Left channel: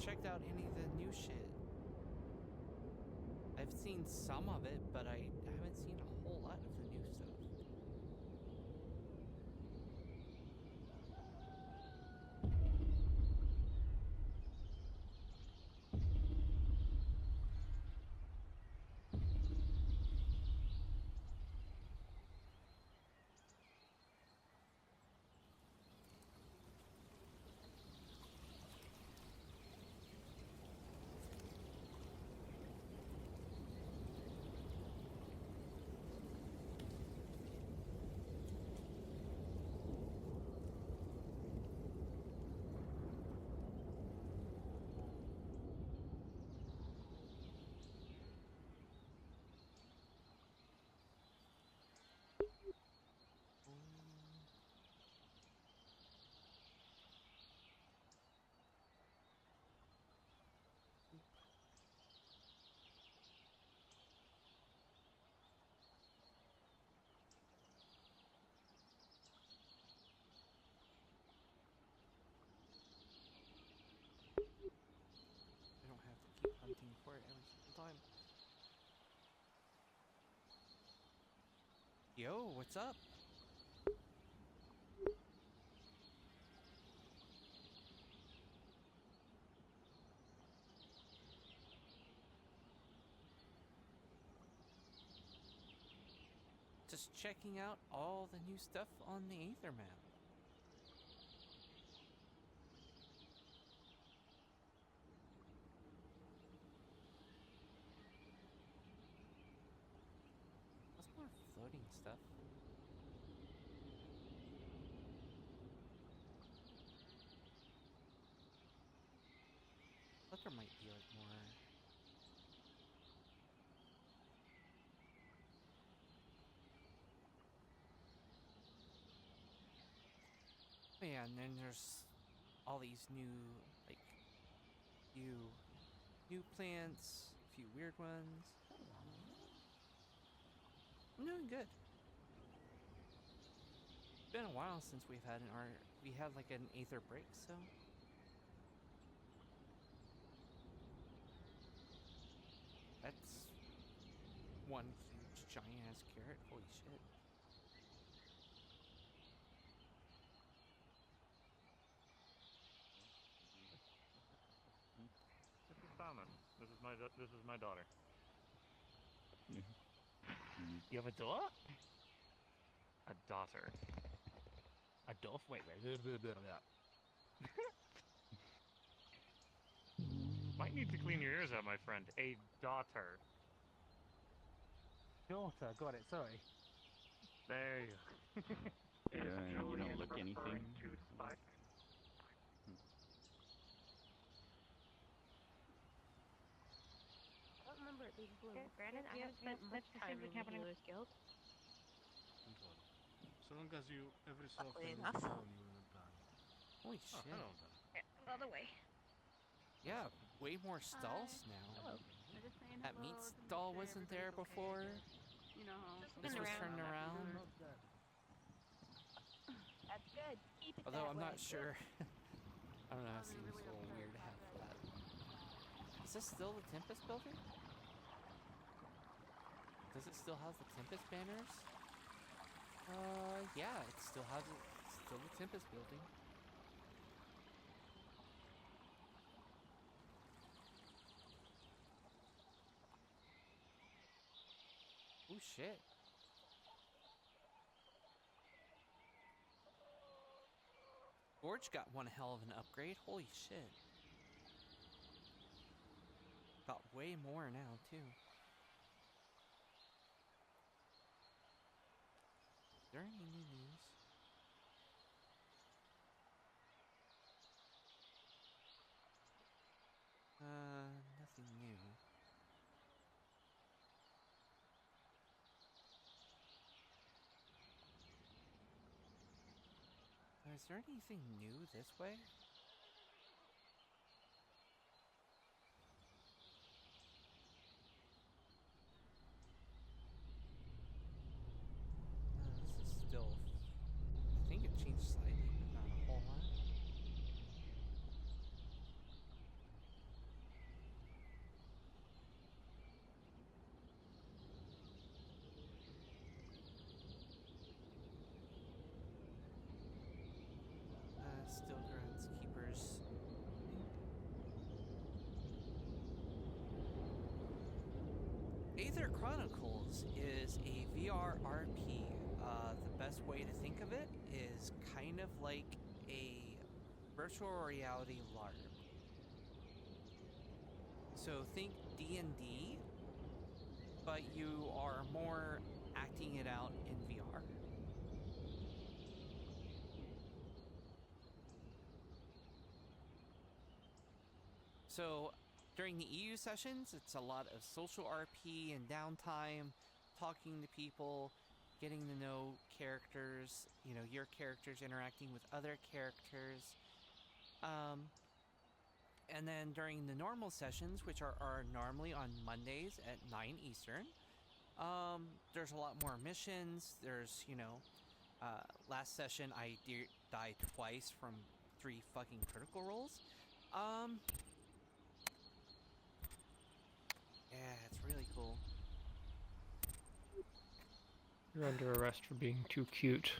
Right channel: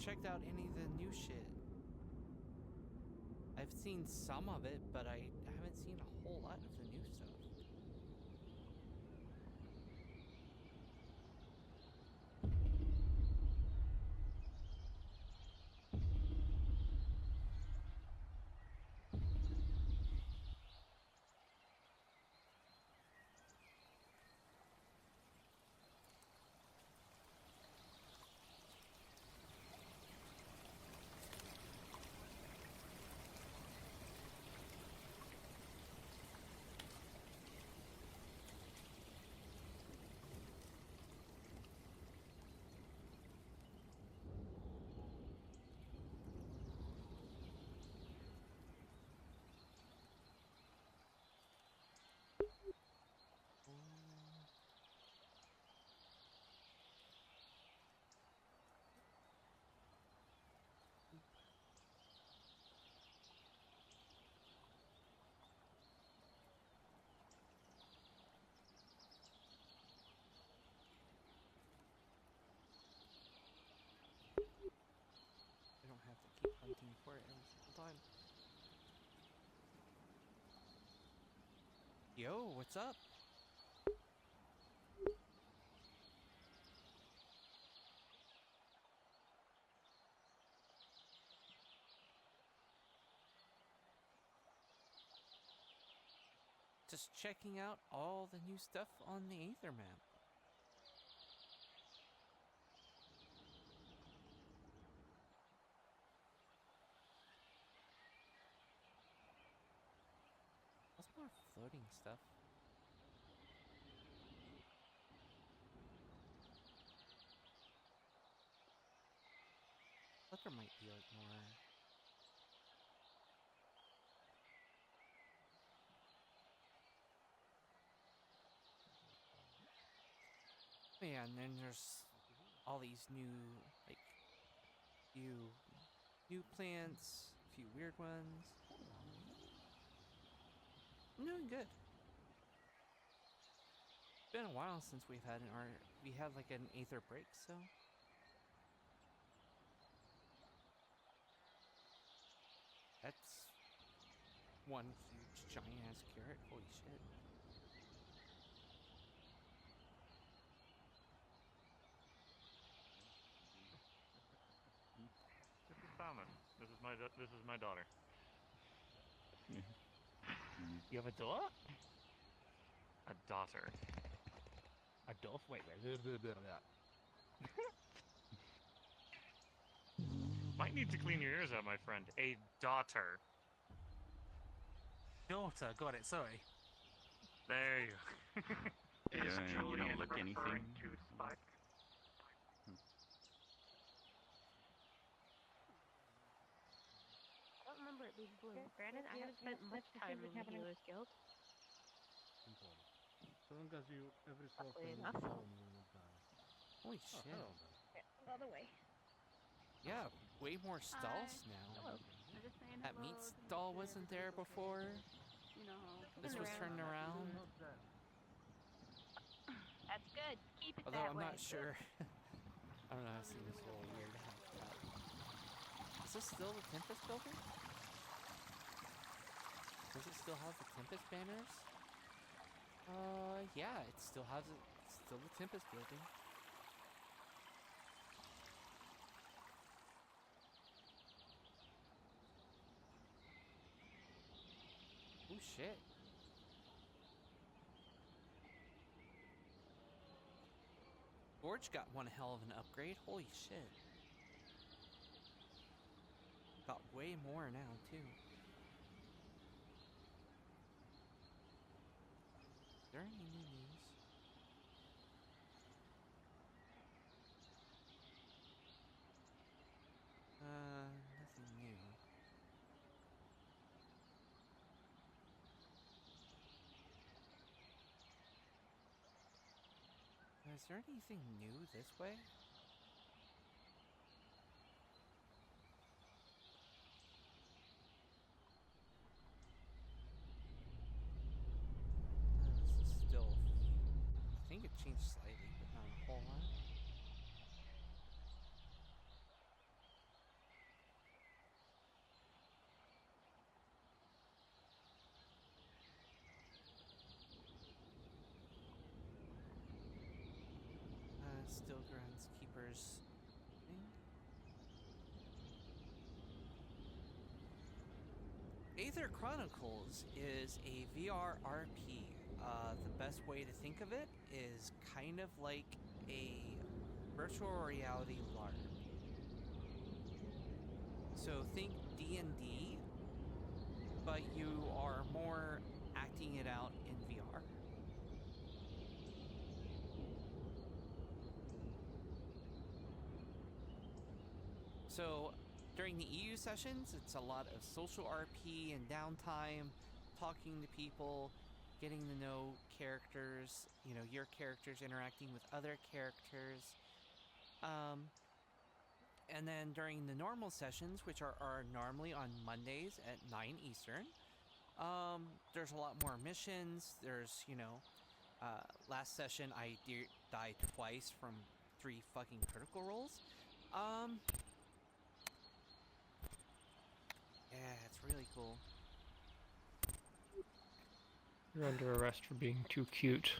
checked out any of the new shit. I've seen some of it, but I haven't seen a whole lot of the new stuff. I don't have to keep hunting for it every single time. Yo, what's up? Just checking out all the new stuff on the Aether map. What's more floating stuff? I thought there might be like more. Oh yeah, and then there's all these new, like, few new plants, a few weird ones. I'm doing good. It's been a while since we've had we had like an Aether break, so. That's one huge giant ass carrot, holy shit. This is Salmon. This is my daughter. You have a daughter? A daughter. A daughter? Wait. Might need to clean your ears out, my friend. A daughter. Daughter, got it, sorry. There you go. You don't look anything. I don't remember it being blue. Granted, I haven't spent much time in the Healers Guild. So long as you every so often Clean look enough. down, you will not die. Holy Oh, shit. hello there. Go the way. Yeah, way more stalls now. Hello. That meat stall wasn't there before. You know, This was turned around. Not then. That's good. Keep it Although that I'm way. not sure. I don't know, it seems a little weird to have that. Is this still the Tempest building? Does it still have the Tempest banners? Yeah, it still has it. It's still the Tempest building. Oh shit. Gorge got one hell of an upgrade. Holy shit. Got way more now, too. Is there any new news? Nothing new. Is there anything new this way? This is still... I think it changed slightly, but not a whole lot. Still Groundskeepers. Aether Chronicles is a VR RP. The best way to think of it is kind of like a virtual reality LARP. So think D&D, but you are more acting it out in VR. So during the EU sessions, it's a lot of social RP and downtime, talking to people, getting to know characters, you know, your characters interacting with other characters. And then during the normal sessions, which are normally on Mondays at 9 Eastern, there's a lot more missions. There's, you know, last session I died twice from 3 fucking critical rolls. Yeah, it's really cool. You're under arrest for being too cute.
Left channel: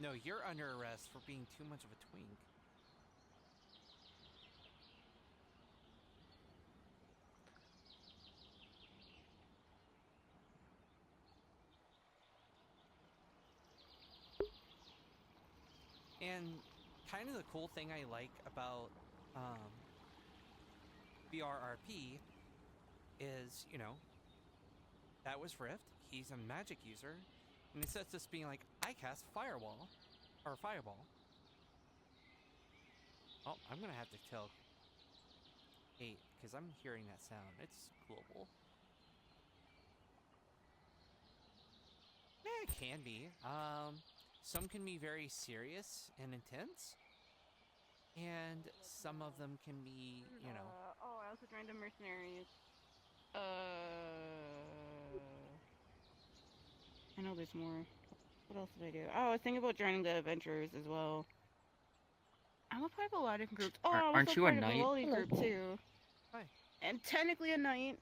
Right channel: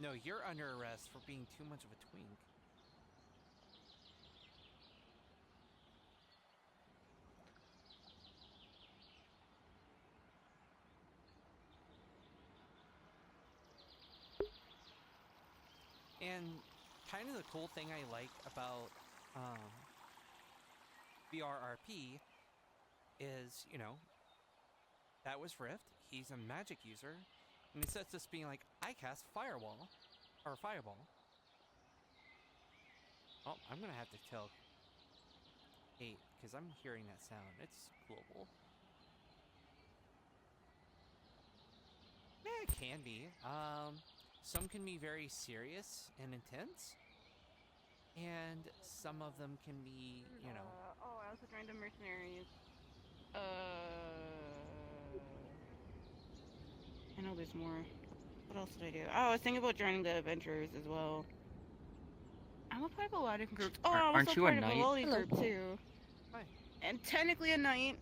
No, you're under arrest for being too much of a twink. And kind of the cool thing I like about VRRP is, you know, that was Rift. He's a magic user. And it sets us being like, I cast Firewall. Or Fireball. Oh, I'm going to have to tell 8, because I'm hearing that sound. It's global. Yeah, it can be. Some can be very serious and intense. And some of them can be, you know... oh, I also joined the mercenaries. I know there's more. What else did I do? Oh, I was thinking about joining the Adventurers as well. I'm a part of a lot of different groups. Oh, I'm Aren't also you a part of knight? a Loli group too. Hi. And technically a knight.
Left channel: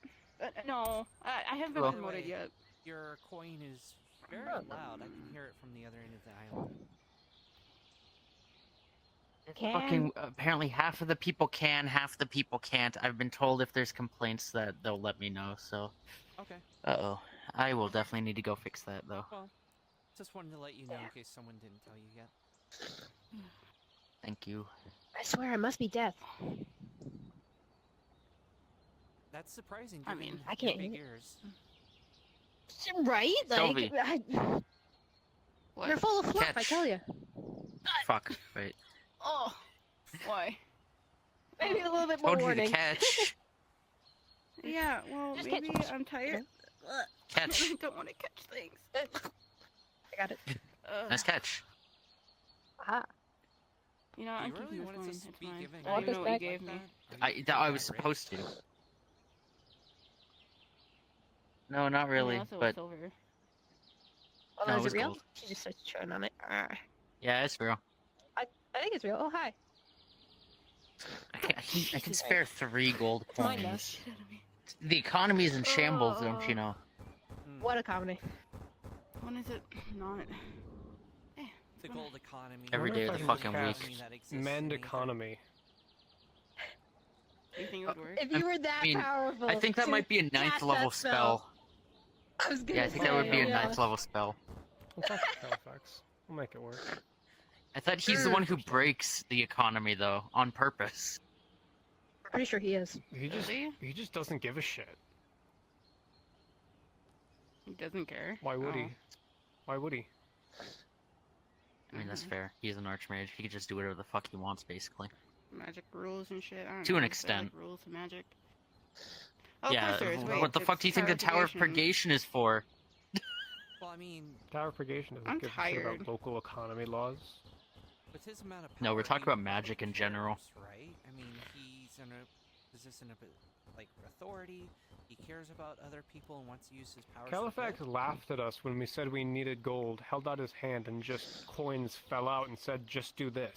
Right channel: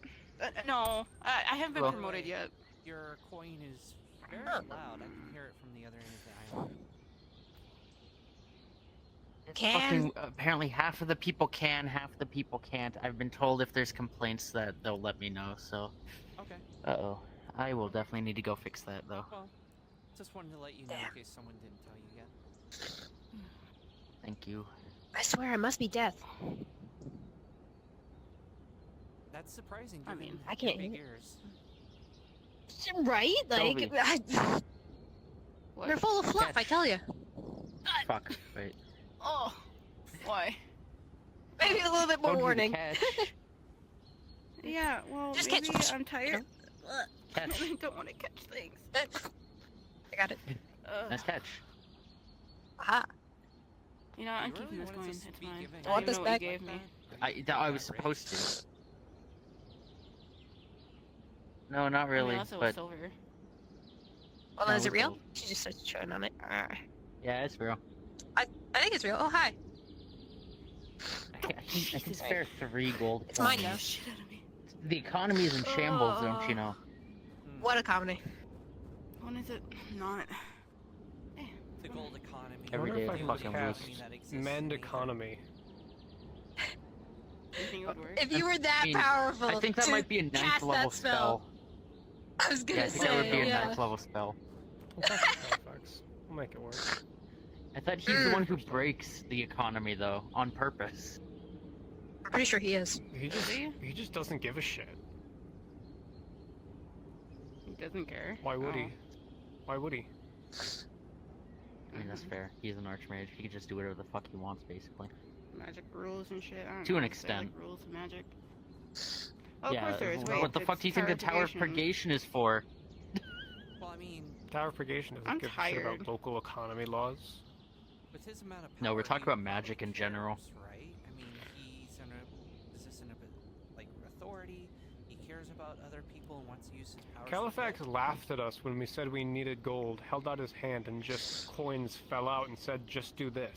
No, I haven't been Well- promoted yet. Your coin is very loud. I can hear it from the other end of the island. Fucking apparently half of the people can, half the people can't. I've been told if there's complaints that they'll let me know, so. Okay. Uh-oh. I will definitely need to go fix that, though. Well, just wanted to let you know in case someone didn't tell you yet. Thank you. I swear I must be deaf. That's surprising, I given mean, I your can't big hear- ears. Right? Like, Sylvie. they're full of fluff, I Catch. tell you. Fuck, wait. Oh, why? Maybe a little bit more Told you to warning. catch. Yeah, well, Just maybe catch- I'm tired. Catch. I don't want to catch things. I got it. Nice catch. Ah, You know, Do I'm you keeping really this wanted coin. to It's be fine. giving I already this know what you back? gave me. I was supposed to. No, not really, Unless it was but silver. well, No, is it it real? gold. She just starts showing on it. Ah. yeah, it's real. I think it's real. Oh, hi. I can spare 3 gold It's mine now. coins. Shit out of me. The economy is in shambles, don't you know? What a comedy. When is it? Not. The gold economy. Every Wonder day if of I the can fucking cast week. That exists in Mend Aether. economy. You think it would work? If you were that I mean, powerful, I think that to might be a 9th cast level that spell. I was gonna Yeah, I say, think that would be a yeah. 9th level spell. We'll talk to Halifax. We'll make it work. I thought he's the one who breaks the economy, though, on purpose. I'm pretty sure he is. He just doesn't give a shit. He doesn't care. Why would Oh. he? Why would he? I mean, that's fair. He's an archmage. He can just do whatever the fuck he wants, basically. Magic rules and shit. I don't To know. an They extent. like rules of magic. Oh, yeah, of course there is. what Wait, the fuck it's do you think the Tower of Purgation is for? Well, I mean, Tower of Purgation doesn't I'm give a shit tired. about local economy laws. with his amount of power, No, we're talking he about magic in probably general. cares, right? I mean, he's in a position of like authority. He cares about other people and wants to use his powers. for Halifax good. laughed at us when we said we needed gold, held out his hand, and just coins fell out and said, just do this.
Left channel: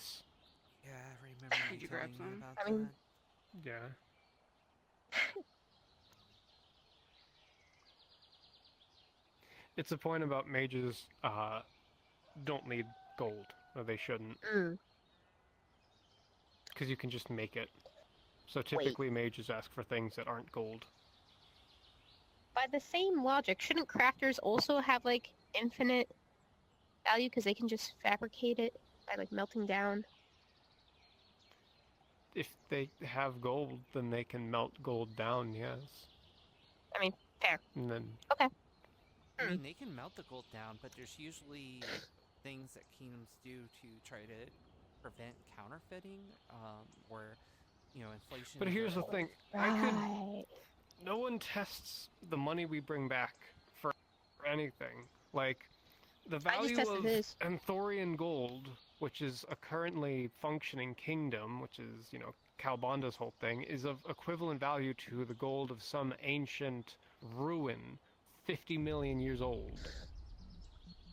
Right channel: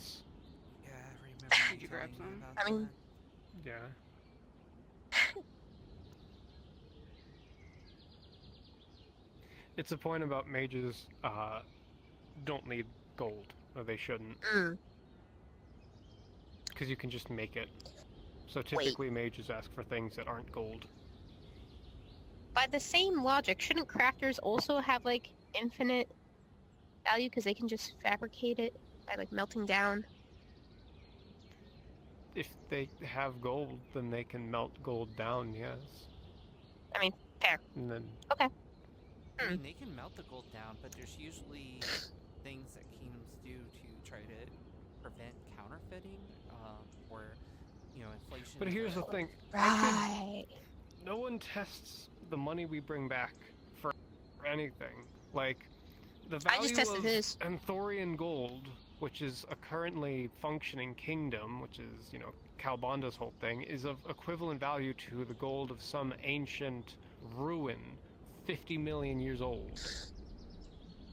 Yeah, I remember Did you grab telling me some? about I mean- that. Yeah. It's a point about mages don't need gold, or they shouldn't, Mm. because you can just make it. So typically mages ask for things that aren't gold. By the same logic, shouldn't crafters also have like infinite value because they can just fabricate it by like melting down? If they have gold, then they can melt gold down, yes. I mean, fair. And then I mean, they can melt the gold down, but there's usually things that kingdoms do to try to prevent counterfeiting, or inflation. But is here's the like- thing. Right. No one tests the money we bring back for anything. Like, the I just value tested of his. Anthorian gold, which is a currently functioning kingdom, which is, Calbanda's whole thing, is of equivalent value to the gold of some ancient ruin 50 million years old.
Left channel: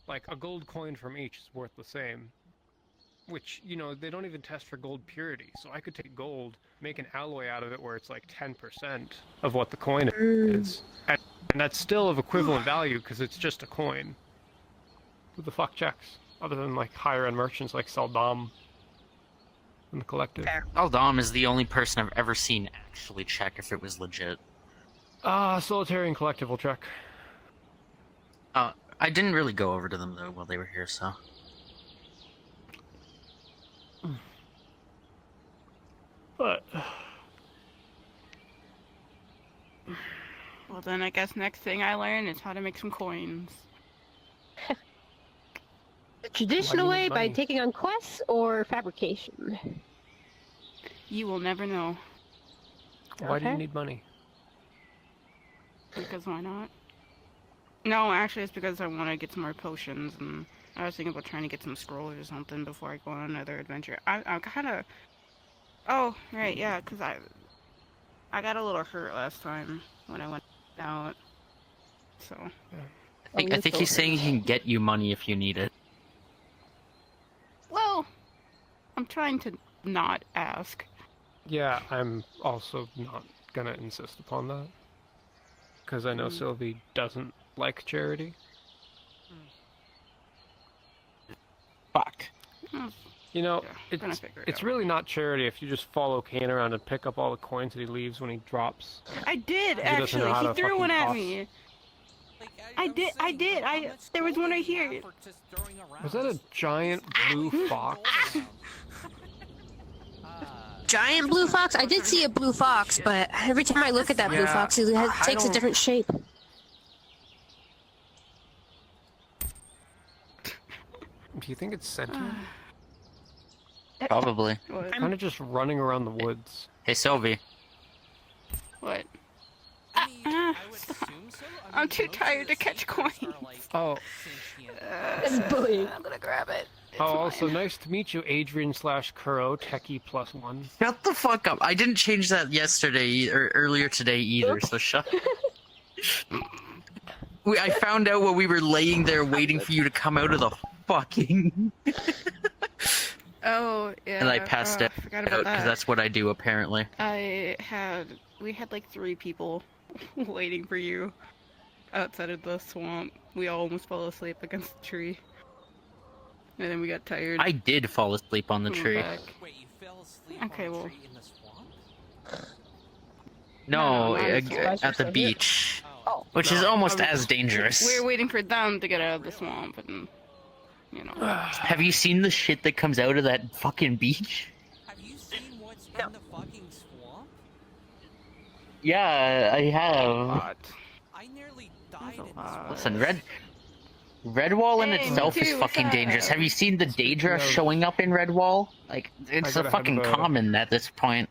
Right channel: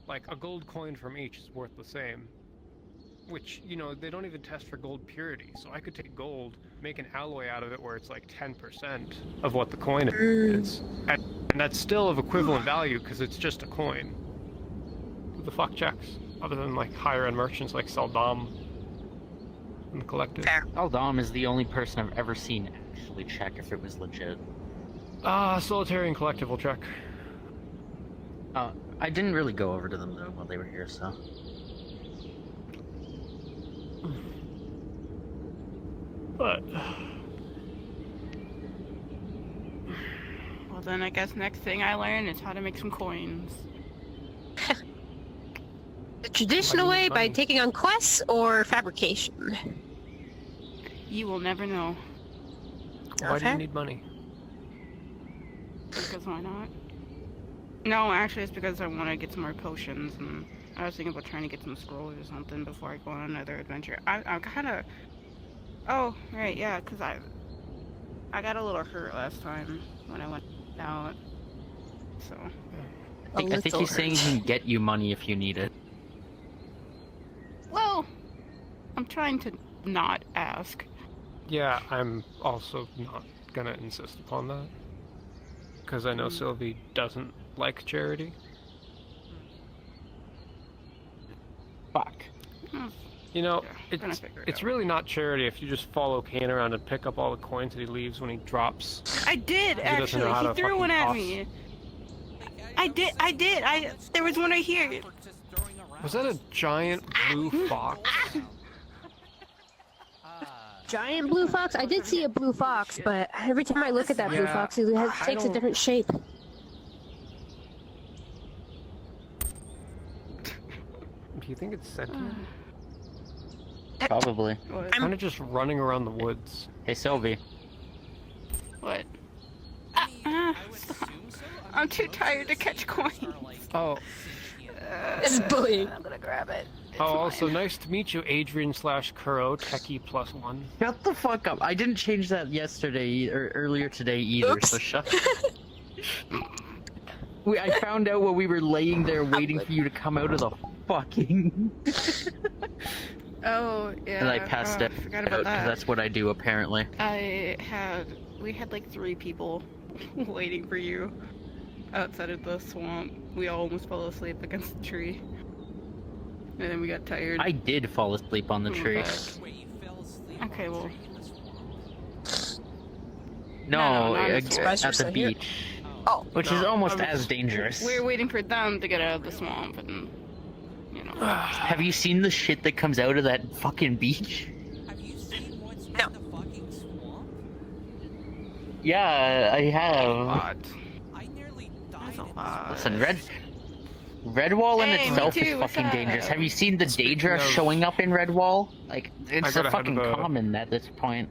Like, a gold coin from each is worth the same. Which, they don't even test for gold purity. So I could take gold, make an alloy out of it where it's like 10% of what the coin is. And that's still of equivalent value because it's just a coin. Who the fuck checks? Other than like higher end merchants like Saldam and the Collective. Fair. Aldam is the only person I've ever seen actually check if it was legit. Solitary and Collective will check. I didn't really go over to them though while they were here, so. But Well, then I guess next thing I learn is how to make some coins. The traditional Why do you way need by money? taking on quests or fabrication? You will never know. why do you Okay. need money? Because why not? No, actually, it's because I want to get some more potions, and I was thinking about trying to get some scrolls or something before I go on another adventure. I'm kind of. Oh, right, yeah, because I got a little hurt last time when I went out. So. I think he's saying he can get you money if you need it. Well, I'm trying to not ask. Yeah, I'm also not gonna insist upon that. Because I know Sylvie doesn't like charity. Fucked. Hmm, You know, yeah, gonna figure it it's out. really not charity if you just follow Kane around and pick up all the coins that he leaves when he drops. I did, He doesn't know actually. how He to threw one fucking at toss. me. Like, I was did- I saying, did, how I- much there was gold one right do you here. have for just throwing around? Was that a giant blue Throwing fox? gold around? Giant blue fox? I did see a blue fox, but every time I look at that blue Yeah, fox, it I takes a don't- different shape. Do you think it's sentient? Probably. What? Kind of just running around the woods. Hey, Sylvie. What? I mean, I would stop. assume so. I'm mean, too most of tired the to catch sabers coins. are, like, Oh. sentient. It's bullying. I'm gonna grab it. It's Oh, also mine. nice to meet you, Adrian/Kuro, Techie +1. Shut the fuck up. I didn't change that yesterday or earlier today either, Oops. so shut. I found out while we were laying there waiting for you to come out of the fucking. Oh, yeah. And I passed it Forgot out about 'cause that. that's what I do apparently. We had like 3 people waiting for you outside of the swamp. We all almost fell asleep against the tree. And then we got tired. I did fall asleep on the Come tree. back. Wait, you fell asleep Okay, on a well- tree in the swamp? No, No, I'm surprised at you're the still here. beach, Oh, which is No, almost I'm- as dangerous. We were waiting for them to get out of the swamp, and you know. Have you seen the shit that comes out of that fucking beach? have you seen what's in the fucking swamp? Yeah, I have. God. I nearly died in the lot. swamp. Listen, Redwall in Hey, me itself too, is what's fucking up? dangerous. Have you seen the Daedra of- showing up in Redwall? Like, it's gotta a head fucking to the- common at this point.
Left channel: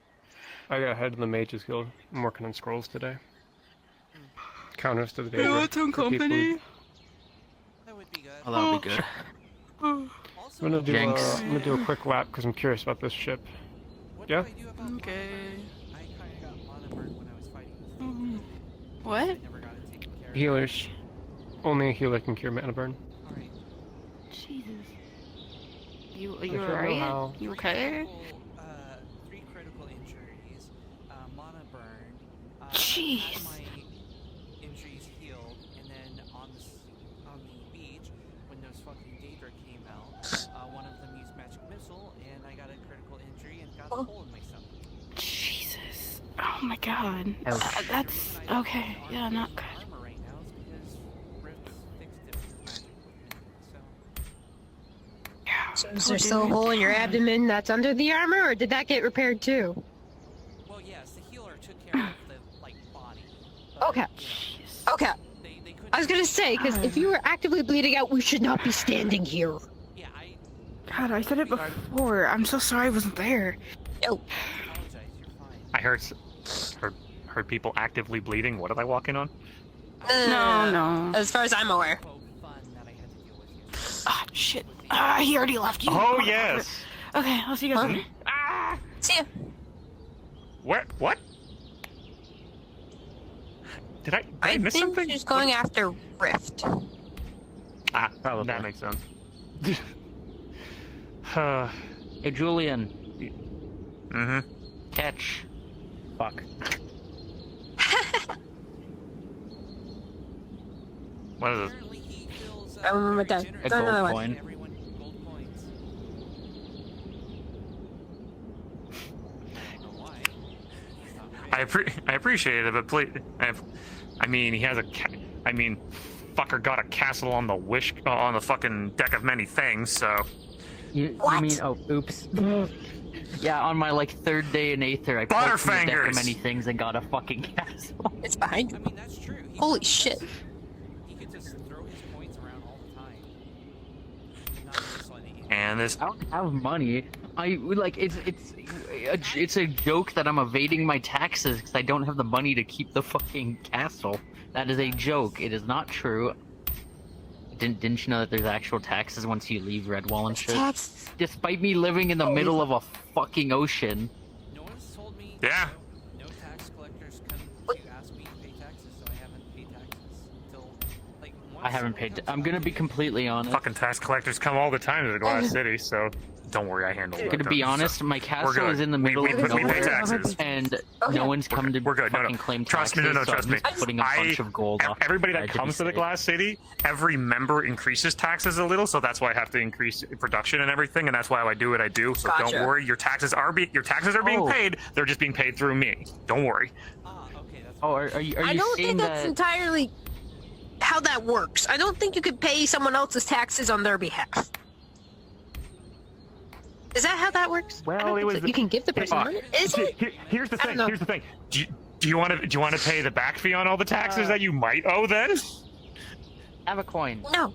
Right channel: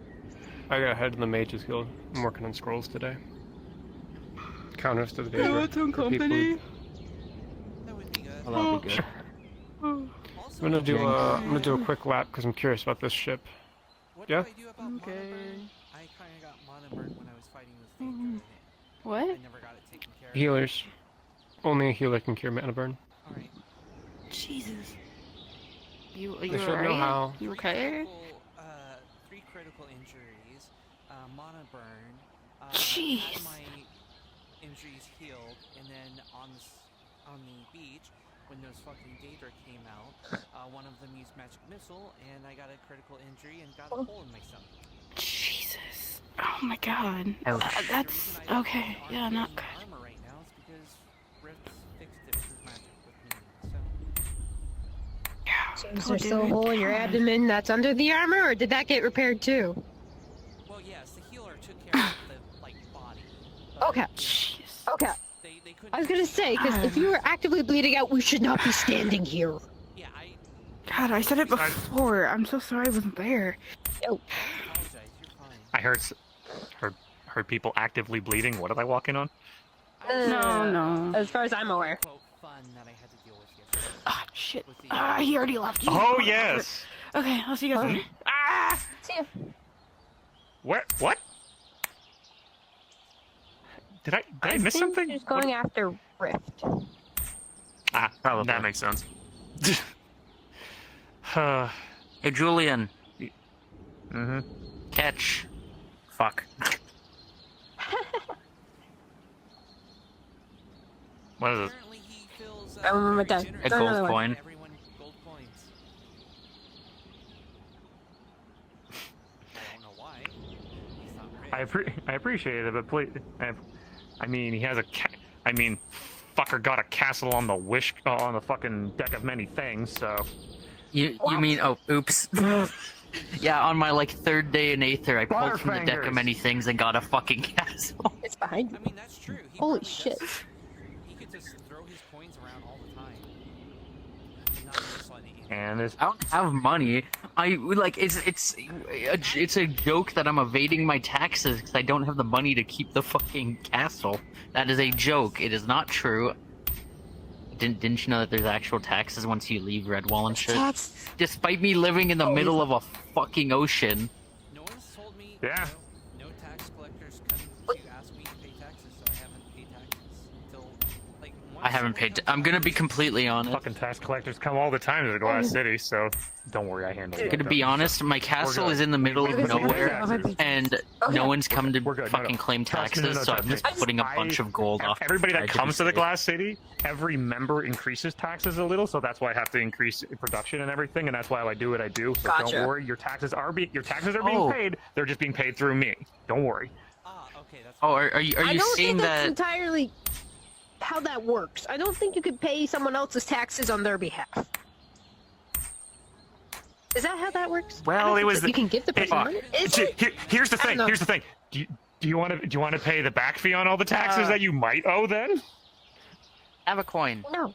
I gotta head to the Mages Guild. I'm working on scrolls today. Counters to the You Daedra. want some for people who- company? That would be good. Well, that'd be good. Also, I'm gonna do Jinx. I'm gonna do a quick lap because I'm curious about this ship. what yeah? do I do about Okay. mana burn? I kind of got mana burn when I was fighting this Mhm. thing. What? I never got it taken care of. Healers. Only a healer can cure mana burn. Alright. Jesus. You should know alright? how. You okay? Three critical injuries, mana burn. Jeez. Had my injuries healed, and then on the beach, when Windows fucking Daedra came out, one of them used magic missile, and I got a critical injury and got a hole in my stomach. Jesus. Oh my god. Oh. That's okay. Yeah, not good. Armor right now is because Rift fixed it with his magic with Mindy, so... Yeah. So is there still a hole in your abdomen that's under the armor, or did that get repaired too? Well, yes, the healer took care of the, like, body. But, Okay. you know, Okay. they couldn't... I was gonna say, because if you were actively bleeding out, we should not be standing here. Yeah, I God, I said it before. I'm so sorry I wasn't there. Oh. apologize, you're fine. I heard people actively bleeding. What did I walk in on? No. As far as I'm aware. Quote, fun that I had to deal with yesterday. Oh, shit. With the- He already left you. Oh yes. Okay, I'll see you guys Huh? later. Ah! See ya. What? Did I miss think something? she's going after Rift. Ah, Probably. that makes sense. Hey, Julian. Mm-hmm. Catch. Fuck. What is it? Apparently he feels, I remember very that. generous A about gold giving coin. everyone gold coins. I don't know why. He's not rich. I appreciate it, but please, I mean, he has a, fucker got a castle on the fucking deck of many things. So You mean, oh, oops. Yeah, on my, like, third day in Aether, I pulled from the deck Butterfingers. of many things and got a fucking castle. It's behind I you. mean, that's true. He Holy probably shit. does- He could just throw his coins around all the time. But not this one. and this. I don't have money. It's a joke that I'm evading my taxes because I don't have the money to keep the fucking castle. That is a joke. It is not true. Didn't you know that there's actual taxes once you leave Redwall and shit? Tax. Despite me living in the middle of a fucking ocean. No one's told me. Yeah. No tax collectors come to ask me to pay taxes, so I haven't paid taxes until like. Once I haven't someone paid. comes I'm out gonna and be pays me. completely honest. Fucking tax collectors come all the time to the Glass City, so don't worry, I handle it. I'm gonna be honest. My castle good. is in the middle we of pay nowhere, taxes. and Okay. no one's come to We're good. No, fucking claim Trust me, taxes. no, So trust I'm just me. putting a bunch of gold off. Everybody the that side to be comes to the safe. Glass City, every member increases taxes a little, so that's why I have to increase production and everything, and that's why I do what I do. So Gotcha. don't worry, your taxes are being Oh. paid. They're just being paid through me. Don't worry. Ah, okay, that's. Oh, fine. are you I don't saying think that's that? entirely how that works. I don't think you could pay someone else's taxes on their behalf. Is that how that works? I Well, don't it think was so. the- You can give the person Fuck. money. Is it? Here's the I don't thing. know. Here's the thing. Do you want to pay the back fee on all the taxes that you might owe then? Have a coin. No.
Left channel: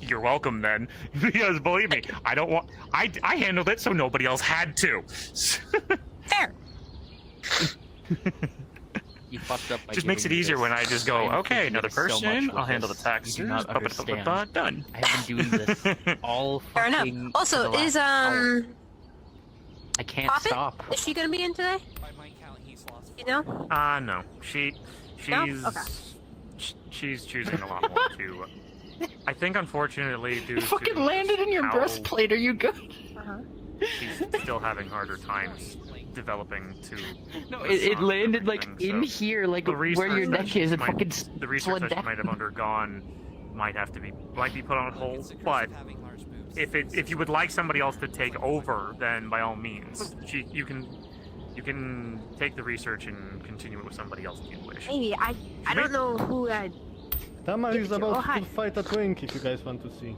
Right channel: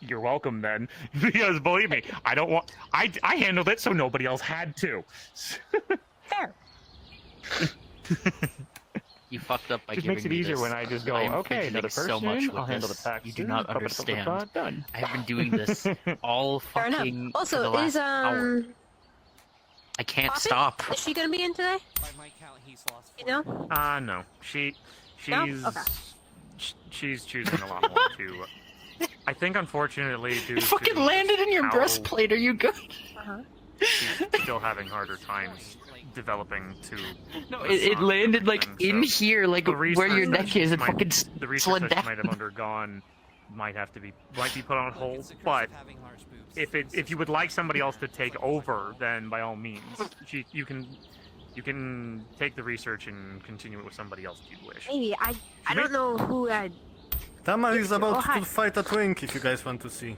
You're welcome then, because believe me, I don't want. I handled it so nobody else had to. Fair. You fucked up by Just makes it giving me easier this. when I just go, I am okay, another forgiving so person. much with I'll handle the this. taxes. You do not understand. Done. I have been doing this all Fair fucking. enough. for Also, the is last hour. I can't Poppy? stop. Is she gonna be in today? By my count, he's lost 4 No? gold. No. She's No? Okay. she's choosing a lot more to. I think, unfortunately, due It fucking to landed in your how breastplate. Are you good? she's still having harder times developing to. No, it landed like everything, in so here, like the where your research neck is. It might- fucking the research slid that she down. might have undergone might be put on Look, hold. it's the curse But of having large boobs. if you would like somebody else to take over, then by all means, you can take the research and continue it with somebody else if you wish. Hey, I don't know who I. Tamar is about Oh, hi. to fight a twink if you guys want to see.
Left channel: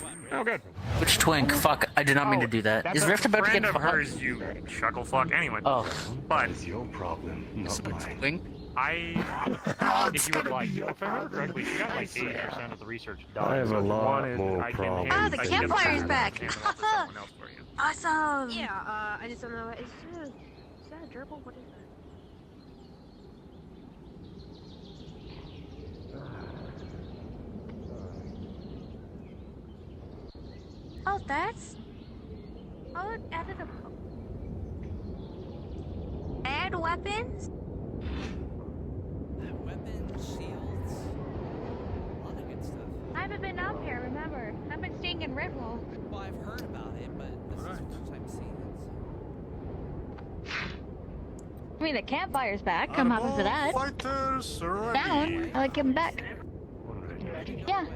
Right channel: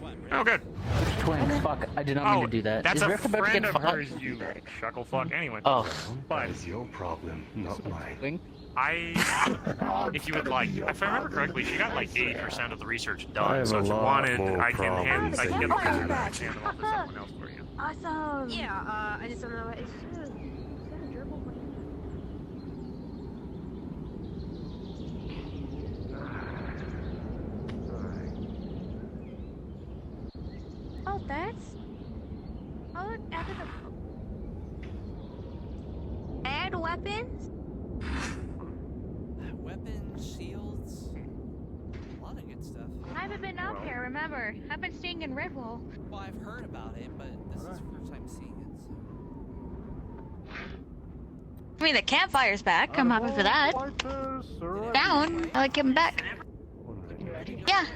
What, really? Oh, good. Which twink? Fuck! I did not mean to do that. That's Is a Rift about to friend get of fucked? hers, you chuckle fuck. Anyway, Oh, but your problem, not mine. twink. if you would like, if I remember correctly, she got like 80% of the research done. I have so a if you lot wanted, more I can problems hand, than I can get you. the hand them off to someone else for you. Awesome. Yeah. I just don't know. Is that a gerbil? What is it? Oh, that's. Oh, added a. Add weapons? Weapons, shields, a lot of good stuff. I haven't been up here, remember? I've been staying in Redwall. Well, I've heard about it, but this is the first time seeing it. I mean, the campfire's back. I'm happy for that. Fighters, Down. I like him back. So. Yeah.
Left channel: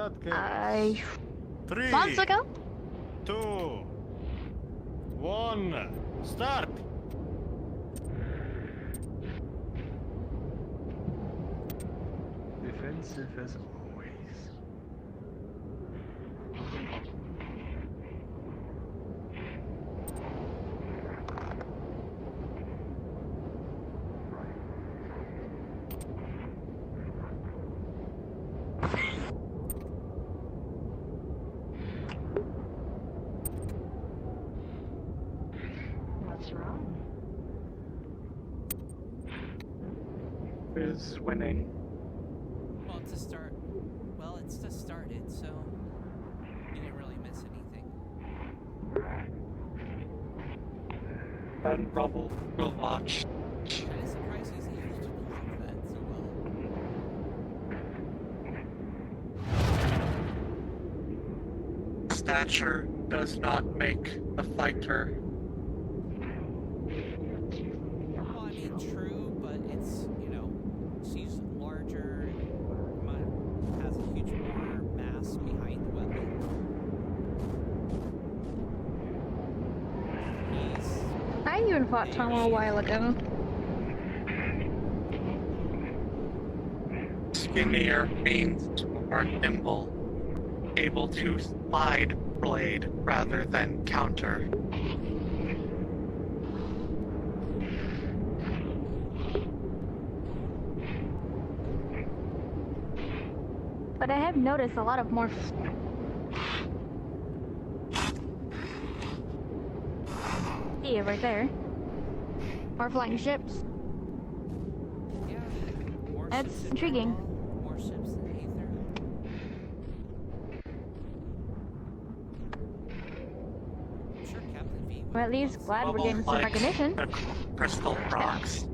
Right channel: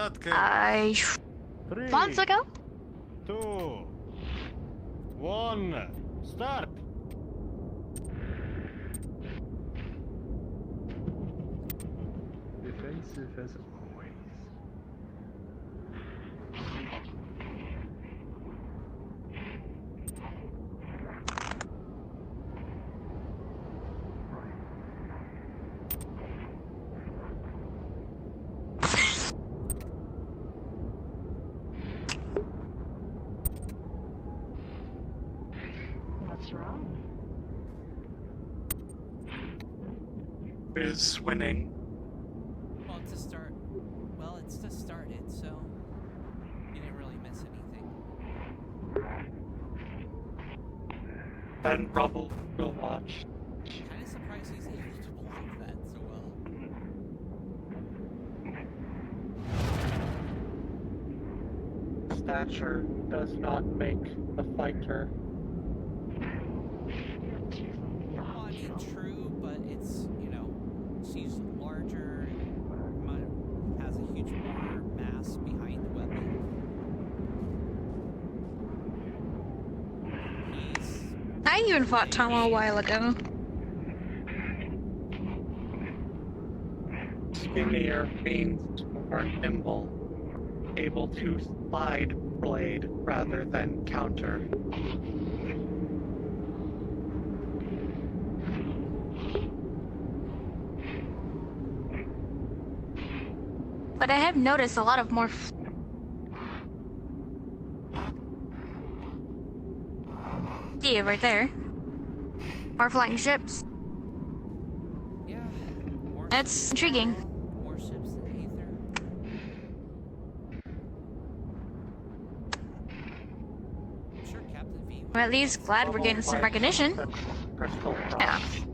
that case. I 3, Months ago? 2, 1, start. Defensive as always. What's wrong? Is winning. Well, it's just started, so you didn't really miss anything. And Rubble will watch. Kind of surprised he's able to block that so well. Stature does not make the fighter. Well, I mean, true, but it's, she's larger, has a huge more mass behind the weapon. I even fought Tama a while ago. Skinnier means more nimble, able to slide blade rather than counter. But I have noticed a lot of more. See it right there. More flying ships. Yeah. More That's ships than intriguing. Redwall, more ships than Aether. I'm sure Captain V would I'm at least love glad we're getting some recognition. The crystal rocks.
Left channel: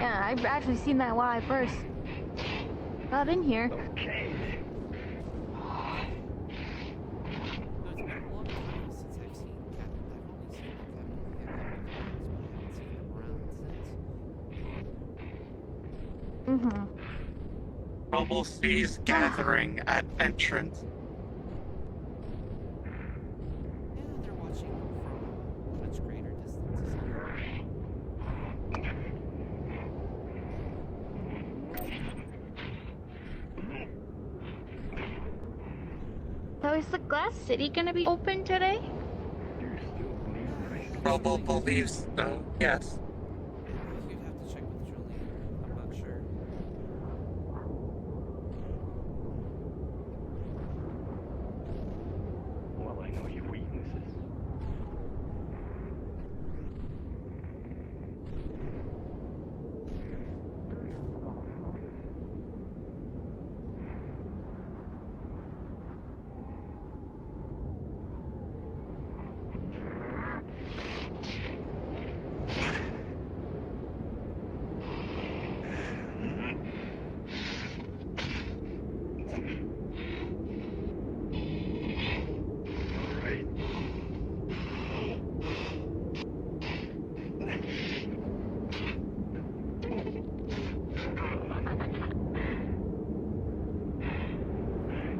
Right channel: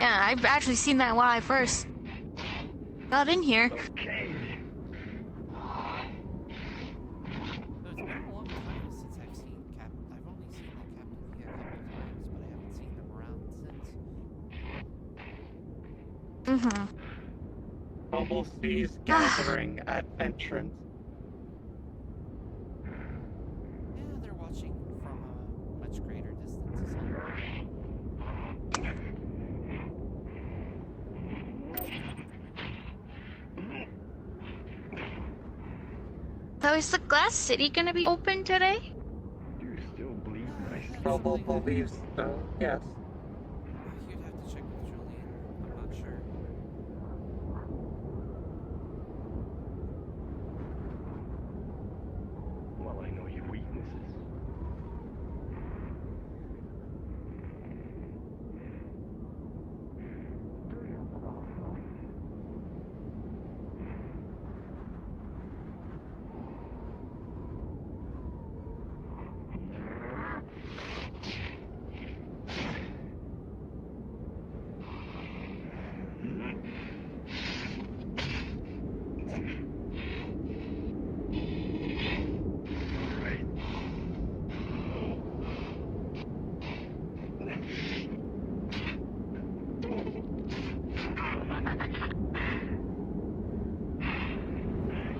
Yeah, I've actually seen that when I first got in here. Okay. Though it's been a long time since I've seen Captain. I've only seen like Captain V a couple times, but I haven't seen him around since. Mm-hmm. Rubble sees gathering at entrance. Yeah, they're watching from a much greater distance. So is the Glass City gonna be open today? You still bleed right. Rubble believes so, yes. You'd have to check with Julian. I'm not sure. Well, I know your weaknesses. Right.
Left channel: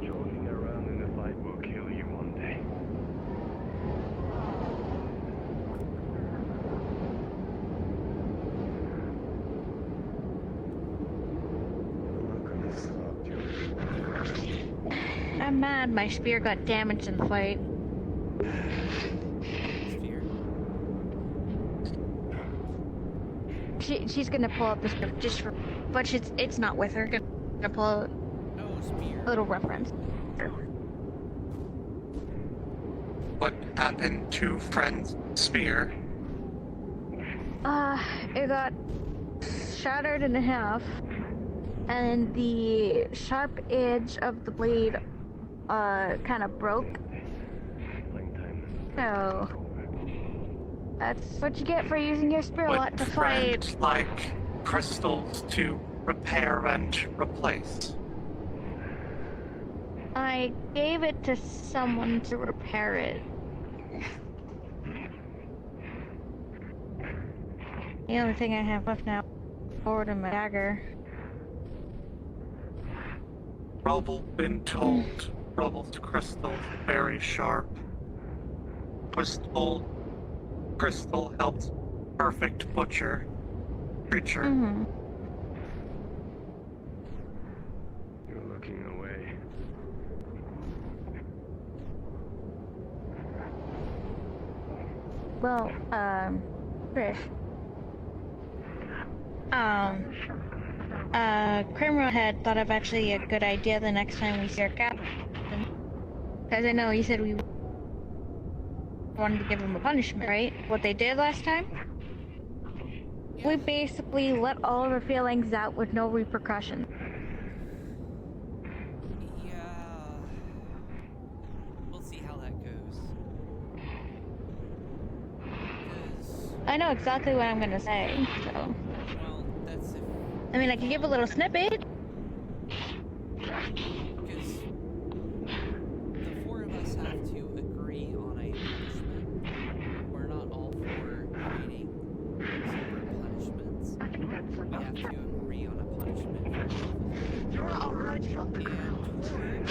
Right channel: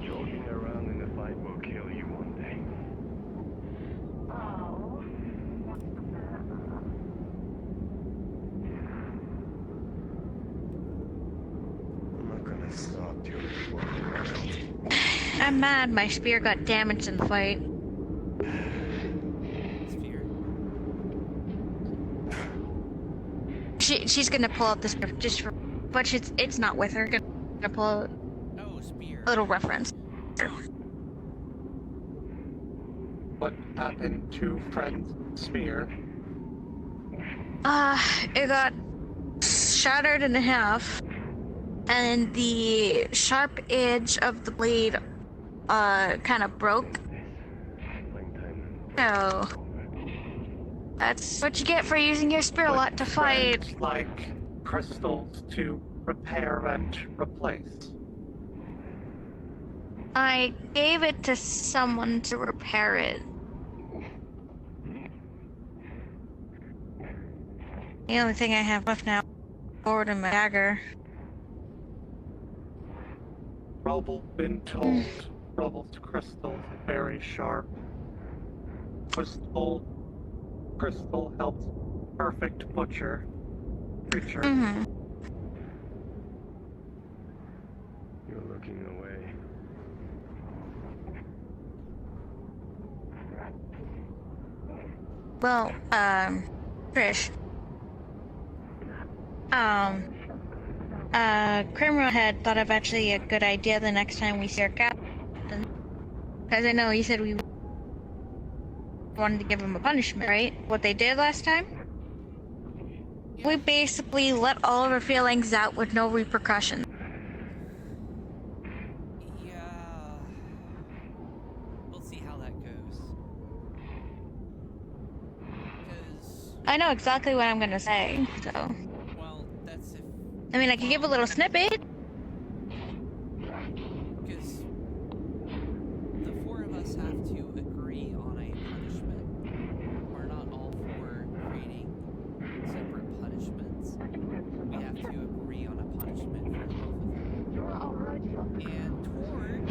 Joking around in the fight will kill you one day. I'm not gonna stop you. I'm mad my spear got damaged in the fight. Sphere. She's gonna pull out this just for, but it's not with her. Gonna pull out No, Spear. a little reference. What happened to Friend's spear? It got shattered in half, and the sharp edge of the blade, kind of broke. Playing time. So that's what you get for using your spear Would to fight. Friend like crystals to repair and replace? I gave it to someone to repair it. The only thing I have left now, forward and my dagger. Rubble been told Rubble's crystal very sharp. Crystal helped perfect butcher creature. Mm-hmm. You're looking away. Well, Trish. Criminal had thought of actually a good idea the next time we see our captain. Because I know you said we wanted to give him a punishment, right? What they did last time? Yeah. We basically let all of our feelings out with no repercussion. Yeah. We'll see how that goes. Because, I know exactly what I'm gonna say, so. well, that's if. I mean, I can give a little snippet. Because the four of us have to agree on a punishment. We're not all for creating separate punishments. We have to agree on a punishment for both of them. And Torg,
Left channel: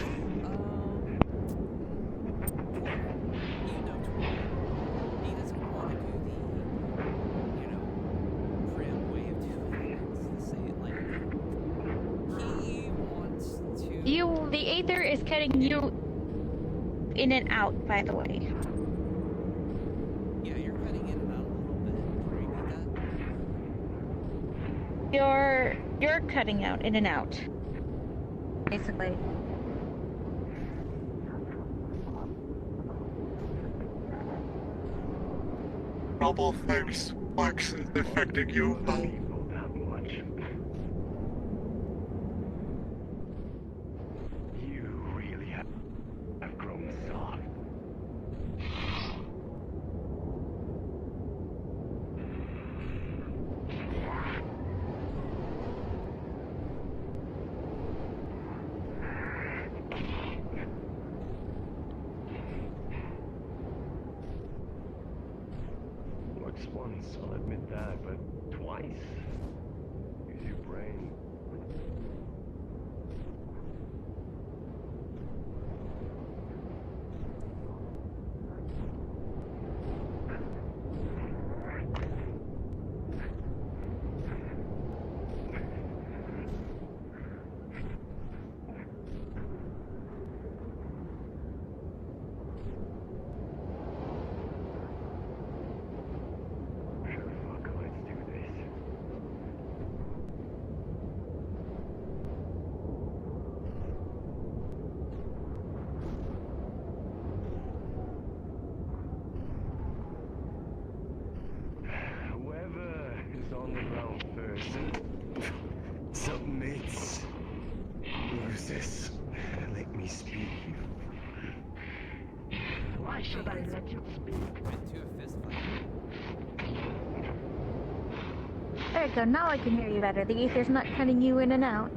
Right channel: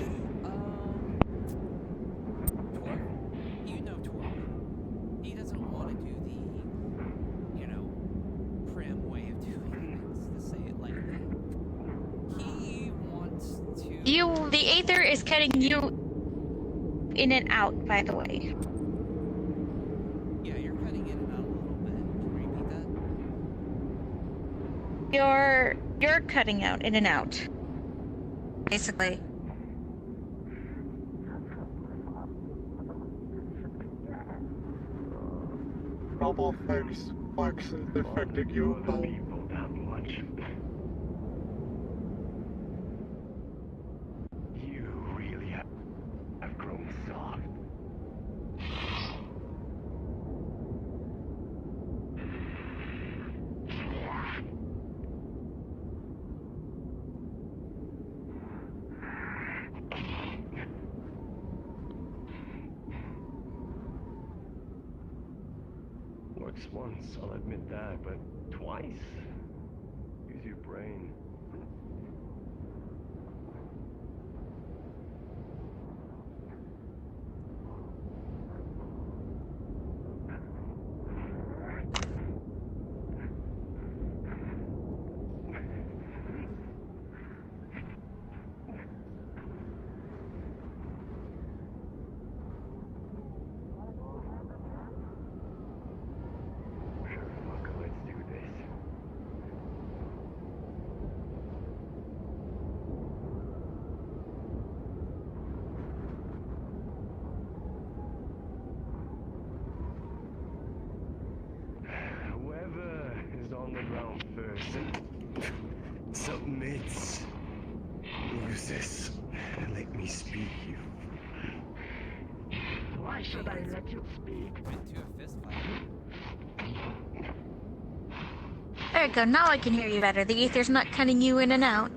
you know Torg. He doesn't want to do the, prim way of doing things, to say it lightly. He wants to... The Aether is cutting you in and out, by the way. Yeah, you're cutting in and out a little bit. Can you repeat that? You're cutting out in and out. Basically. Rubble thinks Flex is affecting you. People that much. You really have grown soft. Works once, I'll admit that, but twice? Use your brain. Sure, fuck, let's do this. Whoever is on the ground first submits. Use this. Let me speak. Why should I let you speak? Went to a fist fight. There we go, now I can hear you better. The Aether's not cutting you in and out.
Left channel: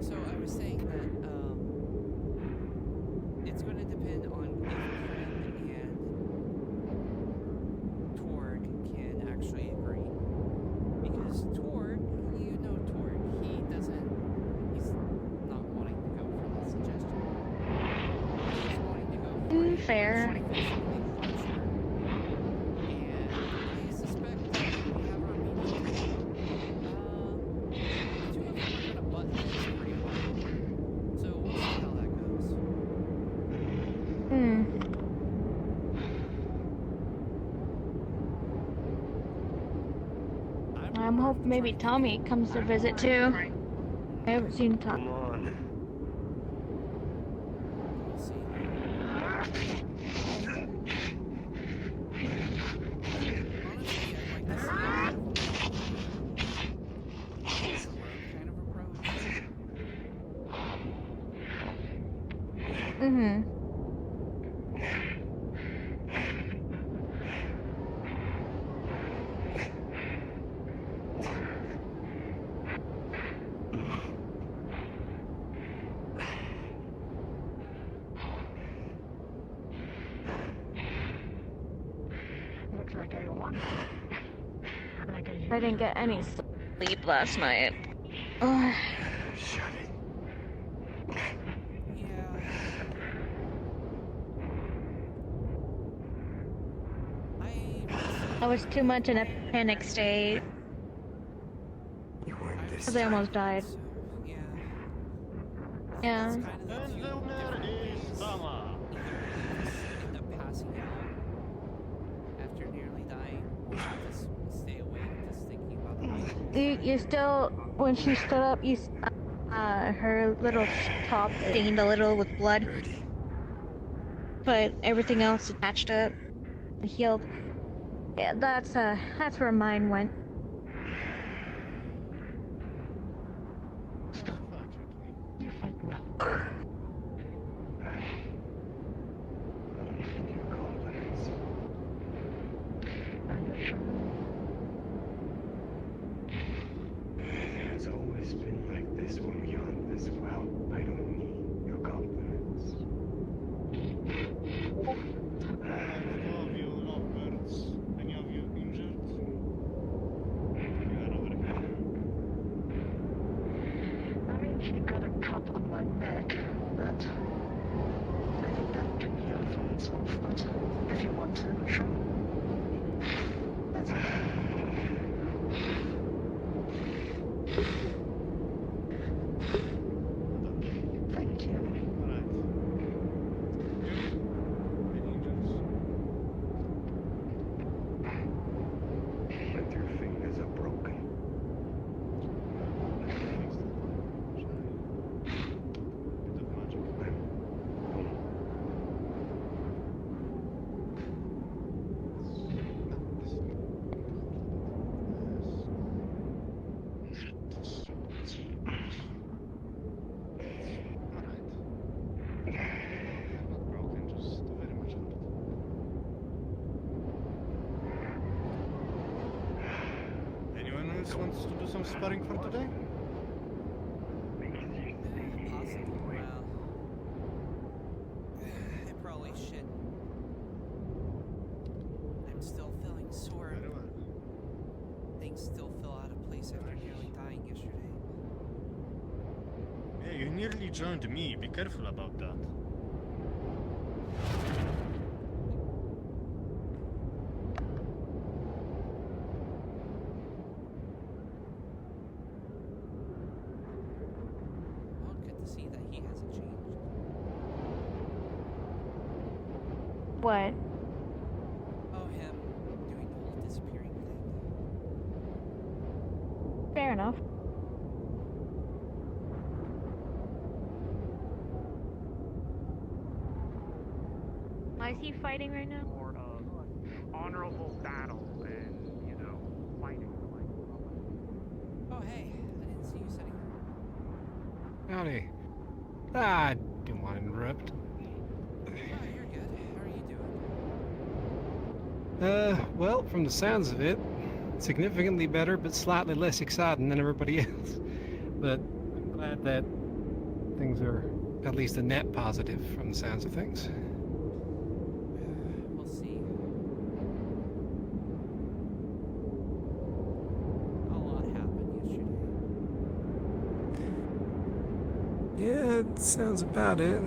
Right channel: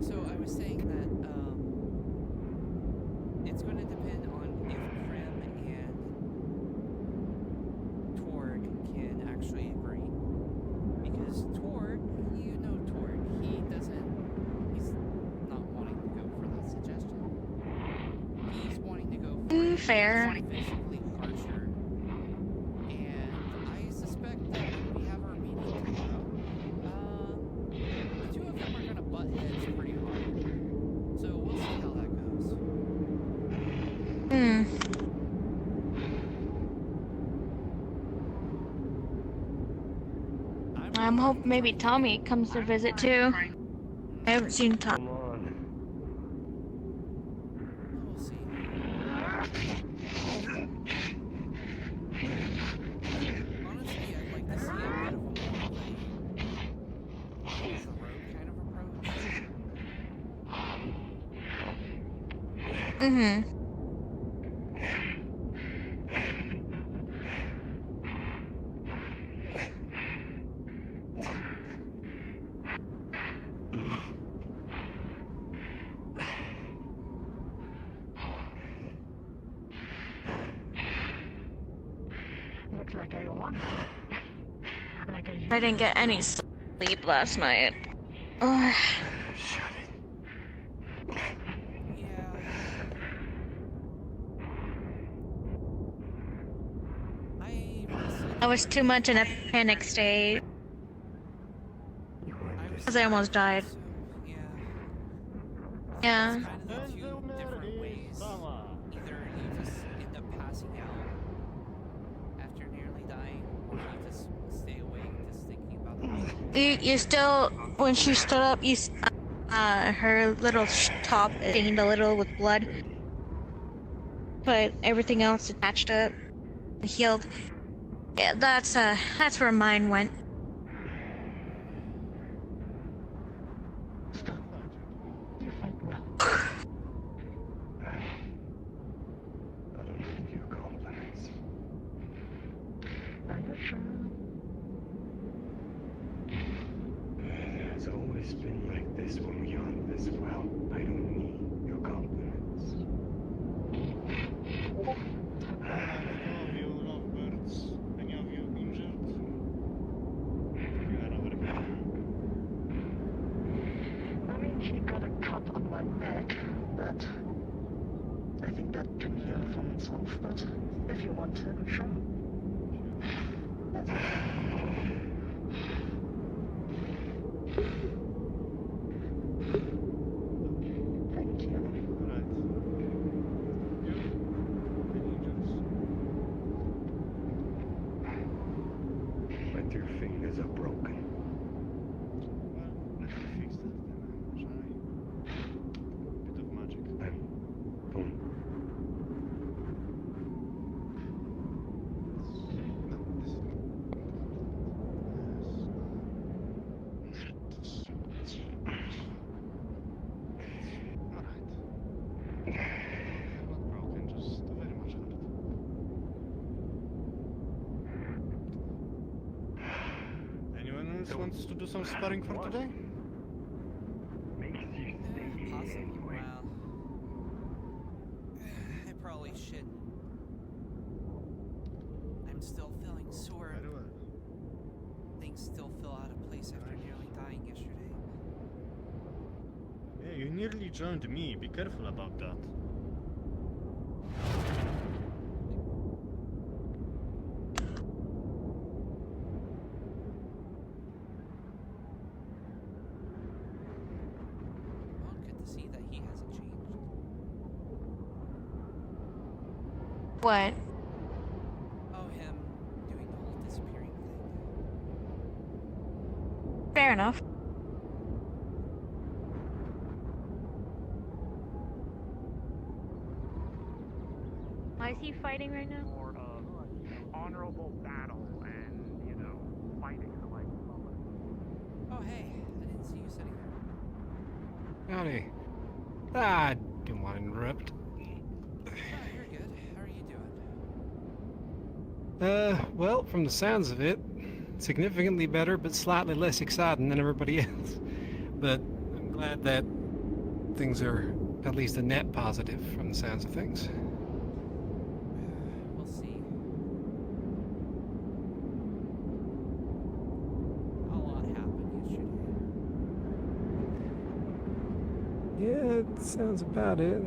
So I was saying that it's going to depend on if Prim and Torg can actually agree. Because Torg, you know Torg, he's not wanting to go for that suggestion. He's wanting to go for a Fair. physically harsher. And I suspect that when we have our meeting tomorrow, the two of them are going to butt heads pretty hard. So we'll see how that goes. I'm hoping maybe Tommy comes to visit too. I haven't seen Come Tommy. on. We'll see. Honestly, I'd like to see a bit of a more of a the road kind of approach. Mm-hmm. Looks like I won. I didn't get any. sleep last night. Oh, Shut it. Yeah. I was too much in a panic state. You were I was Because I almost died. so, yeah. Yeah. It's kind of the two different ways. Either you just end up passing out after nearly dying, or you just stay awake just thinking about the You still, when she stood up, her little top stained a little with blood. But everything else attached up and healed. Yeah, that's where mine went. You fight well. I don't need your compliments. Are you sure? It's always been like this when we aren't this well. I don't need your compliments. Alright, all of you lovebirds, any of you injured? You are over here. I mean, she got a cut on my neck, but I think that can heal from itself. But if you want to, sure. That's Thank you. Alright. But your fingers are broken. Well, let me fix that later, shall I? Bit of magic. Boom. No, this is... Alright. Not broken, just very much hurt. Anyone else wants to do some sparring for today? Makes you stay possibly. anyway. Well, I probably shouldn't. I'm still feeling sore. Very well. Things still feel out of place after nearly dying yesterday. Hey, you nearly joined me. Be careful about that. Well, good to see that he hasn't changed. What? Oh, him doing the whole disappearing thing. Fair enough. Why is he fighting right now? More of honorable battle and, you know, fighting. Oh, hey, I didn't see you sitting there. Howdy. I didn't want to interrupt. Oh, you're good. How are you doing? Well, from the sounds of it, significantly better, but slightly less exciting than everybody else. But glad that things are at least a net positive from the sounds of things. We'll see. A lot happened yesterday. Yeah, it sounds about it.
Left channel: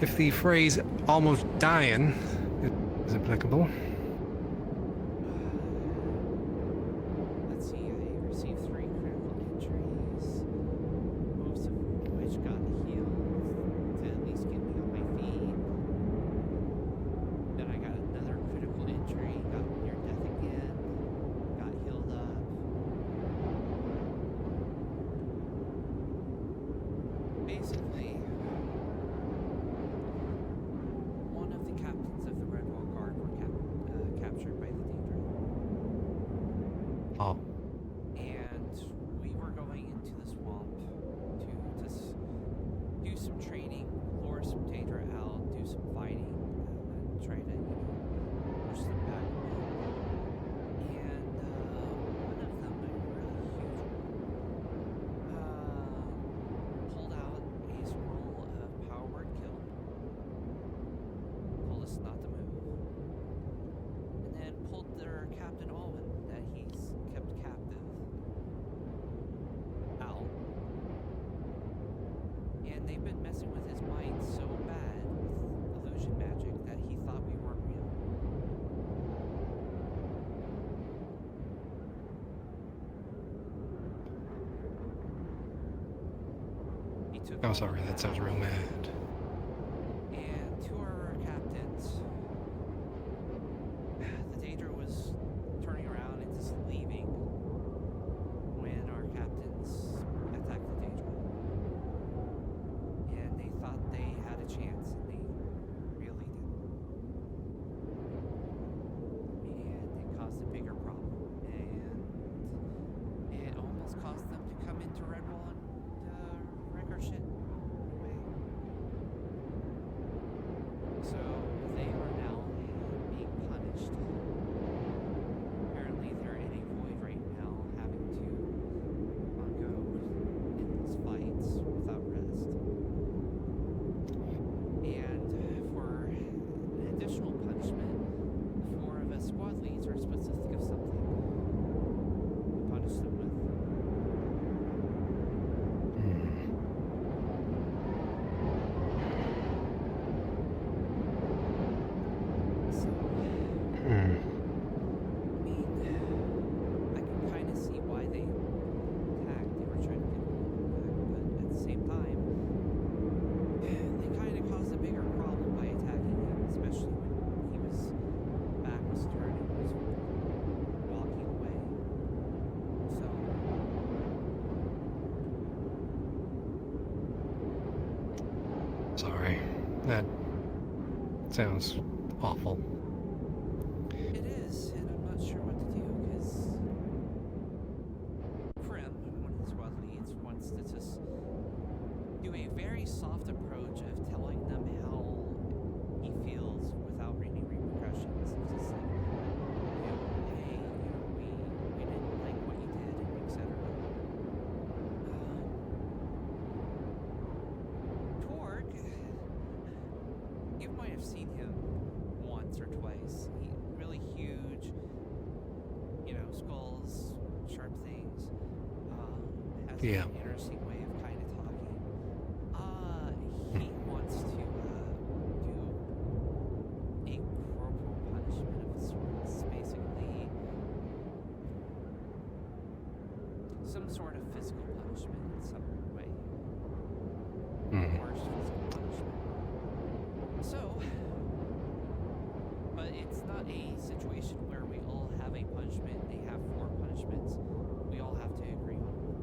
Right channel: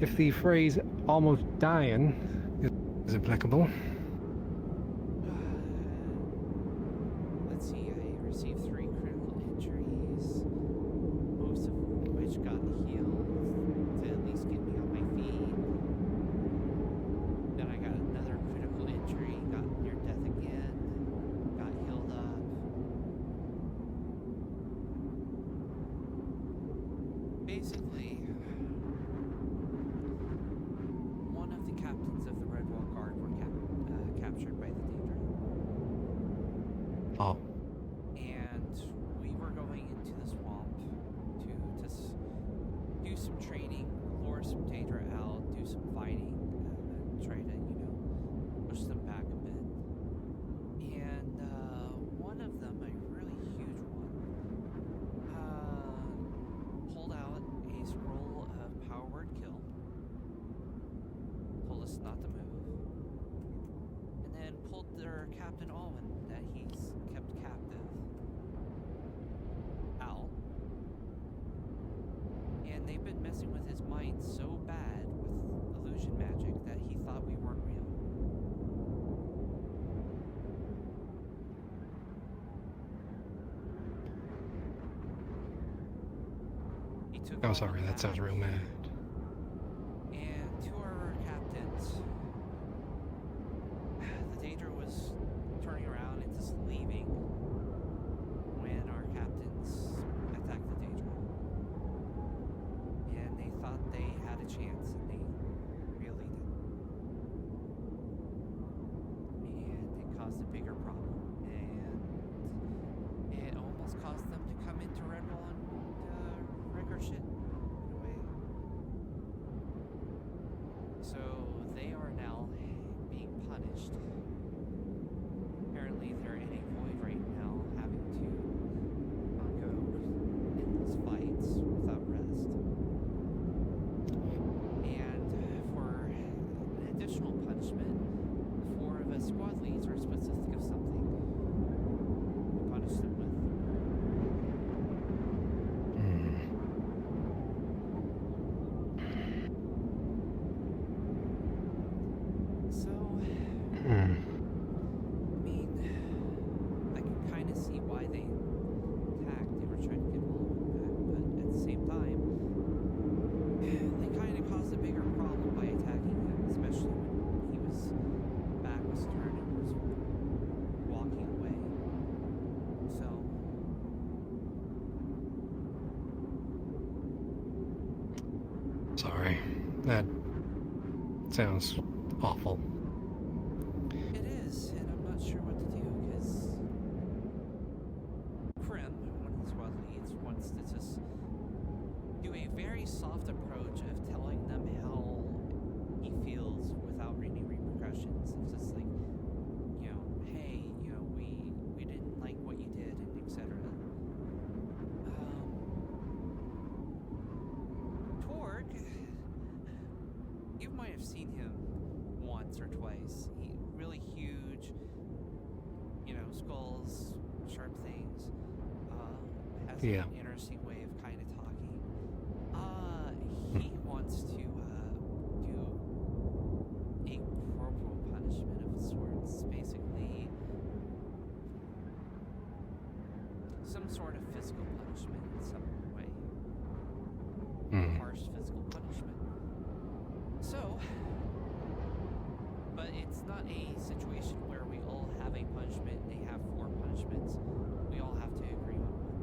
If the phrase "almost dying" is applicable. Let's see, I received 3 critical injuries, most of which got healed to at least get me on my feet. Then I got another critical injury, got near death again, got healed up. Basically, one of the captains of the Redwall Guard were captured by the Daedra. Oh. And we were going into the swamp to just do some training, lure some Daedra out, do some fighting, and try to, push them back a bit. And one of them, a really huge one, pulled out a scroll of power word kill, told us not to move, and then pulled their Captain Alwyn that he's kept And they've been messing with his mind so bad with illusion magic that he thought we weren't real. He took I'm all sorry, of that sounds real mean. And two of our captains, the Daedra was turning around and just leaving when our captains attacked the Daedra. And they thought they had a chance, and they really didn't. And it caused a bigger problem. And it almost caused them to come into Redwall and wreck our shit in a way. So they are now being punished. Apparently they're in a void right now, having to undergo endless fights without rest. And for an additional punishment, 4 of us squad leads are supposed to think of something to punish them with. So, I mean, I can kind of see why they attacked. They were trying to get all of them back, but at the same time, they kind of caused a bigger problem by attacking him, especially when he was back was turned and was walking away. So, Sorry. That sounds awful. it is, and I'm not sure what to do, because Krim, one of the squad leads, wants to just do a very soft approach of telling them how he feels without any repercussions. It's just like, hey, we didn't like what you did, and etc. Torg, you might have seen him once or twice. He really huge, skulls, sharp things. Has Yeah. an interesting way of kind of talking. He wants to do a corporal punishment of sorts, basically some sort of physical punishment in some way. Harsh physical punishment. So, but it's not a situation where we all have a punishment, they have 4 punishments. We all have to agree on one.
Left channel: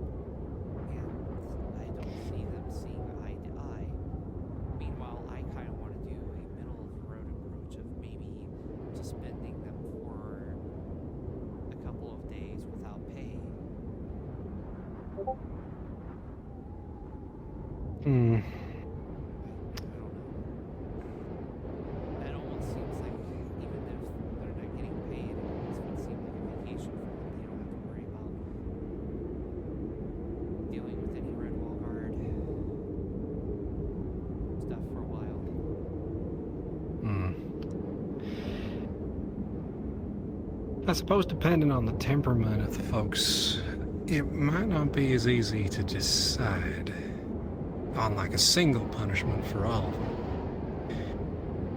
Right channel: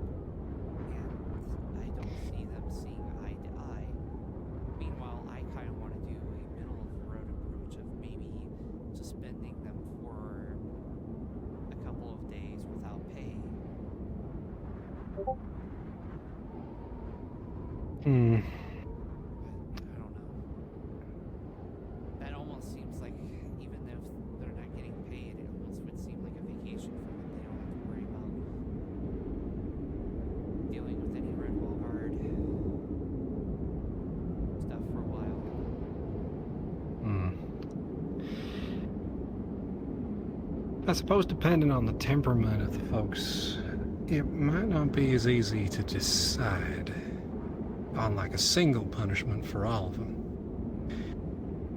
And I don't see them seeing eye to eye. Meanwhile, I kind of want to do a middle of the road approach of maybe suspending them for a couple of days without pay. I don't know. That almost seems like, even if they're not getting paid, it almost would seem like a vacation for them. They don't have to worry about dealing with any Redwall Guard stuff for a while. I suppose depending on the temperament of the folks, it might not be as easy to decide on like a single punishment for all of them.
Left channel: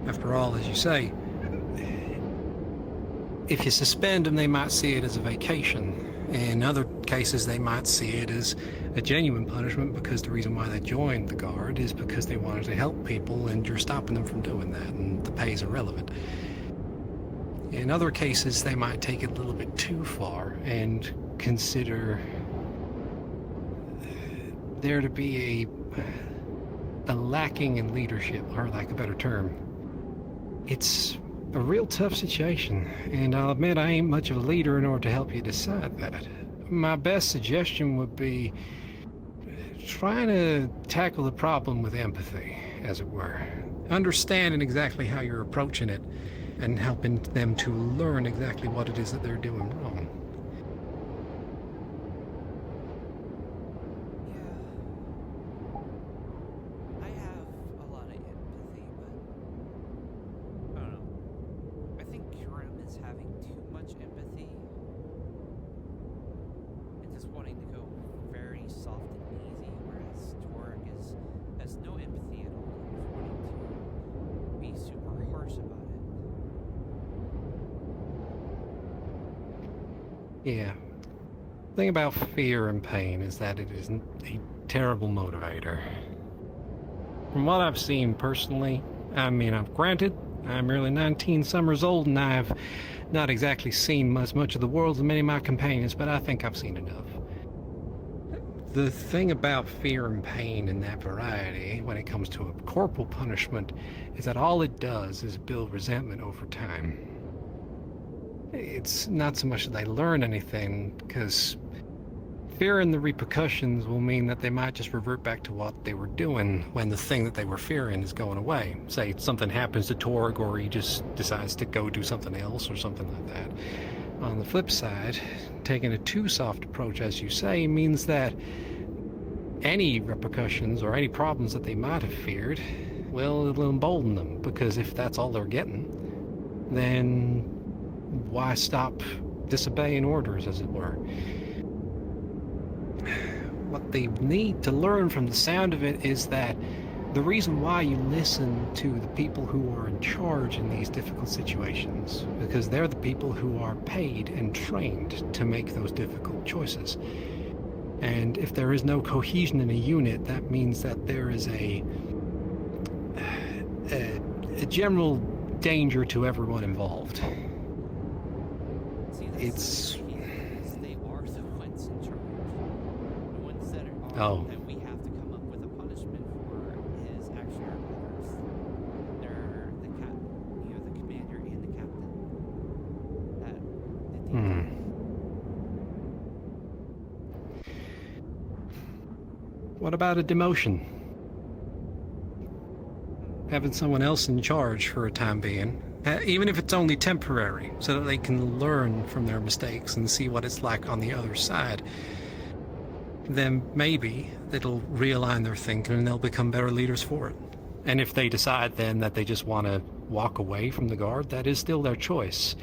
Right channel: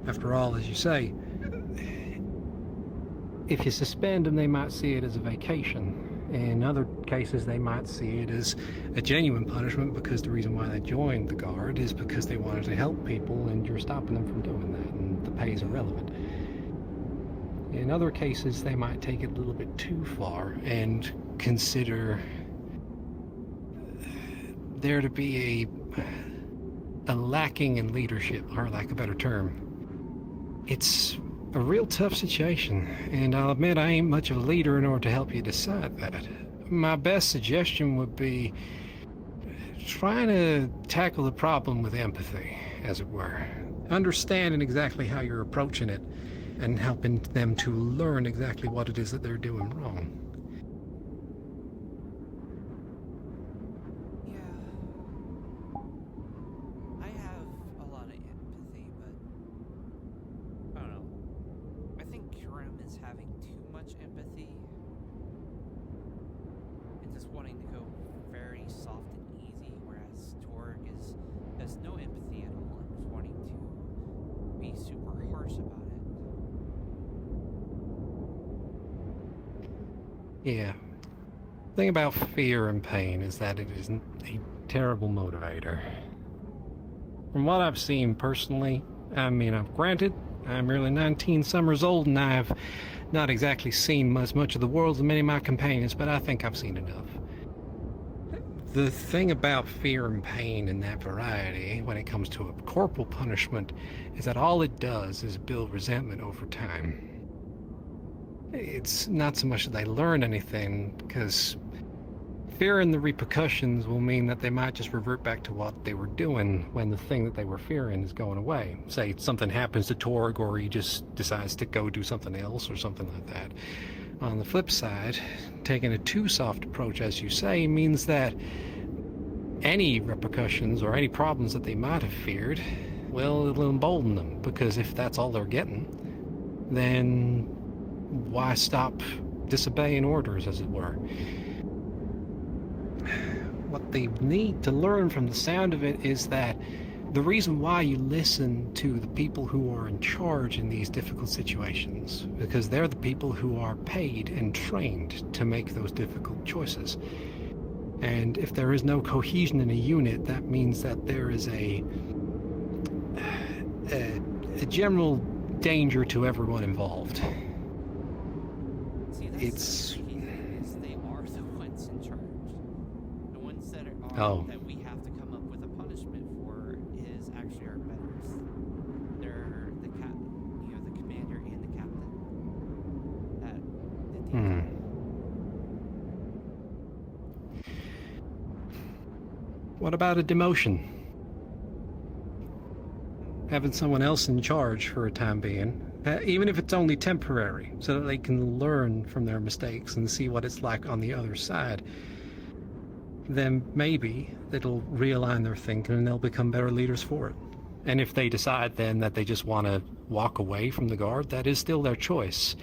After all, as you say, if you suspend them, they might see it as a vacation. In other cases, they might see it as a genuine punishment because the reason why they joined the Guard is because they wanted to help people and you're stopping them from doing that and the pay is irrelevant. In other cases, they might take it a little bit too far and consider there to be a lacking in leadership, or lack of a better term. It's a real tough situation, and I'll admit I ain't much of a leader in order to help you decide that. My best suggestion would be trying to tackle the problem with empathy, as it were. Understanding exactly how you're approaching it and helping them to learn exactly what it is that they're doing wrong. I have a lot of empathy, but I don't know. I think Kurim is having too much empathy and just wanting to go very soft and easy, whereas Torg has Yeah. The thing about fear and pain is that it is a terrible motivator. From what I've seen personally, I mean, granted, I'm merely 19 summers old and I've not exactly seen as much of the world as many of my companions, but I think I've seen enough. The thing about fear and pain in that variety, when it comes to a corporal punishment, is that all it does is build resentment over time. It's not so much that they learn anything, because fearing the repercussions will mean that they might just revert back to what they were doing when the thing that they were fearing is going away. Say something happens to Torg, or he just decides to go do something else or something like that. On the flip side, taking a too soft approach, as you say, means that any repercussions or any problems that they might have feared, well, it'll embolden them, because if that's all they're getting, then why stop disobeying orders, as it were? What they need to learn from the sound of it is that the reason why you listen to the people who are in charge in these difficult situations, because they're the people who are paid and trained to make those difficult choices. And if there is no cohesion in a unit, that means that there is a general danger to everyone involved. See, It's the tricky thing is they are the ones in charge. The ones that are that we have to come up with a punishment for is actually our betters. They're the the commander and the captain. What about a demotion? Having someone else in charge for a time being, even if it's only temporary, so that they can learn from their mistakes and see what it's like on the other side, then maybe it'll realign their thinking and they'll become better leaders for it. And if they decide then that they just want to walk away from the guard, that is still their choice.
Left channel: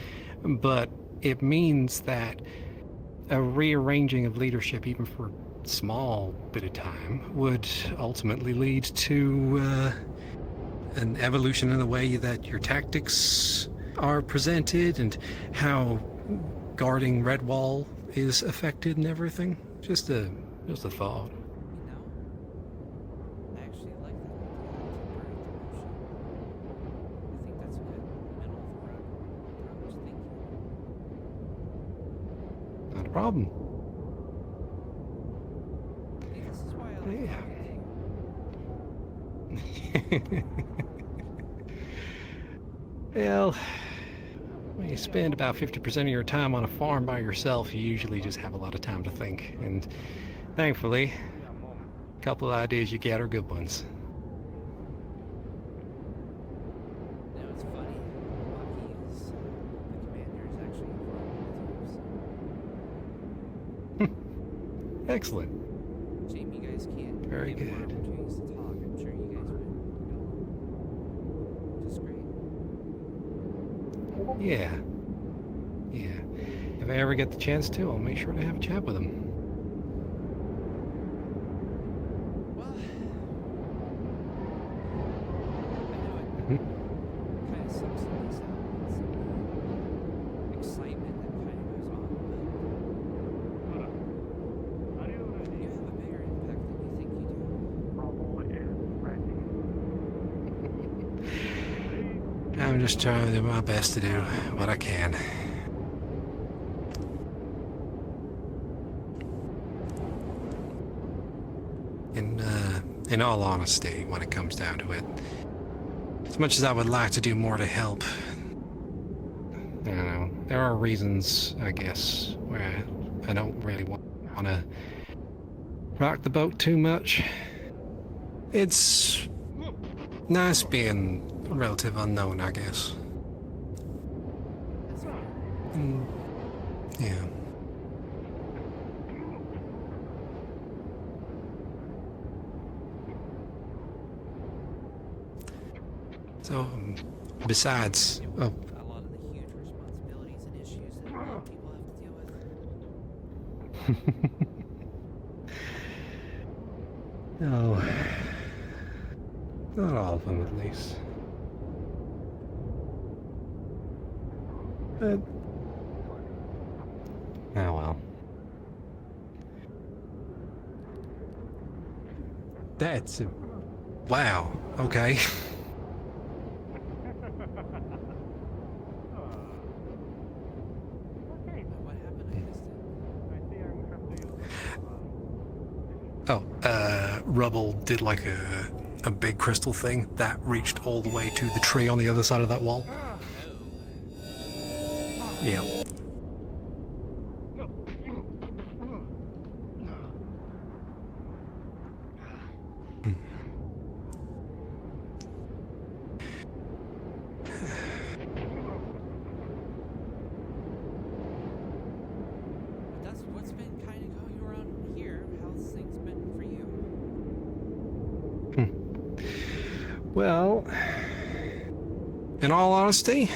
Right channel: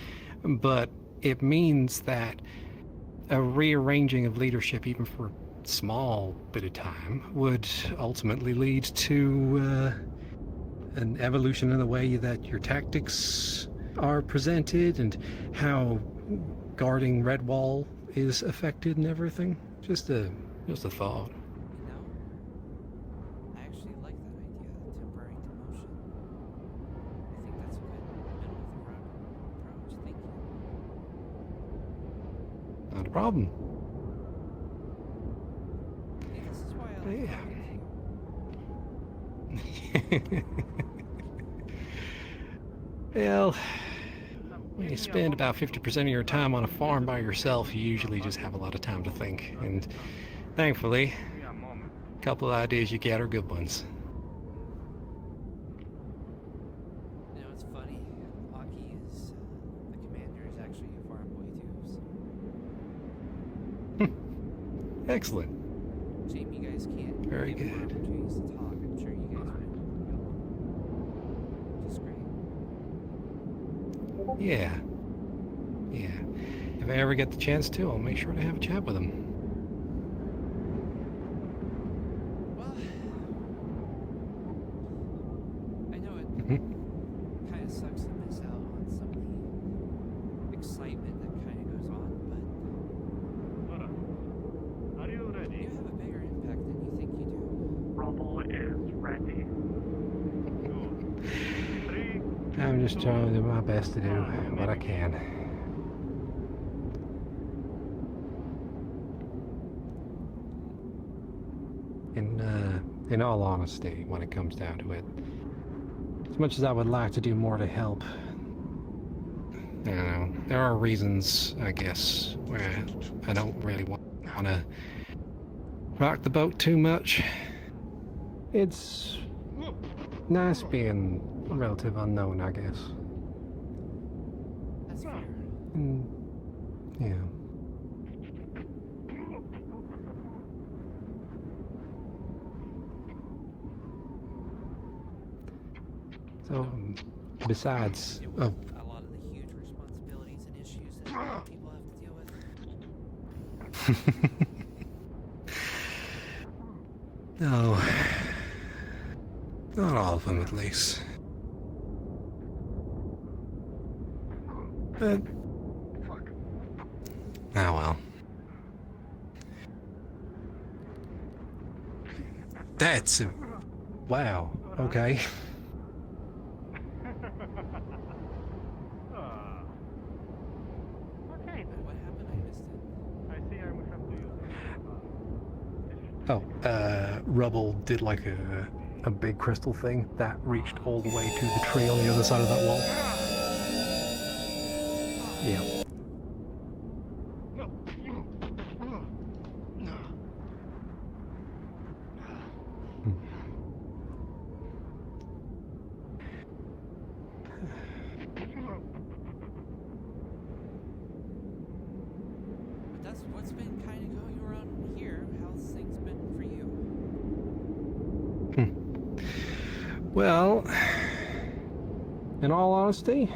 But it means that a rearranging of leadership, even for a small bit of time, would ultimately lead to an evolution in the way that your tactics are presented and how guarding Redwall is affected and everything. Just a thought. You know, I actually like that idea of temporary demotion. I think that's a good middle of the road approach. Thank you. Not a problem. See, this is why I like Yeah. talking to you. Well, when you spend about 50% of your time on a farm by yourself, you usually just have a lot of time to think. And thankfully, a couple of ideas you get are good ones. You know, it's funny. Aki is the commander is actually a farm with you. Excellent. Shame you guys can't Very get more good. opportunities to talk. I'm sure you guys would get along just great. Yeah. If I ever get the chance to, I'll make sure to have a chat with him. Well, I know it kind of sucks to miss out on some of the excitement that kind of goes on, but you have a bigger impact than you think you do. Rubble is ready. I'm just trying to do my best to do what I can. In all honesty, when it comes down to it, as much as I would like to do more to help, I don't know, there are reasons, I guess, where I don't really want to rock the boat too much. It's nice being a relative unknown, I guess. That's fair. Yeah. So, besides, A lot of the huge responsibilities and issues that a lot of people have to deal with. no, not all of them, at least. But, oh That's wow. Okay. What happened? I missed it. Oh, Rubble did like a big crystal thing that reached all the way to the tree on the other side of that wall. Yeah. But that's what's been kind of going around here. How's things been for you? Well, in all honesty,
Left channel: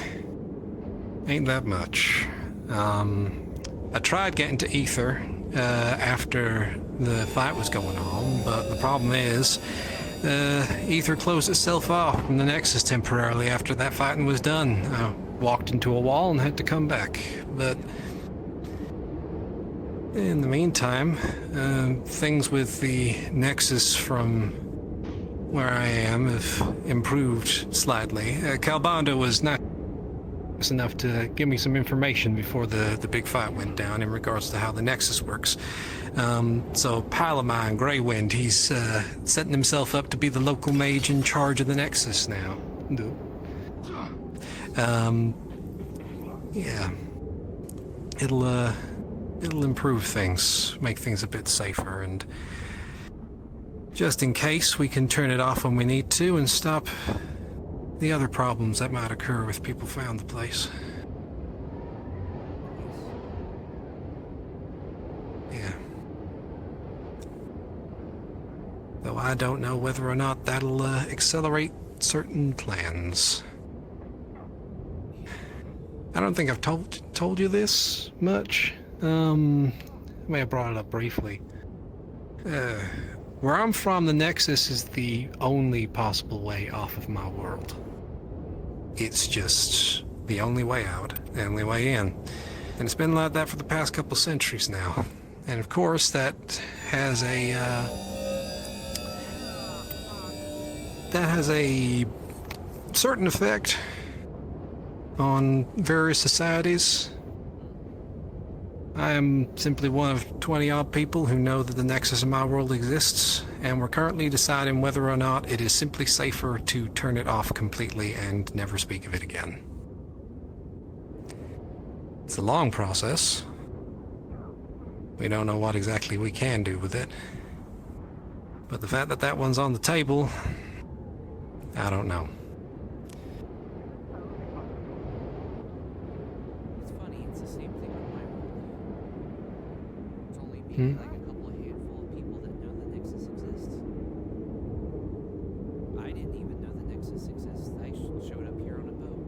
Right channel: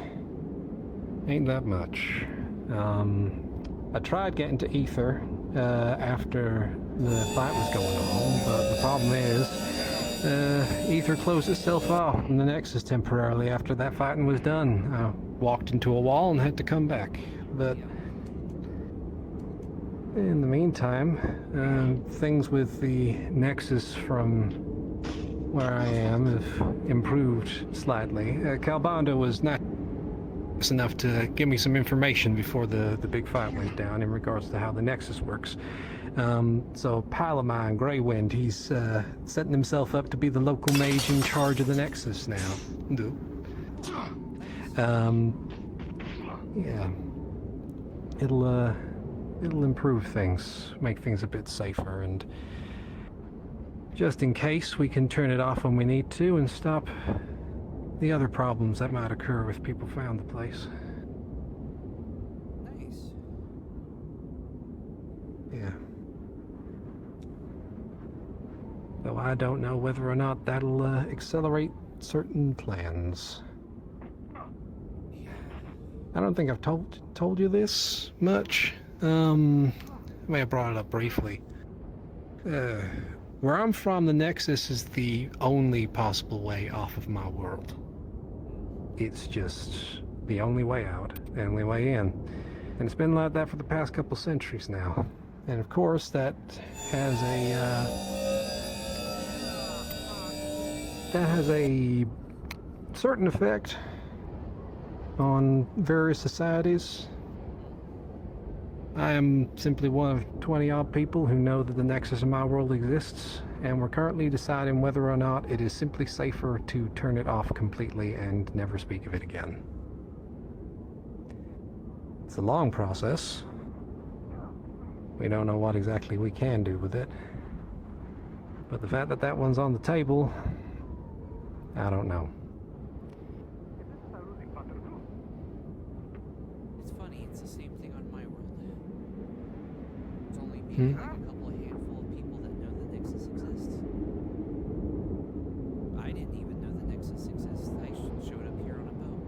ain't that much. I tried getting to Aether after the fight was going on, but the problem is Aether closed itself off from the Nexus temporarily after that fighting was done. I walked into a wall and had to come back. But in the meantime, things with the Nexus from where I am have improved slightly. Calbanda was not enough to give me some information before the big fight went down in regards to how the Nexus works. So pal of mine, Greywind, he's setting himself up to be the local mage in charge of the Nexus now. Yeah. It'll improve things, make things a bit safer, and just in case we can turn it off when we need to and stop the other problems that might occur if people found the place. Nice. Yeah. Though I don't know whether or not that'll accelerate certain plans. I don't think I've told you this much. I may have brought it up briefly. Where I'm from, the Nexus is the only possible way off of my world. It's just the only way out, the only way in. And it's been like that for the past couple centuries now. And of course, that has a certain effect on various societies. I am simply one of 20-odd people who know that the Nexus in my world exists, and we're currently deciding whether or not it is simply safer to turn it off completely and never speak of it again. It's a long process. We don't know what exactly we can do with it. But the fact that that one's on the table, I don't know. It's funny, it's the same thing on my world. It's only maybe like a couple of handful of people that know the Nexus exists. I didn't even know the Nexus exists. I showed up here on a boat.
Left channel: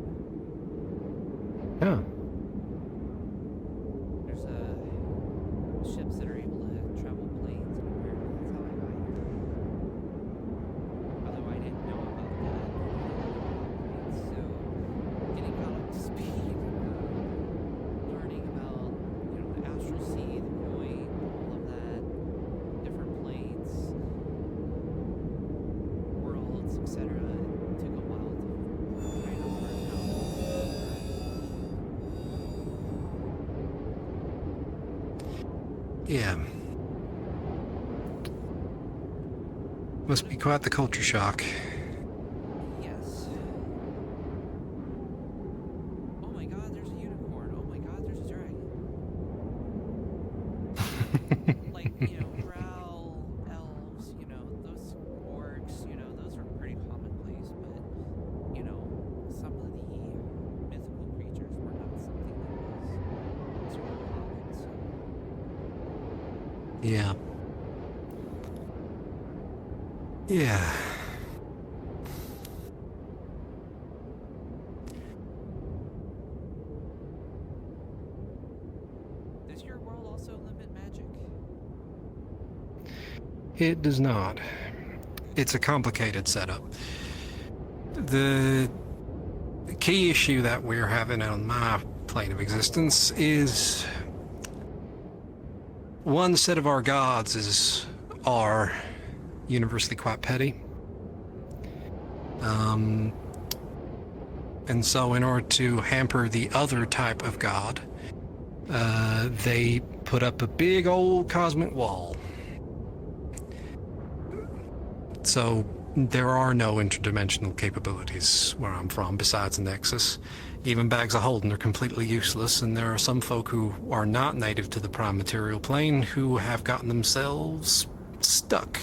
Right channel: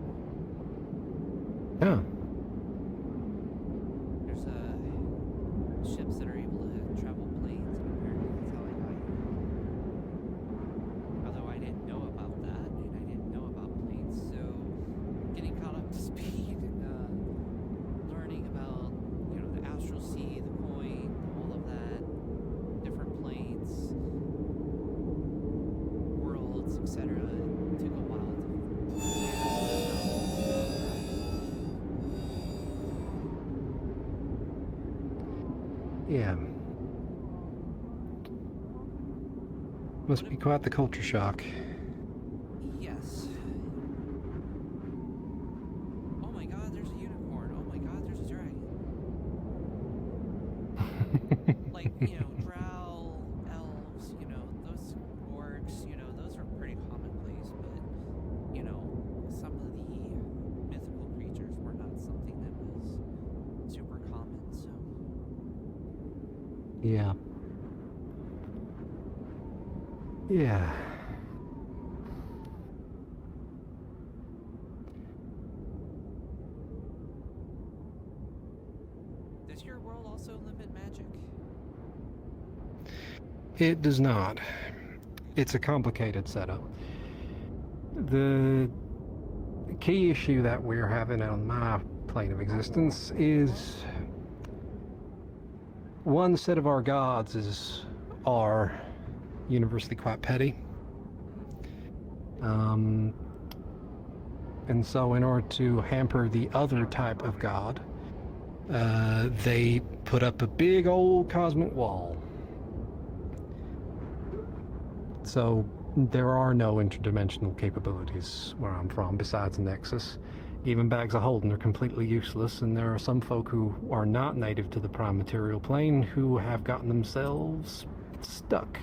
Yeah. There's ships that are able to travel planes, and apparently that's how I got here. Although I didn't know about that, and I didn't know about planes, so getting caught up to speed, learning about, the astral sea, the point, all of that, different planes, worlds, etc. It took a while to Yeah. Must be quite the culture shock. Yes. Oh my god, there's a unicorn. Oh my god, there's a dragon. Like, drow, elves, those orcs, those are pretty commonplace, but, some of the mythical creatures were not something that was super common, so. Yeah. Yeah. Does your world also limit magic? It does not. It's a complicated setup. The key issue that we're having on my plane of existence is one set of our gods are universally quite petty. And so in order to hamper the other type of god, they put up a big old cosmic wall. So there are no interdimensional capabilities where I'm from besides the nexus. Even bags of holding are completely useless, and there are some folk who are not native to the prime material plane who have gotten themselves stuck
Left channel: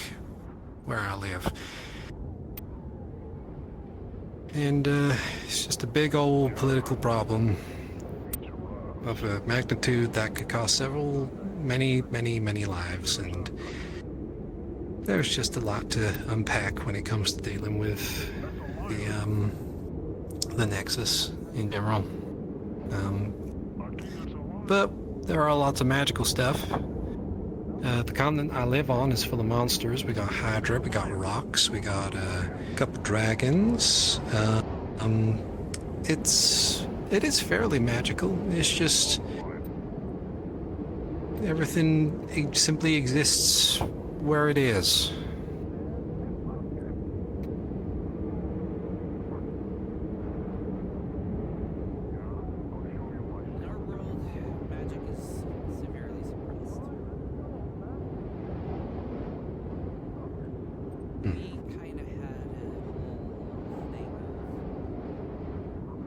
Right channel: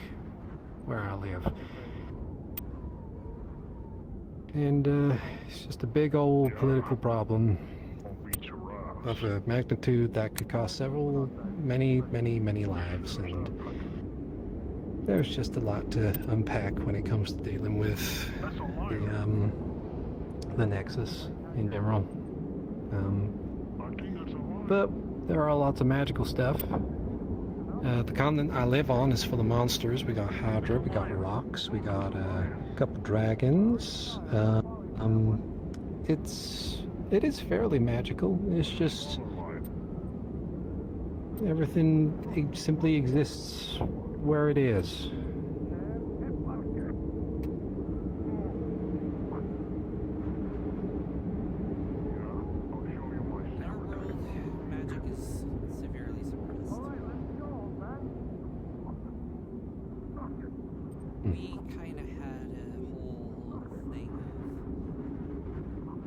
where I live. And it's just a big old political problem of a magnitude that could cost many lives, and there's just a lot to unpack when it comes to dealing with the Nexus in general. But there are lots of magical stuff. The continent I live on is full of monsters. We got Hydra, we got rocks, we got a couple dragons. It is fairly magical. It's just everything simply exists where it is. In our world, magic is severely suppressed. We kind of had a whole thing of...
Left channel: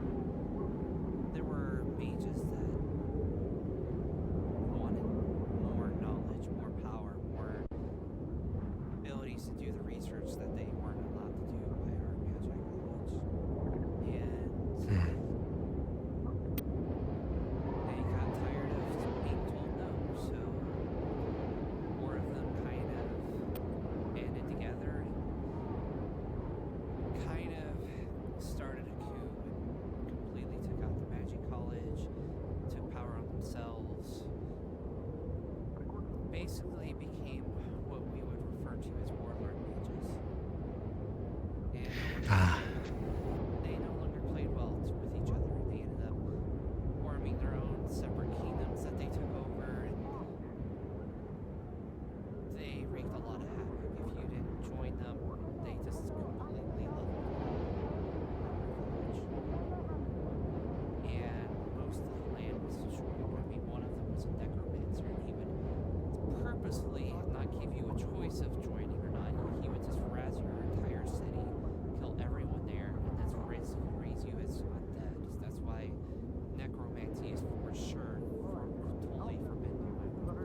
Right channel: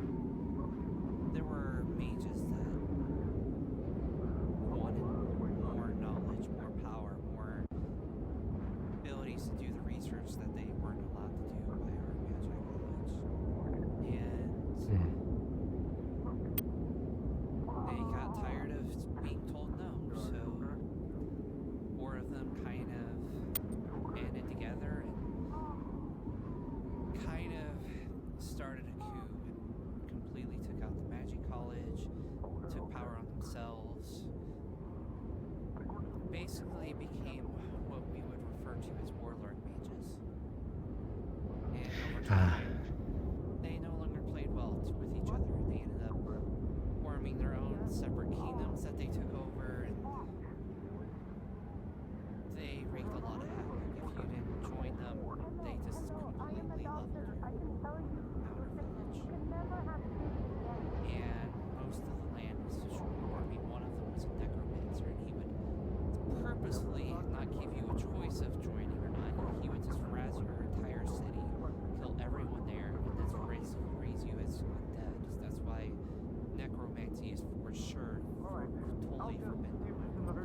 There were mages that wanted more knowledge, more power, more abilities to do the research that they weren't allowed to do by our magic college. And they got tired of being told no, so 4 of them kind of banded together and kind of started a coup and completely took out the magic college, took power on themselves, basically became what we would refer to as warlord mages. And over time, they no longer played well with each other, and they ended up forming their own separate kingdoms that they took over, and they wreaked a lot of havoc. If you didn't join them, they just completely leveled our village. And most of the land was destroyed. I mean, one of them was a necromancer, and he would purposely not give you a choice of joining or not. He would just razz your entire city, kill everyone there, and then raise you as undead. That's why necromancy is for sure totally forbidden in my world.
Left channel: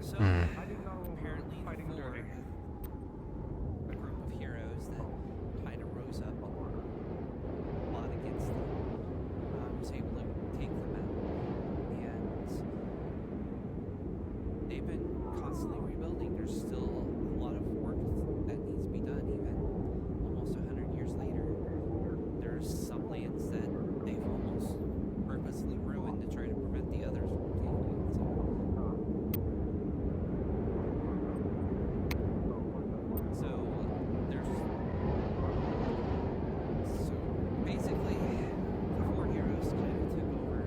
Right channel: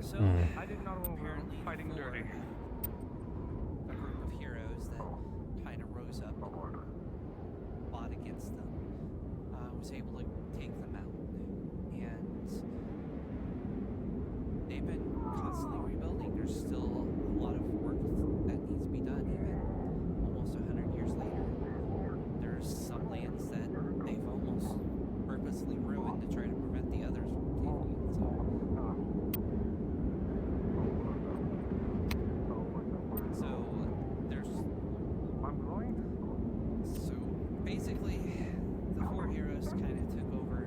So, apparently for a group of heroes that kind of rose up and fought against them, was able to take them out. And they've been constantly rebuilding. There's still a lot of work that needs to be done, even almost 100 years later. There's some lands that they've almost purposely ruined to try to prevent the others from taking it. So basically, the 4 heroes kind of took over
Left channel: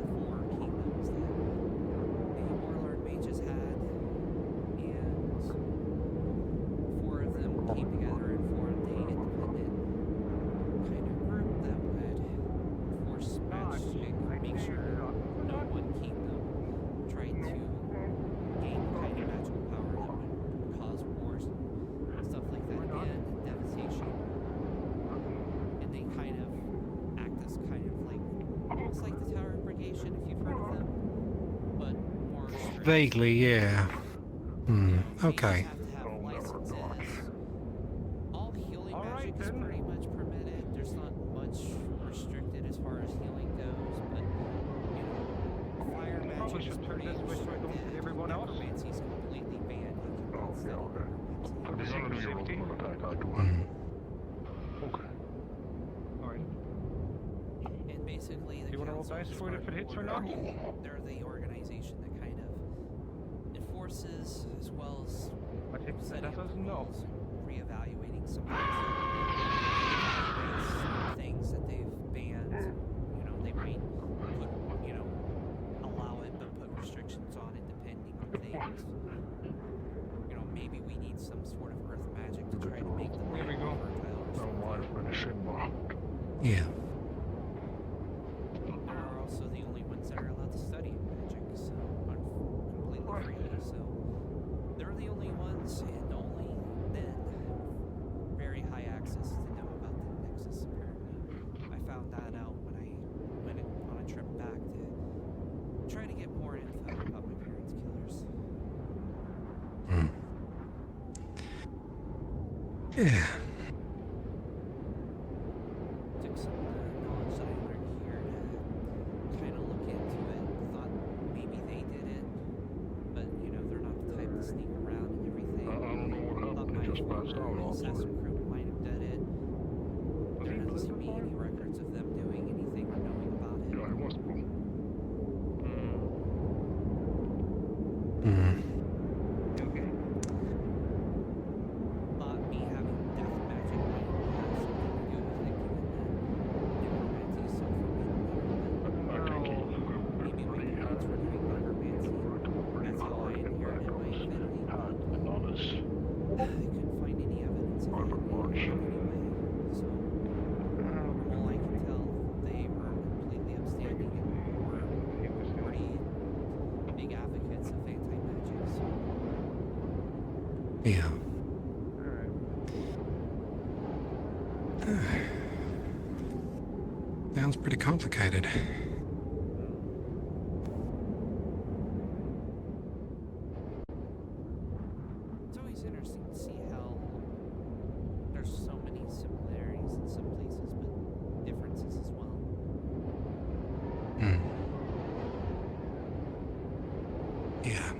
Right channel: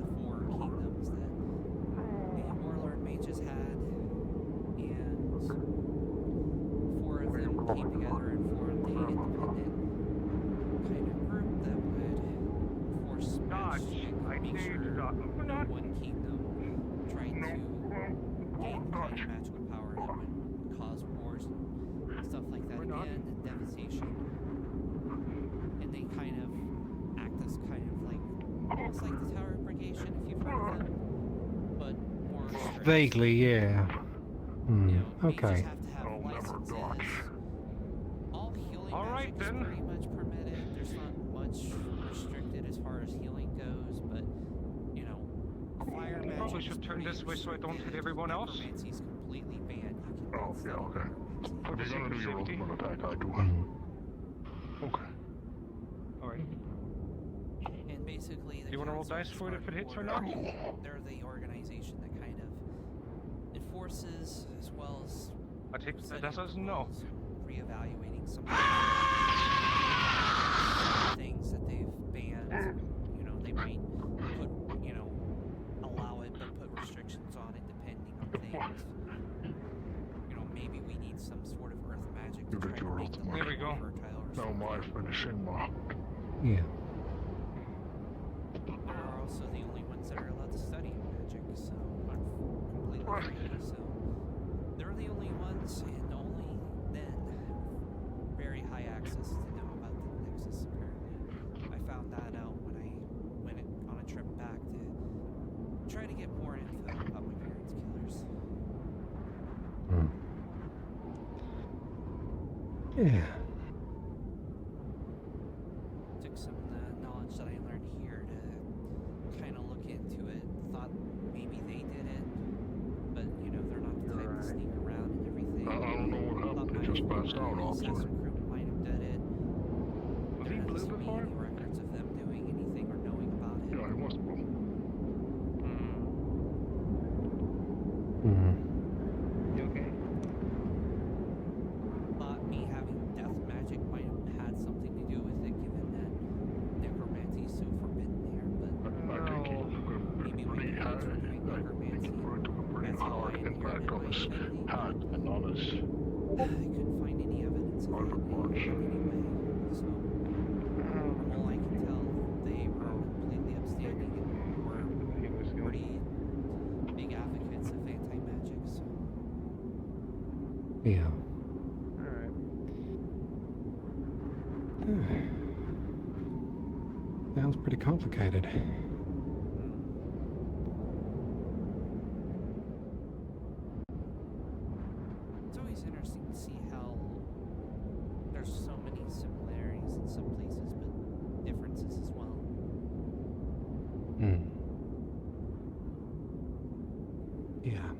the 4 kingdoms that the warlord mages had, and 4 of them came together and formed a independent kind of group that would force magic, make sure no one kingdom tried to gain the kind of magical power that would cause wars and stuff like that again, and devastation. And they kind of act as kind of like, almost like the Tower Brigation, if you've heard of them, but more strict. Vaguely, yeah. Mages Okay. have to have licenses. All healing magic is pretty much permitted. There's not much restricted as far as healing goes, but fire magic is pretty restricted. Necromancy is completely banned. You cannot study necromancy. Okay. Alright. And basically, the You want to roll council dice is for it if it hits or not? They're the organization that kind of enforces, as well as I take setting that up as the no. rules, reevaluating some things that they've banned. They might put, allow it, but put restrictions on it depending on things. need some sort of earth magic to try to make the There we land go. more fertile or something. Yeah. They're also the only ones that are allowed to study magic, so completely freely. So they're the only ones, and only then very high access to know about the nexus. Apparently, I found that out when I went on a trip back to try to get more info about my parents' killers. Yeah. Took some of the knowledge that I learned here to kind of look into it. Thought maybe they did it, but you know they're not the type to sneak around and everything. Thought my former assassin crew might have done it. There doesn't seem to be any records of them doing anything or knowing about it. Okay. Thought me having death magic might have had something to do with it, given that necromancy is so forbidden here. But maybe my parents were doing necromancy. That's how I inherited my affinity. But I couldn't find any evidence of it anyway. So, from all I can tell, they were completely upstanding and were pretty big advocates of anti-magic. So. Yeah. Sounds pretty complicated. It's always interesting to see how there's so many similarities in some places, but differences as well. Yeah.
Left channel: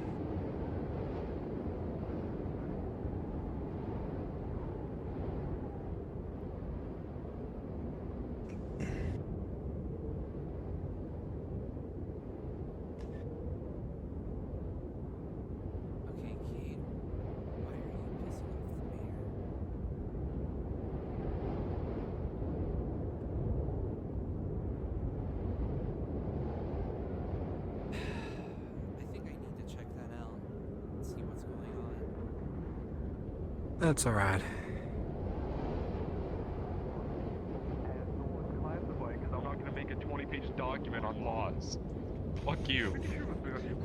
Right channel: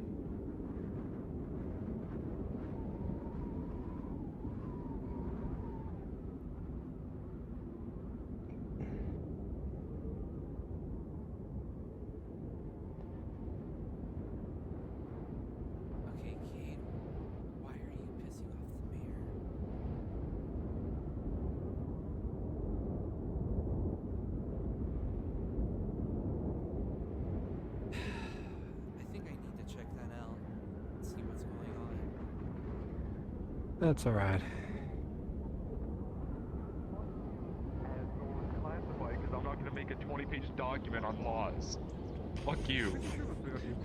Okay, Kate, why are you pissing off the mayor? I think I need to check that out and see what's going on. That's alright. Because I'm not going to make a 20-page document on laws. Fuck you.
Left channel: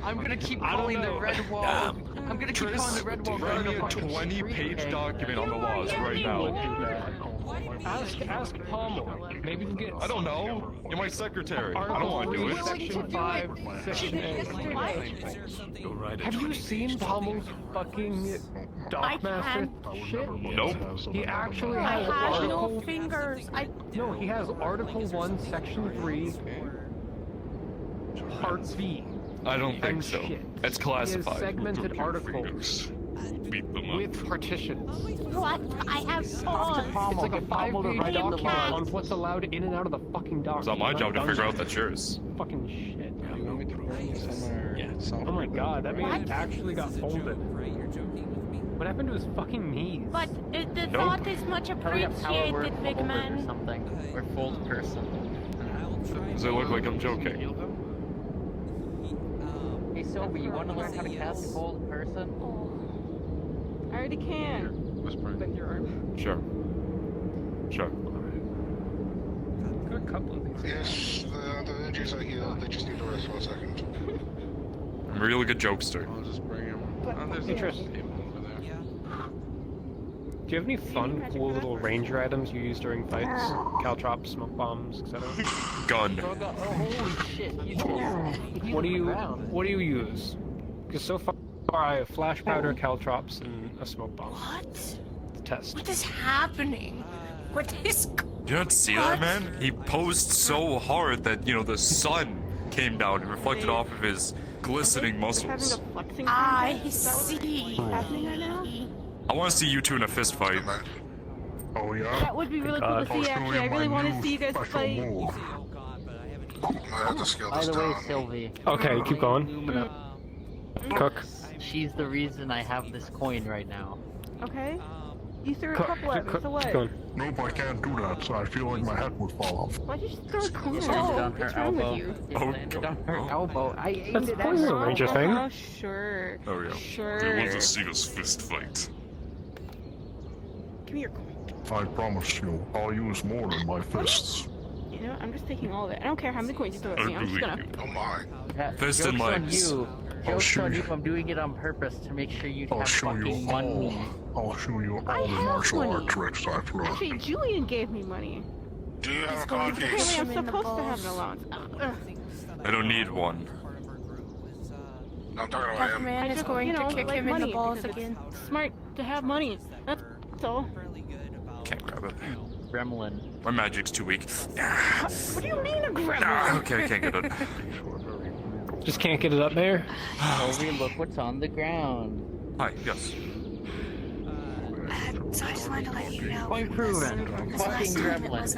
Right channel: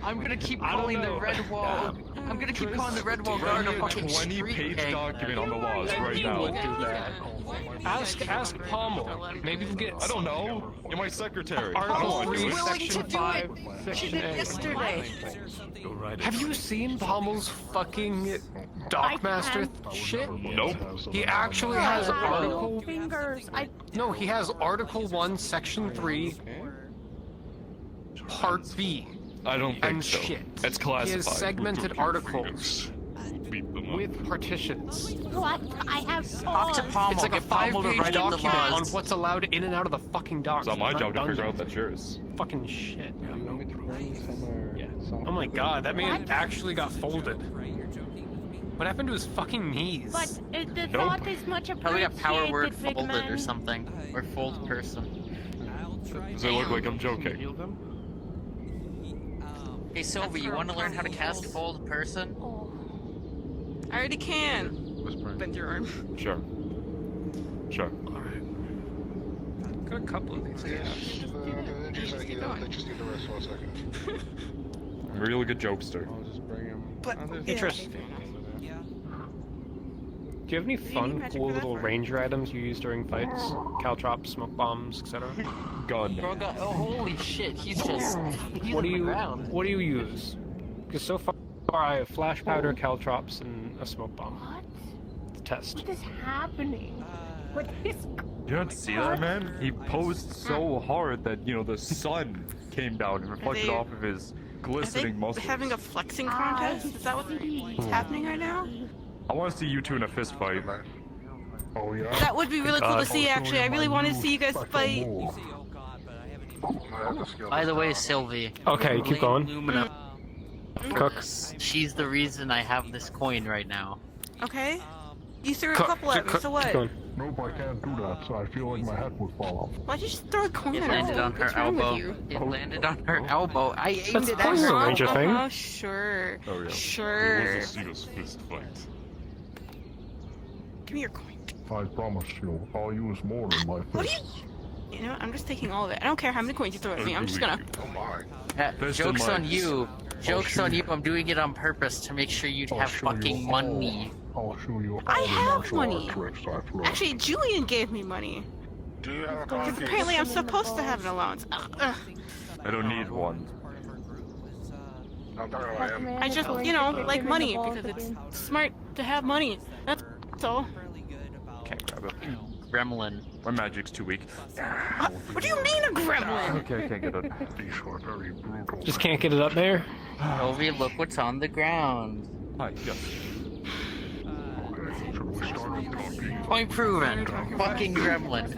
I'm gonna keep calling the red wall. I'm gonna keep calling the red wall. Write me a 20-page document on the laws right now. Ask Pommel. Maybe we can get. I don't know. You're my secretary. I don't want to do it. Section 5, Section A. Have you seen Pommel's fucking Dockmaster shit? Nope. He actually has Article. No, he has Article 1, Section 3, Part B. I don't think so. Shit. It's He classified. has segmented articles with partitions. What? I have four. It's like a 5-page document on what's allowed in and out of the fucking document. It's not my job to figure out that's yours. Fucking shit. Oh my god, that man actually got folded. What happened to his fucking knees? But the thought is much Probably a power word appreciated, big folded man. or something. Or fold person. Does it look like I'm joking? Hey Sylvie, you want to learn how to cast a fold person? I already can. Bend your arm. Sure. Sure. Got a couple of things. Yes, the energies are here. They just need to rest for a second. I'm a really good jokester. I'll just bring him. Interesting. Yeah. Do you have any fun, cool little ranger items you use during fights? Caltrops, smoke bombs, etc. Gun. Holy shit, you just... What do you use? Because so far I have flash powder, caltrops, and a smoke bomb. What? Test. What is happening? What is? You don't see that, man? He posed so hard that, you know, the sun came down and reflected off of his glistening muscles. Having a flexing contest? Is that what's happening right now? I want to see you two in a fist fight. Oh, yeah? That would be really cool to see, actually. I really want to see you guys fight. You say, oh god, but I haven't even told By the way, Sylvie. Okay, keep going. Lumina, Cook. she's the reason I have this coin right now. Okay. You threw a couple at me, so what? Keep going. Nope, I can't do that, so I feel like my head would fall off. Why'd you just throw a coin It at landed me? on her What's wrong with elbow. you? It landed on her elbow. I aimed That's it part at of the her ranger elbow. thing. Oh, sure. Oh, yeah. Sure. They want to see us fist fight. Give me your coin. I promise you, I'll use more than my fists. You know, I'm just taking all of it. I don't care how many coins you throw at me. I'm just gonna. Joke's on you. Joke's on you. I'm doing it on purpose to make sure you'd have fucking money. I'll show you all I the have martial money. art tricks I've learned. Actually, Julian gave me money. Because apparently I'm supposed to have an allowance. I don't need one. I just, you know, like money. Because it's smart to have money. That's all. Can't grab it. Gremlin. My magic's too weak. What do you mean a gremlin? Okay, I can't get it. Just can't get it up there? Toby, look what's on the ground. Hi, yes. Point proven. Fucking gremlin.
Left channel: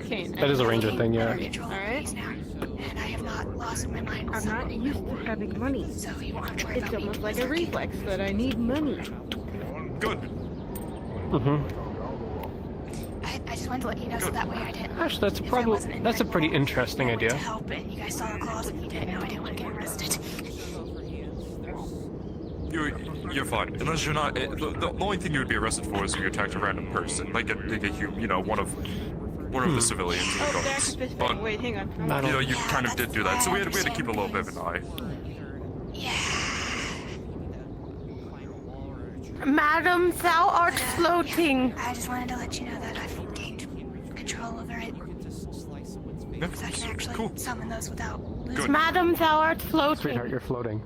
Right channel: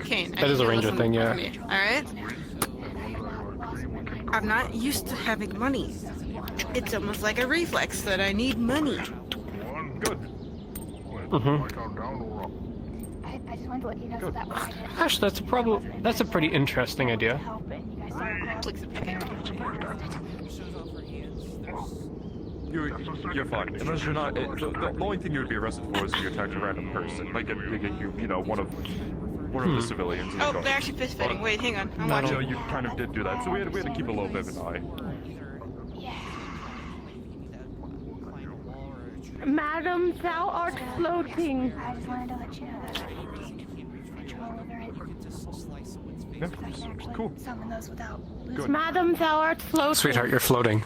Okay. That is a ranger thing, yeah. Alright. I'm not used to having money. It's almost like a reflex that I need money. Good. Mm-hmm. I just wanted to let you know so that way I didn't. Actually, that's a pretty interesting idea. You're fine. Unless you're not. The only thing you would be arrested for is if you attacked a random person, like one of the civilians. Oh, back to fist fighting. Wait, hang on. You kind of did do that, so we had to keep a little bit of an eye. Madam, thou art floating. I just wanted to let you know that I've obtained control over it. Yeah, I can actually cool. summon those without losing. Good. Madam, thou art floating. Sweetheart, you're floating.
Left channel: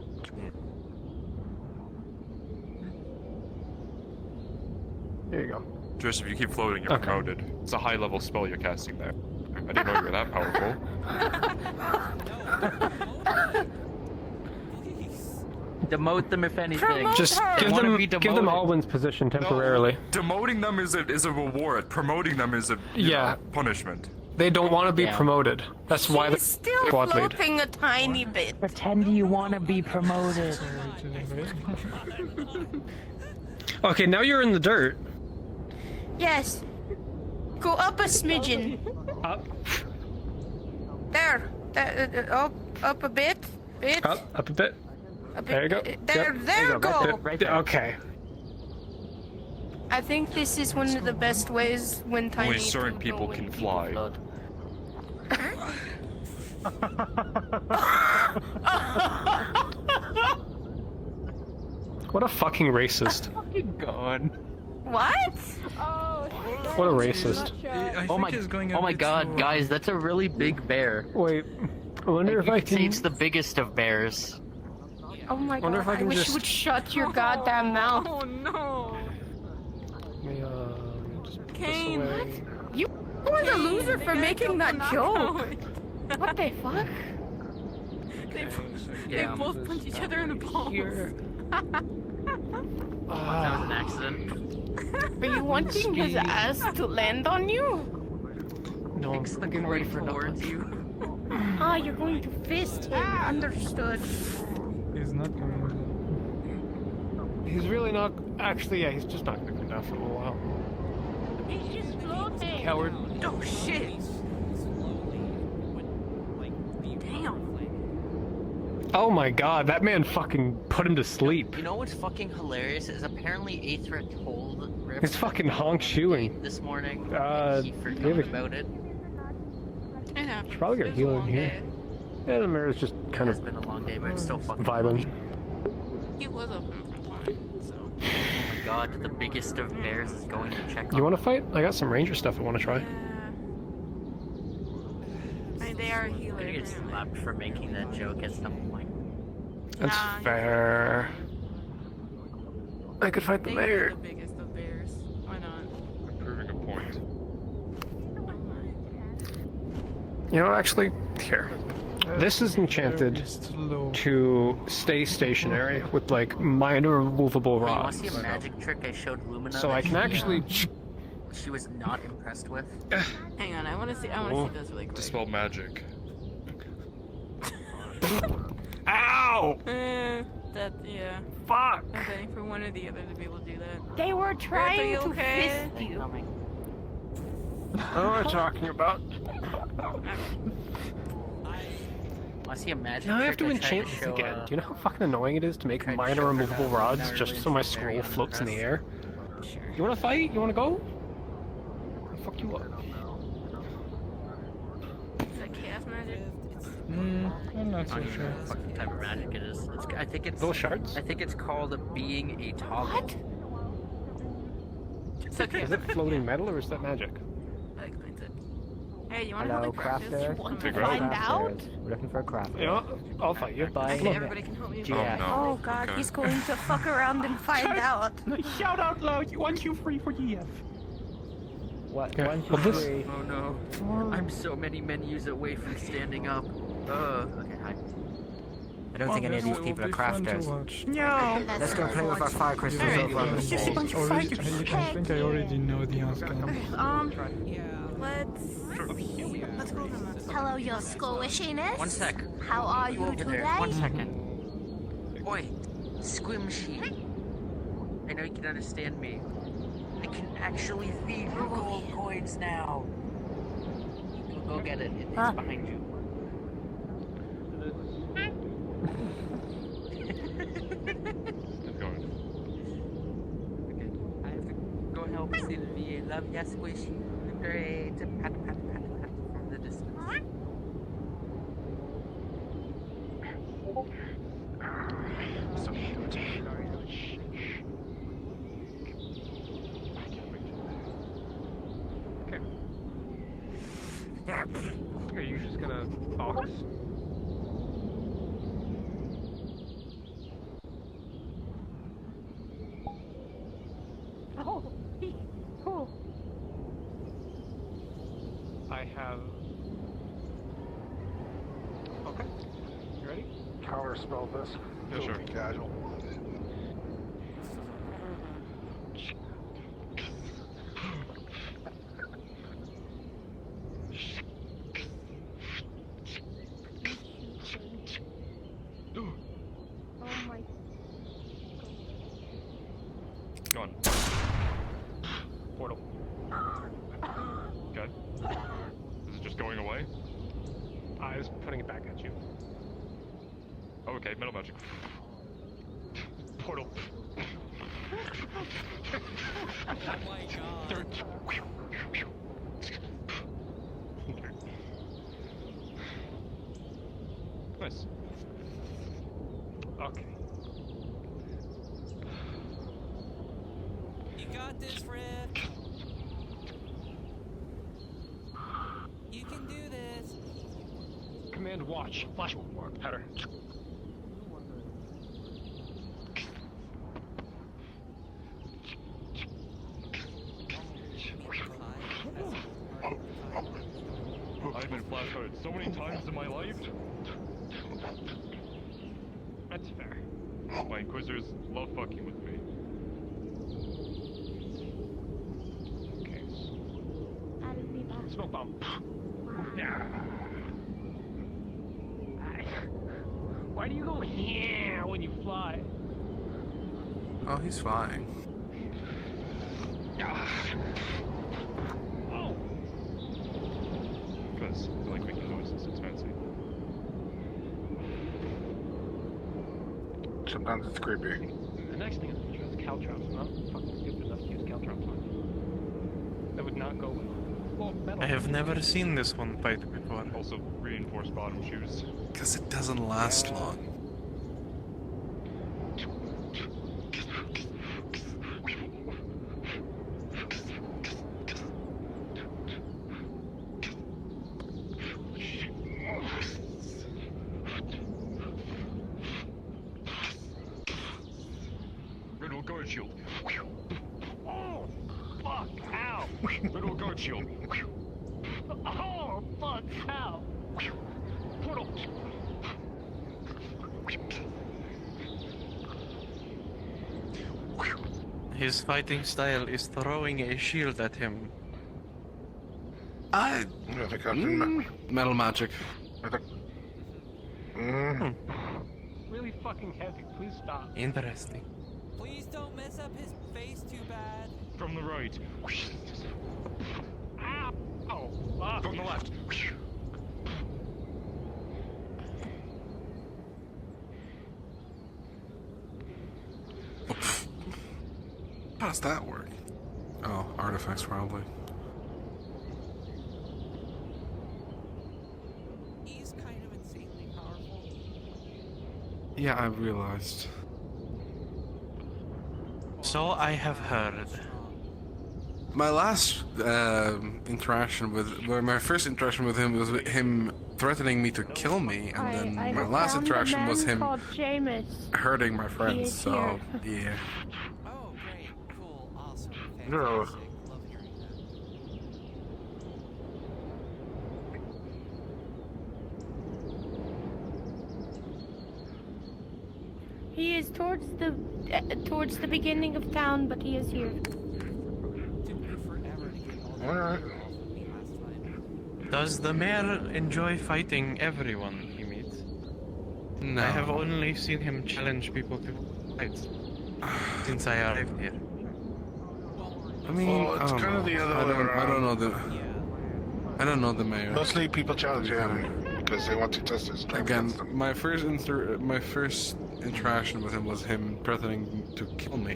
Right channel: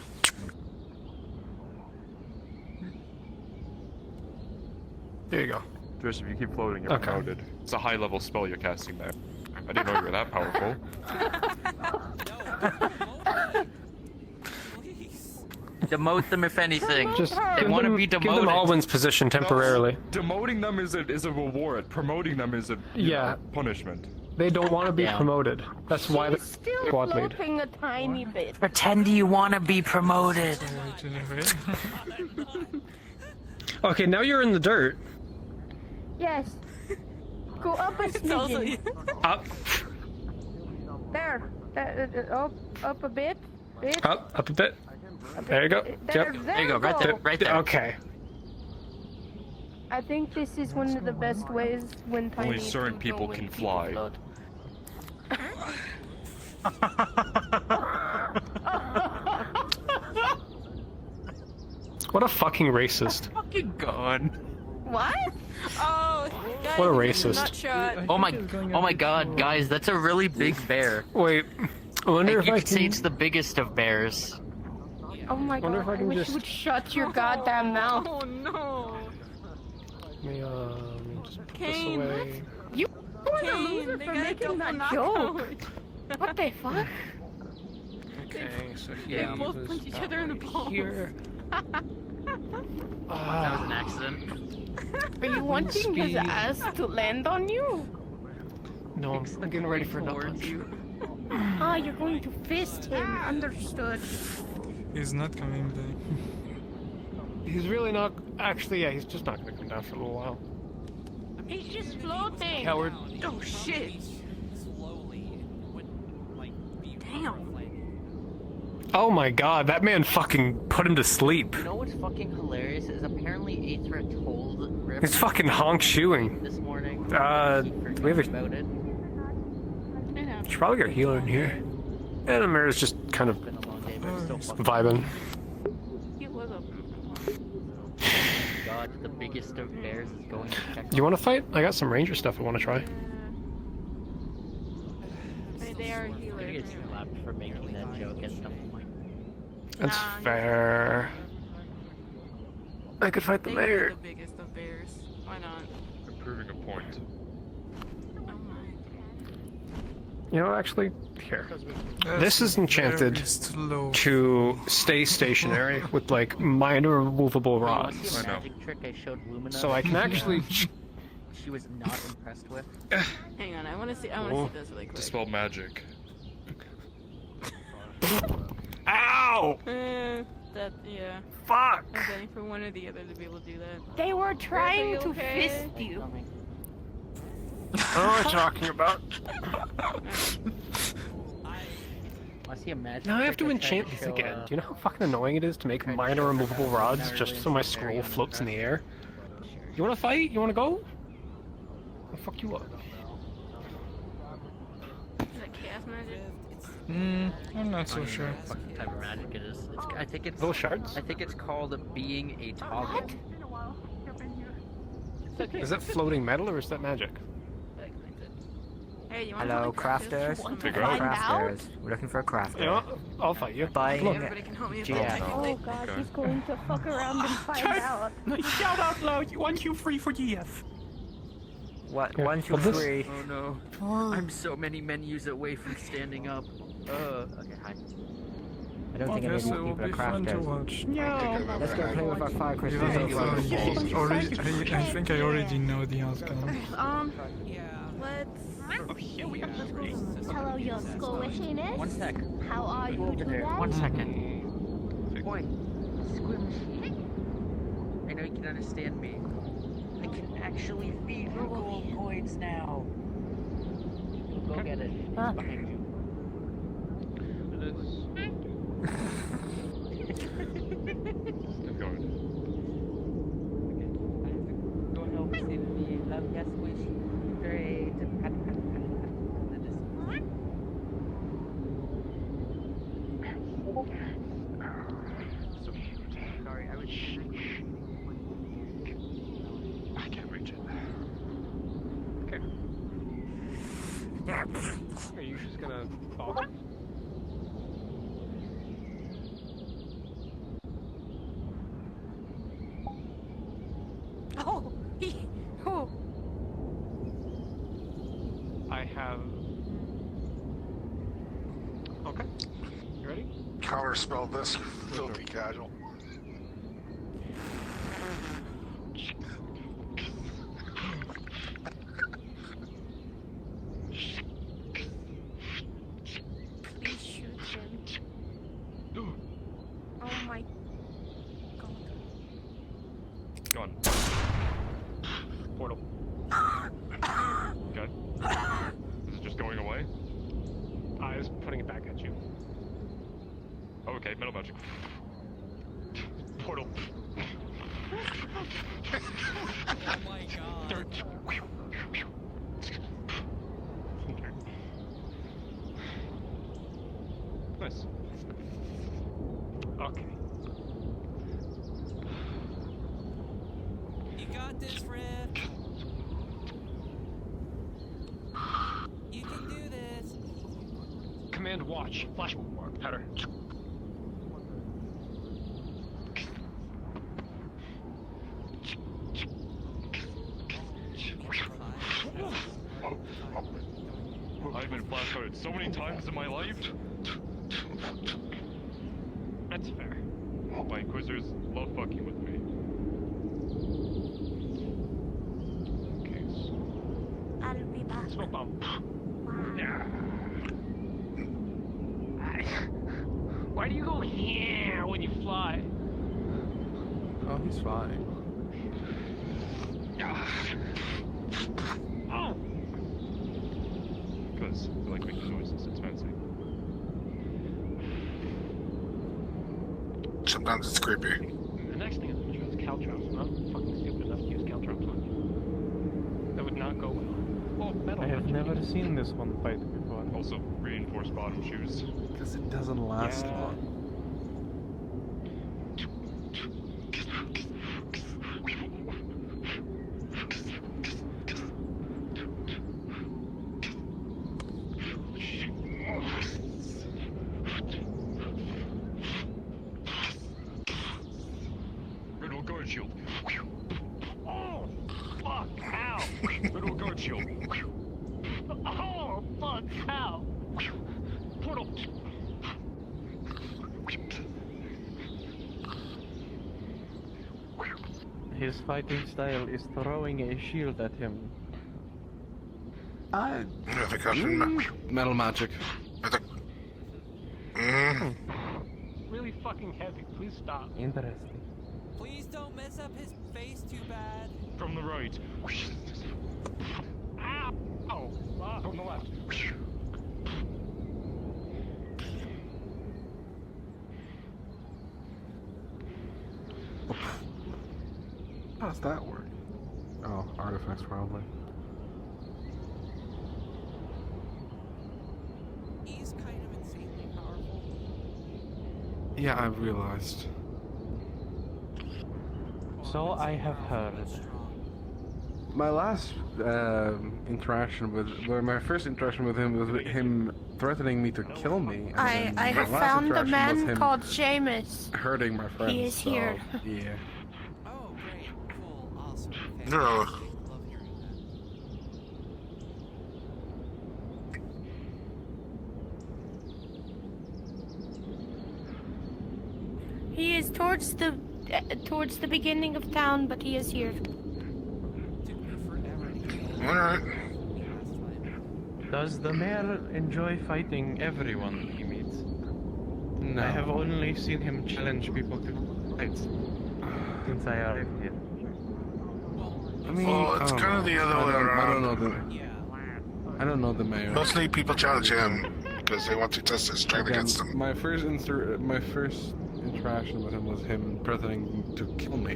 There you go. Joseph, you keep floating, you're Okay. promoted. It's a high-level spell you're casting there. I didn't know you were that powerful. Demote them if anything. Just they want to be demoted. give them Alwyn's position temporarily. Demoting them is a reward. Promoting them is a punishment. They don't want to be Yeah. promoted. That's why they're Still squad lead. floating a tiny bit. Pretend you want to be promoted. Okay, now you're in the dirt. Yes. Go up a smidgen. Up, There. Up a bit. up a bit. There you go. There, Yep. there you go. Right there. Okay. I think this is one of the best ways when tiny. Only certain people can fly. What a fucking racist. Fucking god. What? What a racist. Oh my god, guys, that's a really big bear. Wait, I wonder if you I could say can... it's the biggest of bears. Oh my Wonder god, if I I can wish just- you would shut your goddamn mouth. Oh no. Let me, just put this Kane, away. You were the Kane, loser they for got making that double joke. What the fuck? Okay, so They yeah, both this punch each other in the balls. here. That was an accident. Are you wanting his Speed. ass to land on you? No, I'm getting ready for a nut punch. Ah, you're going to fist him. Understood. He's not coming back. He's really not... Actually, yeah, he's just not going to come down for a little while. He's just floating. Coward. Oh shit. Damn. Oh my god, that man fucking put him to sleep. You know what's fucking hilarious is apparently Aether told Riff It's fucking honk shoeing. this morning. We have a... About it. Should probably get a healer in here. And Amira's just kind of It's been a long day, but it's still fucking vibing. God, the biggest of bears is going to check. You want to fight? I got some ranger stuff I want to try. They are I'm gonna get slapped for making that joke at some point. That's fair. I could fight the mayor. The biggest of bears. Why not? I'm proving a point. You know, actually, here. This is enchanted to stay stationary with, like, minor removable Want to see a rods. magic trick I showed Lumina? So I can actually... She was not impressed with. Hang on, I want to see. I want to see this really quick. Dispel magic. Ow! That yeah. Fuck! I'm waiting for one or the other to be able to do that. They were trying to okay? fist you. What am I talking about? I see a magic Now I have to trick I tried enchant these show, again. Do you know how fucking annoying it is to make minor removable rods just so my scroll floats in the air? You wanna fight? You wanna go? I'll fuck you up. Is that chaos magic? I'm not so sure. What type of magic it is? I think it's little shards. I think it's called being a toggle. Is it floating metal or is that magic? Hey, you want Hello, to crafters. Want to Figure out. find out? We're looking for a crafter. Yeah, I'll fight you. Buying. Look. Everybody can help me. Yeah. Oh god, he's going to fuck around and find out. Shout out loud, 123 for GF. What? Yeah. 1, 2, Well, this- 3. Oh no. I'm so many menus away from standing up. I don't think any of these people are crafters. No. Let's go play with our fire crystals I over on the wall. think I already know the outcome. Hello, your school machinist. 1 sec. How are you today? 1 second. Boy, squishy. I know you can understand me. I can actually feed you gold coins now. Go get it. It's behind you. Let's go. Go help save me. Love ya, squishy. Great. Are you just gonna focus? Oh, who? I have. Okay. You ready? Counterspell this. Filthy casual. Oh my. Gone. Portal. Okay. Is it just going away? I was putting it back at you. Oh, okay, metal magic. Portal. Oh my god. Nice. Okay. You got this, Riff. You can do this. Command watch. Flash warp pattern. I've been flashcarded so many times in my life. That's fair. My inquisitors love fucking with me. Okay. I'll be back. Smoke bomb. Yeah. Why do you go here when you fly? Oh, he's fine. Oh. Because I like making noises, it's fancy. Sometimes it's creepy. The next thing is to use caltrops. Not fucking stupid enough to use caltrops on. That would not go well. Well, metal. I have never seen this one fight before. Also, reinforced bottom shoes. Because it doesn't last long. Red guard shield. Oh, fuck, ow. Red guard shield. Oh, fuck, ow. Portal. His fighting style is throwing a shield at him. I think I can metal magic. Really fucking heavy. Please stop. Interesting. Please don't mess up his face too bad. From the right. Ow. Oh, fuck. From the left. How does that work? Oh, artifacts probably. He's kind of insanely powerful. Yeah, I realized. So I have heard. My last interaction with, well, my first interaction with him was with him threatening me to kill me, and I then my have last found a interaction was man him called Seamus. hurting my friends. He is so here. yeah. Oh, great, cool, awesome, No. fantastic. Love hearing that. He is towards the beginning of town, but he is here. Took me forever to get all Alright. from me last time. Does the mayor enjoy fighting everyone he meets? No. I have only seen him challenge people to fights since I arrived here. I mean, Well, it's I don't kind of know. the other way I don't know around. the. I don't know the mayor. Mostly people challenge him because they want to test his strength Again, against him. my first interaction with him was him threatening to kill me,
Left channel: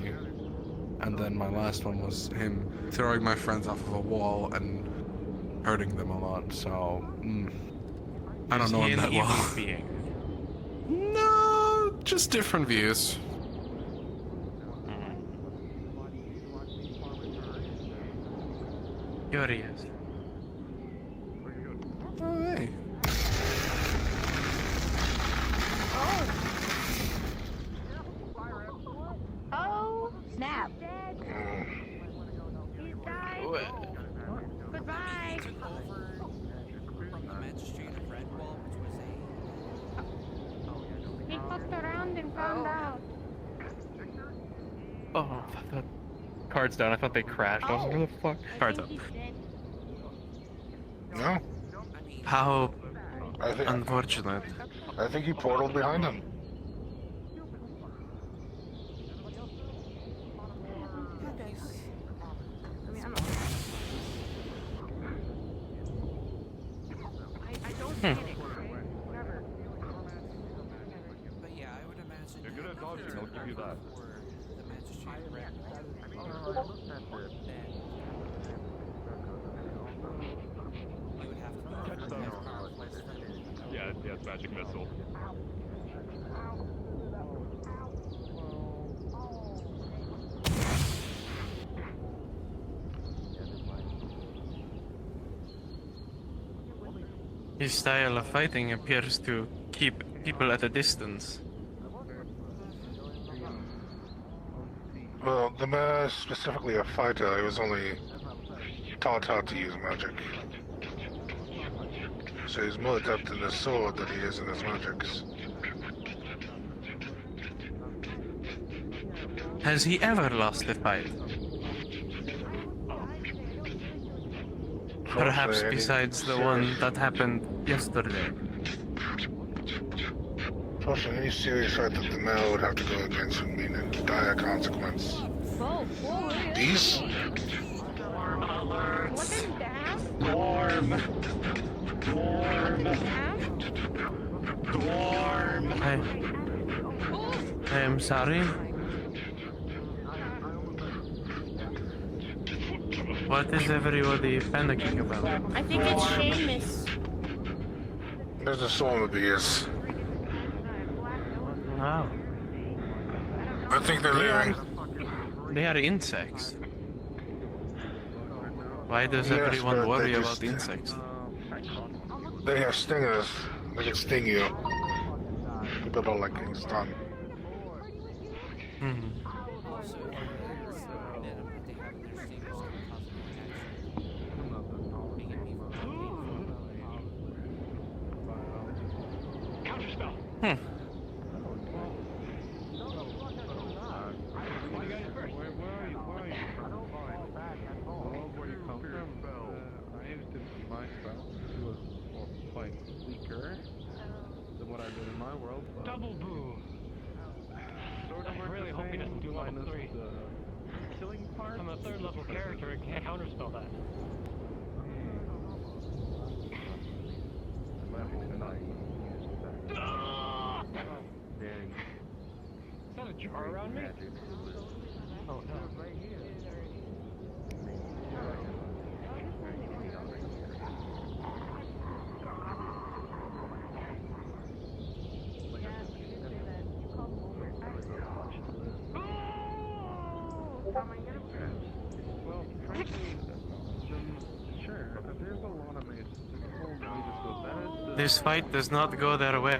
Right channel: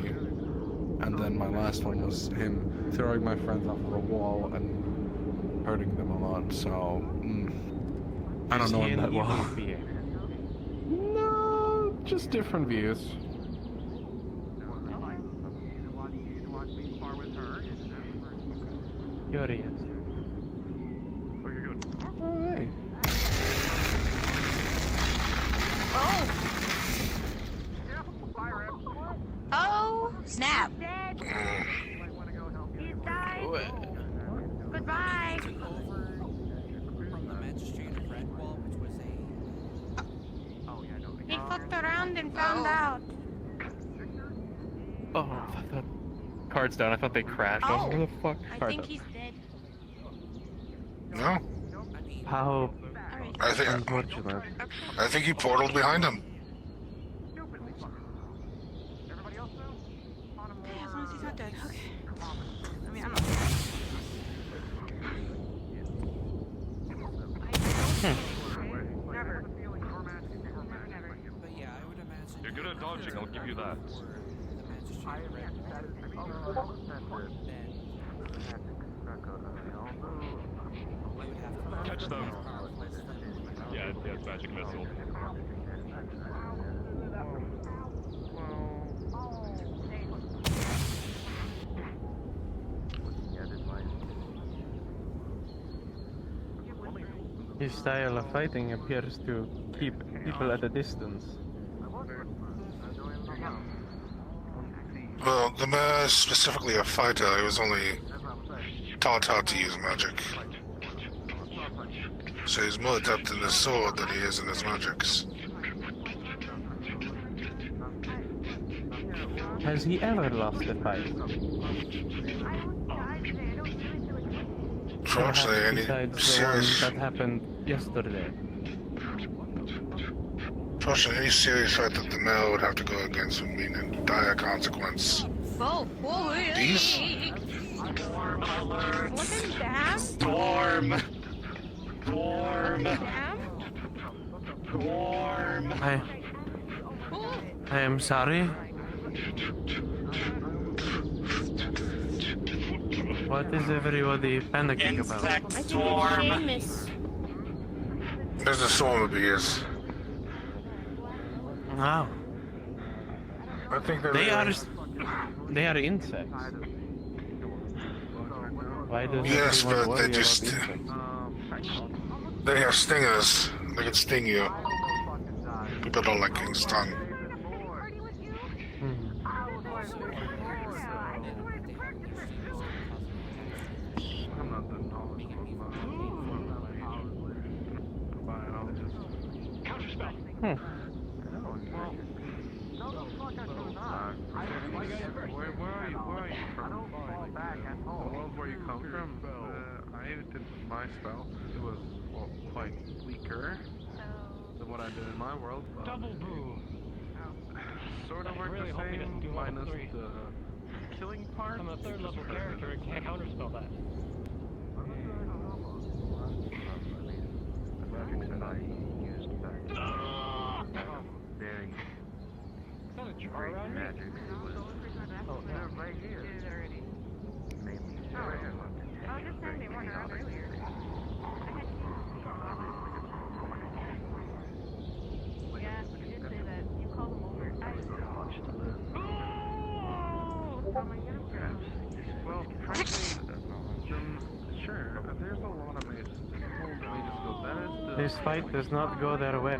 and then my last one was him throwing my friends off of a wall and hurting them a lot. So I don't Is know he him an that evil well. being? No, just different views. Curious. Hey. Oh, snap. Goodbye. He took over from the magistrate of Redwall, which was a. He fucked around and found out. Oh, I thought cards down. I thought they crashed. I was like, where the fuck? Cards up. He's dead. No? How I think unfortunate. I think he portaled behind him. But yeah, I would imagine. You're good at dodging, if he I'll give you took that. over the magistrate of Redwall, then you would have to be as powerful as them. Yeah, it's magic missile. His style of fighting appears to keep people at a distance. Well, the man is specifically a fighter. He was only taught how to use magic. So he's more adept in his sword than he is in his magics. Has he ever lost a fight? Perhaps Fortunately, any besides the one serious- that happened yesterday. Fortunately, any serious fight that the male would have to go against would mean a dire consequence. These? Wasn't that? Storm. I am sorry. What is everybody panicking about? I think it's Seamus. There's a soul of the earth. No. I think they're They are insects. Why does Yes, everyone but worry they about just- insects? They have stingers. They can sting you. People don't like getting stung. Also, venom that they have in their stingers can cause more attacks, making it even more painful. Counterspell. Double boo. I really hope he doesn't do level 3. I'm a 3rd level character and can't counterspell that. Ah! Is that a jar around me? Oh no. This fight does not go their way.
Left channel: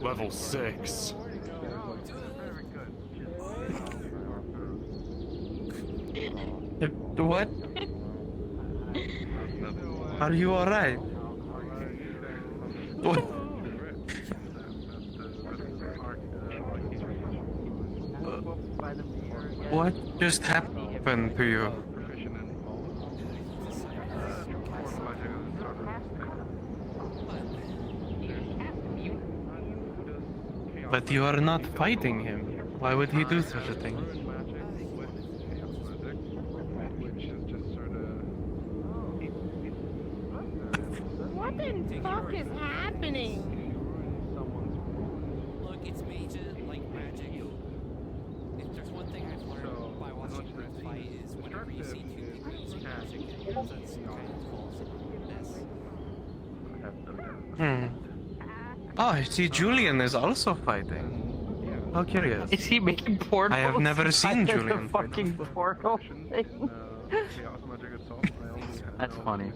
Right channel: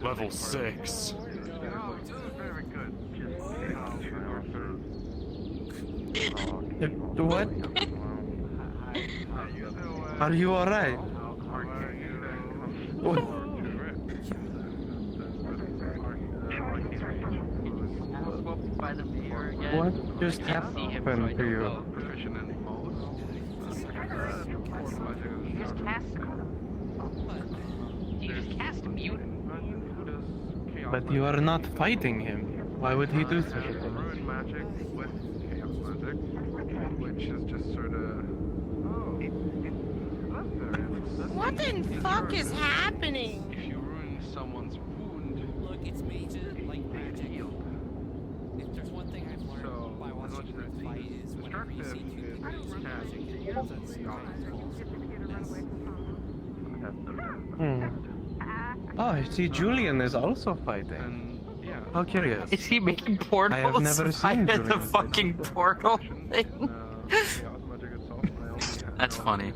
Level 6. What? Are you alright? What just happened to you? But you are not fighting him. Why would he do such a thing? What the fuck is happening? Look, it's major, like, magic. If there's one thing I've learned by watching Rift fight is whenever you see two people using magic, that's kind of false mess. Oh, I see Julian is also fighting. How curious. Is he making portals? I have never seen inside of Julian. the fucking portal thing. That's funny.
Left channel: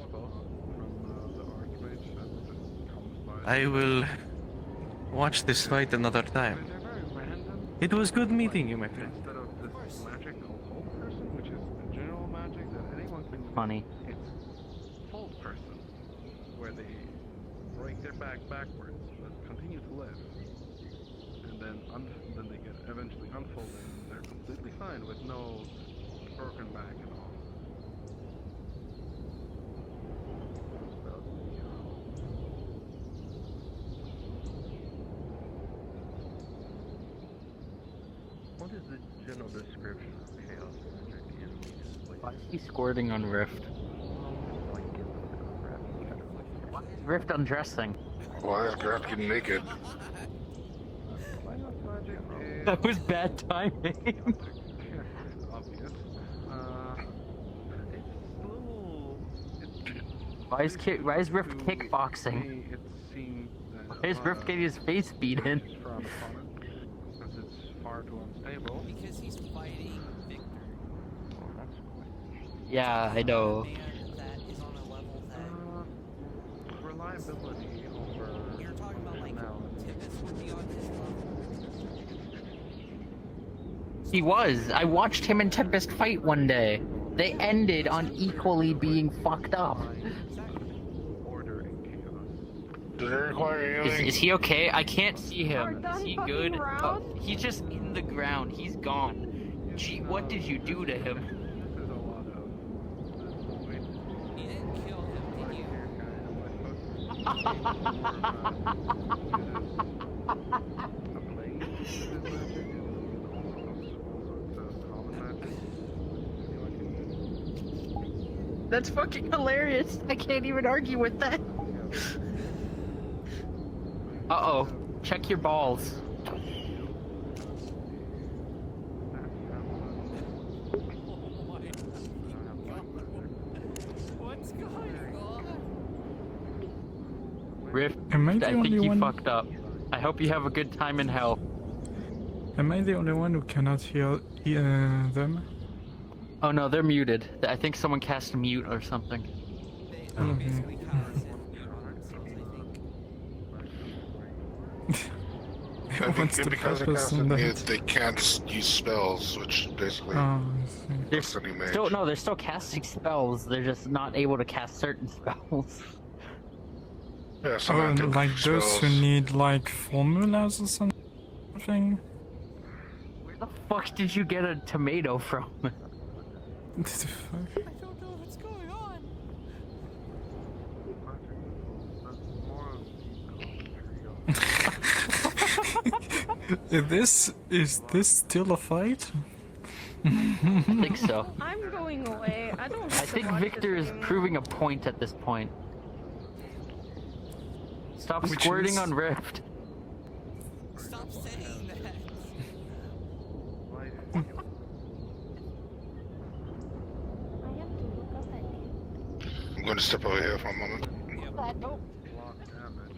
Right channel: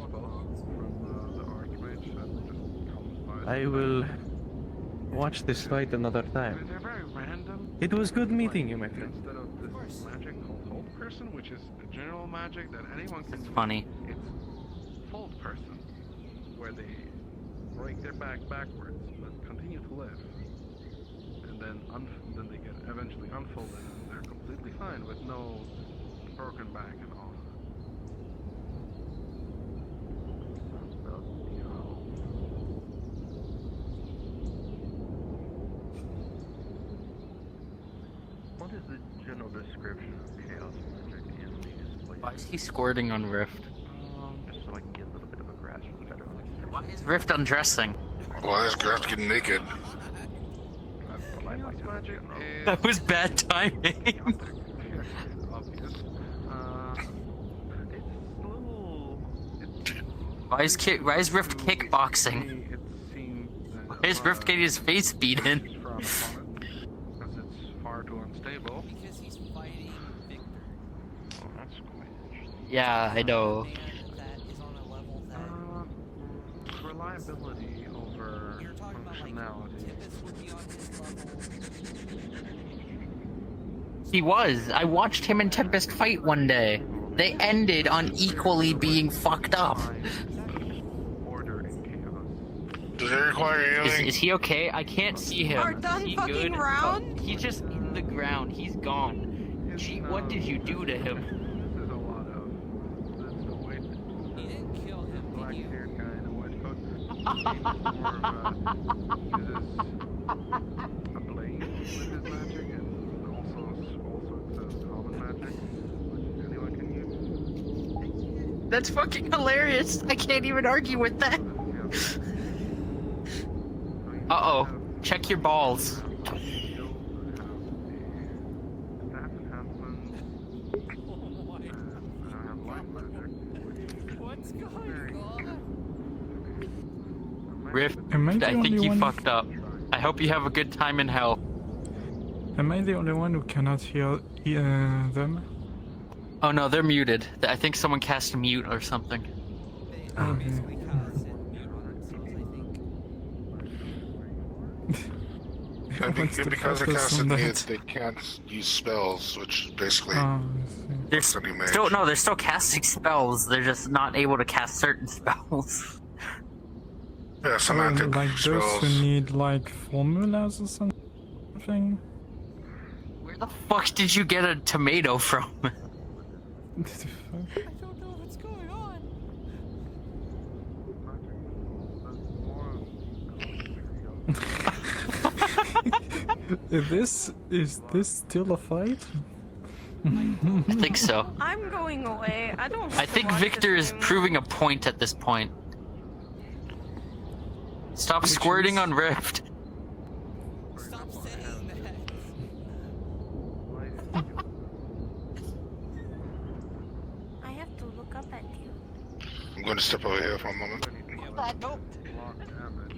I will watch this fight another time. It was good meeting you, my friend. Instead of this magic called Hold Person, which is general magic that anyone can do. Funny. It's Hold Person, where they break their back backwards, but continue to live. And then they get eventually unfolded, and they're completely fine with no broken back at all. What is the general description of chaos? Why is he squirting on Rift? Why is Rift undressing? Why is Garth getting naked? That was bad timing. Why is Rift kickboxing? Why is Rift getting his face beaten? Because it's far too unstable. Because he's fighting Victor. Yeah, I know. A man that is on a level that... Reliability over... You're talking about, like, Tippus would be on his level. He was. I watched him and Tempest fight one day. They ended on equally being fucked up. Does it require healing? Is he okay? I can't see Are him. done Is he fucking good? round? He's just in the ground. He's gone. Gee, what did you do to him? You didn't kill him, did you? That's fucking hilarious. I can't even argue with that. Uh-oh. Check your balls. Oh my god. What's going on? Rift, Am I I the think only you one? fucked up. I hope you have a good time in hell. Am I the only one who cannot hear them? Oh no, they're muted. I think someone cast mute or something. They basically kind of said mute on themselves, I think. I think What's the because they purpose cast on it, that? they can't use spells, which basically They're looks any mage. they're still casting spells. They're just not able to cast certain spells. Yeah, Oh, semantic like those who spells. need like formulas or something? Where the fuck did you get a tomato from? What the fuck? I don't know what's going on. Is this still a fight? I think so. I'm going away. I don't. I think Victor is proving a point at this point. Stop Which squirting is- on Rift. Stop saying that. I'm going to step over here for a moment. Block damage.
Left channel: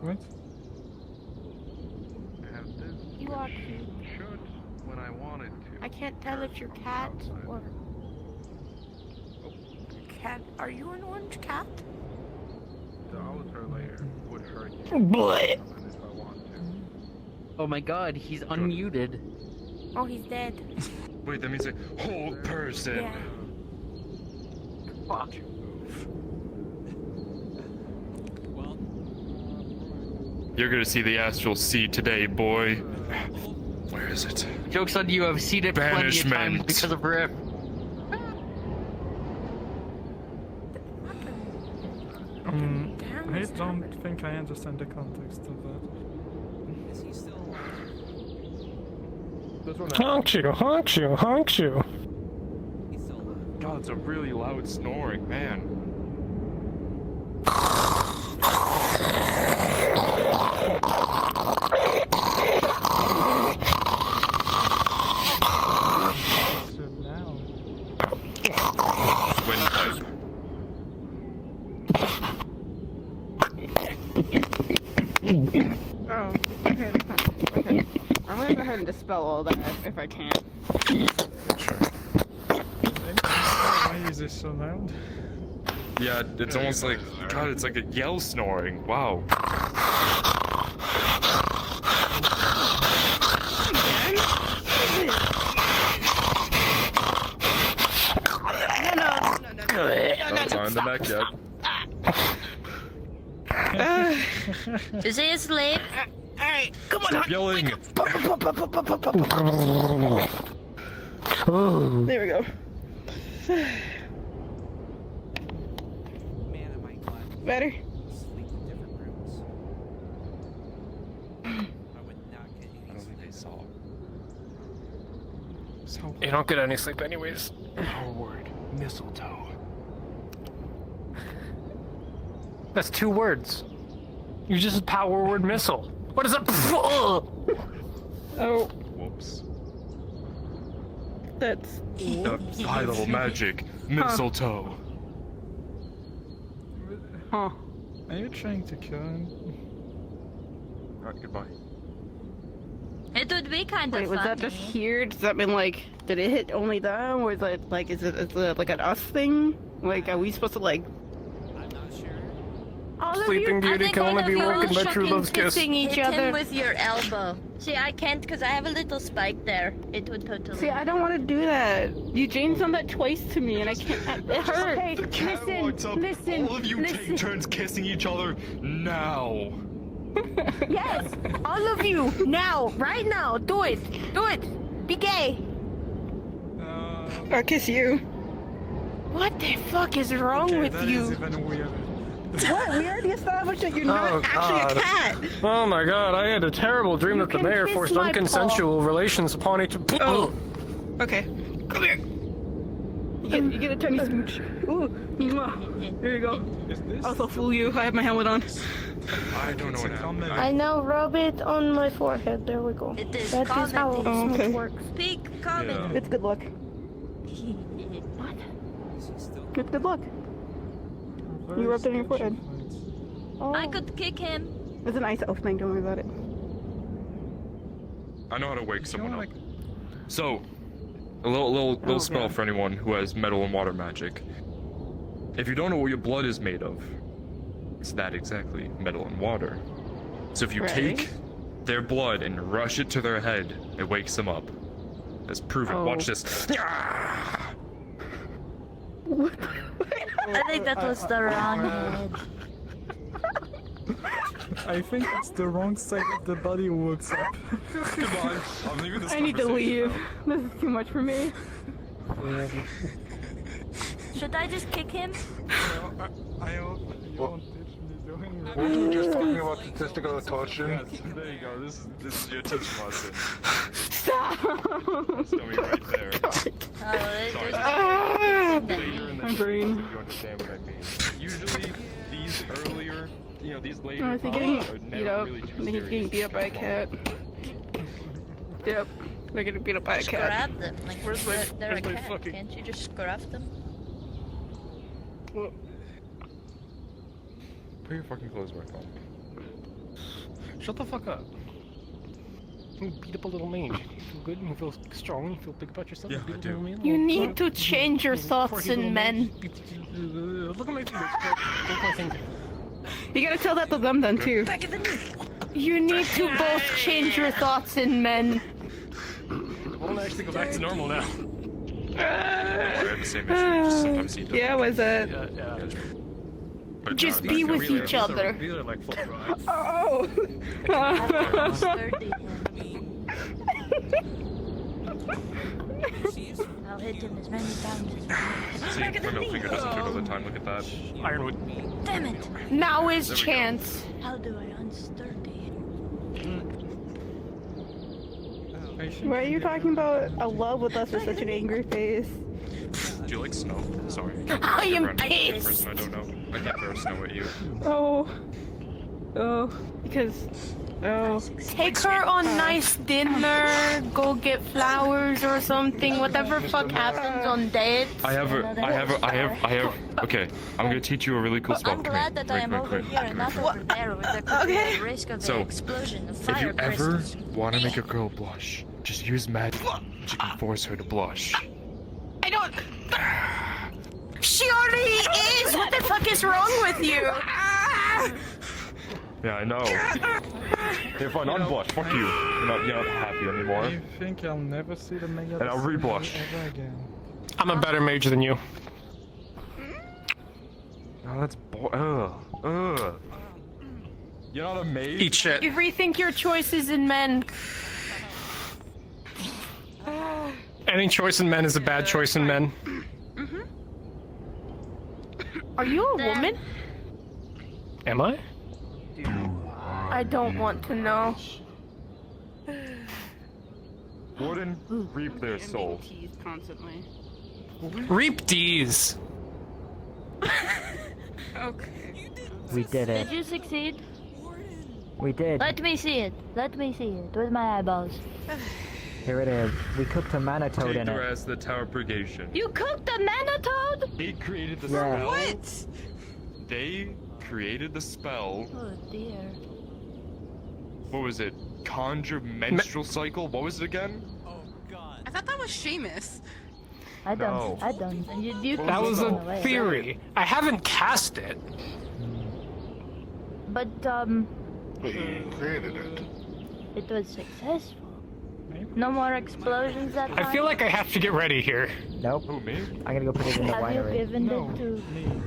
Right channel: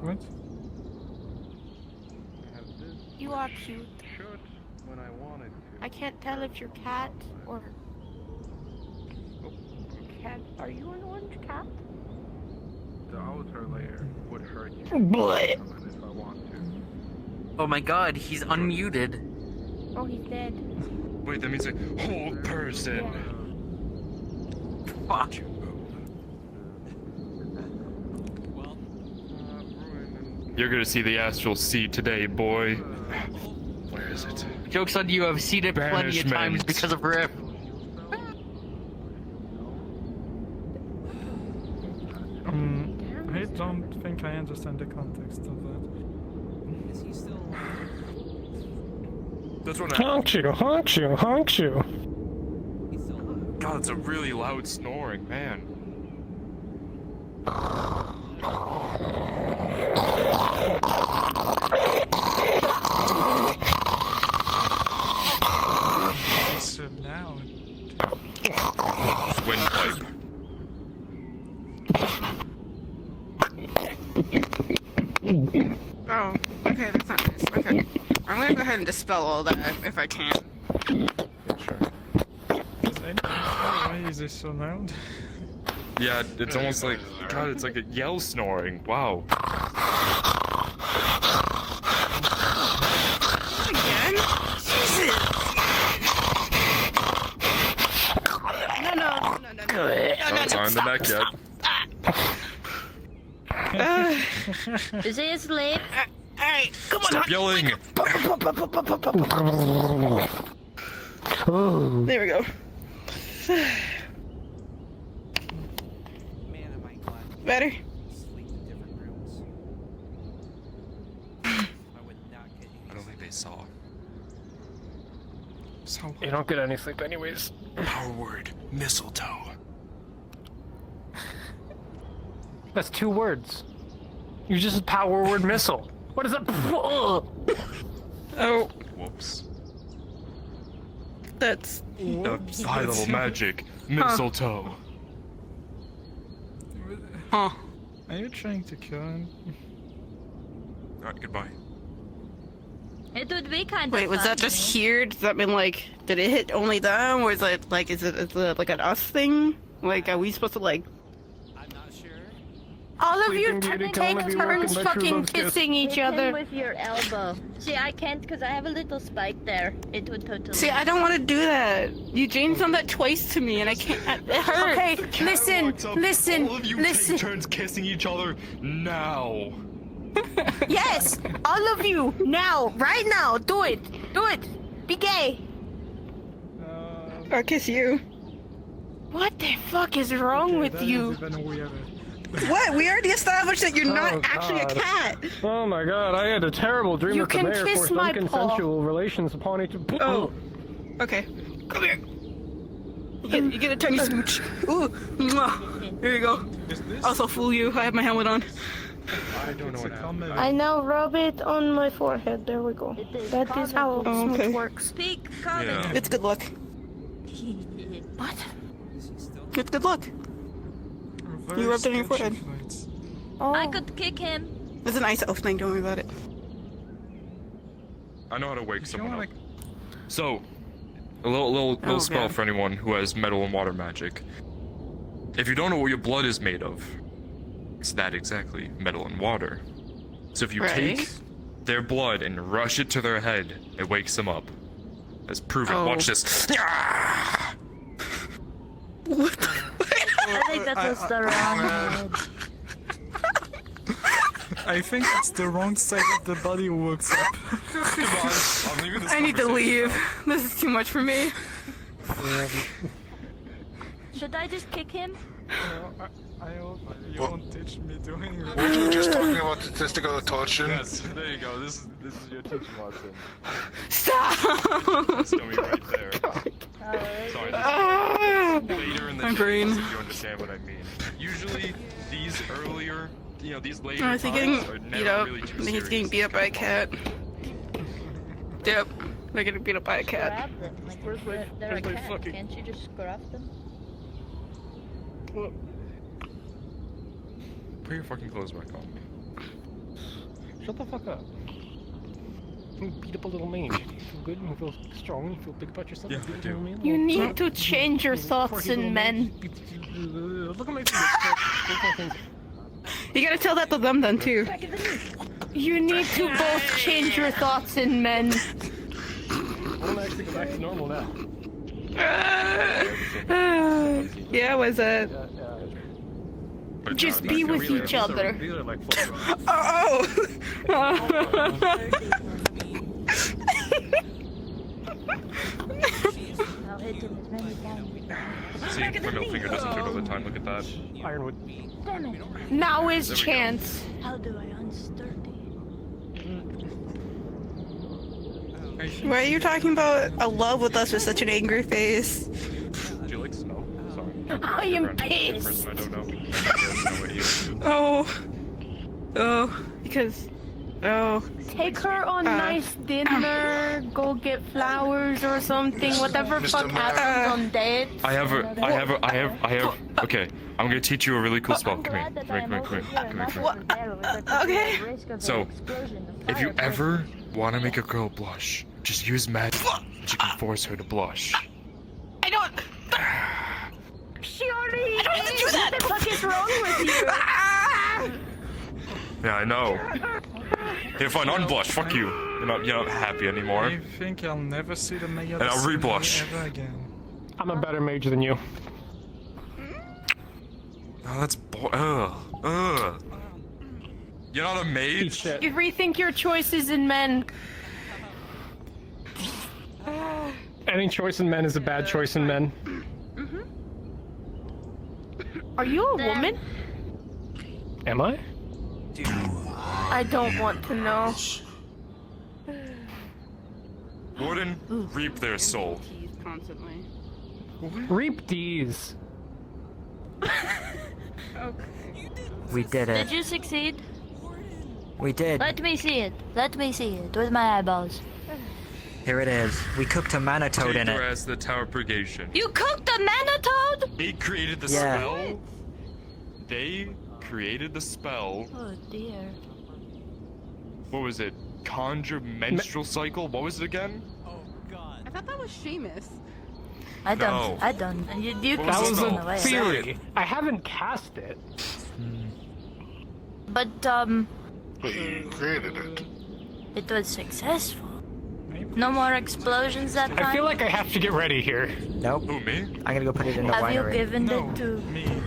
What? You are cute. Should when I wanted to. I can't tell if you're cat or cat. Are you an orange cat? The outer layer would hurt you. Bleh. If I want to. Oh my god, he's unmuted. Oh, he's dead. Wait, that means a whole person. Fuck. Well, You're gonna see the astral sea today, boy. Where is it? Joke's on you, I've seen it plenty of times Banishment. because of Riff. I don't think I understand the context of that. is he still alive? That's what Honk you, honk you, honk you. He's still alive. God, it's a really loud snoring, man. So now. Windpipe. Oh, okay, that's not nice. Okay. I'm gonna go ahead and dispel all that if I can. Why is it so loud? Yeah, it's almost like, God, it's like a yell snoring. Wow. No. Not on the neck yet. Is he asleep? Alright, come on. Stop yelling. There we go. Man, am I glad Better? to sleep in different rooms. I would not get any I don't think they saw. So You don't get any sleep anyways. Powered mistletoe. That's 2 words. You just said power word missile. What is it? Oh, Whoops. that's... High level magic. Mistletoe. Huh. are you trying to kill him? Alright, goodbye. It would be kind of Wait, was that just here? Does that mean, like, did it hit only them? Or is it, like, is it like an us thing? Like, are we supposed to, like... I'm not sure. all of Sleeping you Beauty can only be woken by true fucking love's kiss. kissing each Hit him other with your elbow. See, I can't because I have a little spike there. It would totally. See, I don't want to do that. Eugene's done that twice to me, and I can't... It hurts. Okay, listen. All of you take turns kissing each other now. Yes, all of you now, right now, do it, be gay. Or kiss you. What the fuck is wrong with That you? is even weirder. What? We already established that you're not actually a cat. Oh my god, I had a terrible dream You that the can mayor kiss forced my unconsensual relations upon each... Oh. Okay. Come here. You get a tiny smooch. Ooh. Mwah. Here you go. Also fool you. I have my helmet on. I don't know what happened. I now rub it on my forehead. There we go. That is how Oh, okay. it works. Speak, comment. Yeah. It's good luck. What? It's good luck. Very You rubbed it on your sketchy forehead. fights. I could kick him. It's a nice elf thing. Don't worry about it. I know how to wake someone up. like- So, a little spell yeah. for anyone who has metal and water magic. If you don't know what your blood is made of, it's that exactly, metal and water. So if you Right. take their blood and rush it to their head, it wakes them up. That's proven. Oh. Watch this. I think that was the wrong head. I think it's the wrong side of the body who wakes up. Come on, I'm leaving this I need to conversation leave. This is too much for me. Should I just kick him? I hope you won't teach me doing that. Weren't you just talking about statistical torsion? Yes, there you go. This is your teaching lesson. Stop. That's coming right there. Sorry. Later in the My brain. you understand what I mean. Usually, these earlier, these later. Oh, is he getting are never beat up? really too He's getting serious. beat up by a cat. Yep. They're getting beat up by a cat. Grab them. Like, Where's my- they're where's a my cat. fucking- Can't you just grab them? Well, Put your fucking clothes back on. shut the fuck up. You beat up a little mage. You feel good? You feel strong? You feel big about yourself? Yeah, You beat I up a do. little man? You Little need sort to of- change your little thoughts quirky in little men. mage. Look at my fingers. Look at my fingers. You gotta tell that to them then too. You need to both change your thoughts in men. I want to actually go back to normal now. They're the same as you, sometimes he does. Yeah, was it? But Just not- be not with really. each other. These are like full drive. I'll hit him as many times. See, my middle finger doesn't turn all the time. Look at that. Ironwood. Damn it! Now is There we go. chance. How do I unsturdy? Why are you talking about a love with us with such an angry face? Do you like snow? Sorry. I am Random pissed. person I don't know. I can throw snow at you. Oh. Oh. Because. Oh. Take her on nice dinner, go get flowers or something, whatever fuck happens on dates. I have. Okay, I'm gonna teach you a really cool spell. Come here. Come here. Okay. So, if you ever want to make a girl blush, just use magic. You can force her to blush. I don't. She already is! What the fuck is wrong with you? Yeah, I know. Here, fine, unblush. Fuck you. You're not happy anymore. I think I'll never see the mayor And I'll reblush. ever again. I'm a better mage than you. Oh, that's You're not a mage. Eat shit. You rethink your choices in men. Any choice in men is a bad choice in men. Are you a woman? Am I? I don't want to know. Wouldn't reap their soul. Constantly. Reap D's. We did it. Did you succeed? We did. Let me see it. Let me see it with my eyeballs. Here it is. We cooked a mana toad in Take her it. as the tower purgation. You cooked a manitoad? They created the Yeah. spell. They created the spell. Oh dear. What was it? Conjure menstrual cycle? What was it again? I thought that was Seamus. I don't. No. I don't. You can That was see a me away. theory. I haven't cast it. But But you created it. it was successful. No more explosions that I feel like I have to get ready here. Nope. Who, me? I'm gonna go put it in the Have you winery. given it to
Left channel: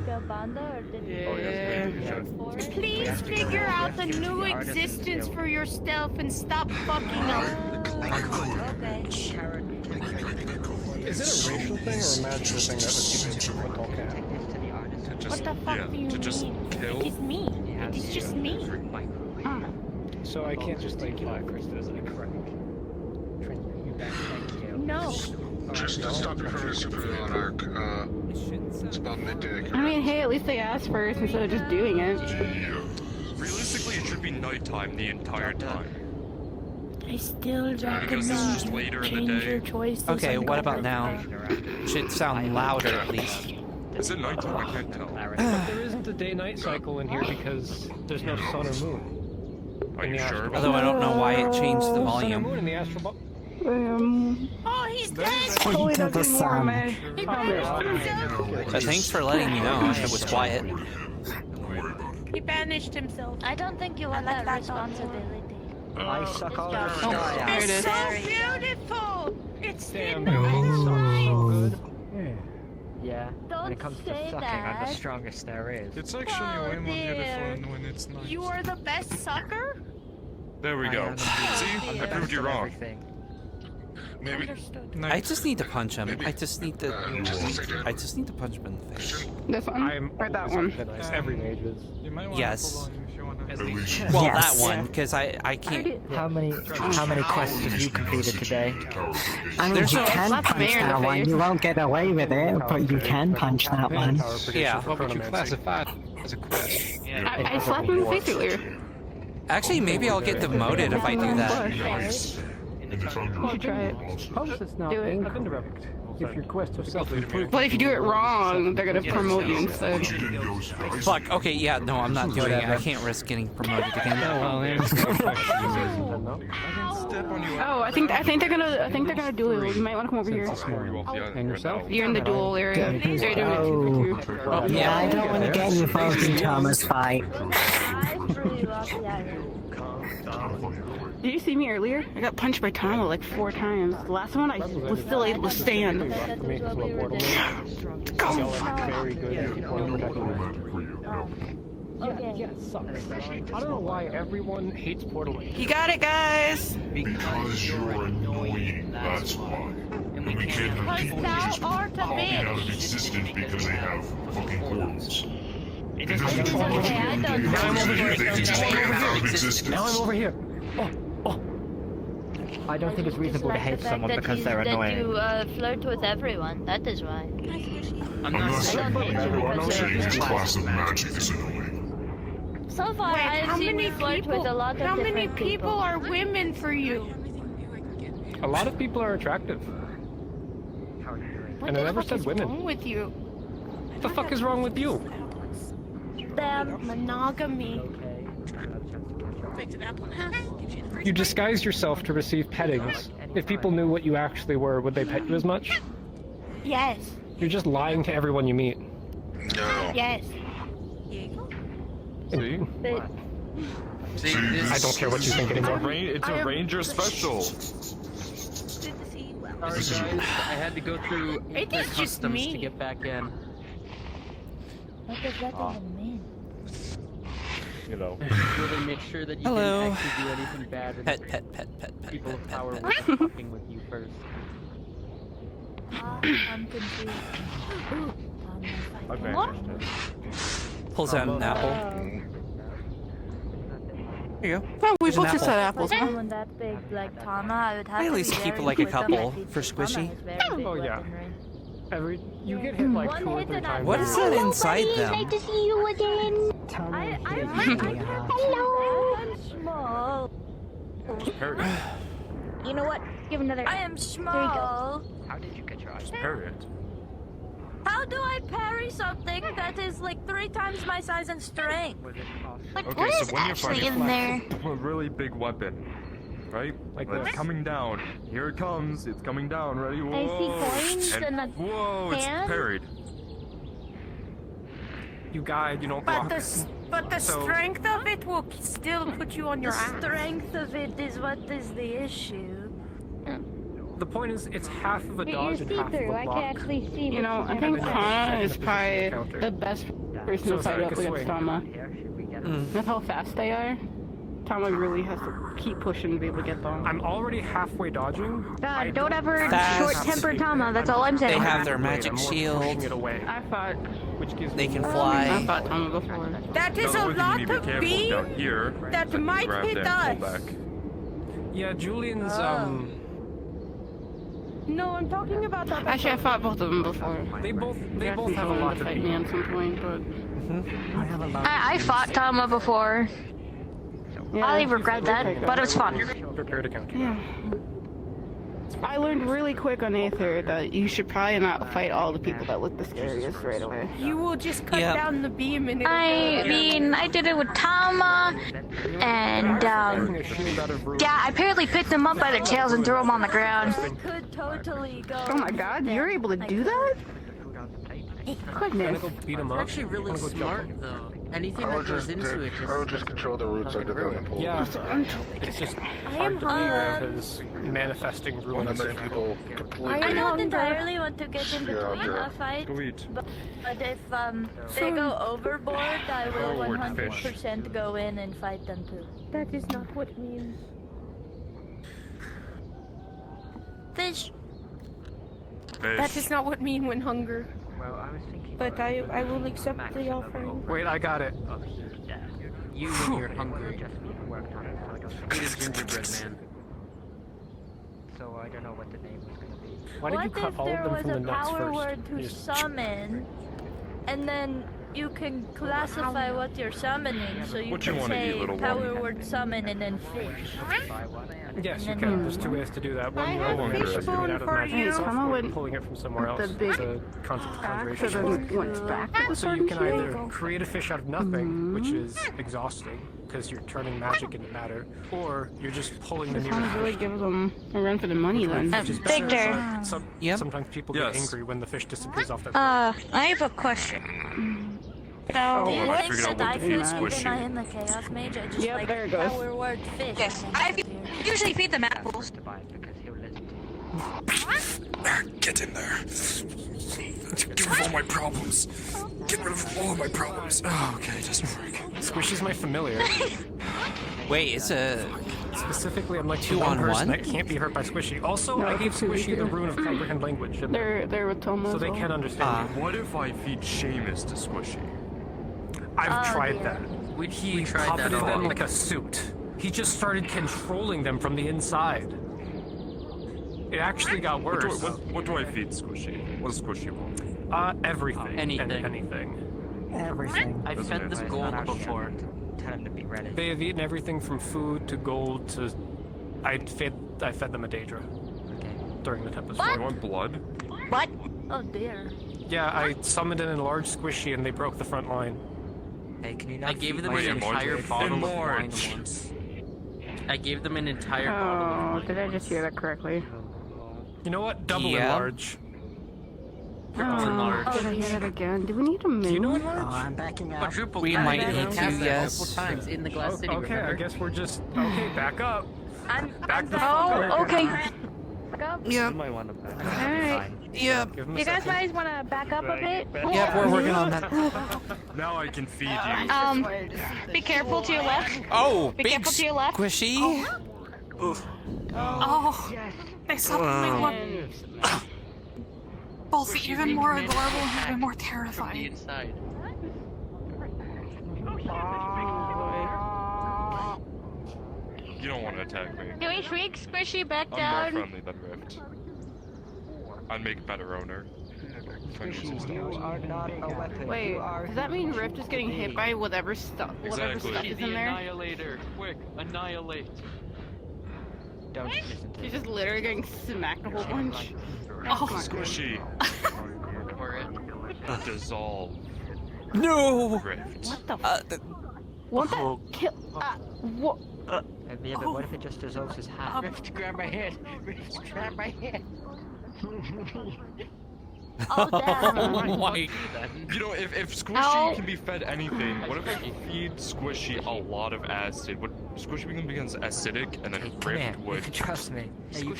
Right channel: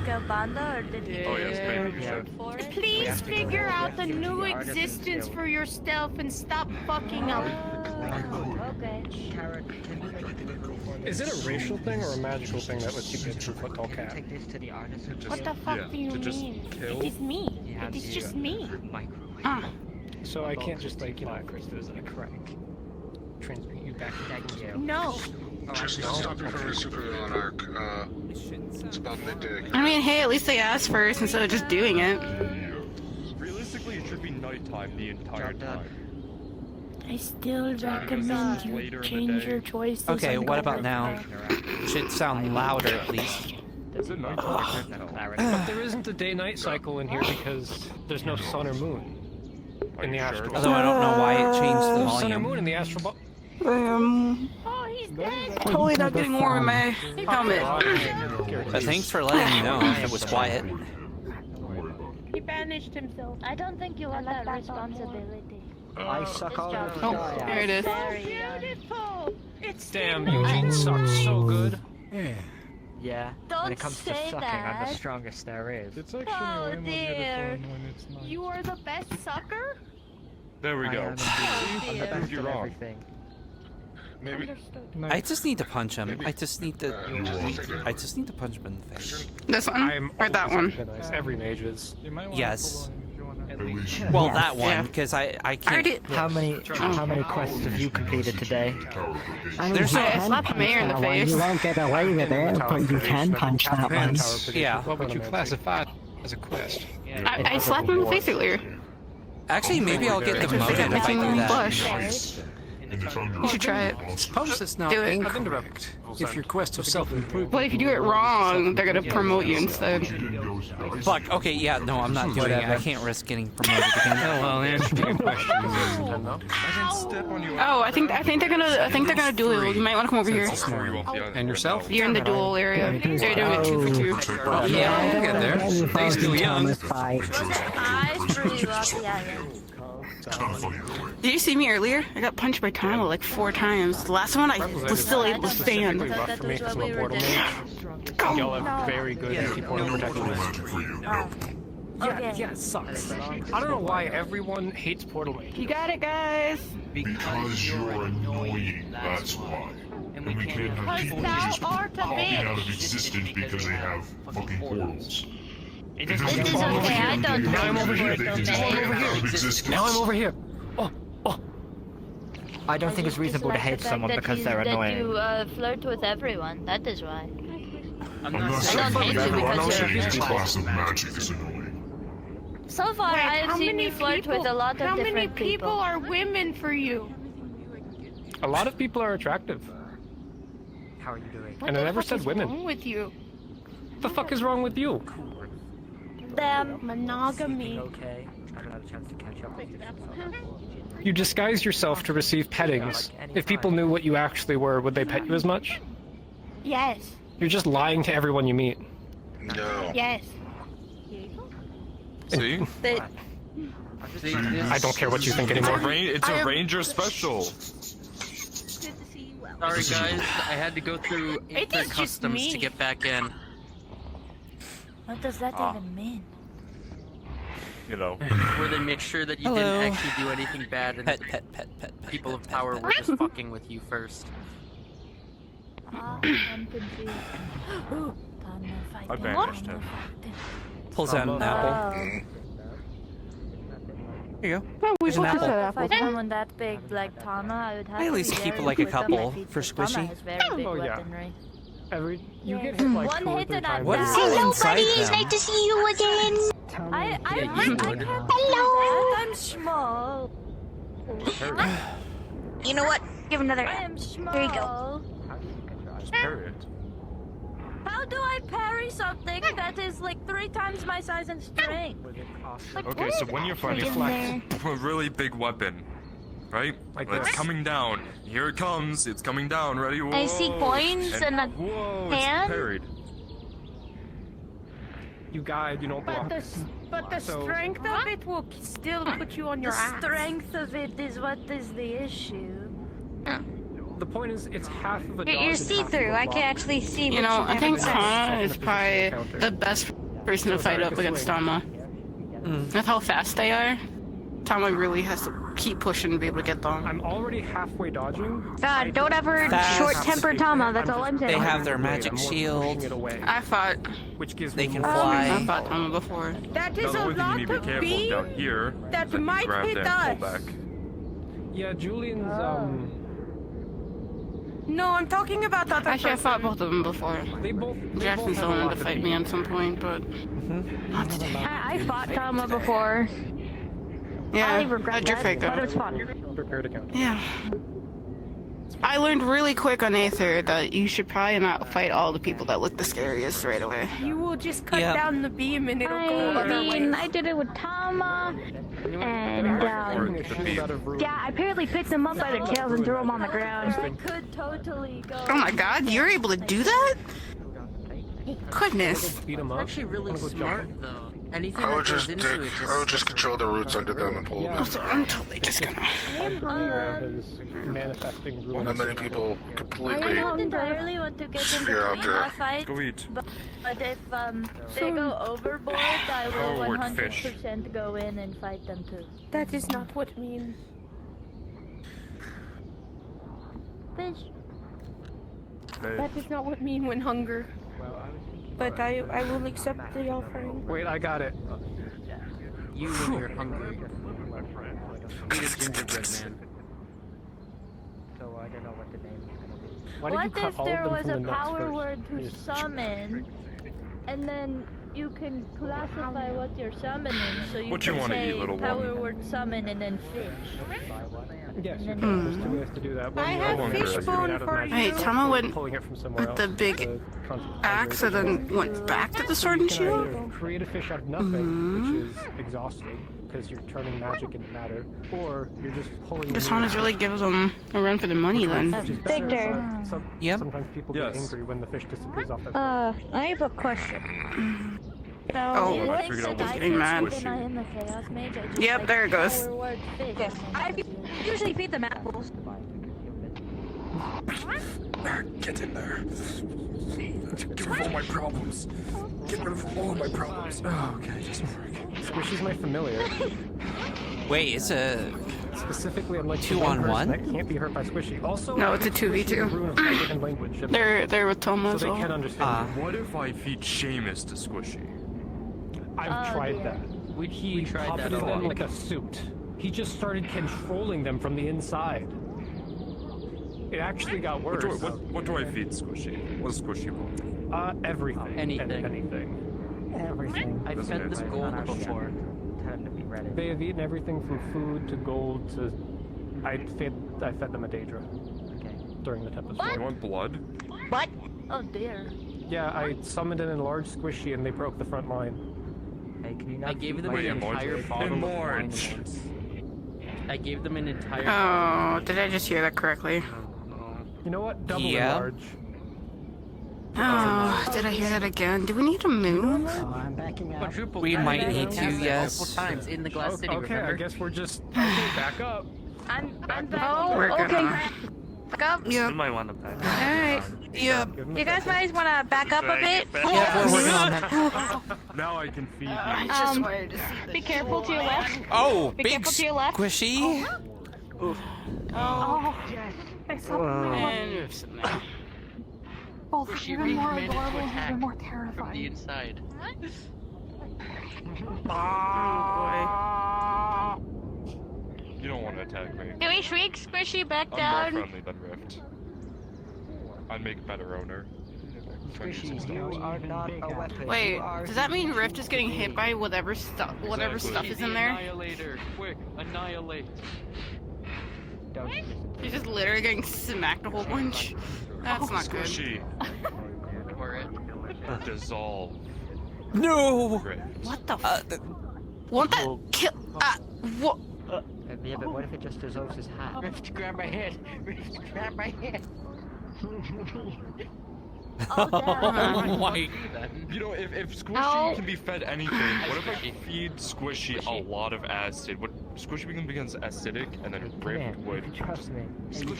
Calbanda or did you? Oh, yeah, it's good. You should. Please figure out the new existence for yourself and stop fucking up. Is it a racial thing or a magical thing that lets you pick a football cat? What the fuck do you mean? It is me. It is just me. So I can't just like, you know, No. Just to stop you from a supervillain arc, it's about midday. I mean, hey, at least they asked first instead of just doing it. Realistically, it should be nighttime the entire time. I still Because recommend it's you later in the change day. your choices. Okay, and what go about with now? that. Should sound louder at least. Is it nighttime? I can't tell. But there isn't a day-night cycle in here because there's no sun or moon. Are you sure? Although I don't know why it changed the Sun or moon volume. in the astral ball. Oh, he's dead. Totally not getting more of my helmet. But thanks for letting me know if it was quiet. He banished himself. I don't think you want that responsibility. I suck all the Oh, sky there it is. So beautiful. It's Damn, Eugene sucks so good. Yeah. Don't When it comes to say sucking, I'm the that. strongest there is. It's actually Oh, way more dear. beautiful when it's night. You are the best sucker. There we I go. am See? I'm the I proved best you of wrong. everything. Maybe. I just need to punch him. I just need to punch him in the face. This one? Or that one? Every mage is. You might want Yes. to pull on if you wanna- Well, that one, because I can't. How many quests have you completed today? There's no. Slap the mayor in the face. You won't get away with it, but you can punch that one. Yeah. What would you classify as a quest? I slapped him in the face earlier. Actually, maybe I'll get demoted if I do that. You should try it. Suppose it's not Do it. incorrect. If your quest of self-improvement... But if you do it wrong, they're gonna promote you instead. Fuck. Okay. Yeah. No, I'm not doing it. I can't risk getting promoted again. Oh well, yeah. Oh, I think they're gonna do it. You might want to come over here. And yourself? You're in the duel area. They're doing it 2 for 2. Oh, Yeah, I don't want to get involved in Thomas' fight. Did you see me earlier? I got punched by Tama like 4 times. The last one I was still able to stand. Go! Very good. Yeah, it sucks. I don't know why everyone hates Portal. You got it, guys! Because you're annoying, that's why. And we can't have people just popping out of existence because they have fucking portals. It doesn't do much good. Now I'm over here. Now I'm over here. Oh. I don't think it's reasonable to hate someone because they're annoying. That you flirt with everyone, that is why. I'm not saying any class of magic is annoying. So far, How many people are women for you? A lot of people are attractive. What And I the never fuck said is women. wrong with you? What the fuck is wrong with you? Monogamy. You disguise yourself to receive pettings. If people knew what you actually were, would they pet you as much? Yes. You're just lying to everyone you meet. No. Yes. See? I don't care what you think anymore. It's a ranger special. Sorry guys, I had to go through Aether Customs to get back in. What does that even mean? You know. Where they make sure that you Hello. didn't actually do anything bad and Pet. people of power pet. were just fucking with you first. I'm confused. I banished him. Pulls out an apple. Here you go. Here's an apple. If I someone that big like Tana, I would have I at least to keep very like a quick on couple my feet, for because Tana squishy. has very big Oh yeah. weaponry. You get hit like 2 or 3 times. What is that inside them? Nice to see you again. Hello. I'm small. You know what? Give another. I am small. There you go. How do I parry something that is like 3 times my size and strength? Okay, so when you're fighting in there? a really big weapon, right? Like it's this? coming down. Here it comes. It's coming down. Ready? Whoa. I see coins and a whoa, hand. it's parried. You guide, you don't block. But the So- strength of it will still put you on your ass. The strength of it is what is the issue. The point is, it's half of a dodge You're and half see-through. of a I block. can actually see. You what know, you I have think in there. Tana is Second probably counter. the best person to fight up against Tama. With how fast they are, Tama really has to keep pushing to be able to get them. I'm already halfway dodging. God, don't ever Fast. short-temper Tama. That's all I'm saying. They have their magic shield. I fought. Which gives They me can more- fly. I fought Tama before. That Now, is the a only thing lot you need to of be careful beam down here. that you might grab hit that and pull us. back. Yeah, Julian's No, I'm talking about the other Actually, I fought both of them before. They both Jackson's have a wanted lot to to fight beat. me at some point, but I fought Tama before. yeah, I regret you're that, fake, though. but it was fun. Prepare to counter. Yeah. I learned really quick on Aether that you should probably not fight all the people that look the scariest right away. You will just cut Yep. down the beam and it'll I mean, I did it with Tama, and yeah, I apparently picked them up by their tails and threw them on the ground. I could totally go. Oh my god, you're able to do that? Goodness. Beat him up. Actually really smart though. Anything I that would goes just into it I would just control the roots under them and pull Yeah. them. So I'm totally just gonna. I'm aware of his manifesting And ruins. then people I completely don't entirely want to get in Sphere between out our fight, Go eat. but if they go overboard, I will 100% go in and fight them too. That is not what means. Fish. That is not what mean when hunger. But I will accept the offering. Wait, I got it. You when you're hungry. Eat a gingerbread man. So I don't know what to do. Why did you What cut if all there of them was from the a nuts power first? word to You just- summon, and then you can classify what you're summoning, so you What you can wanna say eat, little power one? word summon and then fish. Yes, And you then can. There's 2 ways to do that. One, I you're have pulling it fishbone out of for magic you. source, Tama or went pulling it from somewhere with else. the big axe and then went back to the So sword you and can shield. either create a fish out of nothing, which is exhausting, because you're turning magic into matter, or you're just pulling This the one is really gives them a run for the money then. Victor. Sometimes people get angry when the fish disappears off their I have a question. So, Hold on, I figured out what's getting squishy. Yep, there it goes. yes, I usually feed them apples. Get in there. Get rid of all my problems. Get rid of all my problems. Oh, okay, just Squishy's my familiar. Wait, it's a Specifically, I'm like 2-on-1? that can't be hurt by Squishy. Also, No, I it's a think Squishy 2v2. and Rune have different language. They're with Toma So as they well. can't understand. What if I feed Seamus to Squishy? I've tried that. He puppeted them like a suit. He just started controlling them from the inside. It actually got worse. What do I feed Squishy? What does Squishy want? Everything. Anything. Anything. Everything. I've fed this gold before. Time to be ready. They have eaten everything from food to gold to. I fed them a Daedra during the Tempest. You want blood? What? Oh dear. Yeah, I summoned an enlarged Squishy and they broke the front line. Hey, can you not I gave them Wait, an entire enlarge. bottle of wine. Enlarge. I gave them an entire Oh, did I just hear that correctly? You know what? Double Yeah. enlarge. Oh, did I hear that again? Do we need a moon? Oh, I'm backing out. We might need to, yes. Multiple times in the glass city, Okay, remember? I guess we're just okay. Back up. I'm Back back. up. Oh, okay. Yep. You might want to Alright. Yep. You guys might want to back up a bit. Yep, we're working on that. Now I can feed you. Be careful to your left. Oh, Be big careful to your left. squishy. Oh, I saw the big one. Both even more adorable, even more terrifying. inside. You don't want to attack me. Can we shrink Squishy back I'm down? more friendly than Rift. I'd make a better owner. Squishy, you are not a weapon. Wait, You are does that mean Rift is getting hit by whatever stuff is in there? Annihilator, quick, annihilate. Don't. He's just literally getting smacked a whole bunch. That's not good. Squishy. Dissolve. No. Rift. What the? What the? Kill? What? Yeah, but what if it just dissolves his hat? Rift, grab my hand. Rift, grab my hand. Oh my. You know, if Squishy Ow. can be fed anything, what if I feed Squishy a lot of acid? Would Squishy becomes acidic, and then Rift would... Trust me.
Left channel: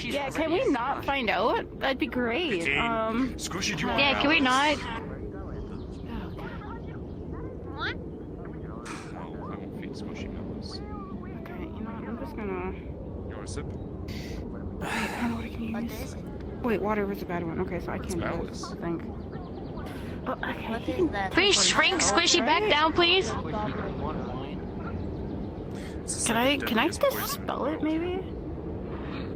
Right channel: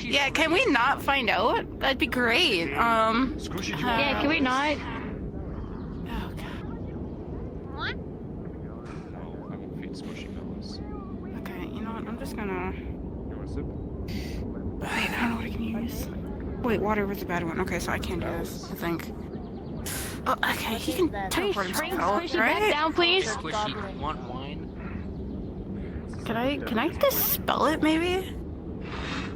Yeah, can we not find out? That'd be great. Squishy, do you want Yeah, can we not? No, I won't feed Squishy melons. Okay, you know what? I'm just gonna. You want a sip? Wait, water was a bad one. Okay, so I can't do this, I think. Oh, okay, he can. Please shrink Squishy back down, please. Can I dispel it, maybe?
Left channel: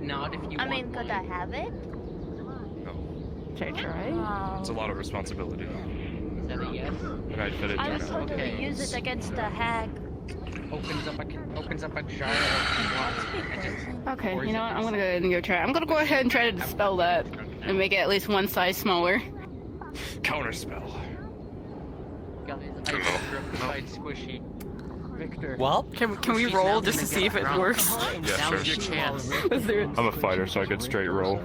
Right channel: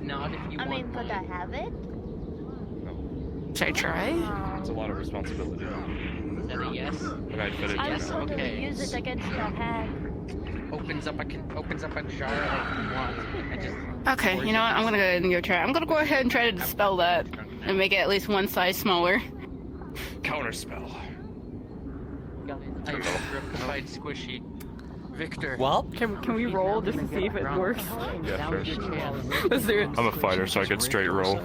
Not if you I mean, could I have it? Should I try? It's a lot of responsibility. Is that a yes? And I fed it I to was an told to Okay. use it against the hag. Opens up a jar of wine. Okay, you know what? I'm gonna go ahead and go try. I'm gonna go ahead and try to dispel that and make it at least one size smaller. Counterspell. I just ripped Squishy. Victor. Well, Can we roll just to see if it works? Yeah, sure. Your chance. Let's do it. I'm a fighter, so I get straight roll.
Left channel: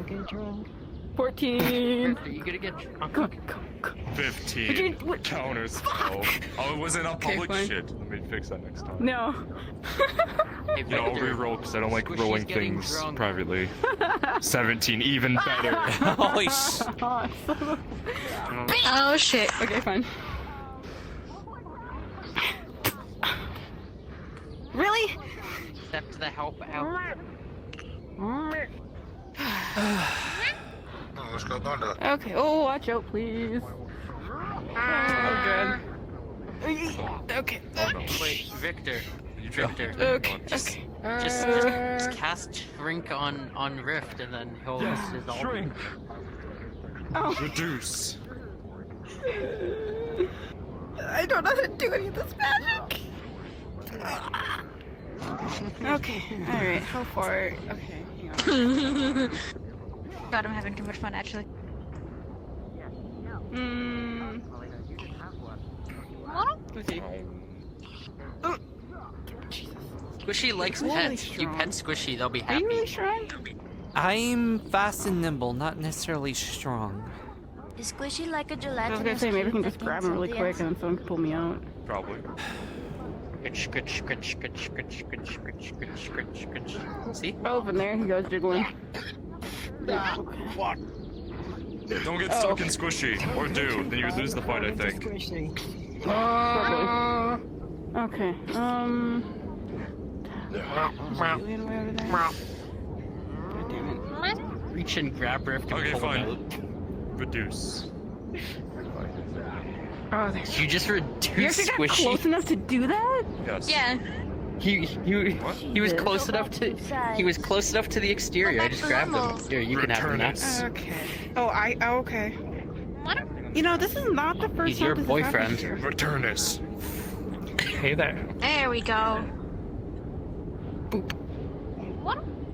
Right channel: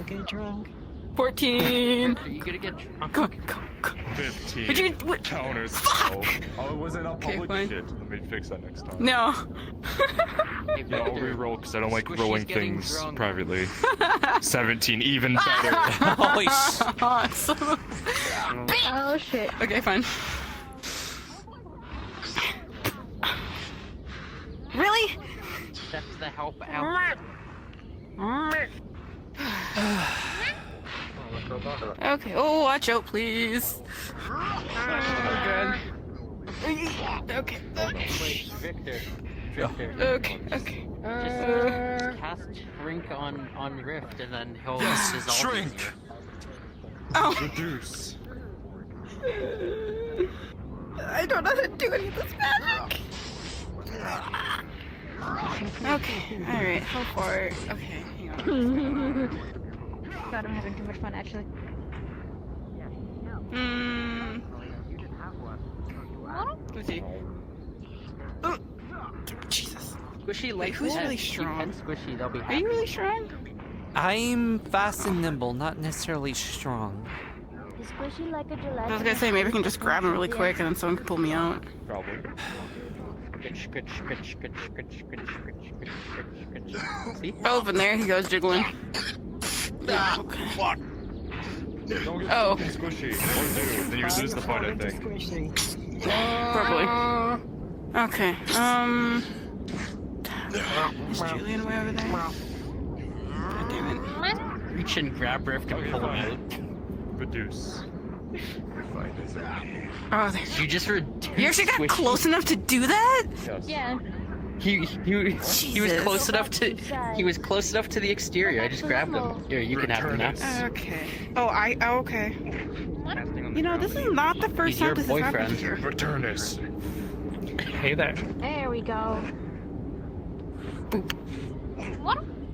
14. Are you gonna get drunk? 15. Would you- what- Counterspell. Oh, it wasn't a public fine. shit. Let me fix that next time. No. Hey, Yeah, I'll Victor, re-roll because I don't like Squishy's rolling getting things drunk. privately. 17, even better. holy sh. Awesome. Oh shit. Okay, fine. Really? Accept the help out. Okay. Oh, watch out, please. Oh, God. Okay. Wait, Victor. Victor. Okay. Just cast shrink on Rift and then he'll dissolve. Shrink. Oh. Reduce. I don't know how to do any of this magic. Okay, alright, how far? Okay, hang God, I'm having too much fun actually. Let's see. Oh, Jesus. Squishy likes Really pets. You strong. pet Squishy, they'll be Are happy. you really strong? I'm fast and nimble, not necessarily strong. Is Squishy like a I was gelatinous? gonna say, maybe I can just grab him really quick and then someone can pull me out. Probably. See? Oh, and there he goes jiggling. Fuck. Don't get stuck in Squishy. Or do. Then you lose the fight, I think. Okay, is Julian way over there? God damn it. Reach and grab her if you can pull him out. Reduce. Oh, there. You just reduced You actually got Squishy. close enough to do that? Yes. Yeah. He was close enough to the exterior. I just grabbed him. Here, you can have him now. Okay. Oh, okay. You know, this is not the first He's time your this has happened boyfriend. here. Returnus. Hey there. There we go.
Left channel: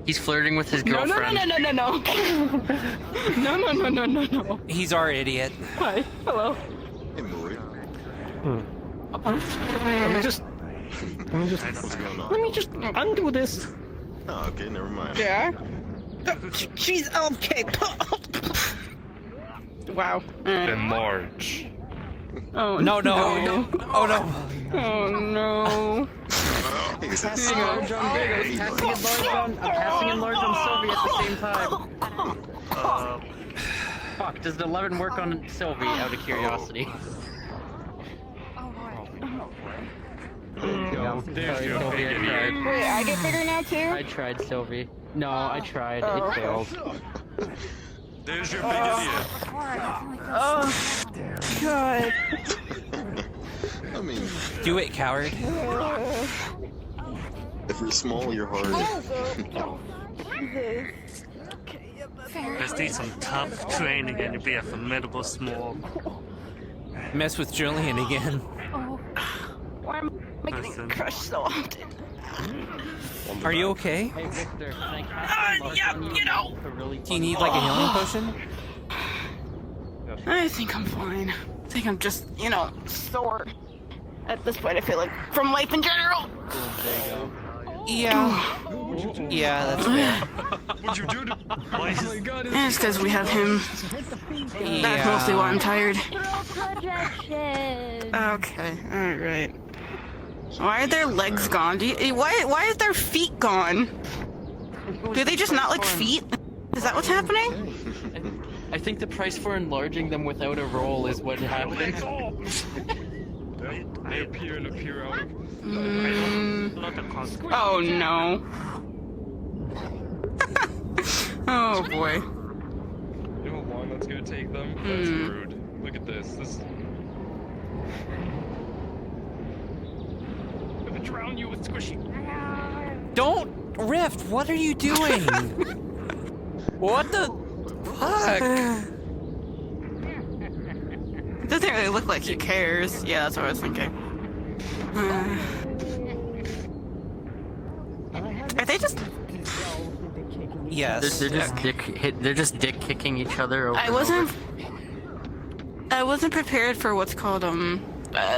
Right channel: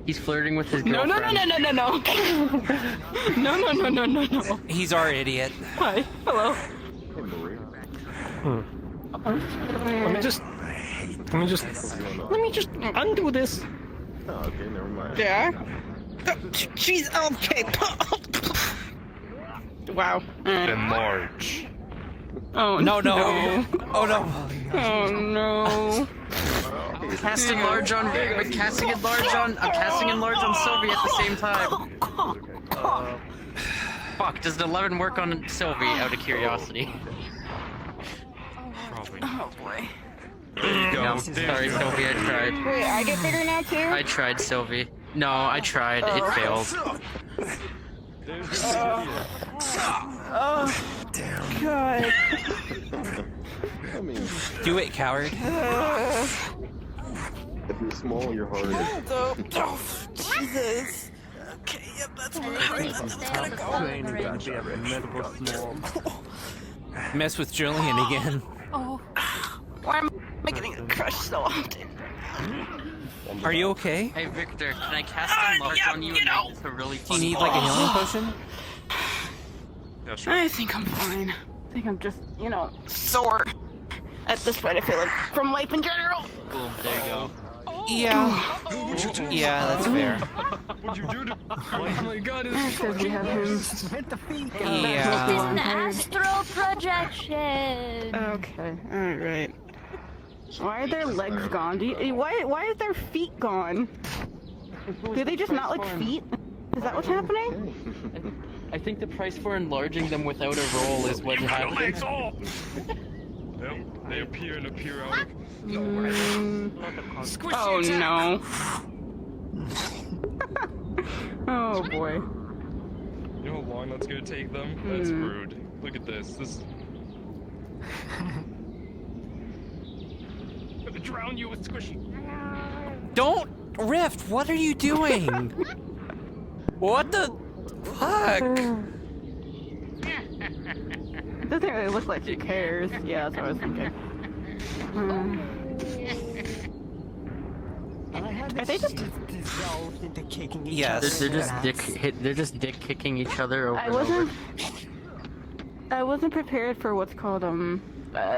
He's flirting with his No. girlfriend. No. He's our idiot. Hi. Hello. Let me just undo this. Okay, never mind. Yeah? Jeez, okay. Wow. Enlarge. Oh, No. Oh no. Oh, no. Casting enlarge on Virgo, casting enlarge on. I'm casting enlarge on Sylvie at the same time. Fuck, does the 11 work on Sylvie out of curiosity? There you go. Sorry, Sylvie, I tried. Wait, I get bigger now too? I tried, Sylvie. No, I tried. Oh, It okay. failed. There's your big idiot. Oh, God. I mean, Do it, coward. if you're small, you're harder. Jesus. Just need some top training and be a formidable small. Mess with Julian again. Oh. Why am I getting crushed so often? Are you okay? Hey, Victor, can I cast enlarge on you? Do you need like a healing potion? I think I'm fine. I think I'm just, sore. At this point, I feel like from life in general. Boom, there you go. Yeah. Yeah, that's fair. What'd you do to... Oh my god, It's because we have him. That's mostly why Yeah. I'm tired. Throat projection. Okay, alright. Why are their legs gone? Why is their feet gone? Do they just not like feet? Is that what's happening? I think the price for enlarging them without a roll is what happens. They appear and appear out of... Oh no. Oh boy. You know how long that's gonna take them? That's rude. Look at this. This... I'm gonna drown you with Squishy. Don't Rift. What are you doing? What the fuck? It doesn't really look like he cares. Yeah, that's what I was thinking. Are they just? Yes. They're just dick kicking each other over and over. I wasn't prepared for what's called I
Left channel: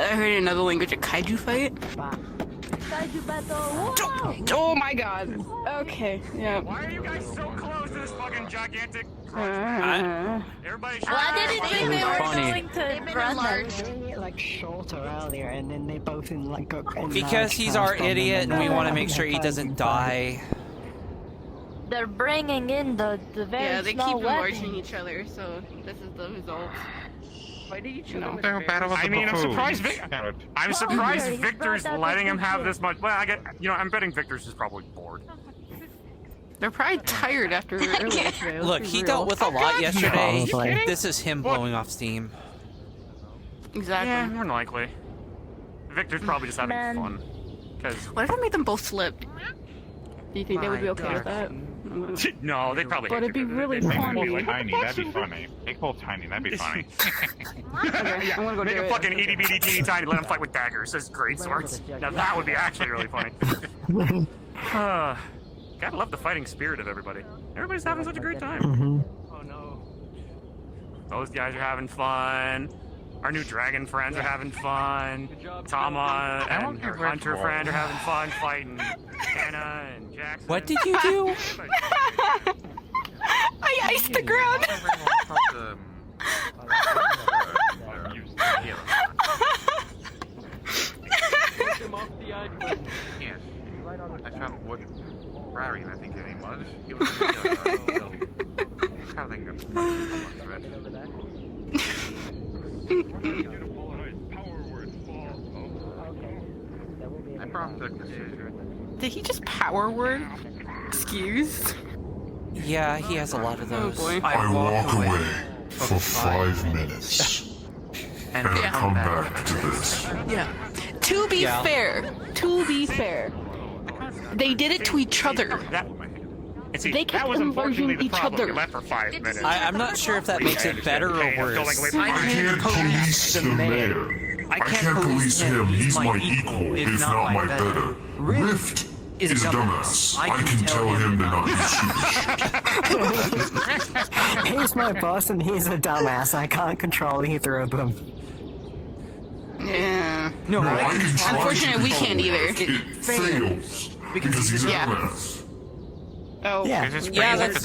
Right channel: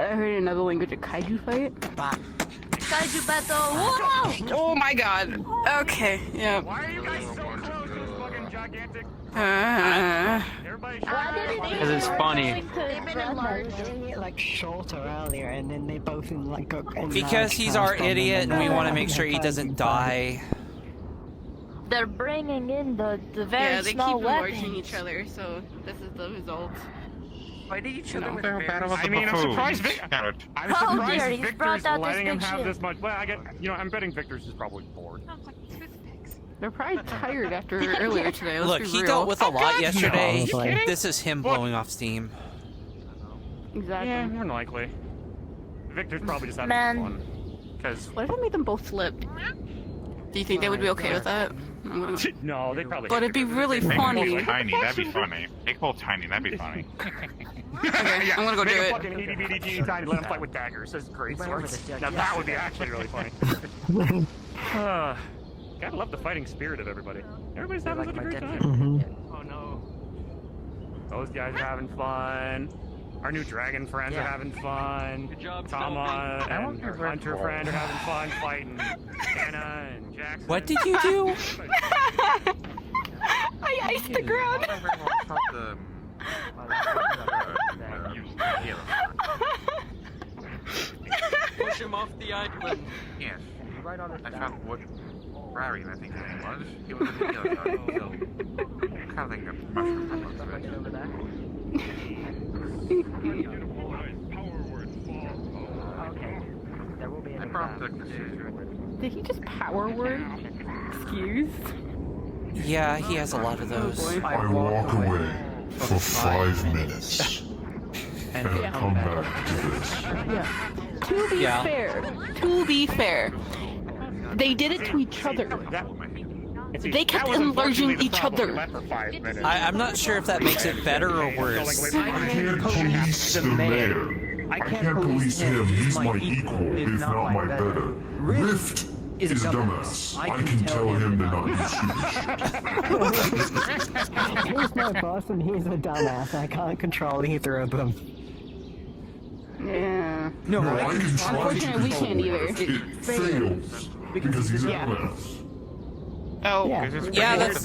heard another language, a kaiju fight. Kaiju battle. Oh my god. Okay. Yeah. Why are you guys so close to this fucking gigantic... Everybody shut up. It was funny. They've been enlarged. Like shorter earlier, and then they both in like Because he's our idiot and we want to make sure he doesn't die. They're bringing in the very Yeah, they keep small enlarging weapons. each other, so this is the result. I mean, I'm surprised I'm surprised He's Victor's brought out letting him this have shit. this much. Well, I'm betting Victor's is probably bored. They're probably tired after earlier today. let's Look, be he real. dealt with a lot yesterday. No, I'm This is him blowing off steam. Exactly. Yeah, more than likely. Victor's probably just having fun. Because What if I made them both slip? Do you think they would be okay with that? No, they'd probably. But hate it'd be you, 'cause really they'd probably funny. be like, Tiny, that'd be funny. Big hole tiny, that'd be funny. Okay, yeah, I'm gonna go Make do a it. fucking itty bitty teeny tiny, let him fight with daggers. That's great swords. Now that would be actually really funny. Gotta love the fighting spirit of everybody. Everybody's having such a great time. Oh no. Those guys are having fun. Our new dragon friends are having fun. Tama and her hunter friend are having fun fighting Jenna and Jackson. What did you do? I iced the ground. Push him off the island. Yes, I found what Rary, I think his name was. He was in the hill, having a bunch of it. I brought the Did he just power word? Excuse? Yeah, he has a lot of those. I walk away for 5 minutes. And come back to this. To be fair, they did it to each other. They kept enlarging each other. I'm not sure if that makes it better or worse. I can't police the mayor. I can't police him. He's my equal, if not my better. Rift is a dumbass. I can tell him to not be stupid. He's my boss and he's a dumbass. I can't control either of them. Yeah. No, I can try Unfortunately, we to can't either. It fails. Because he's a dumbass. Oh, yeah,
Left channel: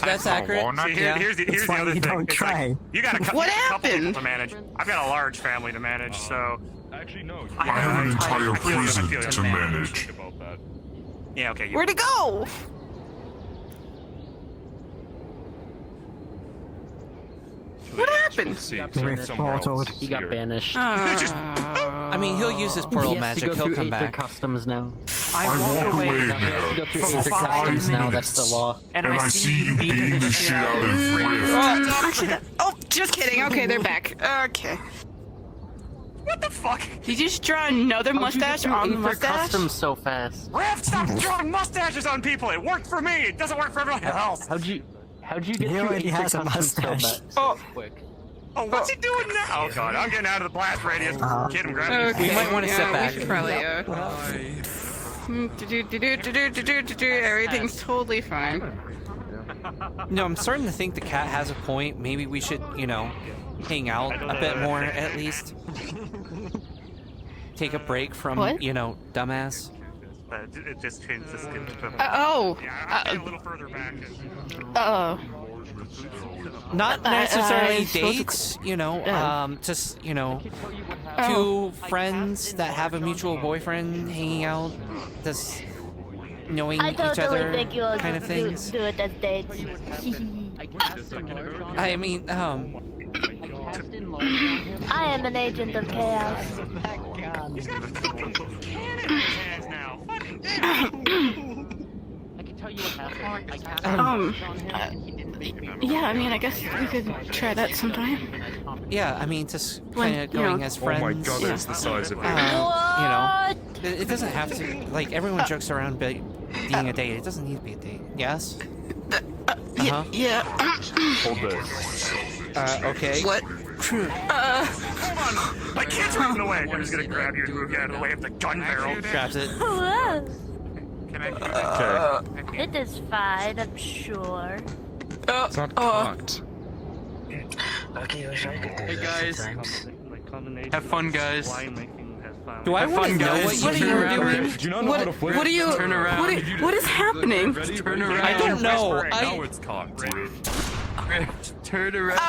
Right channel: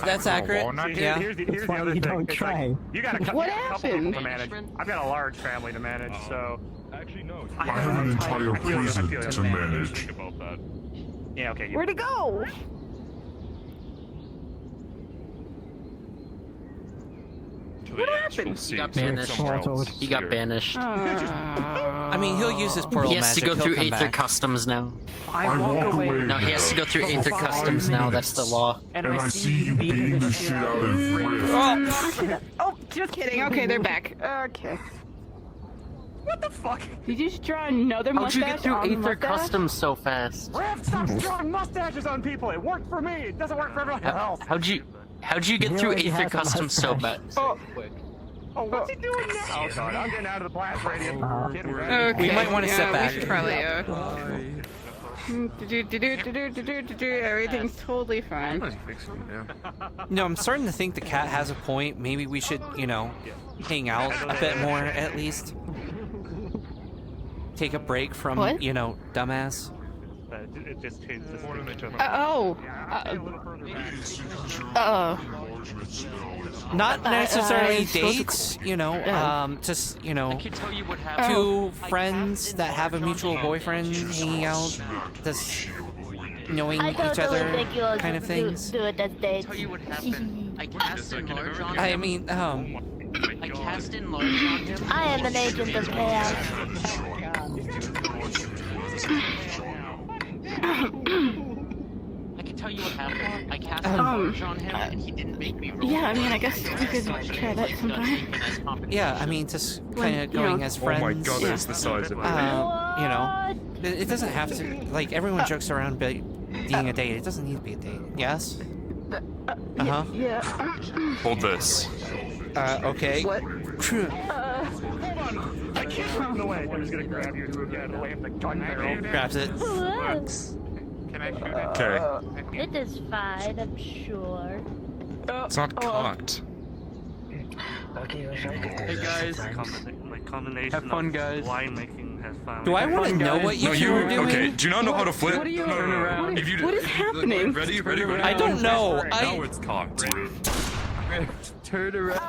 that's accurate. Yeah. Here's the other thing. Don't It's like, try. you got a What couple happened? people to manage. I've got a large family to manage, so. Actually, no. I have an entire prison to manage. Yeah, okay. Where'd it go? What happened? He got banished. I mean, he'll use his portal He has to magic. go He'll through come Aether back. Customs now. I walk away No, he has to go through Aether Customs now. That's the law. And I see you beating the shit out of Rift. Oh, just kidding. Okay, they're back. Okay. What the fuck? Did you just draw another How'd you get mustache through on the Aether mustache? Customs so fast? Rift, stop drawing mustaches on people. It worked for me. It doesn't work for everyone else. How'd you get He through already Aether has a Customs so mustache. bad? Oh, what's he doing now? Oh, God, I'm getting out of the blast radius. Kid and grab Okay. We might want to step back. We should probably, everything's totally fine. No, I'm starting to think the cat has a point. Maybe we should, hang out a bit more at least. Take a break from, What? dumbass. It just changed the stupid. Not necessarily supposed to- dates, just, two friends that have a mutual boyfriend hanging out, just knowing I each totally other think you'll kind of things. do it as dates. I mean, I am an agent of chaos. Yeah, I mean, I guess we could try that sometime. yeah, I mean, just kind of going as Oh friends. my god, that's the size of it. It doesn't have to, like, everyone jokes around being a date. It doesn't need to be a date. Yes? Uh-huh. Yeah. Hold this. Okay. What? I can't run away. I'm just gonna grab you and move you out of the way of the gun barrel. Grabs it. Okay. It is fine, I'm sure. It's not cocked. Hey guys. Have fun, guys. Do I want to know what you two are doing? Okay, do you not know how to flip? What are you? Turn around. What is happening? Turn around. I don't know. Now it's cocked. Turn around.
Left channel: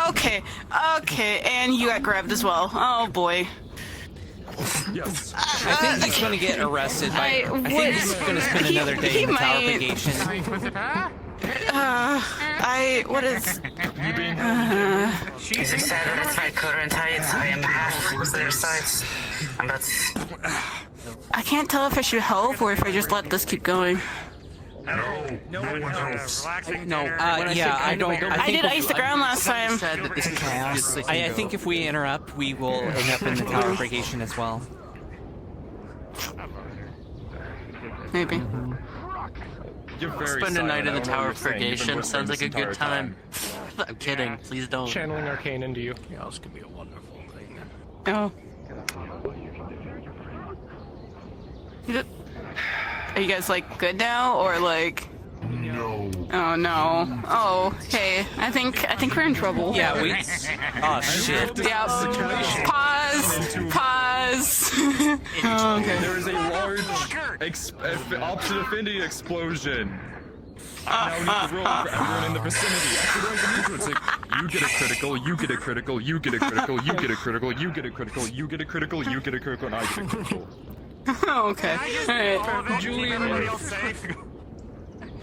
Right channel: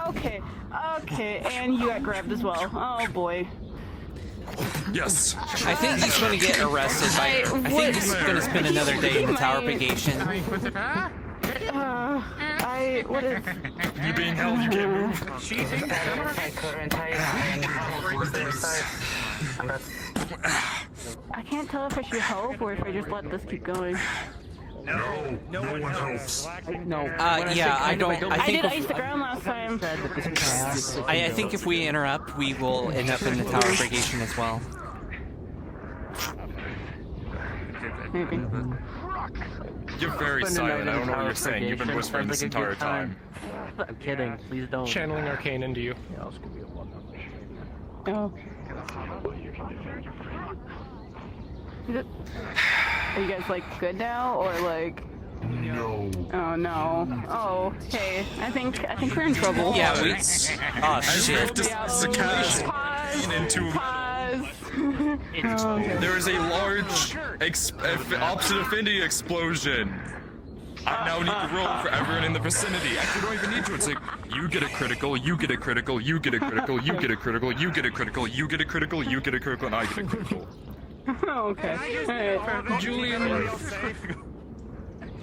Okay, and you got grabbed as well. Oh boy. Yes. I think he's going to get arrested. I think he's going to spend another day in the tower purgation. What is? It's a sad my current height. I am on their sides. I can't tell if I should help or if I just let this keep going. No one helps. No. Yeah, I don't. I I think. did ice the ground last time. I think if we interrupt, we will end up in the tower purgation as well. Maybe. You're very Spend a night silent. in I the don't know what Tower you're of saying. You've been Purgation whispering sounds this like a entire good time. I'm kidding. Please don't. Channeling Arcane into you. Yeah, this could be a wonderful nightmare. Oh. Are you guys like good now, or like? No. Oh no. Oh, hey. I think we're in trouble. Yeah, we. Oh shit. Yeah. Pause. Oh, okay. There is a large option affinity explosion. I now need to roll for everyone in the vicinity. I don't even need to. It's like, you get a critical, you get a critical, you get a critical, you get a critical, you get a critical, you get a critical, you get a critical, and I get a critical. Okay. Alright, perfect. Julian.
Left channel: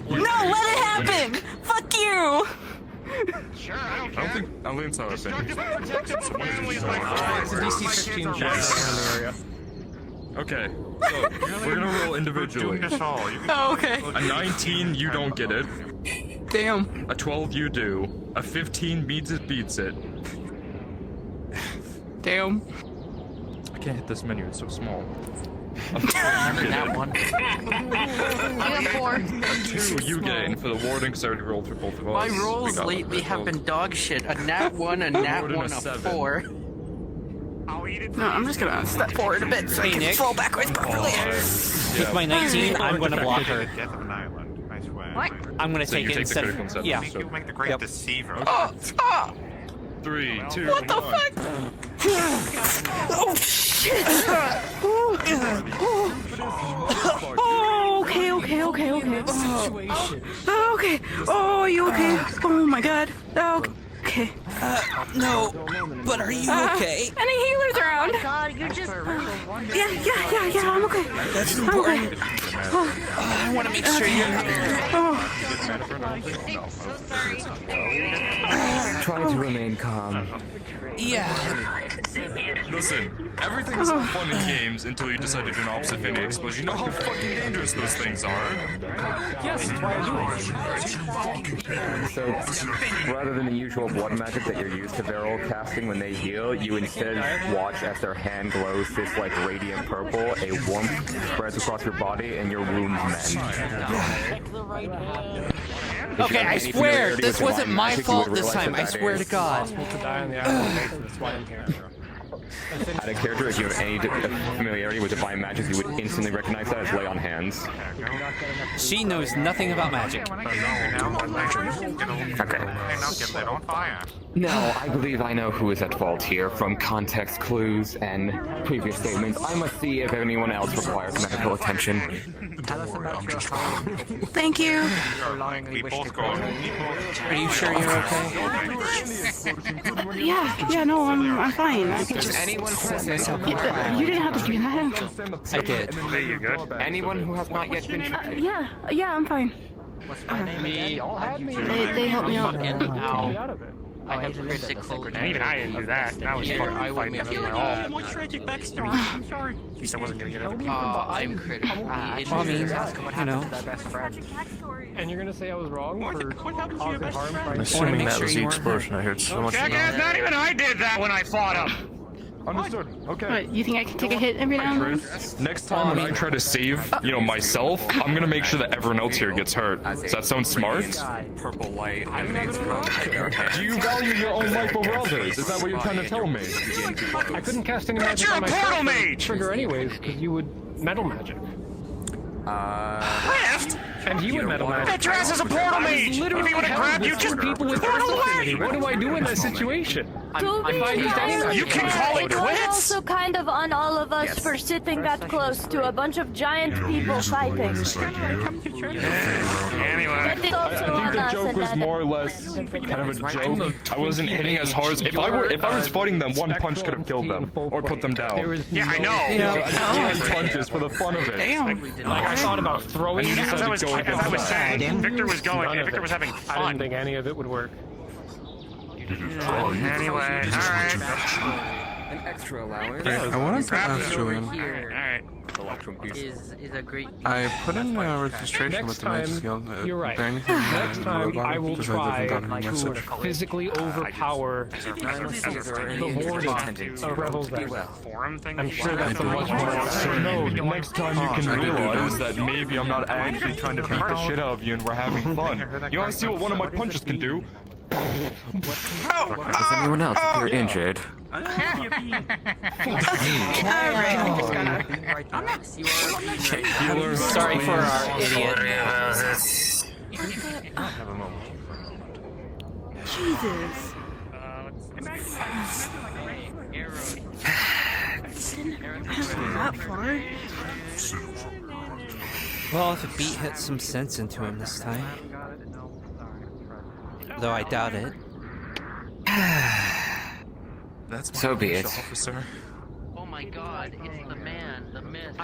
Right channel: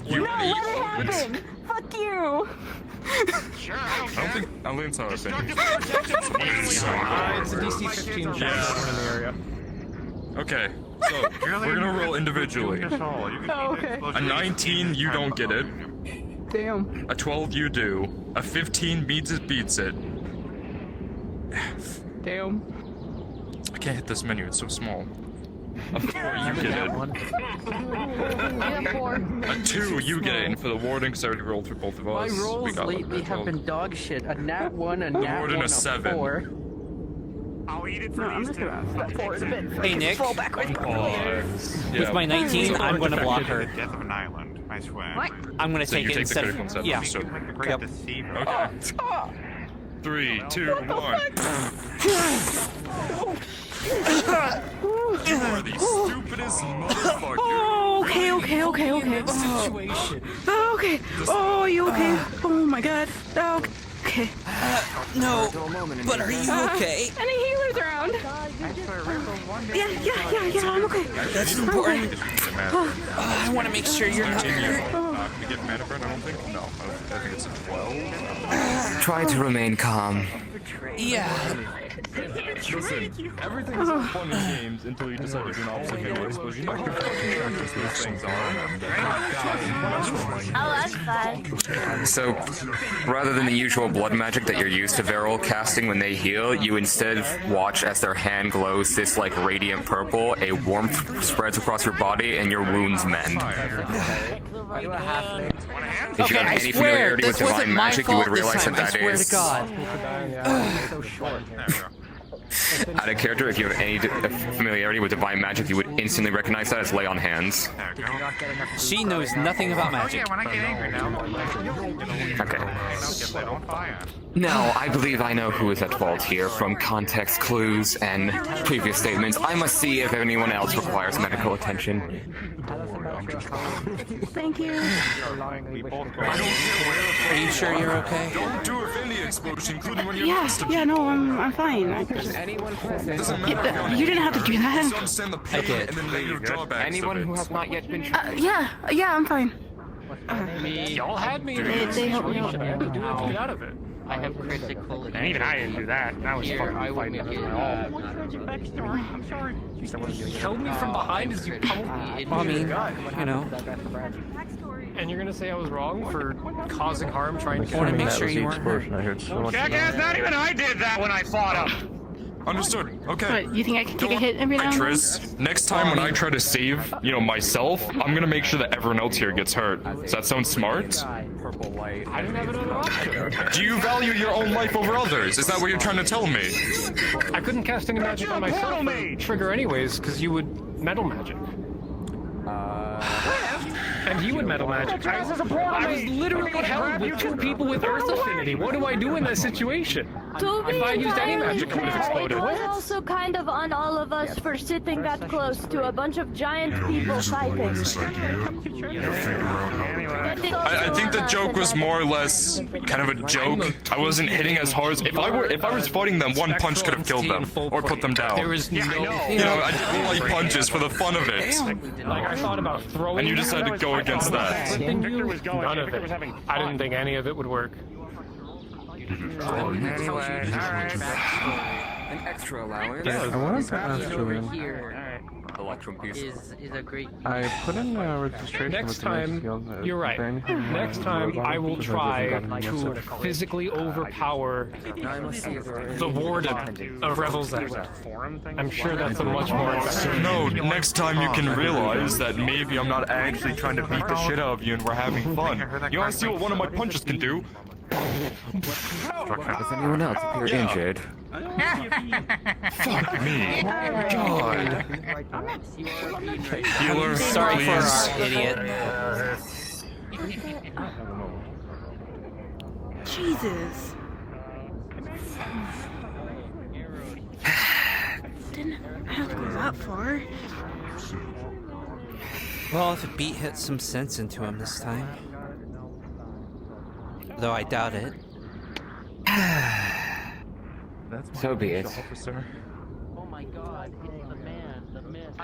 No, let it happen! Fuck you! Sure, I don't I care. don't think so. It's a DC 15 chapter in the area. Okay, so we're gonna roll individually. Oh, okay. A 19, you don't get it. Damn. A 12, you do. A 15 beats it. Damn. I can't hit this menu, it's so small. A 4, you get it. A 2, you get it. And for the warden, because I already rolled for both of us. My rolls we got lately have been dog shit. A nat 1, a nat 1, a 7. 4. I'll eat it for No, I'm just gonna step forward a bit so I Hey, can Nick. fall backwards. With my 19, I'm gonna block her. Death of an island, I swear. What? I'm gonna So take you it take the instead critical of. instead. Yeah. Understood. Make the great Yep. deceiver. Oh, 3, 2, what the 1. fuck? Oh shit! Oh, okay. Oh, okay. Oh, you okay? Oh my god. Okay. No, but are you okay? Any healers around? Yeah, I'm okay. That's important. I want to make sure you're not. You get mana burn, I don't think? No, I think it's 12. Try to remain calm. Yeah. Listen, everything's fun in games until you decide to do an opposite physics, but you know how fucking dangerous those things are. So, rather than the usual blood magic that you're used to Veril casting when they heal, you instead watch as their hand glows this like radiant purple, a warmth spreads across your body, and your wounds mend. Okay, I swear, this wasn't my fault this time. I swear to God. Out of character, if you have any familiarity with divine magic, you would instantly recognize that as lay on hands. She knows nothing about magic. Okay. Now, I believe I know who is at fault here. From context clues and previous statements, I must see if anyone else requires medical attention. Thank you. Are you sure you're okay? Yeah, no, I'm fine. I just, you didn't have to do that. I did. Anyone who has not yet been treated? Yeah, I'm fine. They helped me out. I have critical. And even I didn't do that. That was fucking I will fighting make against it. my all. I'm sorry. He said wasn't gonna Well, I mean, you know. And you're gonna say I was wrong for causing harm trying I want to make sure you weren't hurt. Jackass, not even I did that when I fought him! Understood. Okay. What, you think I can take a hit every now and then? Triss, next time when I try to save, myself, I'm gonna make sure that everyone else here gets hurt. Does that sound smart? I didn't have it at all. Do you value your own life over others? Is that what you're trying to tell me? I couldn't cast any magic on myself or trigger anyways, because you would metal magic. And he would metal magic. I was literally held with two people with Earth Affinity. What do I do in that situation? To be If I used any entirely magic, I would have fair, it exploded. was also kind of on all of us for sitting that close to a bunch of giant people fighting. I think the joke was more or less kind of a joke. I wasn't hitting as hard as if I was fighting them, one punch could have killed them or put them down. Yeah, I know. I did punches for the fun of it. I thought about throwing. And you decided to go against that. Victor was going. None of Victor it. was having fun. I didn't think any of it would work. An extra allowance. Yeah, Alright. is a great. I put in a registration Next with the time, field. you're right. Next time, I will try to physically overpower the warden of Rebels. I'm sure that's a much more... No, next time you can realize that maybe I'm not actually trying to beat the shit out of you and we're having fun. You wanna see what one of my punches can do? Does anyone else appear injured? I'm sorry for our idiot. Jesus. Didn't have to go that far. Well, if a beat hit some sense into him this time. Though I doubt it. So be it. Oh my god, it's the man, the myth,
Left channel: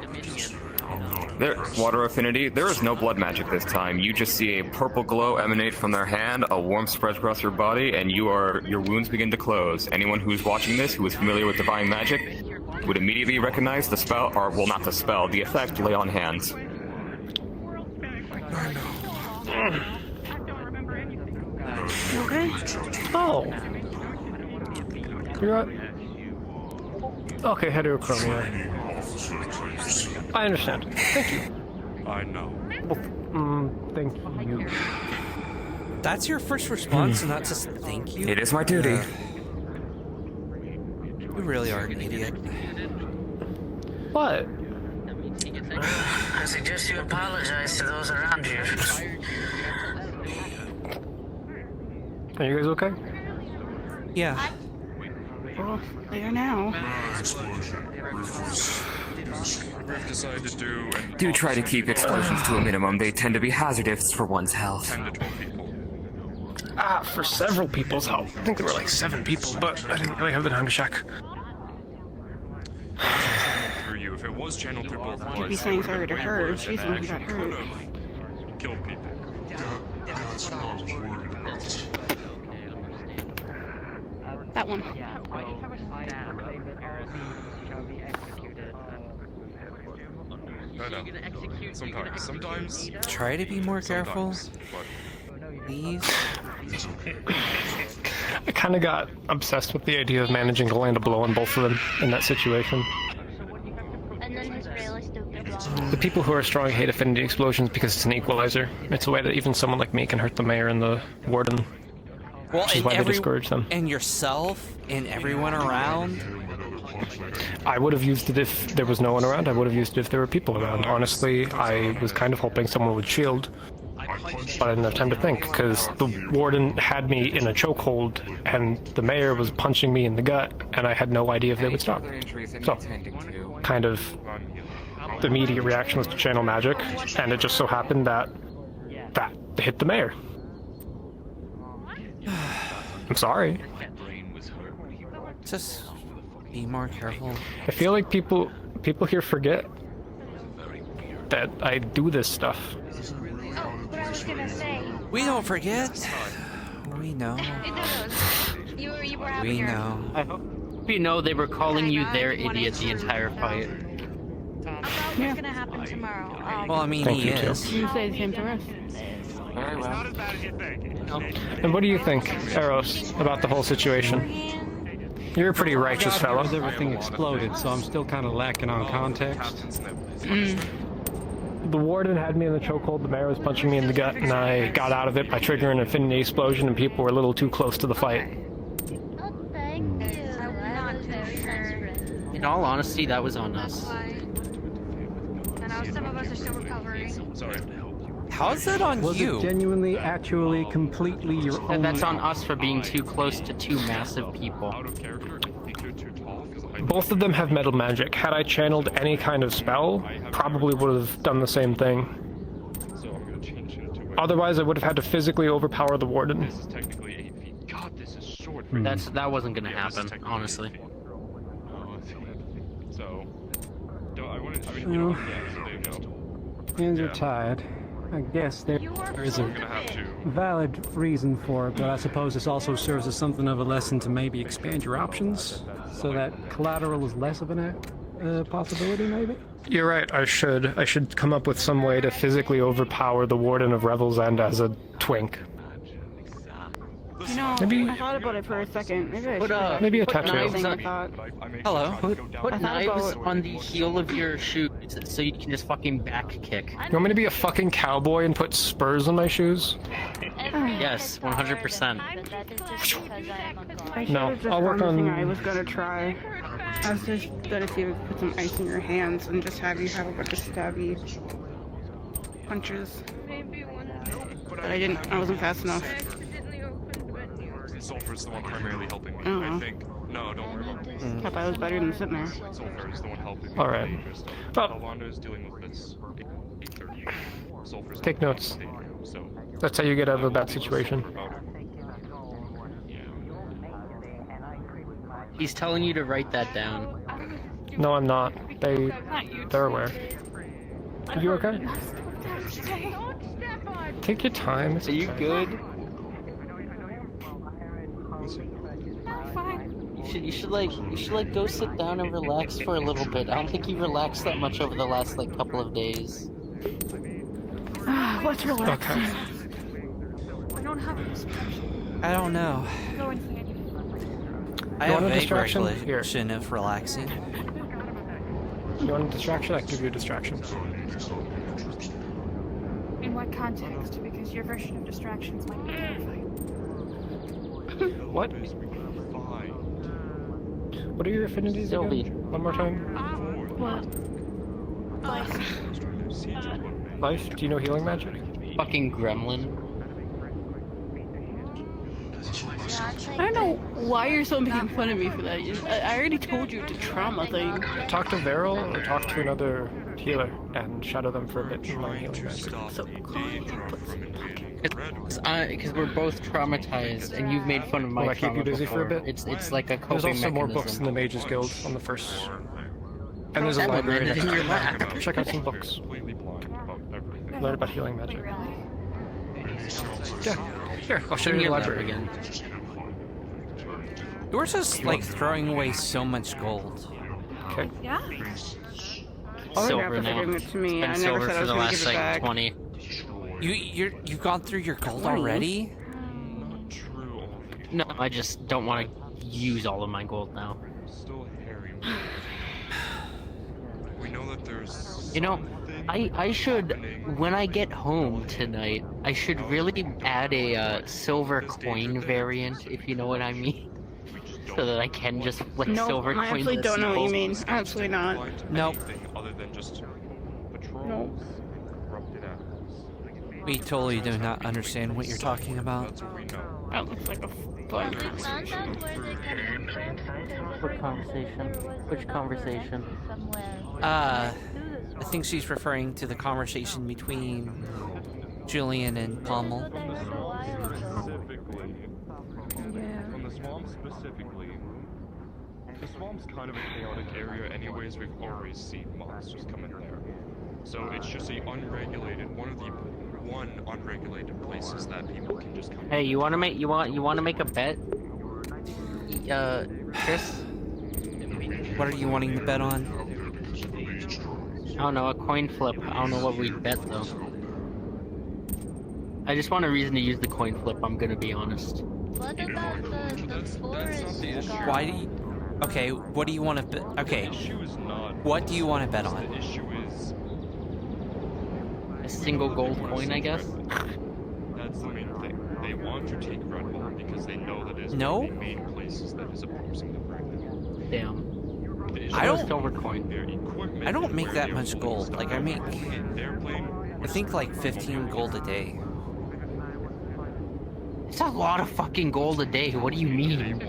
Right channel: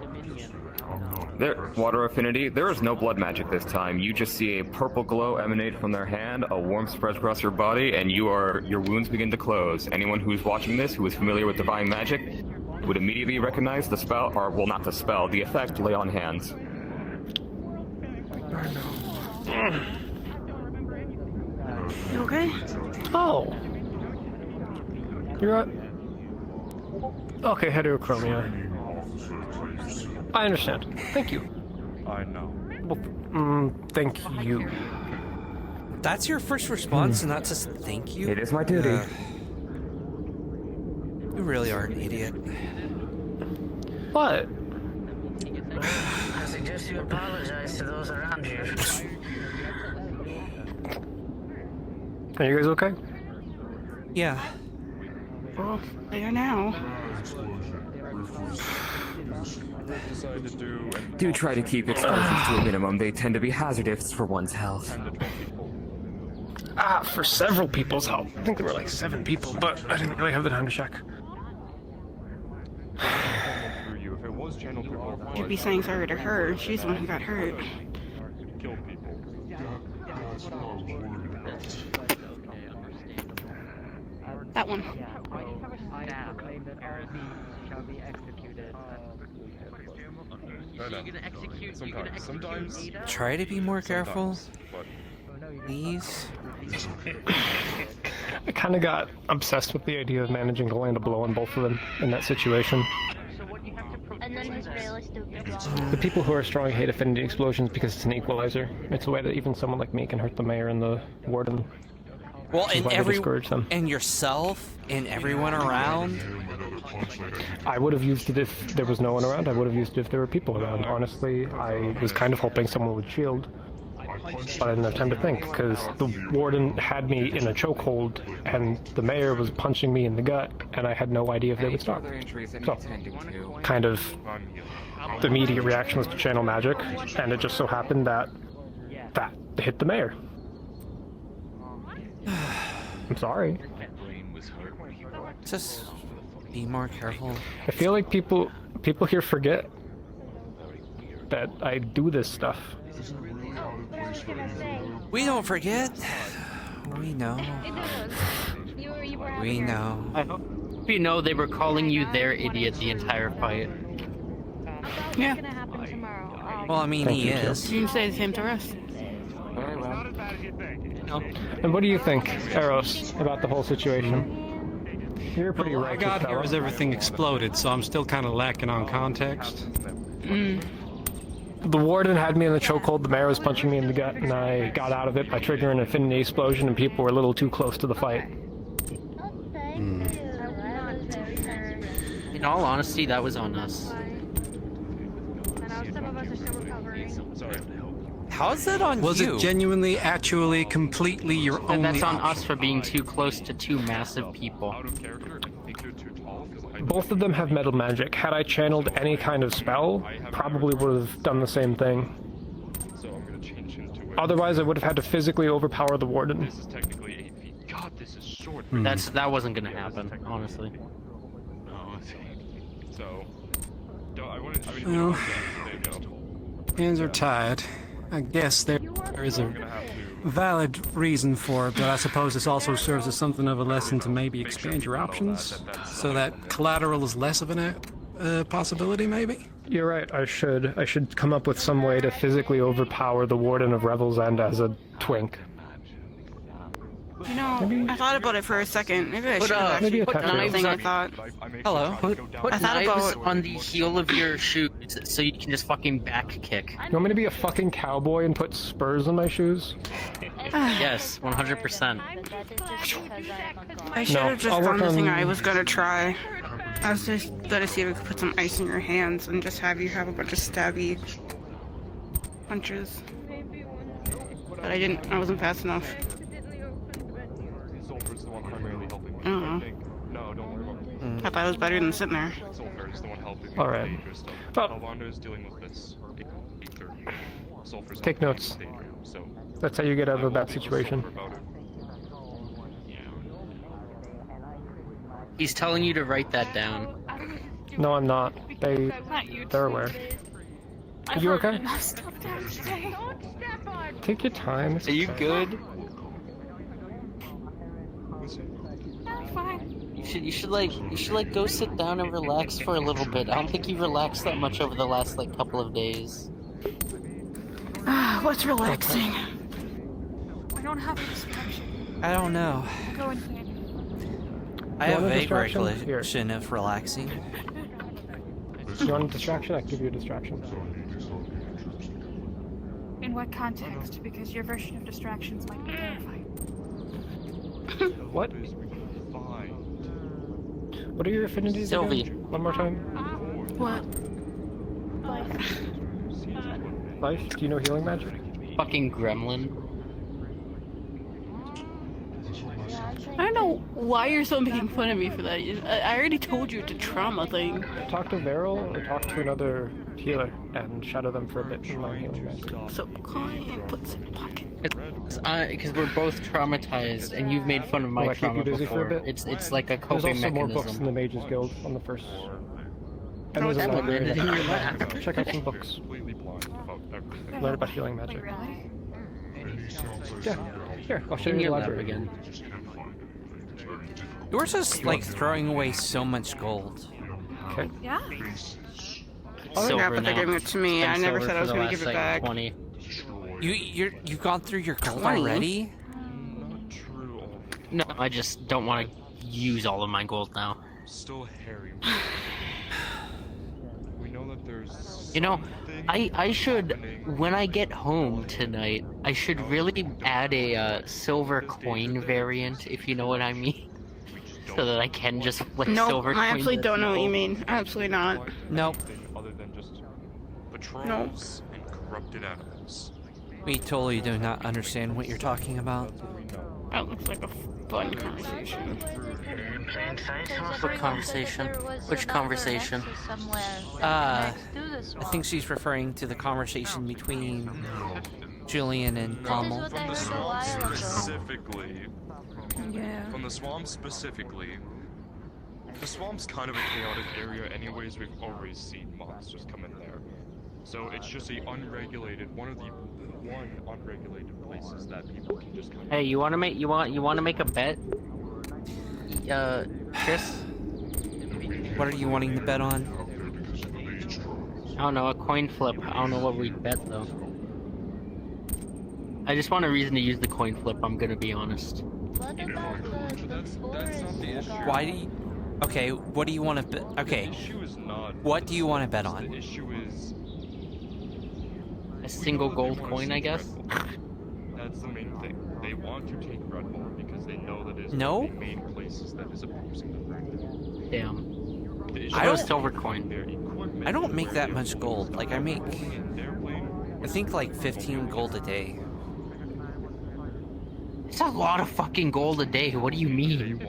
Dominion. There, water affinity. There is no blood magic this time. You just see a purple glow emanate from their hand, a warmth spreads across your body, and your wounds begin to close. Anyone who's watching this, who is familiar with divine magic, would immediately recognize the spell, or well, not the spell, the effect. Lay on hands. You okay? Oh. You're right. Okay, heterochromia. I understand. Thank you. I know. Well, thank you. That's your first response, and not just thank you? It is my duty. You really are an idiot. What? I suggest you apologize to those around you. Are you guys okay? Yeah. Well, they are now. Do try to keep explosions to a minimum. They tend to be hazardous for one's health. For several people's health. I think there were like 7 people, but I didn't really have the time to check. You'd be saying sorry to her. She's the one who got hurt. Killed people. That one. Sometimes. Try to be more careful. Please. I kind of got obsessed with the idea of managing to land a blow on both of them in that situation. The people who are strong hate affinity explosions because it's an equalizer. It's a way that even someone like me can hurt the mayor and the warden. Well, and and yourself and everyone around. I would have used it if there was no one around. I would have used it if there were people around. Honestly, I was kind of hoping someone would shield, but I didn't have time to think because the warden had me in a chokehold and the mayor was punching me in the gut, and I had no idea if they would stop. So, kind of, the immediate reaction was to channel magic, and it just so happened that hit the mayor. I'm sorry. Just be more careful. I feel like people here forget that I do this stuff. We don't forget. We know. We know. I hope you know they were calling you their idiot the entire fight. Yeah. Well, I mean, he is. You say the same to us. And what do you think, Eros, about the whole situation? You're a pretty righteous fellow. As everything exploded, so I'm still kind of lacking on context. The warden had me in the chokehold, the mayor was punching me in the gut, and I got out of it by triggering an affinity explosion, and people were a little too close to the fight. In all honesty, that was on us. How's that on Was you? it genuinely, actually, completely your own? And that's on us for being too close to 2 massive people. Both of them have metal magic. Had I channeled any kind of spell, probably would have done the same thing. Otherwise, I would have had to physically overpower the warden. This is technically 8 feet. God, this is short. That wasn't gonna happen, honestly. So, I mean, you know, there you go. Hands are tied. I guess there is a valid reason for it, but I suppose this also serves as something of a lesson to maybe expand your options, so that collateral is less of an possibility, maybe? You're right. I should come up with some way to physically overpower the Warden of Revel's End as a twink. You know, I thought about it for a second. Maybe I should maybe a put tattoo. thing I thought. Hello. Put I thought knives about- on the heel of your shoes so you can just fucking back kick. You want me to be a fucking cowboy and put spurs on my shoes? Yes, 100%. I should have just I'll work done the thing on- I was gonna try. I was just gonna see if we could put some ice in your hands and just have you have a bunch of stabby punches. But I didn't. I wasn't fast enough. Sulfur's the one primarily helping me. I don't know. I think. No, don't worry. I thought that was better than sitting there. Sulfur's the one helping me. All right. with dangerous stuff. But- Calvando is dealing with this. Aether. Sulfur's Take helping notes. me with danger, so That's how you get out of I a will bad be with situation. Sulfur about it. He's telling you to write that down. No, I'm not. They're aware. Are you okay? Take your time. Are you good? You should like go sit down and relax for a little bit. I don't think you relaxed that much over the last like couple of days. What's relaxing? I don't have a distraction. I don't know. Go in here. I have a want a vague distraction? recollection of relaxing. You want a distraction? I can give you a distraction. In what context? Because your version of distractions might be terrifying. What? What are your affinities Sylvie. again? One more time. What? Life? Do you know healing magic? Fucking gremlin. I don't know why you're still making fun of me for that. I already told you it's a trauma thing. Talk to Veril or talk to another healer and shadow them for a bit in my healing magic. So Because we're both traumatized, and you've made fun of my Will I keep you trauma busy for a before. bit? It's like a There's coping also more books in mechanism. the Mages Guild on the first. And there's a Damn it, library man, didn't you there. laugh? Check out some books. Learn about healing magic. Yeah. Here, I'll show you the library again. You're just like throwing away so much gold. Okay. Yeah. Silver They're now. giving it to me. I It's been never silver said I for was the gonna last, give it like, back. 20. You've gone through your gold 20? already? No, I just don't want to use all of my gold now. Still hairy. We know that there's. You know, I should, when I get home tonight, I should really add a silver coin variant, if you know what I mean. So that I can just flip No, silver I coins. absolutely as don't know what you symbols. mean. Absolutely not. Nope. Other than just betrayals No. and corrupted animals. We totally do not understand what you're talking about. That looks like a fun conversation. What conversation? Which conversation? I think she's referring to the conversation between Julian and Pommel. From the swamp specifically. From the swamp specifically. The swamp's kind of a chaotic area anyways. We've already seen monsters come in there. So it's just a unregulated, one unregulated places that people can just come. Hey, you want to make a bet? Chris? What are you wanting to bet on? I don't know, a coin flip. I don't know what we'd bet though. I just want a reason to use the coin flip, I'm gonna be honest. Why do you... Okay, what do you want to bet? Okay, what do you want to bet on? A single gold coin, I guess? That's the main thing. They want to take Redwall because they know that it's No? one of the main places that is opposing them. Damn. I don't... Silver coin. I don't make that much gold. Like, I make... I think like 15 gold a day. It's a lot of fucking gold a day, what do you mean?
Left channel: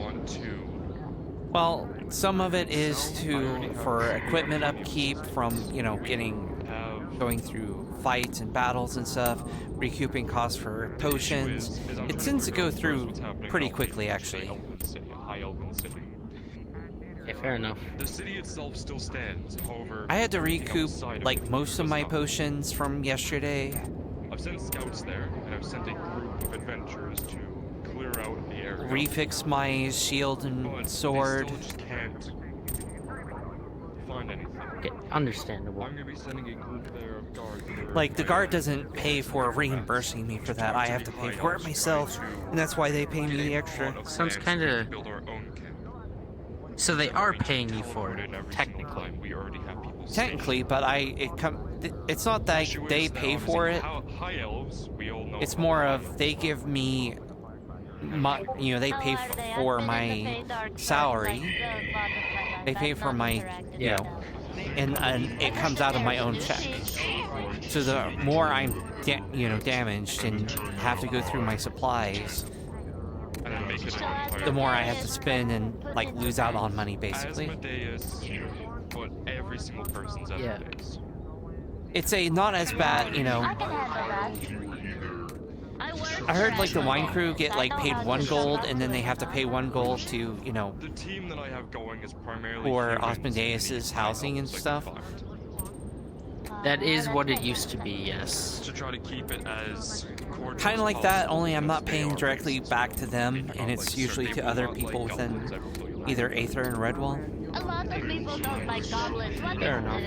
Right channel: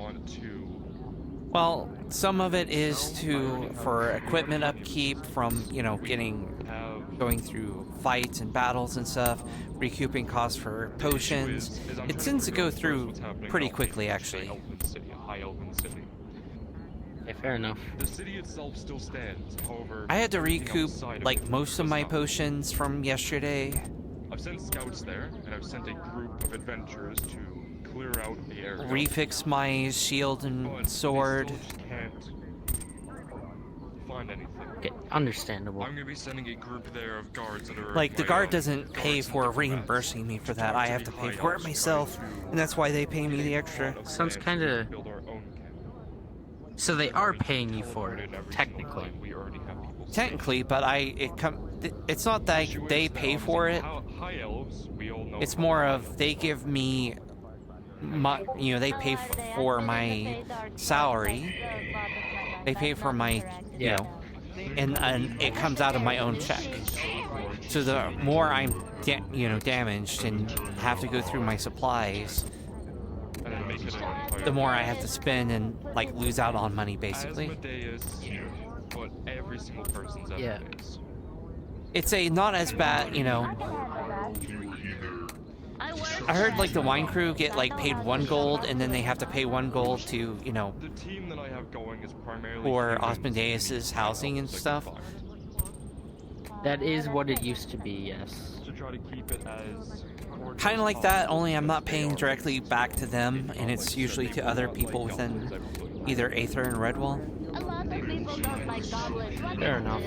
Well, some of it is for equipment upkeep from, you know, going through fights and battles and stuff, recouping costs for potions. It tends to go through pretty quickly, actually. Okay, fair enough. The city itself still stands, however... I had to recoup, like, most of my potions from yesterday. I've sent scouts there, and I've sent a group of adventurers to clear out the area. Refix my shield and sword. Find find anything. Okay, understandable. I'm gonna be sending a group there of guards that are Like, the guard doesn't pay for reimbursing me for that. I have to pay for it myself, and that's why they pay me the extra. Sounds kind of... So they are paying you for it, technically. Technically, but it's not that they pay for it. It's more of they give me they pay for my salary. They pay for my, and it comes out of my own check. So the more I'm, damaged and have to go through my supplies, the more I have to spend and like lose out on money, basically. Yeah. It's not as bad, I heard like the wine crew get like paid 1 gold and then they have to pay 1 gold to, for Osmondeus's housing and stuff. That is what it used to be, yes. To try to keep it as Kind of like that, only I'm not paying directly back to them, and it's usually to other people within either Aether and Redwall. Fair enough.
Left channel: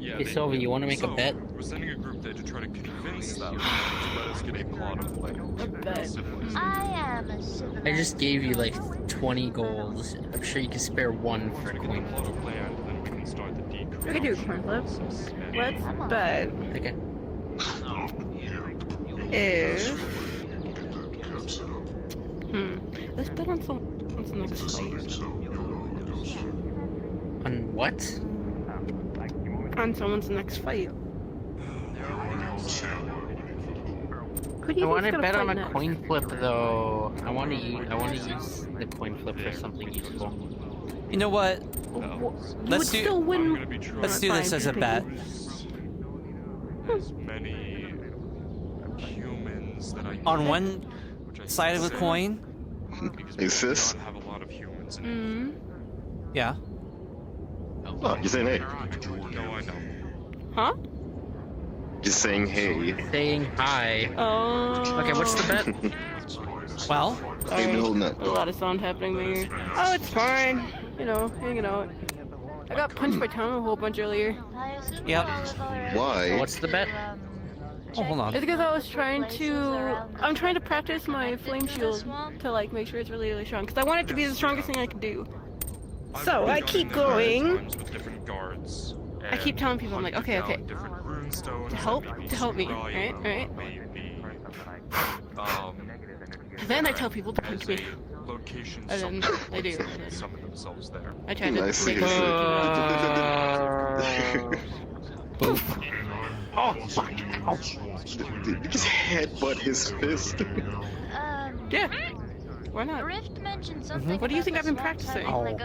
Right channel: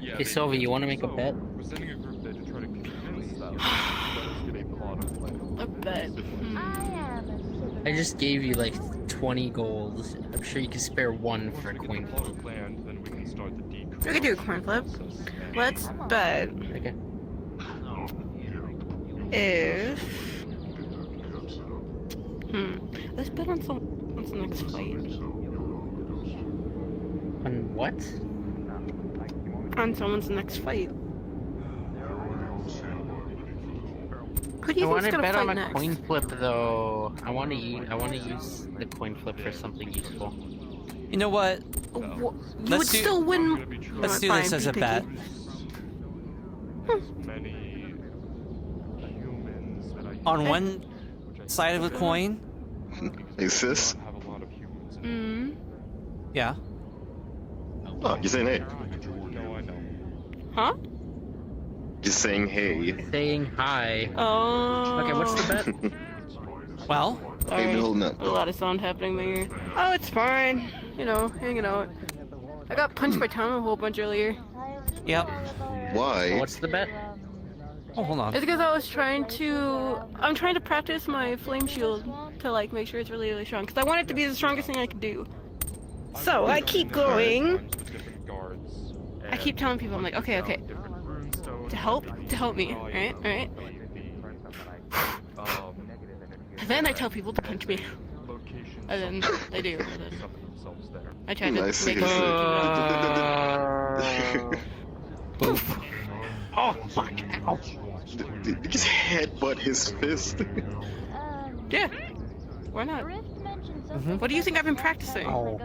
Hey, Sylvie, you want to make a bet? We're sending a group there to try to convince them A bet. I just gave you like 20 golds. I'm sure you can spare 1 for a coin flip. We could do a coin flip. Let's bet. Okay. If... Let's bet on someone's next fight. On what? On someone's next fight. I want to bet on a coin flip, though. I want to use the coin flip for something useful. You know what? Let's do. Still win. Let's do this as a bet. On one side of the coin. Hey, sis. Yeah. Oh, you're saying hey. Huh? Just saying hey. Saying hi. Oh. Okay, what's the bet? Well. Hey, been holding up. A lot of sound happening there. Oh, it's fine. Hanging out. I got punched by Tom a whole bunch earlier. Yep. Why? So what's the bet? Oh, hold on. It's because I'm trying to practice my flame shield to like make sure it's really, really strong. Because I want it to be the strongest thing I can do. So I keep going. I keep telling people, I'm like, okay. To help me, right? And then I tell people to punch me. And then they do. I try to make it. Oh, fuck. Ow. Did you just headbutt his fist? Yeah. Why not? What do you think I've been practicing? Oh.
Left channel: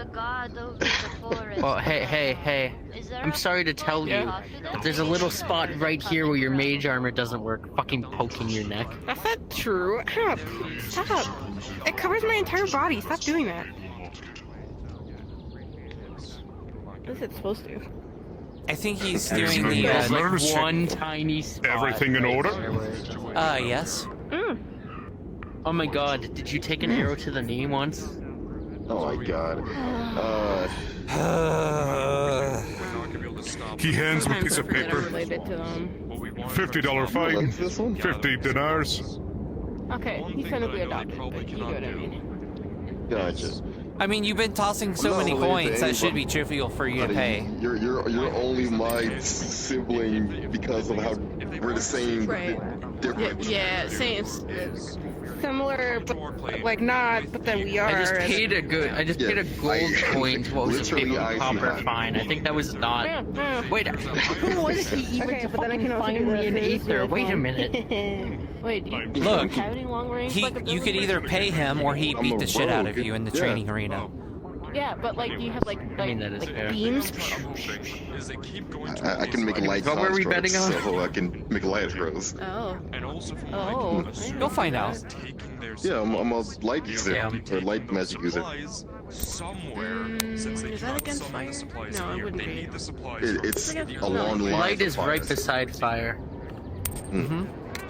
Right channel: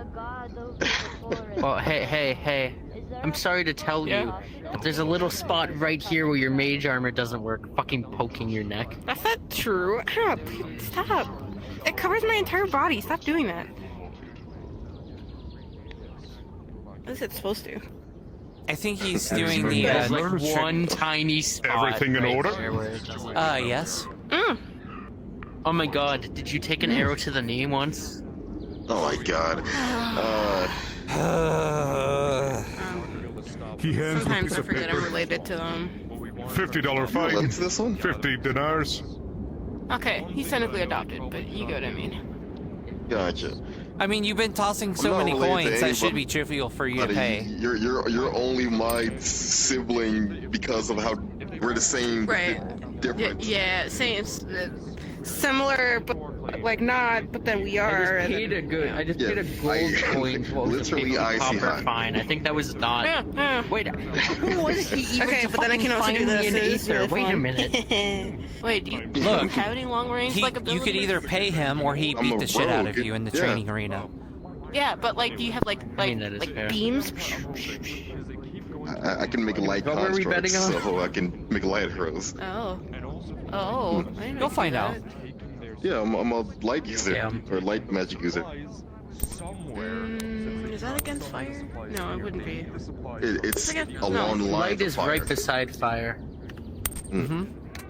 Well, hey. I'm sorry to tell you, but there's a little spot right here where your mage armor doesn't work, fucking poking your neck. That's not true. Stop. It covers my entire body. Stop doing that. What is it supposed to? I think he's doing the one tiny spot. Everything in order? Yes. Oh my god, did you take an arrow to the knee once? Oh my god. He hands me a piece of paper. $50 fine. This one? 50 dinars. Okay, he's technically adopted, but you get what I mean. Gotcha. I mean, you've been tossing so many coins, that should be trivial for you to pay. You're only my sibling because of how we're the same, different. Yeah, same. Similar, but like not. But then we are. I just paid a gold coin to what was a 50 copper fine. I think that was not. Wait, who was he even to but then I can also find do me this. in Aether? Wait a minute. Wait, do you Look, have any long range? you could either pay him or he beat the shit out of you in the training arena. Yeah, but like, do you have like fair. beams? I can make light What were we betting on? so I can make light throws. Oh. You'll find out. Yeah, I'm a light user, or light magic user. Is that against fire? No, it wouldn't be. It's along the lines Light of is fire. right beside fire.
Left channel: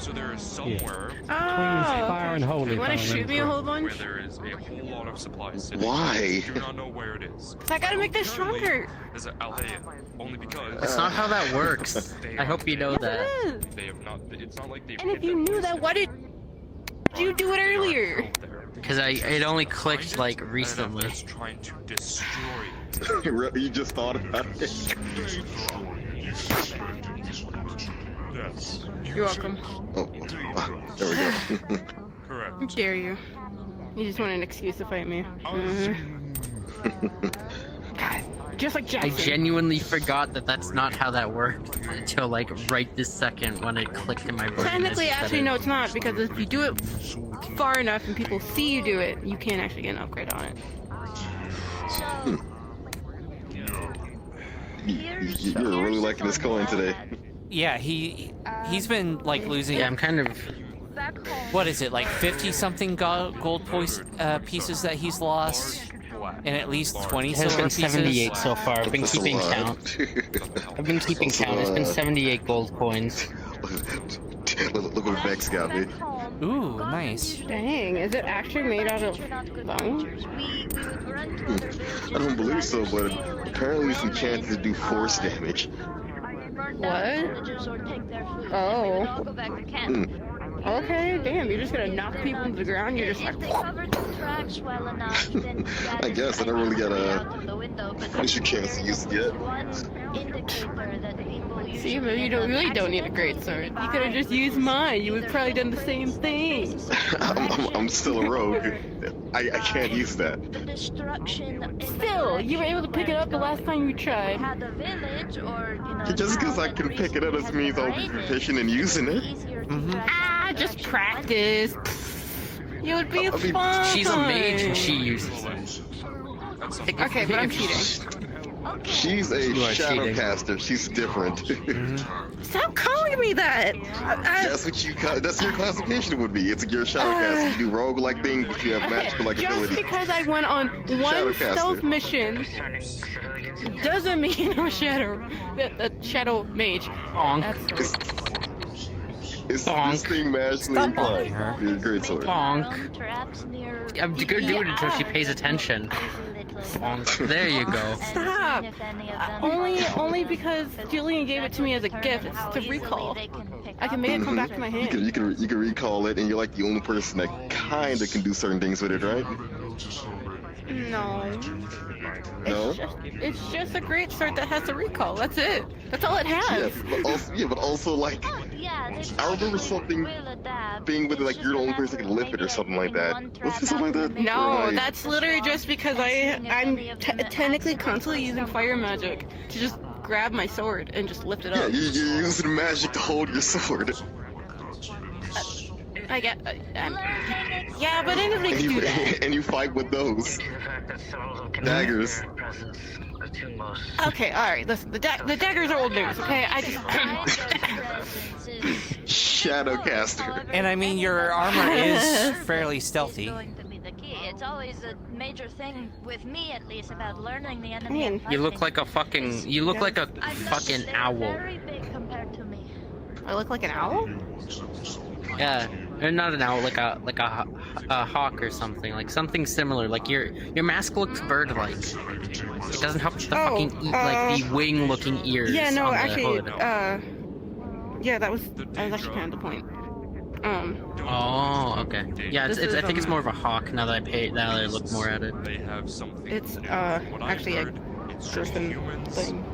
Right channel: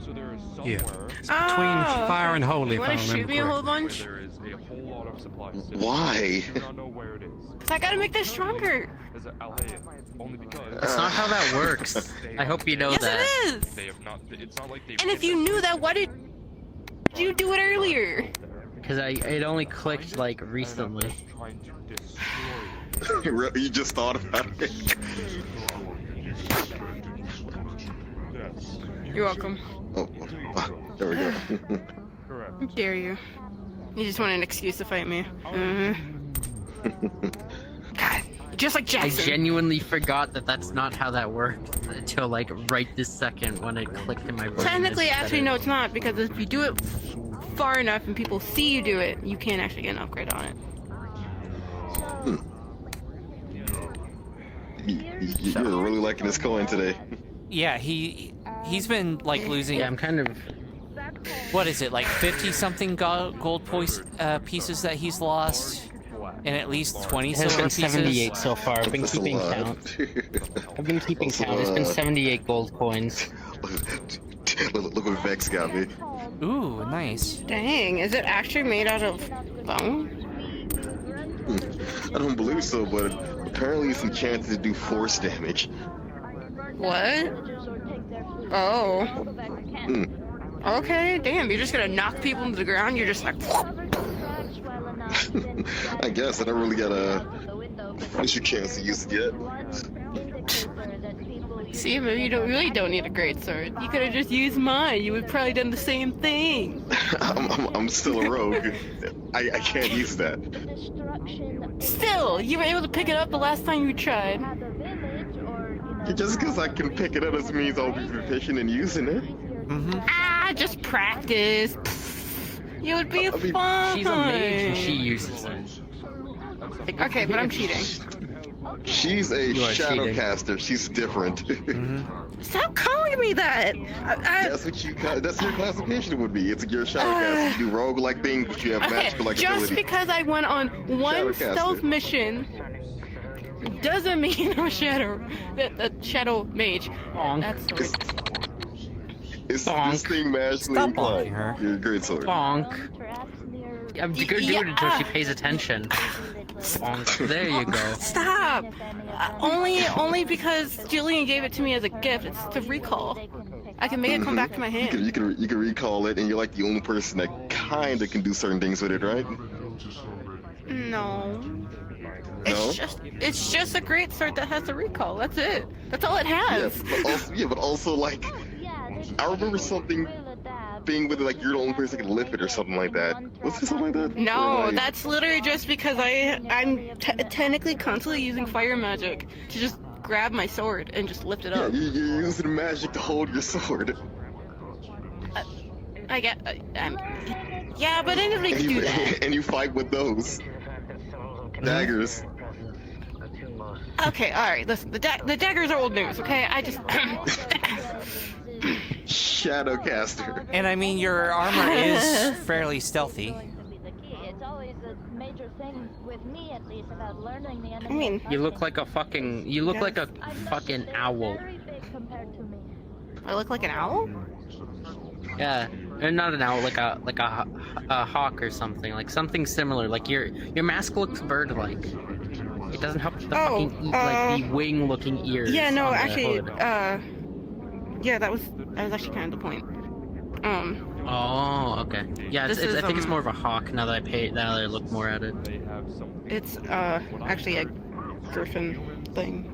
So there is Yeah. somewhere Between fire and holy. You want to if I shoot me a remember whole bunch? there is a whole lot of supplies sitting. Why? You do not know where it is. I gotta make this stronger. I'll tell you, only because That's not how that works. I hope you know Yes, that. it is. they have not. It's not like they've. And if you knew that, why did you do it earlier? Because it only clicked like recently. That's trying to destroy it. You just thought about it. Yes. You're welcome. Oh, there we go. How dare you? You just want an excuse to fight me. God, just like I Jackson. genuinely forgot that that's not how that worked until like right this second when it clicked in my brain. Technically, actually, no, it's not, because if you do it far enough and people see you do it, you can't actually get an upgrade on it. You're really liking this coin today. Yeah, he's been like losing. Yeah, I'm kind of. What is it, like 50-something gold pieces that he's lost, and at least 20 It silver has been pieces? 78 so far. I've been That's a keeping lot. count. I've been keeping count. It's been 78 gold coins. Look what Vex got me. Ooh, nice. Dang, is it actually made out of bone? I don't believe so, but apparently it's enchanted to do force damage. What? Oh. Hmm. Okay, damn, you're just gonna knock people into the ground? You're just like... I guess I don't really got a initial chance to use it yet. See, maybe you really don't need a great sword. You could have just used mine. You would probably done the same thing. I'm still a rogue. I can't use that. Still, you were able to pick it up the last time you tried. Just because I can pick it up doesn't mean I'll be proficient in using it. Ah, just practice. You would be fine. She's a mage and she uses it. Okay, but I'm cheating. She's a shadow caster. She's different. Stop calling me that! That's what your classification would be. It's your shadow caster. You do rogue-like things, but you have magical-like Just abilities. because I went on one stealth mission doesn't mean I'm a shadow mage. That's Is this thing magically inclined? You're a great sword. Bonk. I'm gonna do it until she pays attention. Bonk. There you go. Stop! Only because Jillian gave it to me as a gift. It's to recall. I can make it come back to my hand. You can recall it, and you're like the only person that kinda can do certain things with it, right? No. No? It's just a great sword that has a recall. That's it. That's all it has. But also like, I remember something being with it, like you're the only person that can lift it or something like that. Was it something like that? No, that's literally just because I'm technically constantly using fire magic to just grab my sword and just lift it Yeah, up. you're using magic to hold your sword. I get, yeah, but anybody can do that. And you fight with those daggers. Okay, alright, listen, the daggers are old news, okay? I just... Shadowcaster. And I mean, your armor is fairly stealthy. It's always a major thing with me, at least, about learning the enemy. You look like a fucking. You look like a fucking owl. I look like an owl? Yeah, or not an owl, like a hawk or something, like something similar. Like your mask looks bird-like. It doesn't help the fucking like the wing-looking ears. Yeah, no, on the actually, hood. yeah, that was actually kind of the point. Oh, okay. Yeah, I think it's more of a hawk now that I look more at it. It's actually a griffin thing.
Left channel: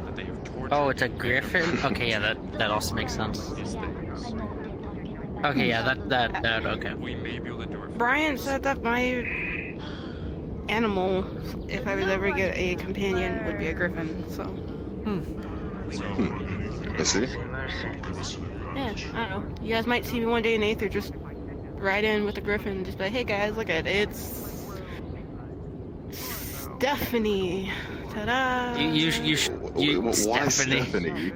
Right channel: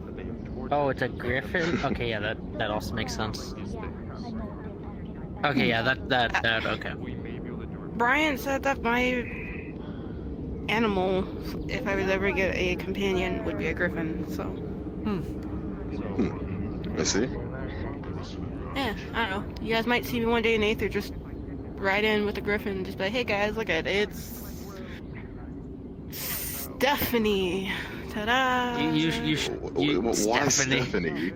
Oh, it's a griffin? Okay, yeah, that also makes sense. Okay, yeah, that okay. Brian said that my animal, if I was ever get a companion, would be a griffin, so. I see. Yeah, I don't know. You guys might see me one day in Aether just ride in with a griffin and just be like, hey guys, look at it. It's Stephanie. Ta-da! You Why Stephanie?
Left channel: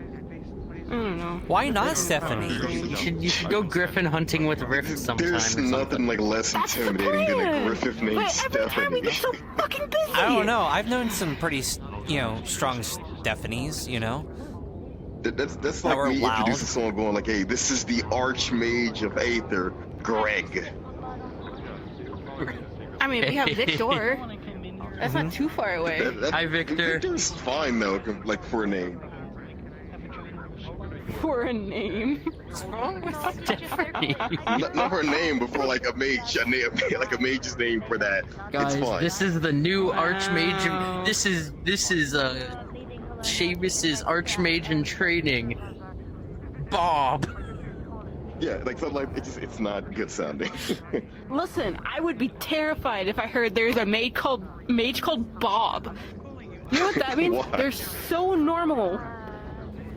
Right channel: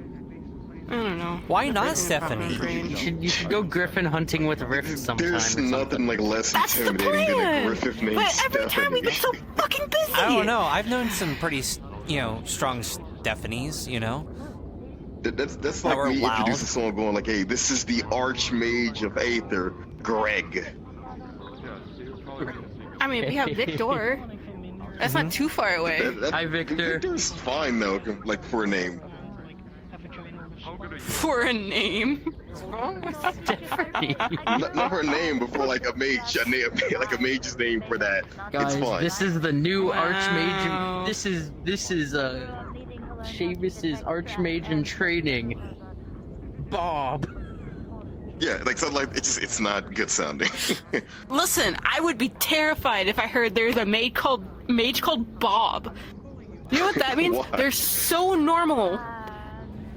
I don't know. Why not Stephanie? You should go griffin hunting with Rift sometime. There's nothing like less intimidating than a griffin named Stephanie. I don't know. I've known some pretty, strong Stephanies, That's like me introducing someone going like, hey, this is the Archmage of Aether, Greg. I mean, we have Victor. That's not too far away. Hi, Victor. Victor's fine though, like for a name. For a name? What's wrong with Stephanie? Not for a name, but for like a mage, like a mage's name for that. Guys, it's fine. this is the new Archmage, and this is Seamus's Archmage in training, Bob. Yeah, like something like it's not good sounding. Listen, I would be terrified if I heard there's a mage called Bob. You know what that means? Why? They're so normal,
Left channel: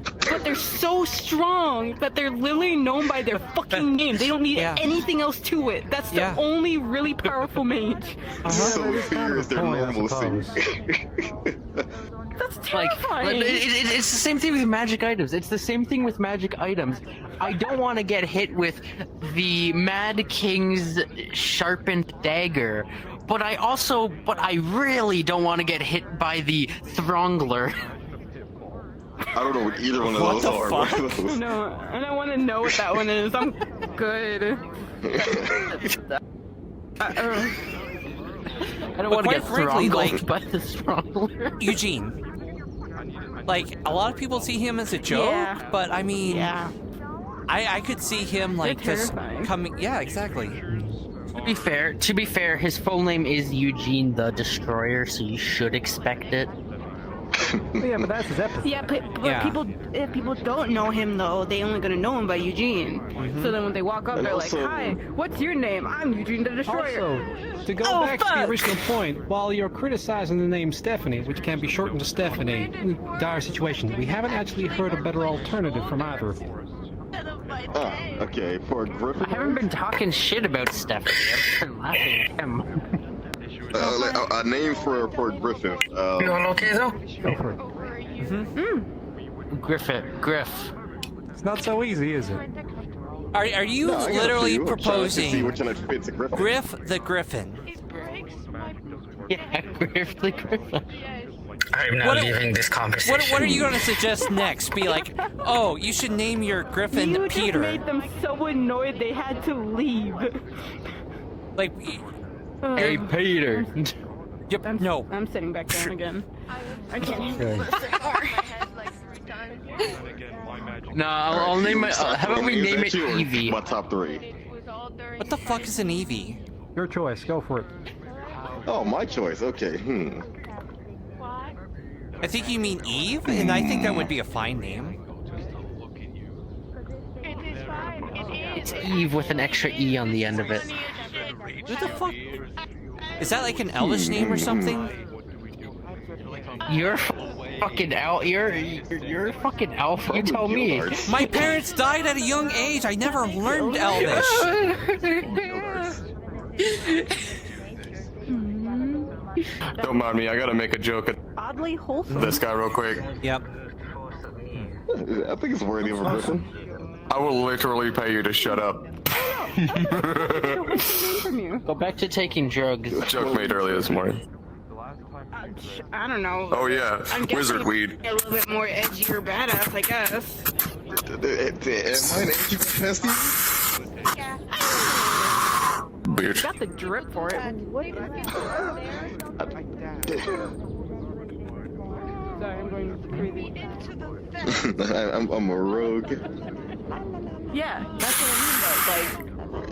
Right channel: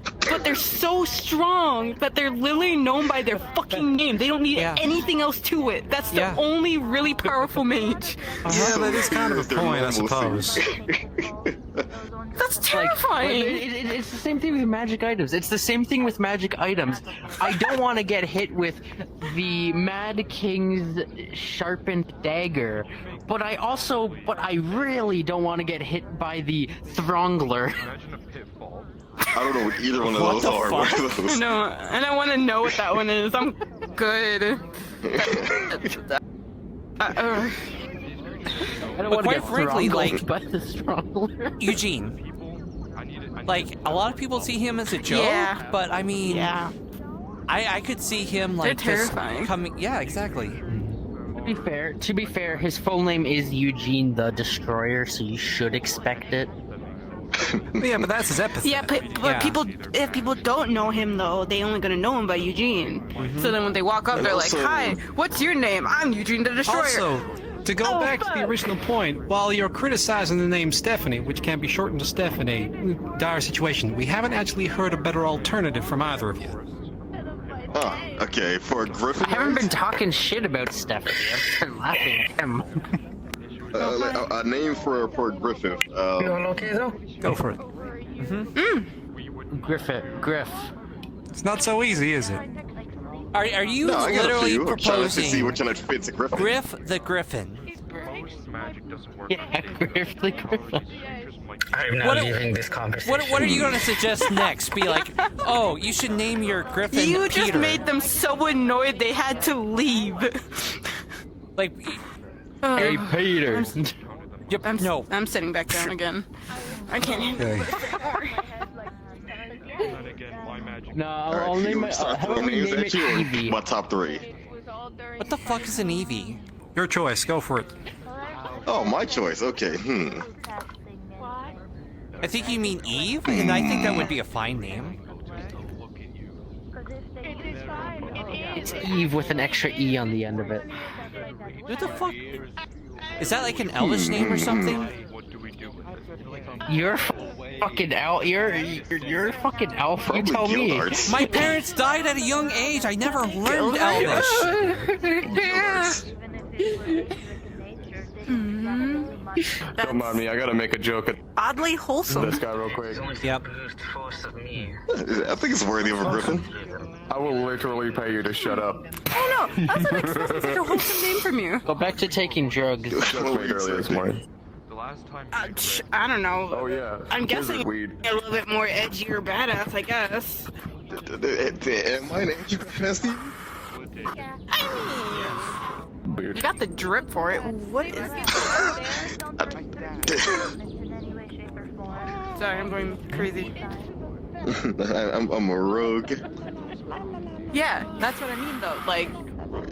but they're so strong that they're literally known by their fucking name. They don't need anything else to it. That's the only really powerful mage. So here is their normal thing. That's terrifying. It's the same thing with magic items. It's the same thing with magic items. I don't want to get hit with the Mad King's sharpened dagger, but I really don't want to get hit by the Throngler. I don't know what either one of those are. What the fuck? No, and I want to know what that one is. I'm good. But quite frankly, like, but the Throngler. Eugene, like, a lot of people see him as a joke, but I mean, I could see him like just coming. Yeah, exactly. To be fair, his full name is Eugene the Destroyer, so you should expect it. Yeah, but that's his epithet. Yeah, but people, if people don't know him though, they only gonna know him by Eugene. So then when they walk up, they're like, "Hi, what's your name? I'm Eugene the Destroyer." Also, to go back to the original point, while you're criticizing the name Stephanie, which can be shortened to Stephanie, dire situation, we haven't actually heard a better alternative from either of you. Oh, okay. For Griffin, I haven't been talking shit about Stephanie. I've been laughing at him. a name for Griffith. You all okay though? Go for it. Griff. It's not so easy, is it? Are you literally proposing Griff the Griffin? Yeah, Griff the Griffin. I'm not leaving this conversation. What are you going to suggest next? Be like, oh, you should name your Griffin You Peter. just made them so annoyed they had to leave. Like, hey, Peter. Yep. No. I'm sitting back down again. I can't handle this anymore. No, I'll name my. How about we name it Eevee? My top 3. What the fuck is an Eevee? Your choice. Go for it. Oh, my choice. Okay. I think you mean Eve, and I think that would be a fine name. It's Eve with an extra E on the end of it. What the fuck? Is that like an Elvish name or something? You're fucking out. You're fucking elf. You tell me. My parents died at a young age. I never learned Elvish. Don't mind me, I gotta make a joke at Oddly wholesome. this guy real quick. Yep. I think it's worthy of a Griffin. I will literally pay you to shut up. Oh no, that's unexpected. What's the name from you? Go back to taking drugs. Joke made earlier this morning. I don't know. Oh yeah, I'm guessing wizard weed. a little bit more edgy or badass, I guess. Am I an anti-capacity? You got the drip for it. What is it? Sorry, I'm going crazy. I'm a rogue. Yeah, that's what I mean though. Like,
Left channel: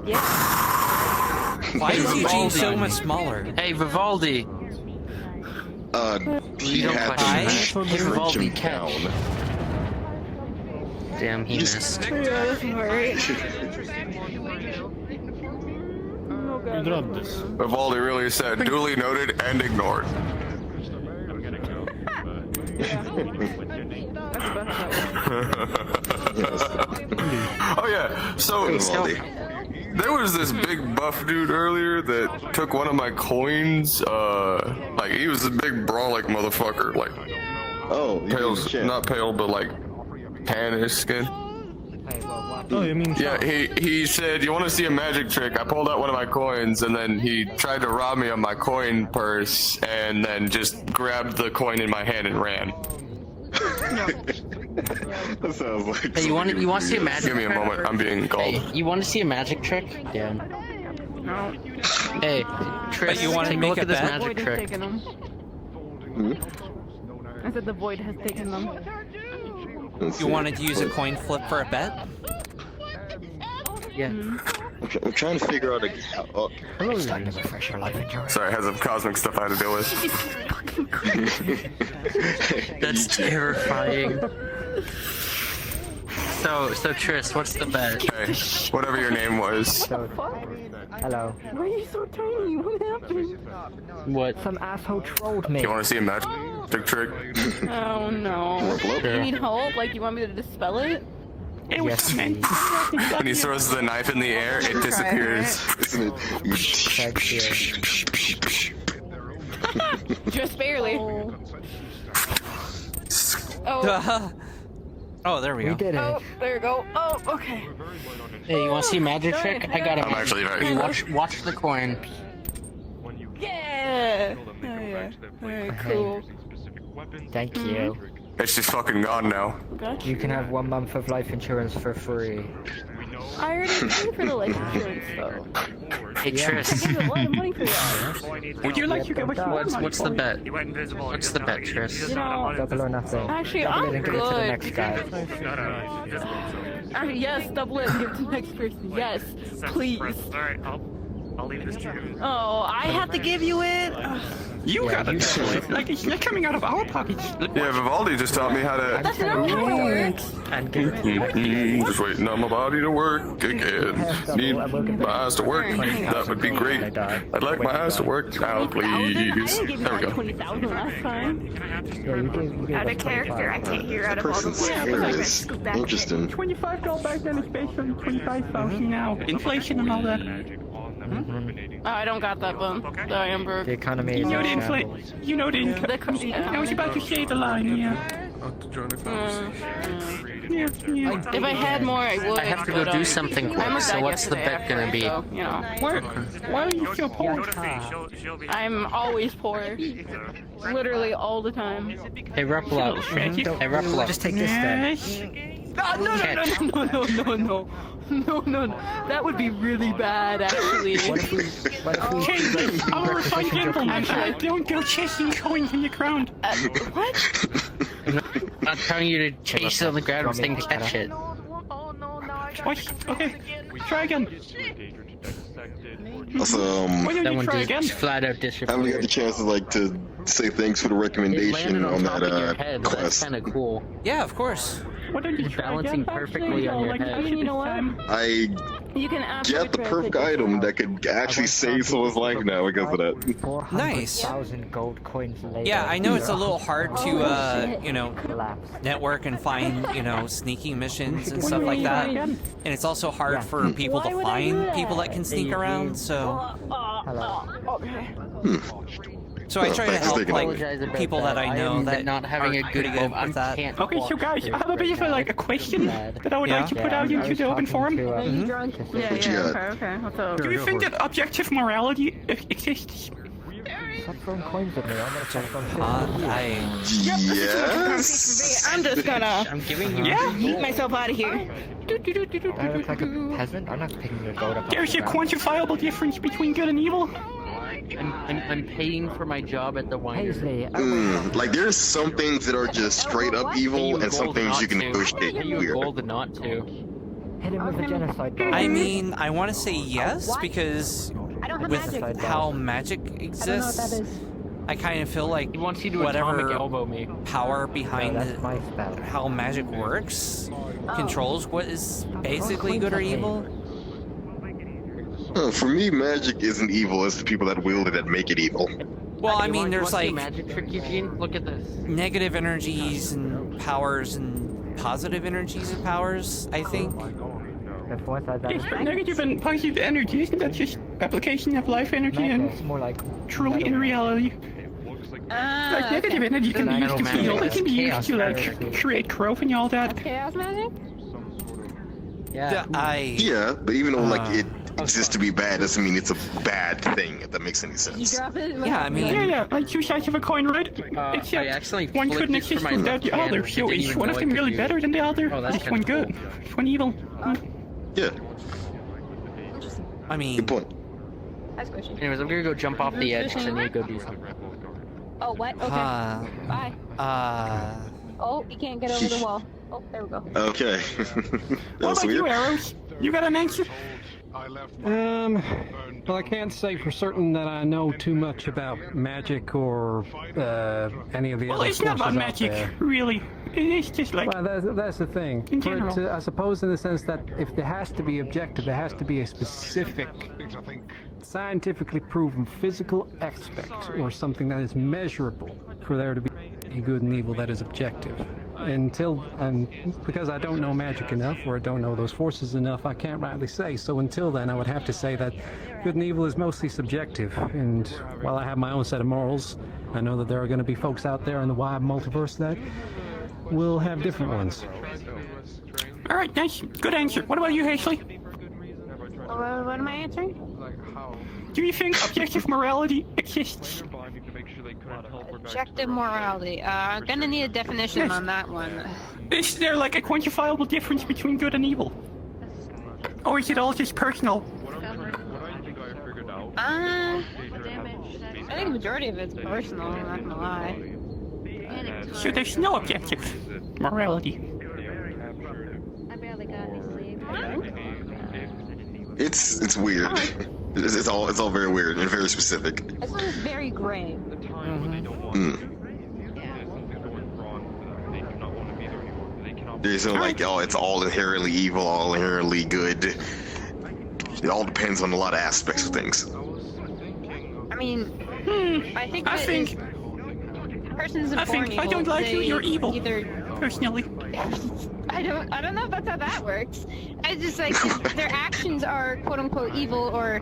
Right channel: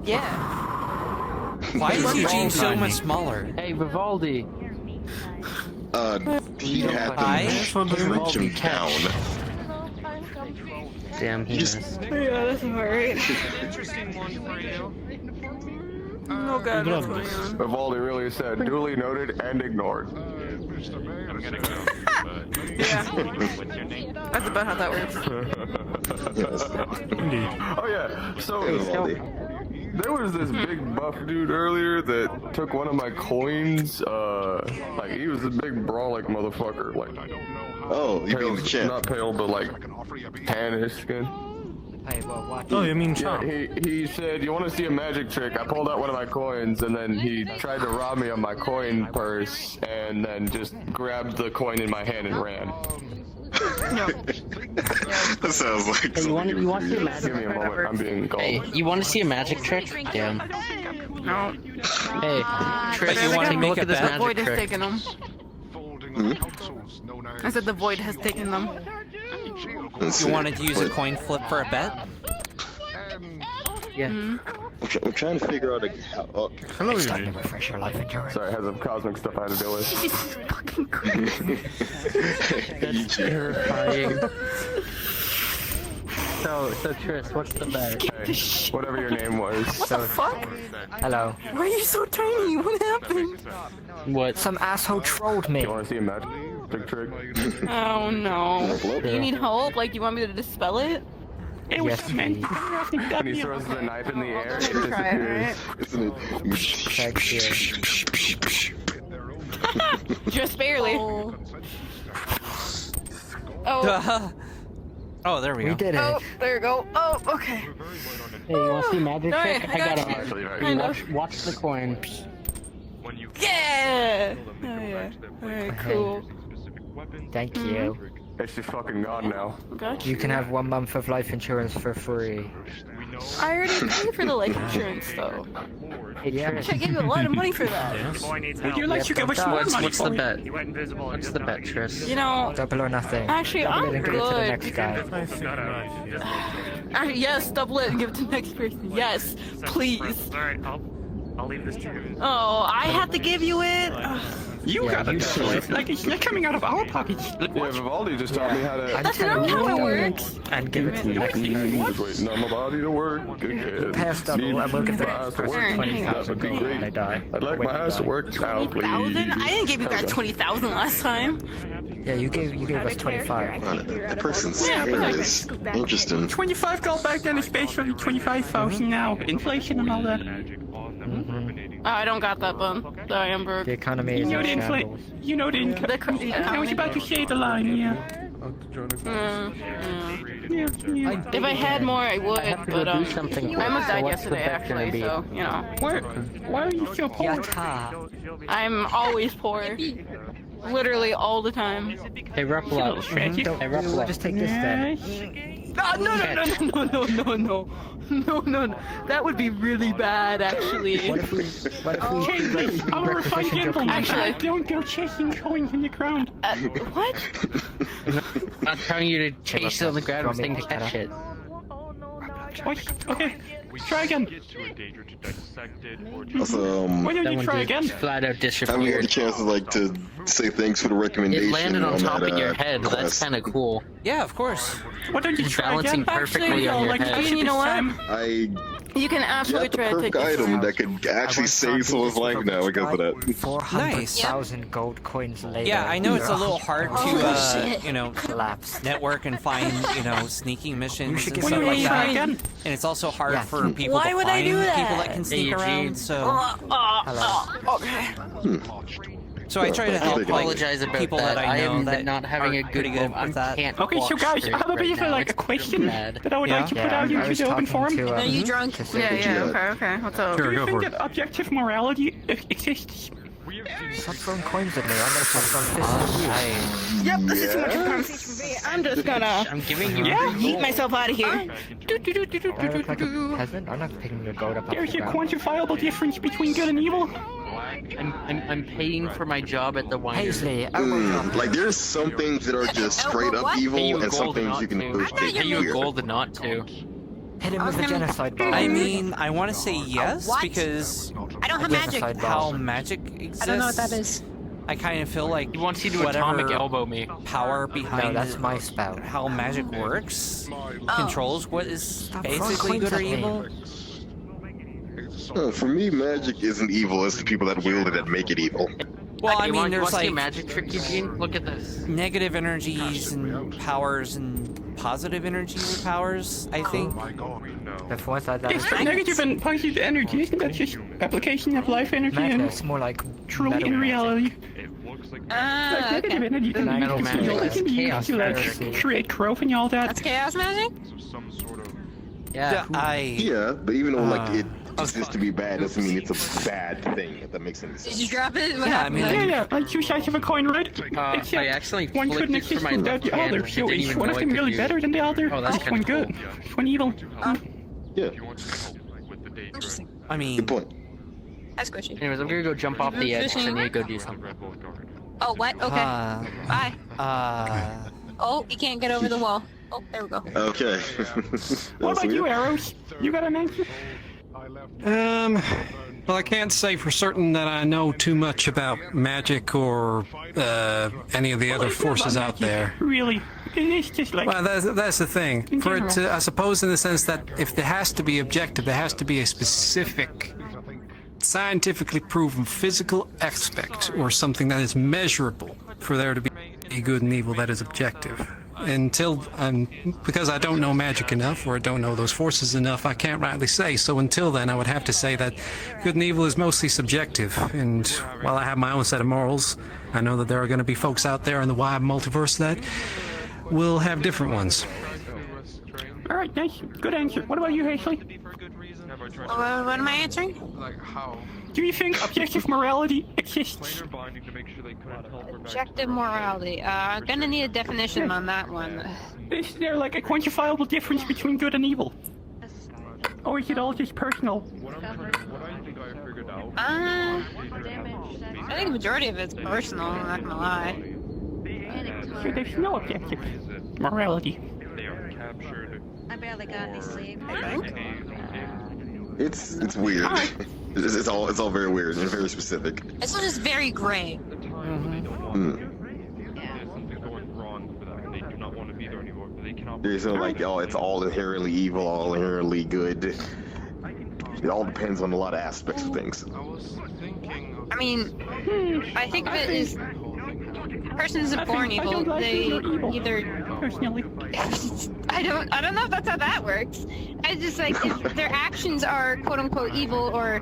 yeah. Why is Eugene so much smaller? Hey, Vivaldi. He had to drink him down. Damn, he missed. Yeah, that's alright. Vivaldi really said, duly noted and ignored. Yeah. That's about how that works. Oh yeah, so there was this big buff dude earlier that took one of my coins, like he was a big brawling motherfucker, like pale, not pale, but like tannish skin. Oh, you mean yeah, he said, you want to see a magic trick? I pulled out one of my coins, and then he tried to rob me of my coin purse, and then just grabbed the coin in my hand and ran. That sounds like. Hey, you want to see a magic? Give me a moment. I'm being called. Hey, you want to see a magic trick? Yeah. No. Hey, Trish, But you want to take a make look a at this bet? magic Void has trick. taken them. I said the void has taken them. You wanted to use a coin flip for a bet? Yeah. I'm trying to figure out how. It's time to refresh your life insurance. Sorry, I had some cosmic stuff I had to deal with. Fucking crazy. That's terrifying. So Tris, what's the bet? Okay, whatever your name was. What the fuck? Hello. Why are you so tiny? What happened? What? Some asshole trolled me. You want to see a magic trick? Oh no. You need help? Like, you want me to dispel it? It was yes, meant. When he throws the knife in the air, it disappears. Just barely. Oh, there we go. We did it. Oh, there you go. Oh, okay. Hey, you want to see a magic trick? I got a magic. Actually, Hey, watch the coin. Yeah. Oh yeah. Alright, cool. Thank you. It's just fucking gone now. Okay. You can have 1 month of life insurance for free. I already paid for the life insurance though. Hey, Tris. I gave a lot of money for that. Would you like to give us what's the bet? What's the bet, Tris? You know, Double or nothing. actually, Double I'm it and give it to the next good. guy. Yes, double it and give it to the next person. Yes, please. Alright, I'll leave this to you. Oh, I have to give you it. You got to double it. Like, you're coming out of our pockets. Yeah, Vivaldi just taught me how to. That's not how it works. And give it to you. Just waiting on my body to work again. Need my eyes to work. That would be great. I'd like my eyes to work now, please. 20,000? I didn't give you that 20,000 last time. Yeah, you gave us 25. That person's hilarious. Interesting. 25 gold back then is basically 25,000 now. Inflation and all that. I don't got that bum. Sorry, Amber. The economy is in shambles. You know the income. I was about to say the line, yeah. If I had more, I would. I have to but, go do something. I almost So died what's the yesterday, bet gonna actually, be? so, you know. Why are you so poor? I'm always poor. Literally all the time. Hey, Ruffalo. Hey, Ruffalo. We'll just take this then. No. That would be really bad, actually. What if we I'm a refined gentleman. Don't go chasing coins in the ground. What? I'm telling you to chase it on the ground and stay to catch it. What? Okay, try again. Also, Why don't That you one try just again? flat out I haven't got the disappeared. chance to to say thanks for the It recommendation landed on on top of your that head. That's quest. kind of cool. Yeah, of course. Why don't you It's try balancing again? perfectly on your head. You know what? I You can absolutely get the try to take perfect this. item that could actually save someone's life now because of that. Nice. 400,000 gold coins later. Yeah, I know it's a little hard to, network and find, sneaking missions and stuff like that. And it's also hard for people to find people that can sneak around, so... So I try to help, Apologize about people that I know am that not having are a good pretty good moment. with that. Okay, so guys, I have a bit of a question that I would like to put out into the open forum. Are you drunk? Yeah, okay. What's up? Do you think that objective morality exists? Stop throwing coins at me. I'm gonna start throwing fists. Yep, this is too much of a conversation for me. I'm just gonna eat myself out of here. Do I look like a peasant? I'm not picking your gold up. There's a ground. quantifiable difference between good and evil. I'm paying for my job at the winery. Like there's some things that are just straight up evil, and some things you can negotiate Pay you weird. gold not to. Hit him with a genocide bomb. I mean, I want to say yes, because with how magic exists, I kind of feel like whatever power behind how magic works controls what is basically good or evil. For me, magic isn't evil. It's the people that wield it that make it evil. Well, I mean, there's like magic trick you can look at this. negative energies and powers and positive energies and powers, I think. Yes, but negative and positive energy, isn't that just application of life energy and It's more like truly in reality? Like negative energy can be used to chaos create growth and all that. Chaos magic? Yeah, Yeah, but even though like exists to be bad doesn't mean it's a bad thing, if that makes any sense. Did you drop it? Yeah, I mean... Yeah, like two sides of a coin, right? Except one couldn't exist without the other, so is one of them really better than the other? Is one good? Is one evil? Yeah. I mean... Good point. That's a question. Anyways, I'm gonna go jump off the edge because I need to go do something. Oh, what? Okay. Bye. Oh, you can't get over the wall. Oh, there we go. Okay. What about you, Arrows? You got an answer? Well, I can't say for certain that I know too much about magic or any of the other forces out there. Really? It's just like... Well, that's the thing. For it to, I suppose in the sense that if there has to be objective, there has to be a specific, scientifically proven physical aspect or something that is measurable for there to be a good and evil that is objective. Because I don't know magic enough, or I don't know those forces enough, I can't rightly say. So until then, I would have to say that good and evil is mostly subjective. And while I have my own set of morals, I know that there are going to be folks out there in the wide multiverse that will have different ones. All right, nice. Good answer. What about you, Ashley? What am I answering? Do you think objective morality exists? Objective morality. Gonna need a definition on that one. Is there like a quantifiable difference between good and evil? Or is it all just personal? I think the majority of it's personal, I'm not gonna lie. So there's no objective morality. I barely got any sleep. It's weird. It's all very weird and very specific. This one is very gray. There's no like, oh, it's all inherently evil, all inherently good. It all depends on a lot of aspects of things. I mean, I think a person isn't born evil. I don't like they you're evil. Either personally. I don't know if that's how that works. I just like if their actions are quote unquote evil or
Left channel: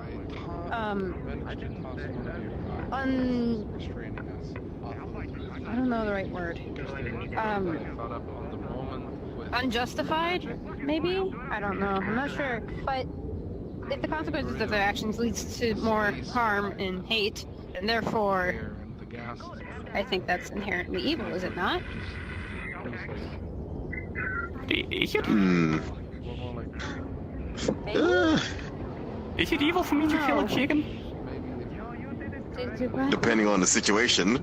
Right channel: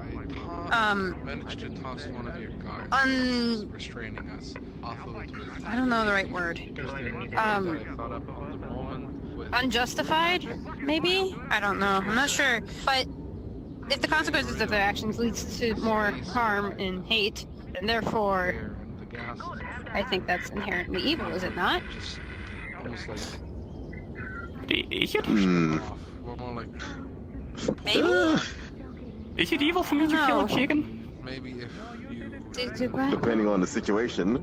I don't know the right word. Unjustified, maybe? I don't know. I'm not sure. But if the consequences of their actions leads to more harm and hate, and therefore I think that's inherently evil, is it not? Is it evil for me to kill a chicken? Depending on the situation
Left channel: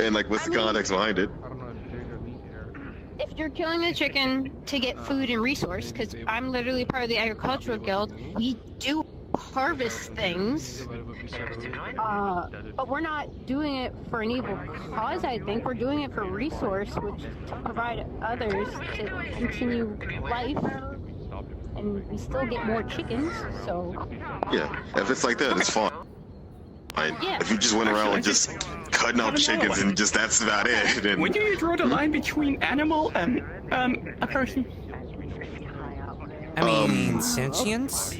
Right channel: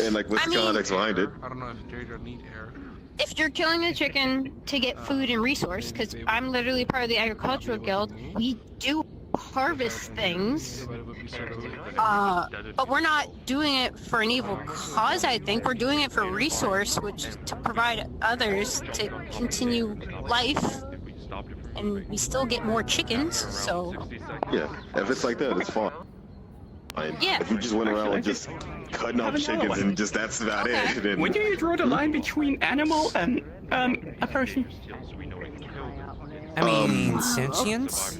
and like what's the context behind it. If you're killing a chicken to get food and resource, because I'm literally part of the agricultural guild, we do harvest things. But we're not doing it for an evil cause, I think. We're doing it for resource, which is to provide others to continue life. And we still get more chickens, so... Yeah, if it's like that, it's fine. Yeah. If you just went around like just cutting up chickens and just that's about it, then... When do you draw the line between animal and a person? I mean, sentience?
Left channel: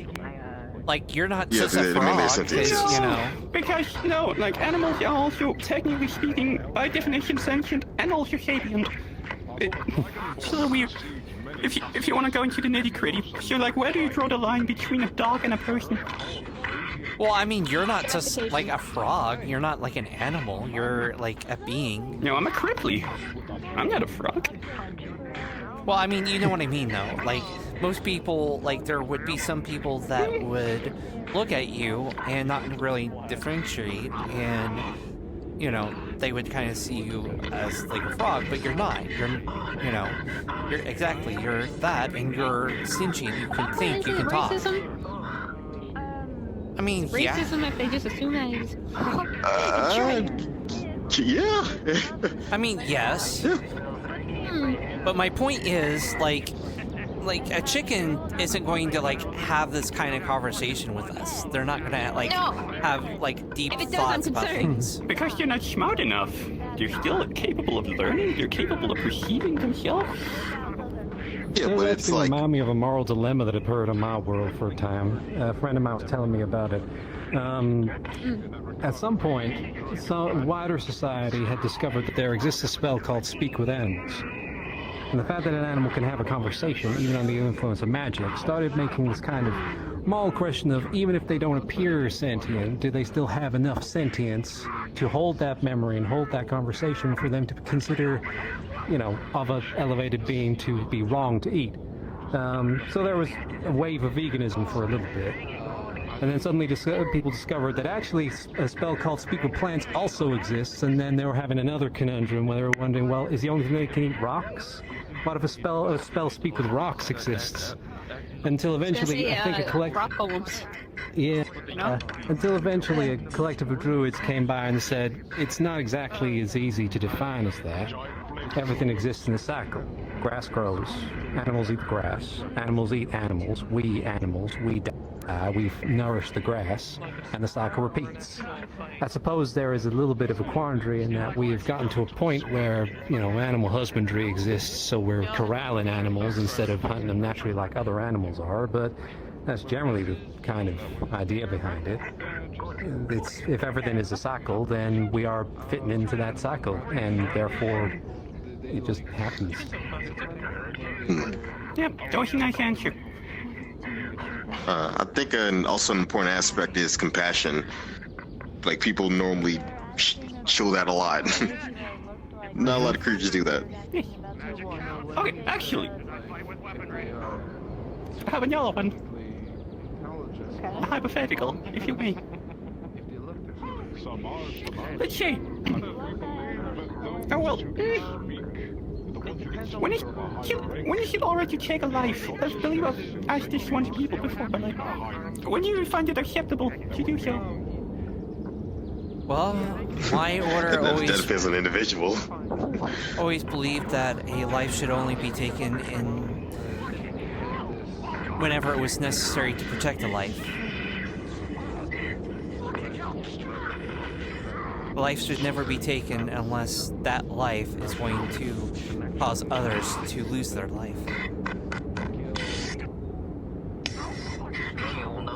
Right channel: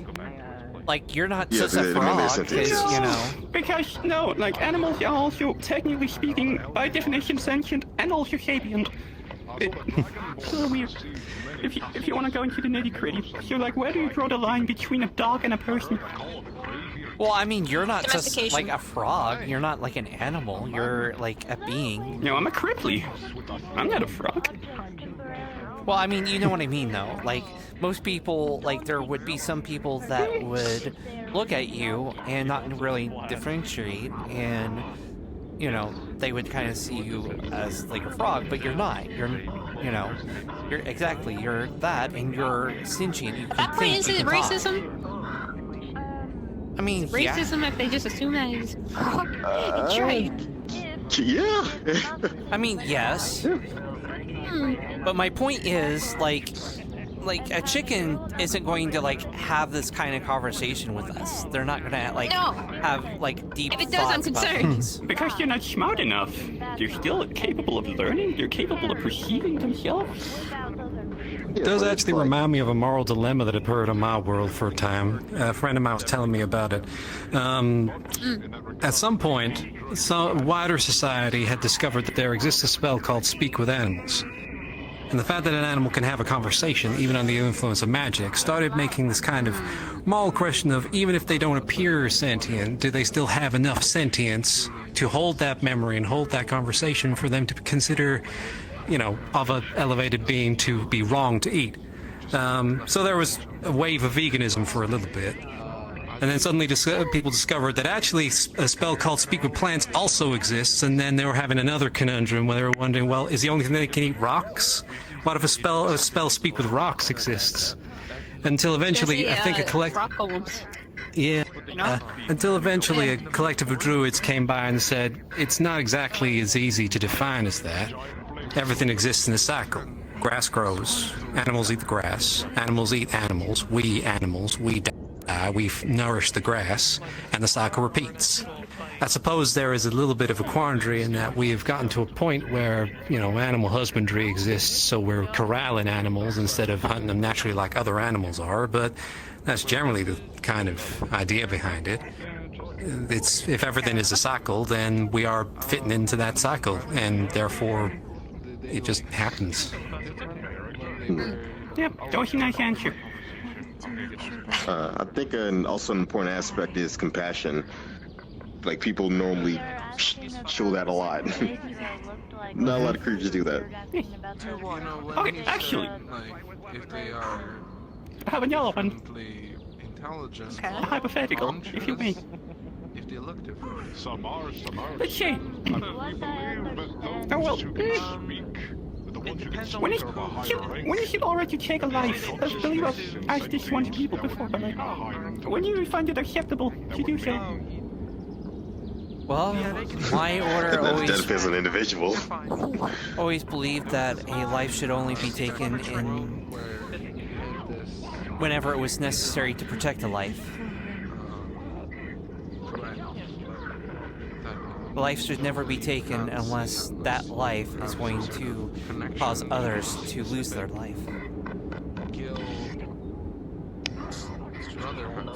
Like, you're not just a frog, because, you know... Because, no, like, animals are also, technically speaking, by definition sentient and also sapient. It's a little weird. If you want to go into the nitty-gritty. So, like, where do you draw the line between a dog and a person? Well, I mean, you're not just, like, a frog. You're not, like, an animal. You're, like, a being. No, I'm a cripply. I'm not a frog. Well, I mean, you know what I mean, though. Like, most people, like, there would be some people that would look at you and not really differentiate, and, you know, they would kind of see you as, like, a frog, but you're not. You're, you know, you're that, and you're sentient. You can think, you can talk. Racism? I mean, racism if they just assume that he's a trait. Yeah. I mean, yes. But my point is, like a chicken isn't going to, like, have this kind of conversation with us. They're not gonna, like, have, like, deep thoughts about things. Because you're not smart enough. They're still capable of learning. They're capable of perceiving themselves. It does actually remind me of a moral dilemma that I've heard in my world for a time. A friend of mine was telling me about it. At some point, wider society had discovered that there exists a spell called Speak with Animals. And the fact that an animal can have a conversation, even under the influence of magic, started making this kind of moral question of, even if they don't appear sentient, do they still have enough sentience to hold that memory and hold that conversation for them to consider, of an elevated being to be wrong to eat? So there was a wave of veganism for a little bit. And then suddenly people discovered that actually a spell called Speak with Plants also exists, and then they were having another conundrum where they were wondering, well, is the only thing they can eat rocks? What if a spell Speak with Rocks exists? Until eventually, I think a collective... rock golems. Yeah. Until eventually a collective of druids came by and said, it's not exactly as easy to define as that. Everything exists in a cycle. Grass grows, animals eat the grass, animals eat animals, we eat animals, we die, we nourish the grass, and the cycle repeats. I suppose there is a little bit of a quandary in that we have gotten to a point where, animal husbandry exists, so we're corralling animals instead of hunting them naturally like other animals are, but that's generally the kind of idea behind it. If everything is a cycle, then we are fitting into that cycle, and therefore it just happens. Yep, that was a nice answer. I think also an important aspect is compassion. Like, people normally show that a lot. Not a lot of creatures do that. Okay, actually, I have another one. A hypothetical, if you may. Let's say, when is it alright to take a life? I believe I've asked this one to people before, but when do you find it acceptable to do so? Well, my order always... That depends on the individual. Always believed that a life should only be taken in... whenever it was necessary to protect a life. Life should never be taken unless that life is going to cause others to lose their life.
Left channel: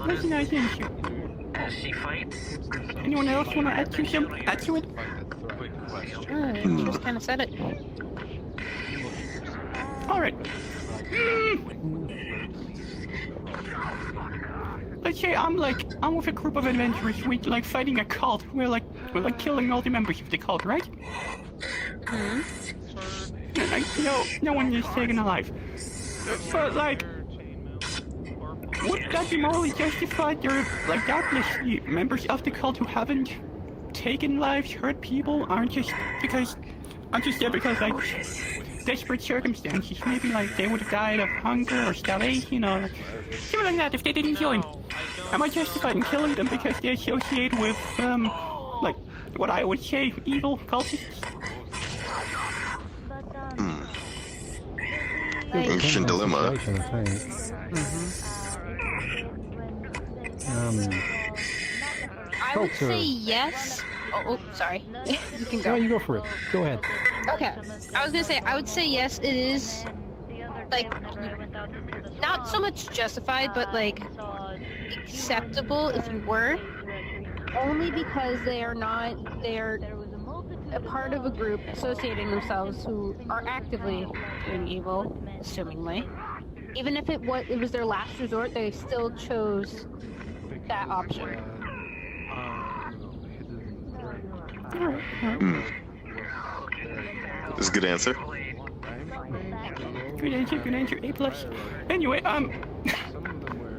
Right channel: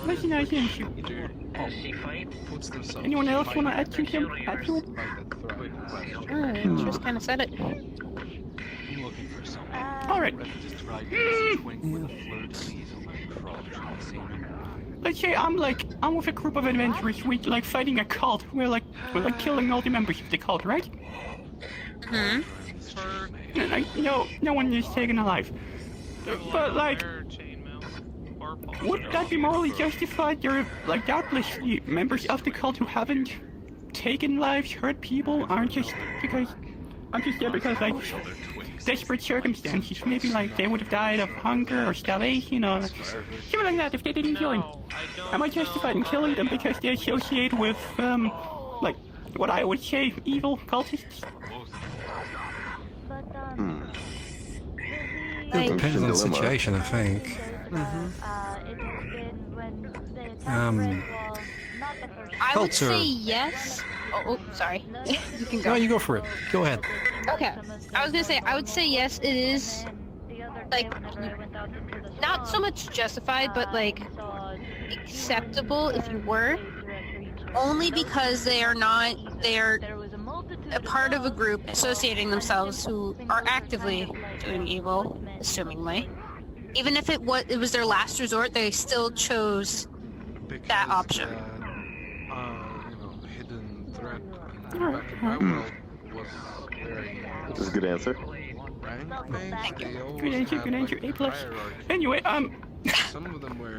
That's a nice answer. Anyone else want to add to it? You just kind of said it. Alright. Let's say I'm with a group of adventurers, we're fighting a cult. We're killing all the members of the cult, right? Hmm? And no one is taken alive. But would that be morally justified? There are doubtlessly members of the cult who haven't taken lives, hurt people, aren't just there because desperate circumstances. Maybe they would have died of hunger or starvation or something like that if they didn't join. Am I justified in killing them because they associate with what I would say evil cultists? Interesting dilemma. Situation, I think. I would say yes. Oh, sorry. You can go. No, you go for it. Go ahead. Okay. I was gonna say, I would say yes, it is, not so much justified, but, acceptable if you were. Only because they're a part of a group associating themselves who are actively doing evil, assumingly. Even if it was their last resort, they still chose that option. That's a good answer. Good answer, A+. Anyway, I'm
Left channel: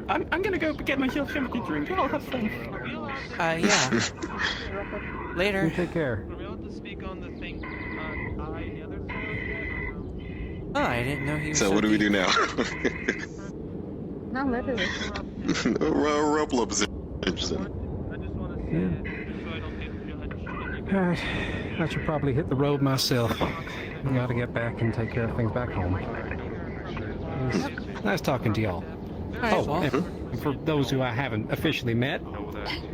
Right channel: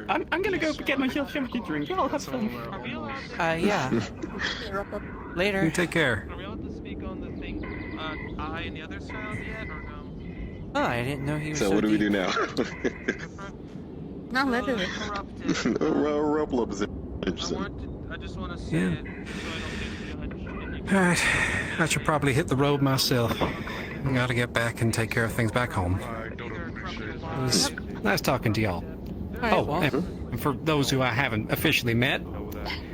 gonna go get myself something to drink. I'll have fun. Yeah. Later. You take care. Oh, I didn't know he was so what do we deep. do now? No, literally. Roll up is interesting. Yeah. Alright, I should probably hit the road myself. I gotta get back and take care of things back home. It was nice talking to y'all. And for those who I haven't officially met,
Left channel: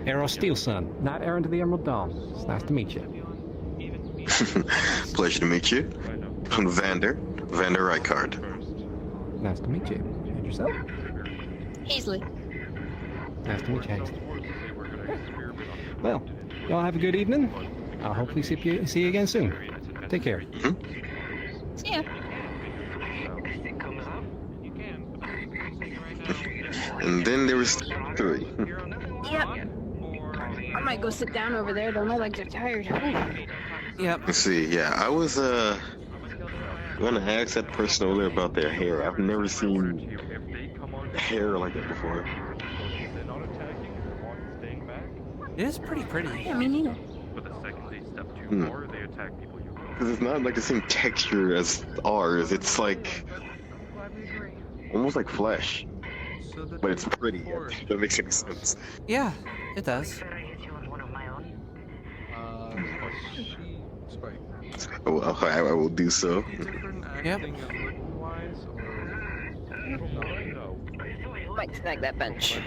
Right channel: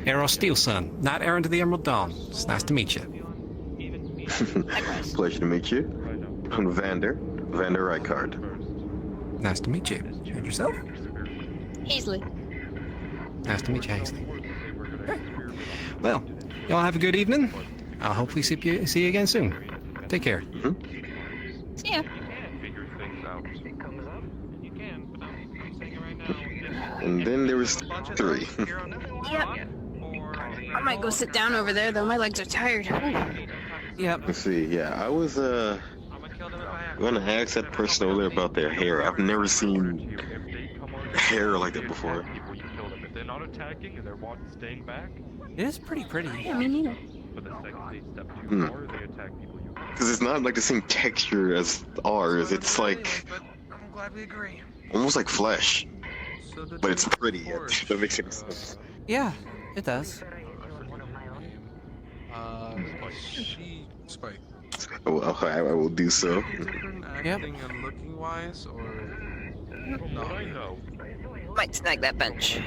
Arrow Steelson, not Aaron to the Emerald Dawn. It's nice to meet you. Pleasure to meet you. I'm Vander Rijkaard. Nice to meet you. And yourself? Hazley. Nice to meet you, Hazley. Well, y'all have a good evening. I'll hopefully see you again soon. Take care. See ya. And then there was 3. Yep. I might go sit down over there though. My legs are tired. Yep. Let's see. Yeah, I was gonna ask that person over there about their hair. I've never seen hair like that before. They're not attacking, they want staying back. It is pretty pretty. Yeah, me neither. But the second they step too far, they attack people you Because it's not like the same texture as ours. It's like almost like flesh, but it's pretty. If that makes any sense. Yeah, it does. Oh, I will do so. Yep. Might snag that bench.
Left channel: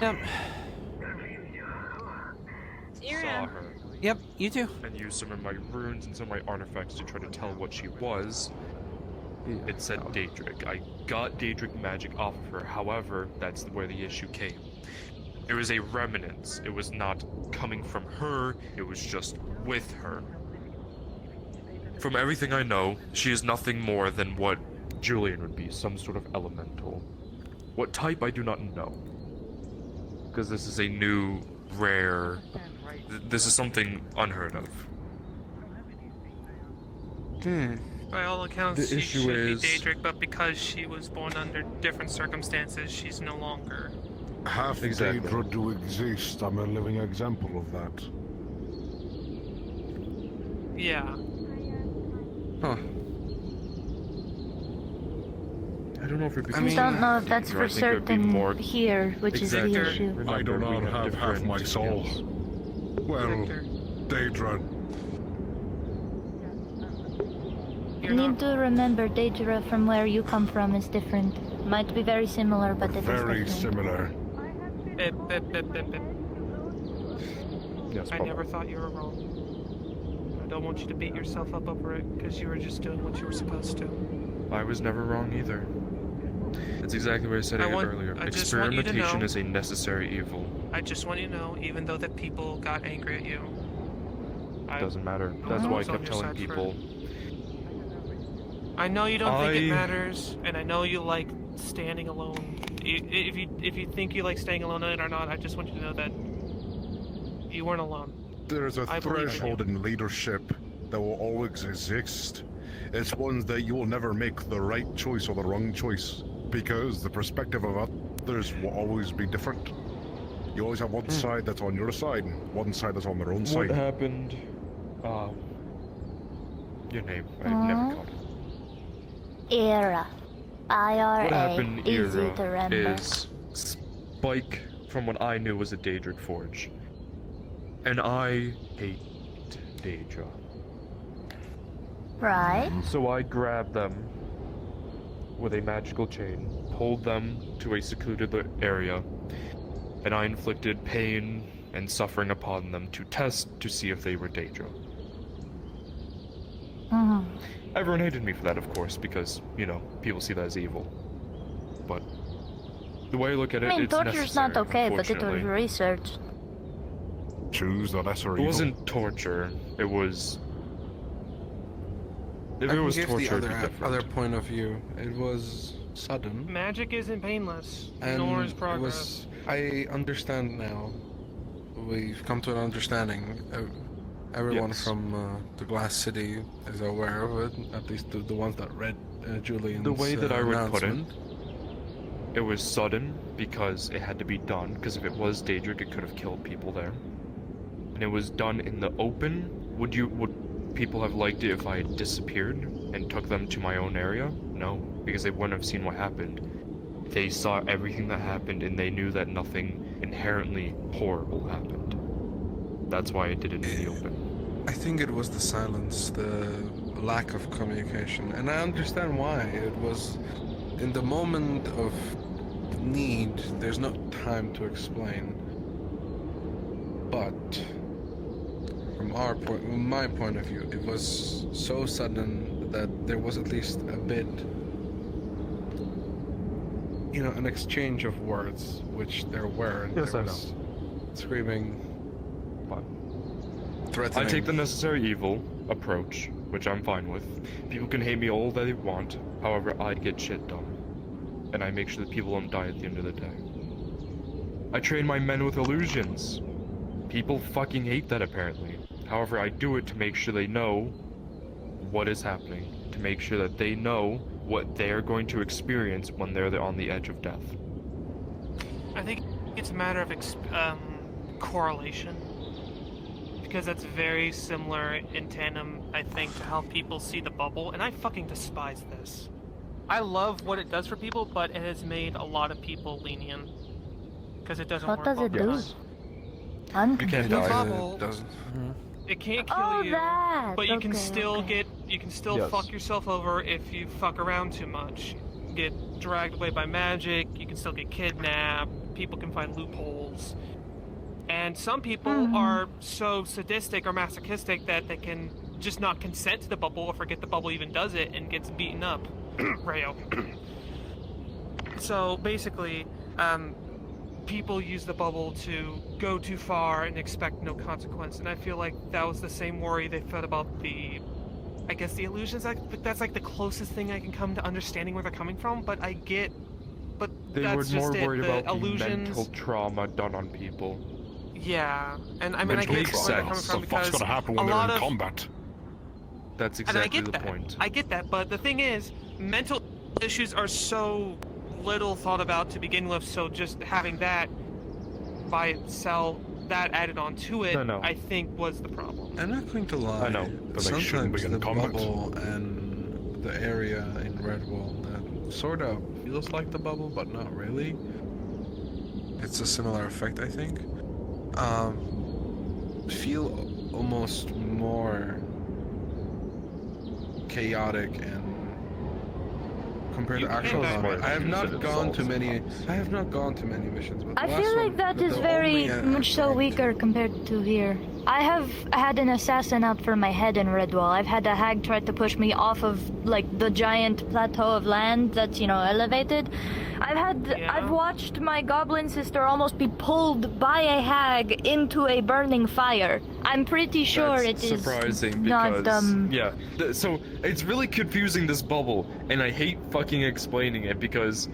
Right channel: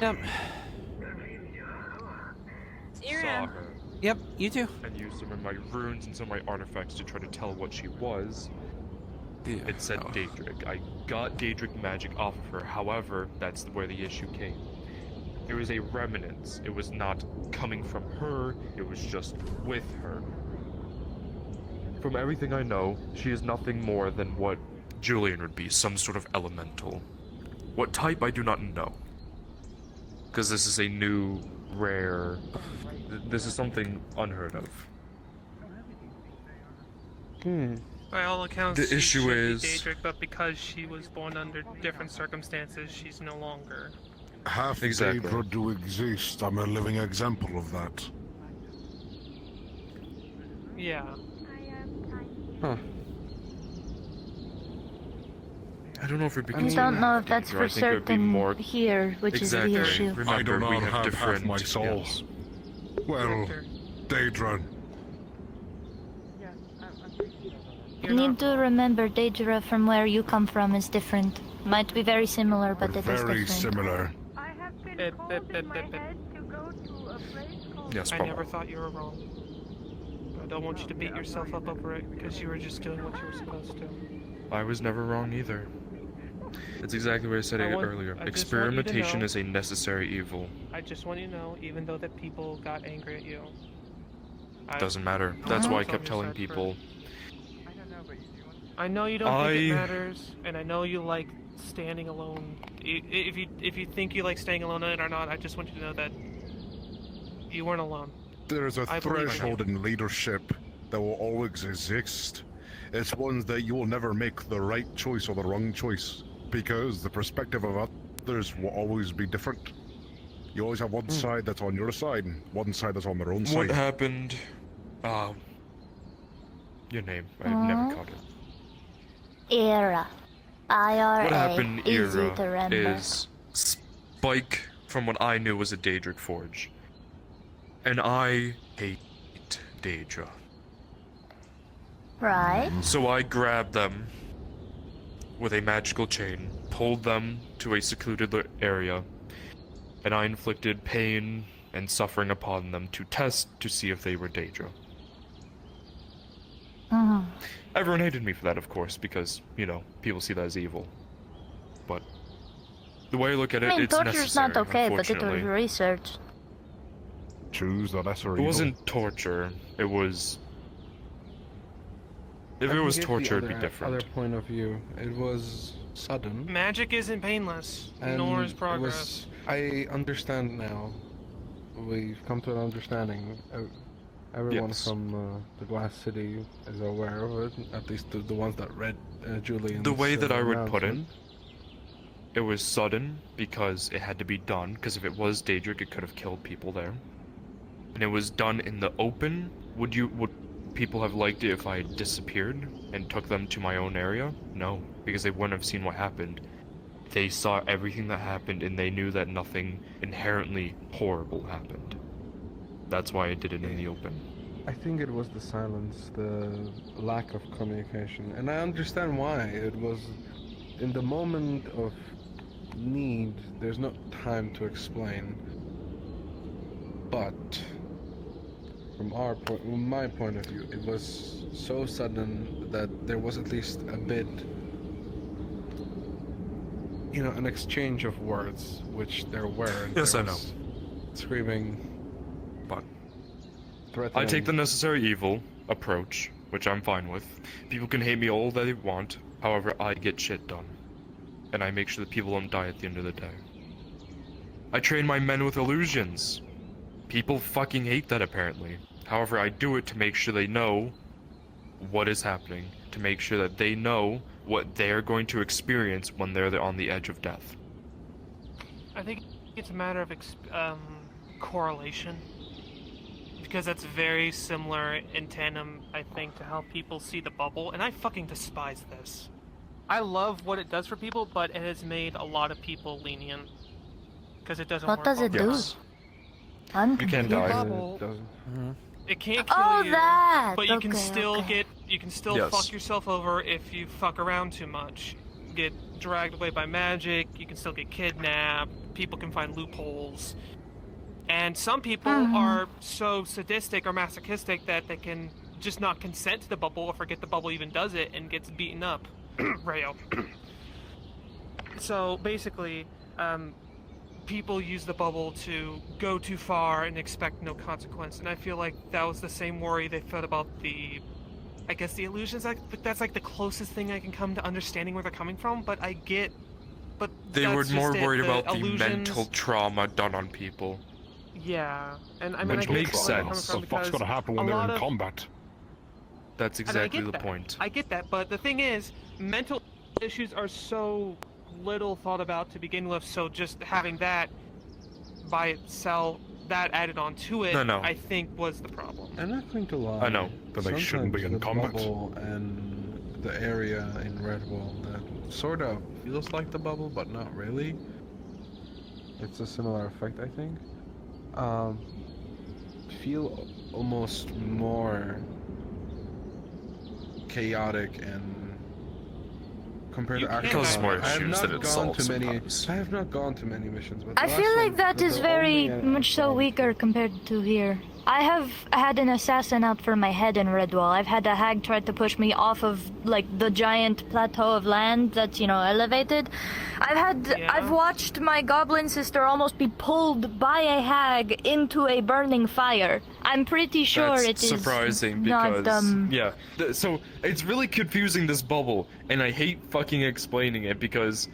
Yep. saw her. Yep, you too. And used some of my runes and some of my artifacts to try to tell what she was. It said Daedric. I got Daedric magic off of her, however, that's where the issue came. It was a remnant. It was not coming from her, it was just with her. From everything I know, she is nothing more than what Julian would be, some sort of elemental. What type, I do not know. Because this is a new, rare... This is something unheard of. By all accounts, The she issue should is- be Daedric, but because she was born under different circumstances, she's no longer. Half Exactly. Daedra do exist. I'm a living example of that. Yeah. Huh. I don't know if it We don't know if that's for certain here, which is the issue. I do not have half my soul. Well, Daedra. You need to remember Daedra from where you come from is different. Might be very similar, but it is Very different. similar. Yes, I never thought you were wrong. I don't want you to beat yourself up over it, because you were just doing what you were supposed to. I was never wrong either. It's exactly what I said earlier. I just want you to Experimentation know- is a necessary evil. I just want you to know, even though the people got angry at you. Doesn't matter. That's why I kept telling people. I know you don't think it matters, and I know you like standing alone. If you think you like staying alone or not, I just want you to know that you weren't alone. There's a I believe in you. threshold in leadership that will always exist. It's one that you will never make the right choice or the wrong choice, because the perspective of others will always be different. You always have one side that's on your side, one side that's on their own What side. happened? Your name. I've never called it. Era. IRA. What happened, Easy to Era, remember. is Spike, from what I knew, was a Daedric Forge. And I hate Daedra. Right. So I grabbed them with a magical chain, pulled them to a secluded area, and I inflicted pain and suffering upon them to test to see if they were Daedra. Everyone hated me for that, of course, because, you know, people see that as evil. But the way I look at it, I mean, it's torture's necessary, not okay, but it was unfortunately. research. Choose the lesser It evil. wasn't torture. It was. If it was torture, it'd be different. Other point of view, it was sudden. Magic isn't painless, And nor is it progress. I understand now. We've come to an understanding. Everyone Yes. from the Glass City is aware of it. At least the ones that read Julian's The way that I would put it, announcement. it was sudden because it had to be done. Because if it was Daedric, it could have killed people there. And it was done in the open. Would people have liked it if I had disappeared and took them to my own area? No, because they wouldn't have seen what happened. They saw everything that happened and they knew that nothing inherently horrible happened. That's why I did it in the open. I think it was the silence, the lack of communication, and I understand why. It was in the moment of need. There's no time to explain. But from my point of view, it was so sudden that there was at least a bit, an exchange of words, which there were. And Yes, there I know. was screaming, but threatening. I take the necessary evil approach, which I'm fine with. People can hate me all they want, however, I get shit done. And I make sure that people don't die at the end of the day. I train my men with illusions. People fucking hate that, apparently. However, I do it to make sure they know what is happening, to make sure that they know what they're going to experience when they're on the edge of death. I think it's a matter of correlation, because that's very similar in tandem, I think, to how people see the bubble, and I fucking despise this. I love what it does for people, but it has made a lot of people lenient, because it doesn't work. What does it do? Yes. I'm You can't confused. die. It doesn't. It can't kill Oh, you, that! but you can Okay, still okay. fuck yourself over if you fuck around too much. Get dragged away by magic, you can still get kidnapped, people can find loopholes. And some people are so sadistic or masochistic that they can just not consent to the bubble or forget the bubble even does it and gets beaten up. Rayo. So basically, people use the bubble to go too far and expect no consequence, and I feel like that was the same worry they felt about the illusions. That's like the closest thing I can come to understanding where they're coming from, but I get... But They that's were just more it. worried The about the illusions, mental trauma done on people. Yeah, and I mean, Which I makes get where they're coming sense. from What the fuck's because gonna happen when a they're lot in of- combat? That's And I exactly get the that. point. I get that, but the thing is, mental issues are so little thought about to begin with, so just having that by itself, that added on to it, No. I think was the problem. I'm not going to lie. I know, but they shouldn't be in the combat. bubble and the area in Redwall that sort of feels like the bubble, but not really. It's a similar effect, I think. Feel almost more chaotic and compared You to can't actual have combat. I have issues not that it gone to solves many. sometimes. I have not gone to many missions. But I the last feel like one- that the is very only, much so weaker compared to here. I have had an assassin out for my head in Redwall. I've had a hag try to push me off of, like, the giant plateau of land that's, elevated. I've watched my goblin sister almost be pulled by a hag into a burning fire. I'm pretty sure That's it is surprising not, because so it's really confusing, this bubble, and I hate fucking explaining it because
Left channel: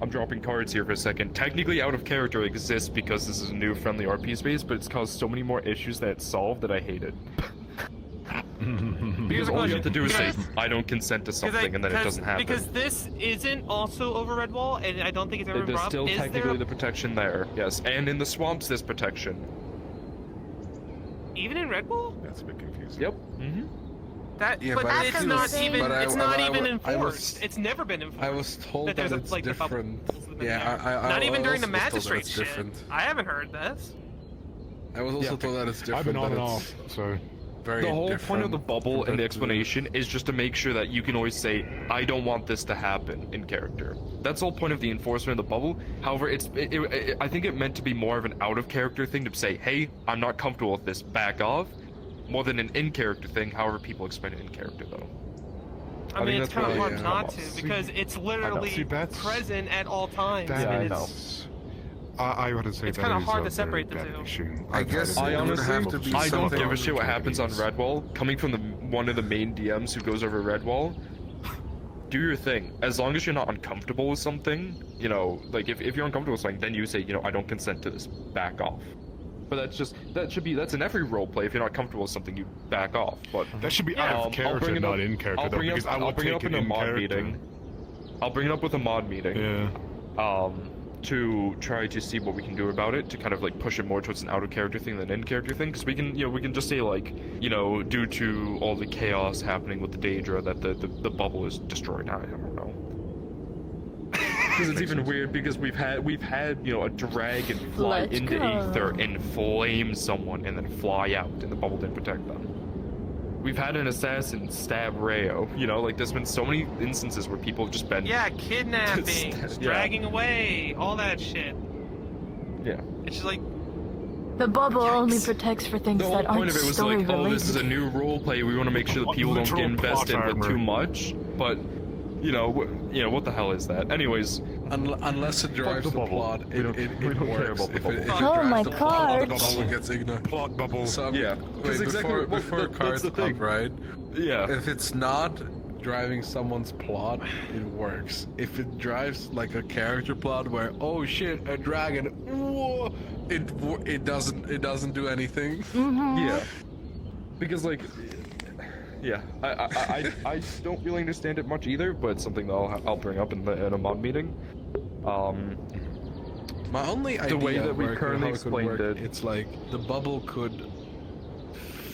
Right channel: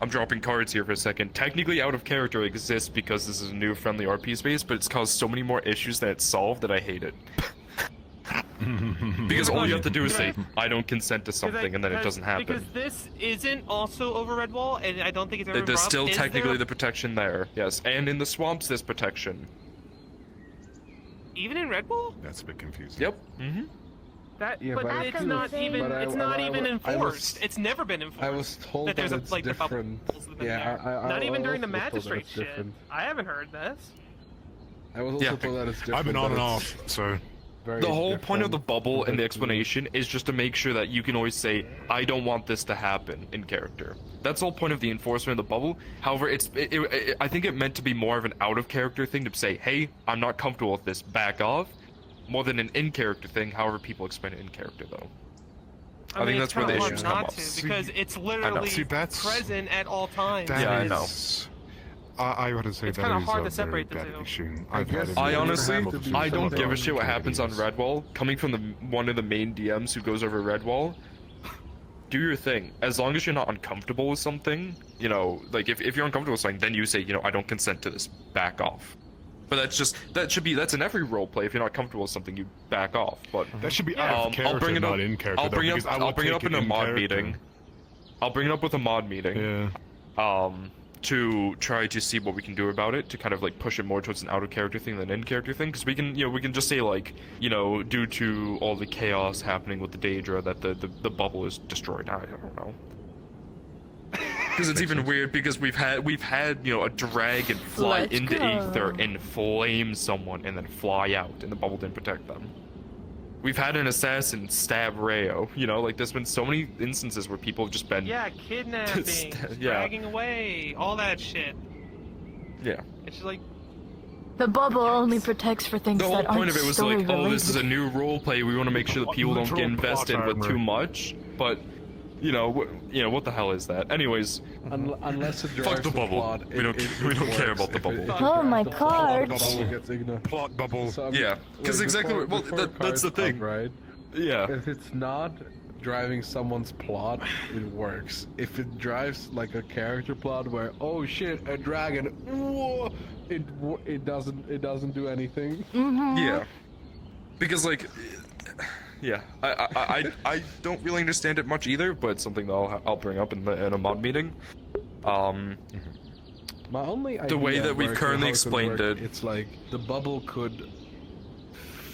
I'm dropping cards here for a second. Technically, out of character exists because this is a new friendly RP space, but it's caused so many more issues that it's solved that I hate it. Because all you have to do is say, I don't consent to something, and then it doesn't happen. Because this isn't also over Redwall, and I don't think it's ever There's brought up. still Is technically there the protection there, yes. And in the swamps, there's protection. even in Redwall? That's a bit confusing. Yep. Mm-hmm. That, Yeah, but but it's I not feel- even. but I- It's but not I- even I enforced. was- It's never been enforced. I was told that there's it's the different. bubbles within Yeah, there. I Not even during the also was told that magistrate it's shit. different. I haven't heard this. I was also told that it's different. I've been on but and it's off, so very The whole point of the different bubble and the compared to- explanation is just to make sure that you can always say, I don't want this to happen in character. That's the whole point of the enforcement of the bubble. However, I think it meant to be more of an out-of-character thing to say, hey, I'm not comfortable with this, back off, more than an in-character thing, however people explain it in character, though. I mean, it's that's kind where of the hard issues not come up. to because it's literally See, that's- present at all times. that and is- I wouldn't say It's that kinda is hard a to separate very the bad two. issue. I I've had guess it I in honestly, multiple I don't different give a shit what happens on communities. Redwall. Coming from one of the main DMs who goes over Redwall, do your thing. As long as you're not uncomfortable with something, like if you're uncomfortable with something, then you say, I don't consent to this, back off. But that's in every roleplay. If you're not comfortable with something, you back off. But That should be out of character, not in character, though, because I will take it in character. I'll bring it up with a mod meeting. Yeah. To try to see what we can do about it, to kind of like push it more towards an out of character thing than in character thing, because we can just say like, due to all the chaos happening with the Daedra, that the bubble is destroyed. I don't know. Because it's even weird because we've had a dragon fly Let's into go. Aether and flame someone and then fly out, and the bubble didn't protect them. We've had an assassin stab Rayo. There's been so many instances where people have just been Kidnapping, Yeah. dragging away, all that shit. Yeah. It's just like The bubble only protects for things The whole that point aren't of it was story like, related. this is a new role play. We want to make sure that people don't get Literal plot invested with armor. too much. But what the hell is that? Anyways, Unless it drives the plot, we don't care works. about the If bubble. it Oh my drives the plot, cards. the bubble gets ignored. Plot bubble. So, Yeah, 'cause wait, exactly before that's the cards thing. come, right? Yeah. If it's not driving someone's plot, it works. If it drives like a character plot where, oh shit, a dragon, whoa, it doesn't do anything. Yeah, because like, yeah, I don't really understand it much either, but it's something that I'll bring up in a mod meeting. My only idea the way that of we've working, currently how it could explained work, it. it's like the bubble could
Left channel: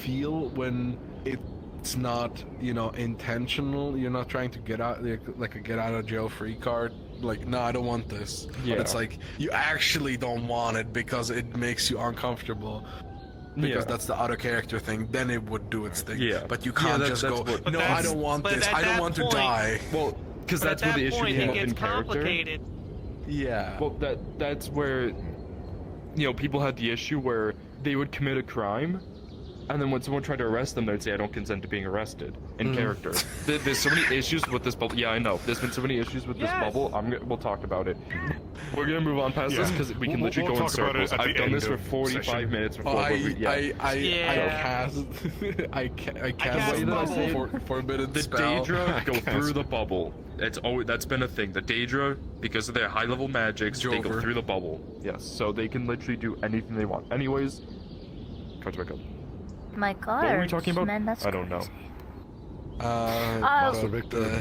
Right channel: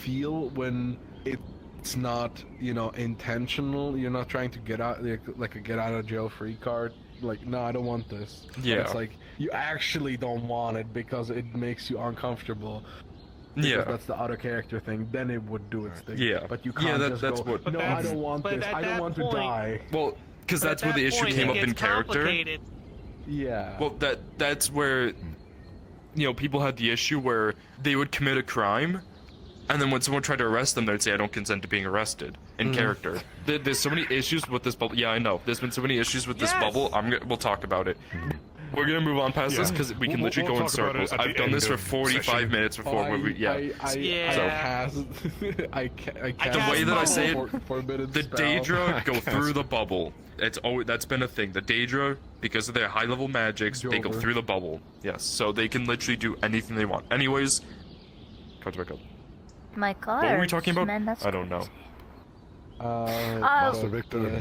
feel when it's not, intentional. You're not trying to get out like a get out of jail free card. Like, no, I don't want this. Yeah. It's like you actually don't want it because it makes you uncomfortable. Because that's the auto character thing. Then it would do its thing. Yeah. But you can't that's just go. what- No, I don't want this. I don't want to die. Well, because that's where the issue came up in character. Yeah. Well, that's where, people had the issue where they would commit a crime, and then when someone tried to arrest them, they'd say, "I don't consent to being arrested." In character, there's so many issues with this bubble. Yeah, I know. There's been so many issues with this bubble. We'll talk about it. We're gonna move on past this because we can literally go in circles. I've done this for 45 minutes before. I cast the way that I say it, the Daedra go through the bubble. That's been a thing. The Daedra, because of their high level magics, they go through the bubble. Yes, so they can literally do anything they want. Anyways, cards back up. My cards. What were we talking about? Man, that's... I don't know.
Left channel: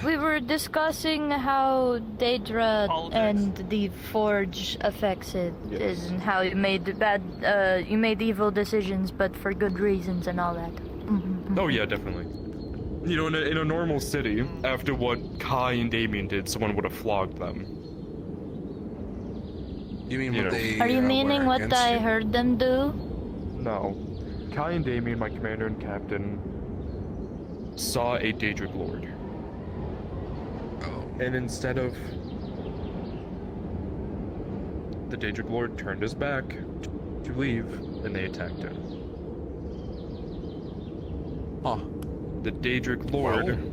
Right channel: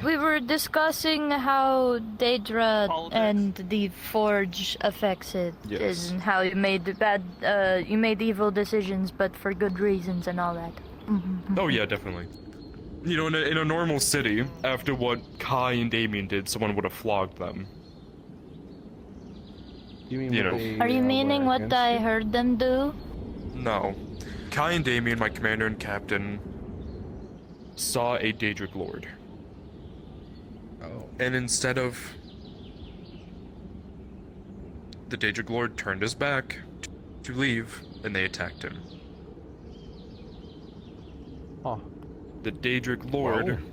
We were discussing how Daedra and the Forge affects it, Yes. and how you made you made evil decisions, but for good reasons and all that. Oh yeah, definitely. In a normal city, after what Kai and Damien did, someone would have flogged them. You mean Are you meaning what I heard them do? No. Kai and Damien, my commander and captain, saw a Daedric Lord. And instead of... The Daedric Lord turned his back to leave, and they attacked him. Huh. The Daedric Lord...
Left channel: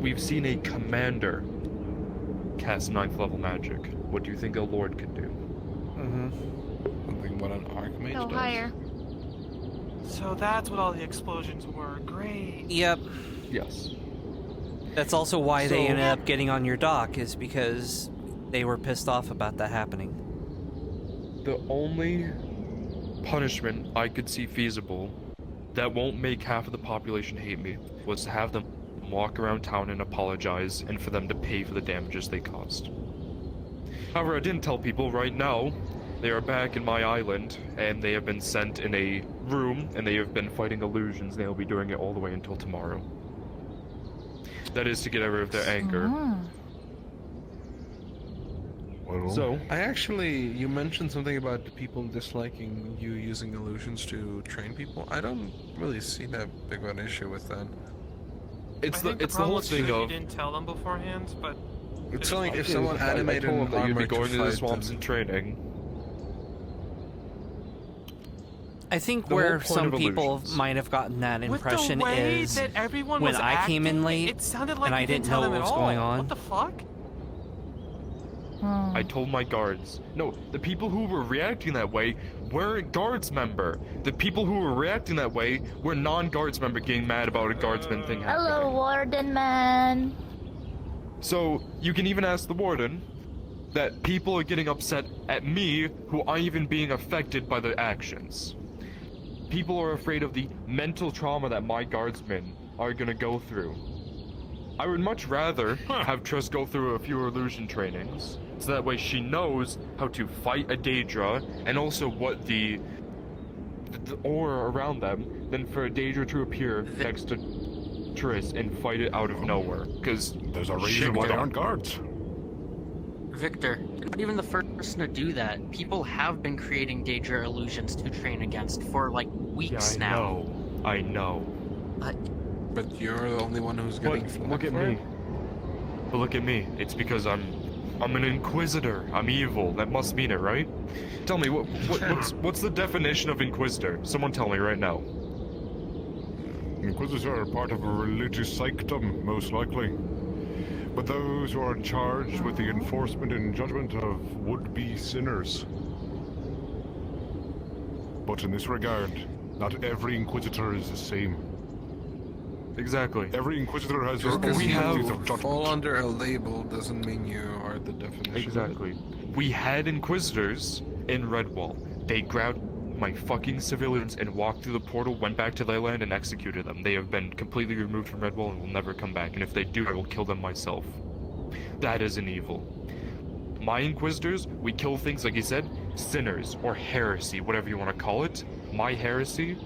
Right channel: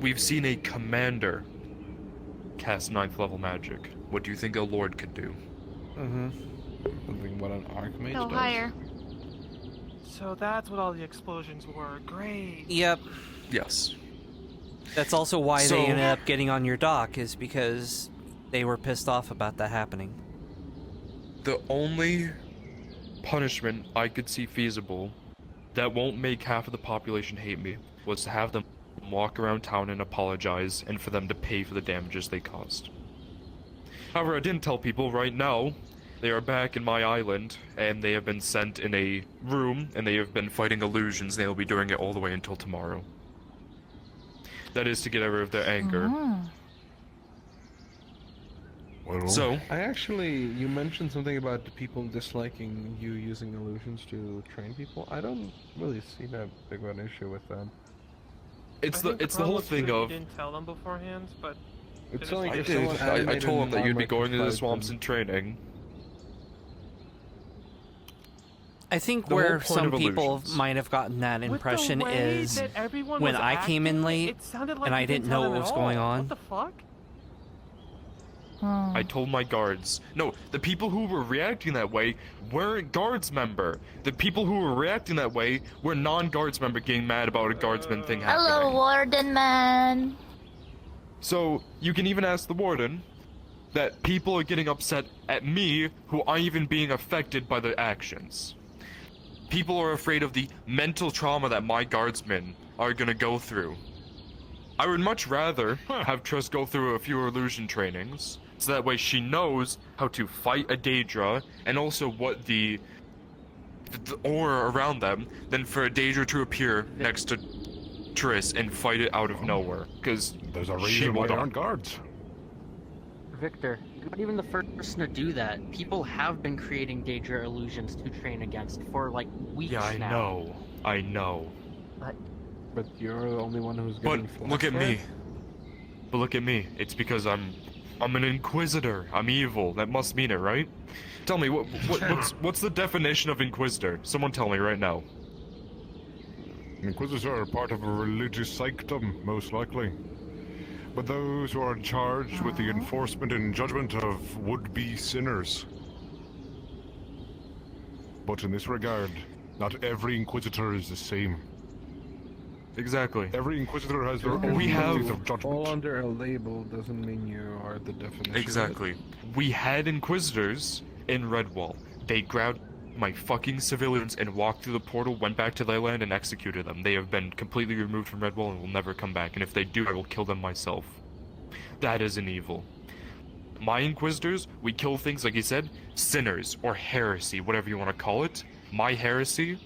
We've seen a commander cast 9th level magic. What do you think a Lord could do? Something what an Archmage Go does. higher. So that's what all the explosions were. Great. Yep. Yes. That's also why they ended up getting on your dock, is because they were pissed off about that happening. The only punishment I could see feasible that won't make half of the population hate me was to have them walk around town and apologize, and for them to pay for the damages they caused. However, I didn't tell people right now. They are back in my island, and they have been sent in a room, and they have been fighting illusions, and they will be doing it all the way until tomorrow. That is to get rid of their anger. So, you mentioned something about the people disliking you using illusions to train people. I don't really see that big of an issue with that. It's the whole thing You of... didn't tell them beforehand, but... It's like if I someone told animated them that you'd be armor going to the fight swamps them. and training. I think The where whole point some of people illusions. might have gotten that impression is when I came in late and I didn't know what was going on. What the fuck? I told my guards. No, the people who were reacting that way weren't guards member. The people who were reacting that way were non-guards member getting mad about a guardsman thing happening. Hello, Warden Man. So, you can even ask the warden that people are getting upset at me who aren't even being affected by the actions. People are afraid of the mental trauma that my guardsmen are gonna go through. I would much rather have Triss go through a few illusion trainings, so that way she knows how to fight a Daedra, and also what the aura around them, than for a Daedra to appear next to Triss and fight it out of nowhere, because there's a she reason will why they die. aren't guards. Victor, you're not even the first person to do that. People have been creating Daedra illusions to train against for like weeks Yeah, now. I know. But you're the only one who's getting flack Look at for me. it? But look at me. It's because I'm an inquisitor. I'm evil. That must mean it, right? Tell me, what's the definition of inquisitor? Someone tell me right now. Inquisitors are part of a religious sanctum, most likely. But those who are charged with the enforcement and judgment of would-be sinners. But in this regard, not every Inquisitor is the same. Exactly. Every Inquisitor has their Just own because ways you of judgment. fall under a label doesn't mean you are the definition. Exactly. We had Inquisitors in Redwall. They grabbed my fucking civilians and walked through the portal, went back to their land, and executed them. They have been completely removed from Redwall and will never come back, and if they do, I will kill them myself. That is an evil. My Inquisitors, we kill things, like you said, sinners, or heresy, whatever you want to call it. My heresy,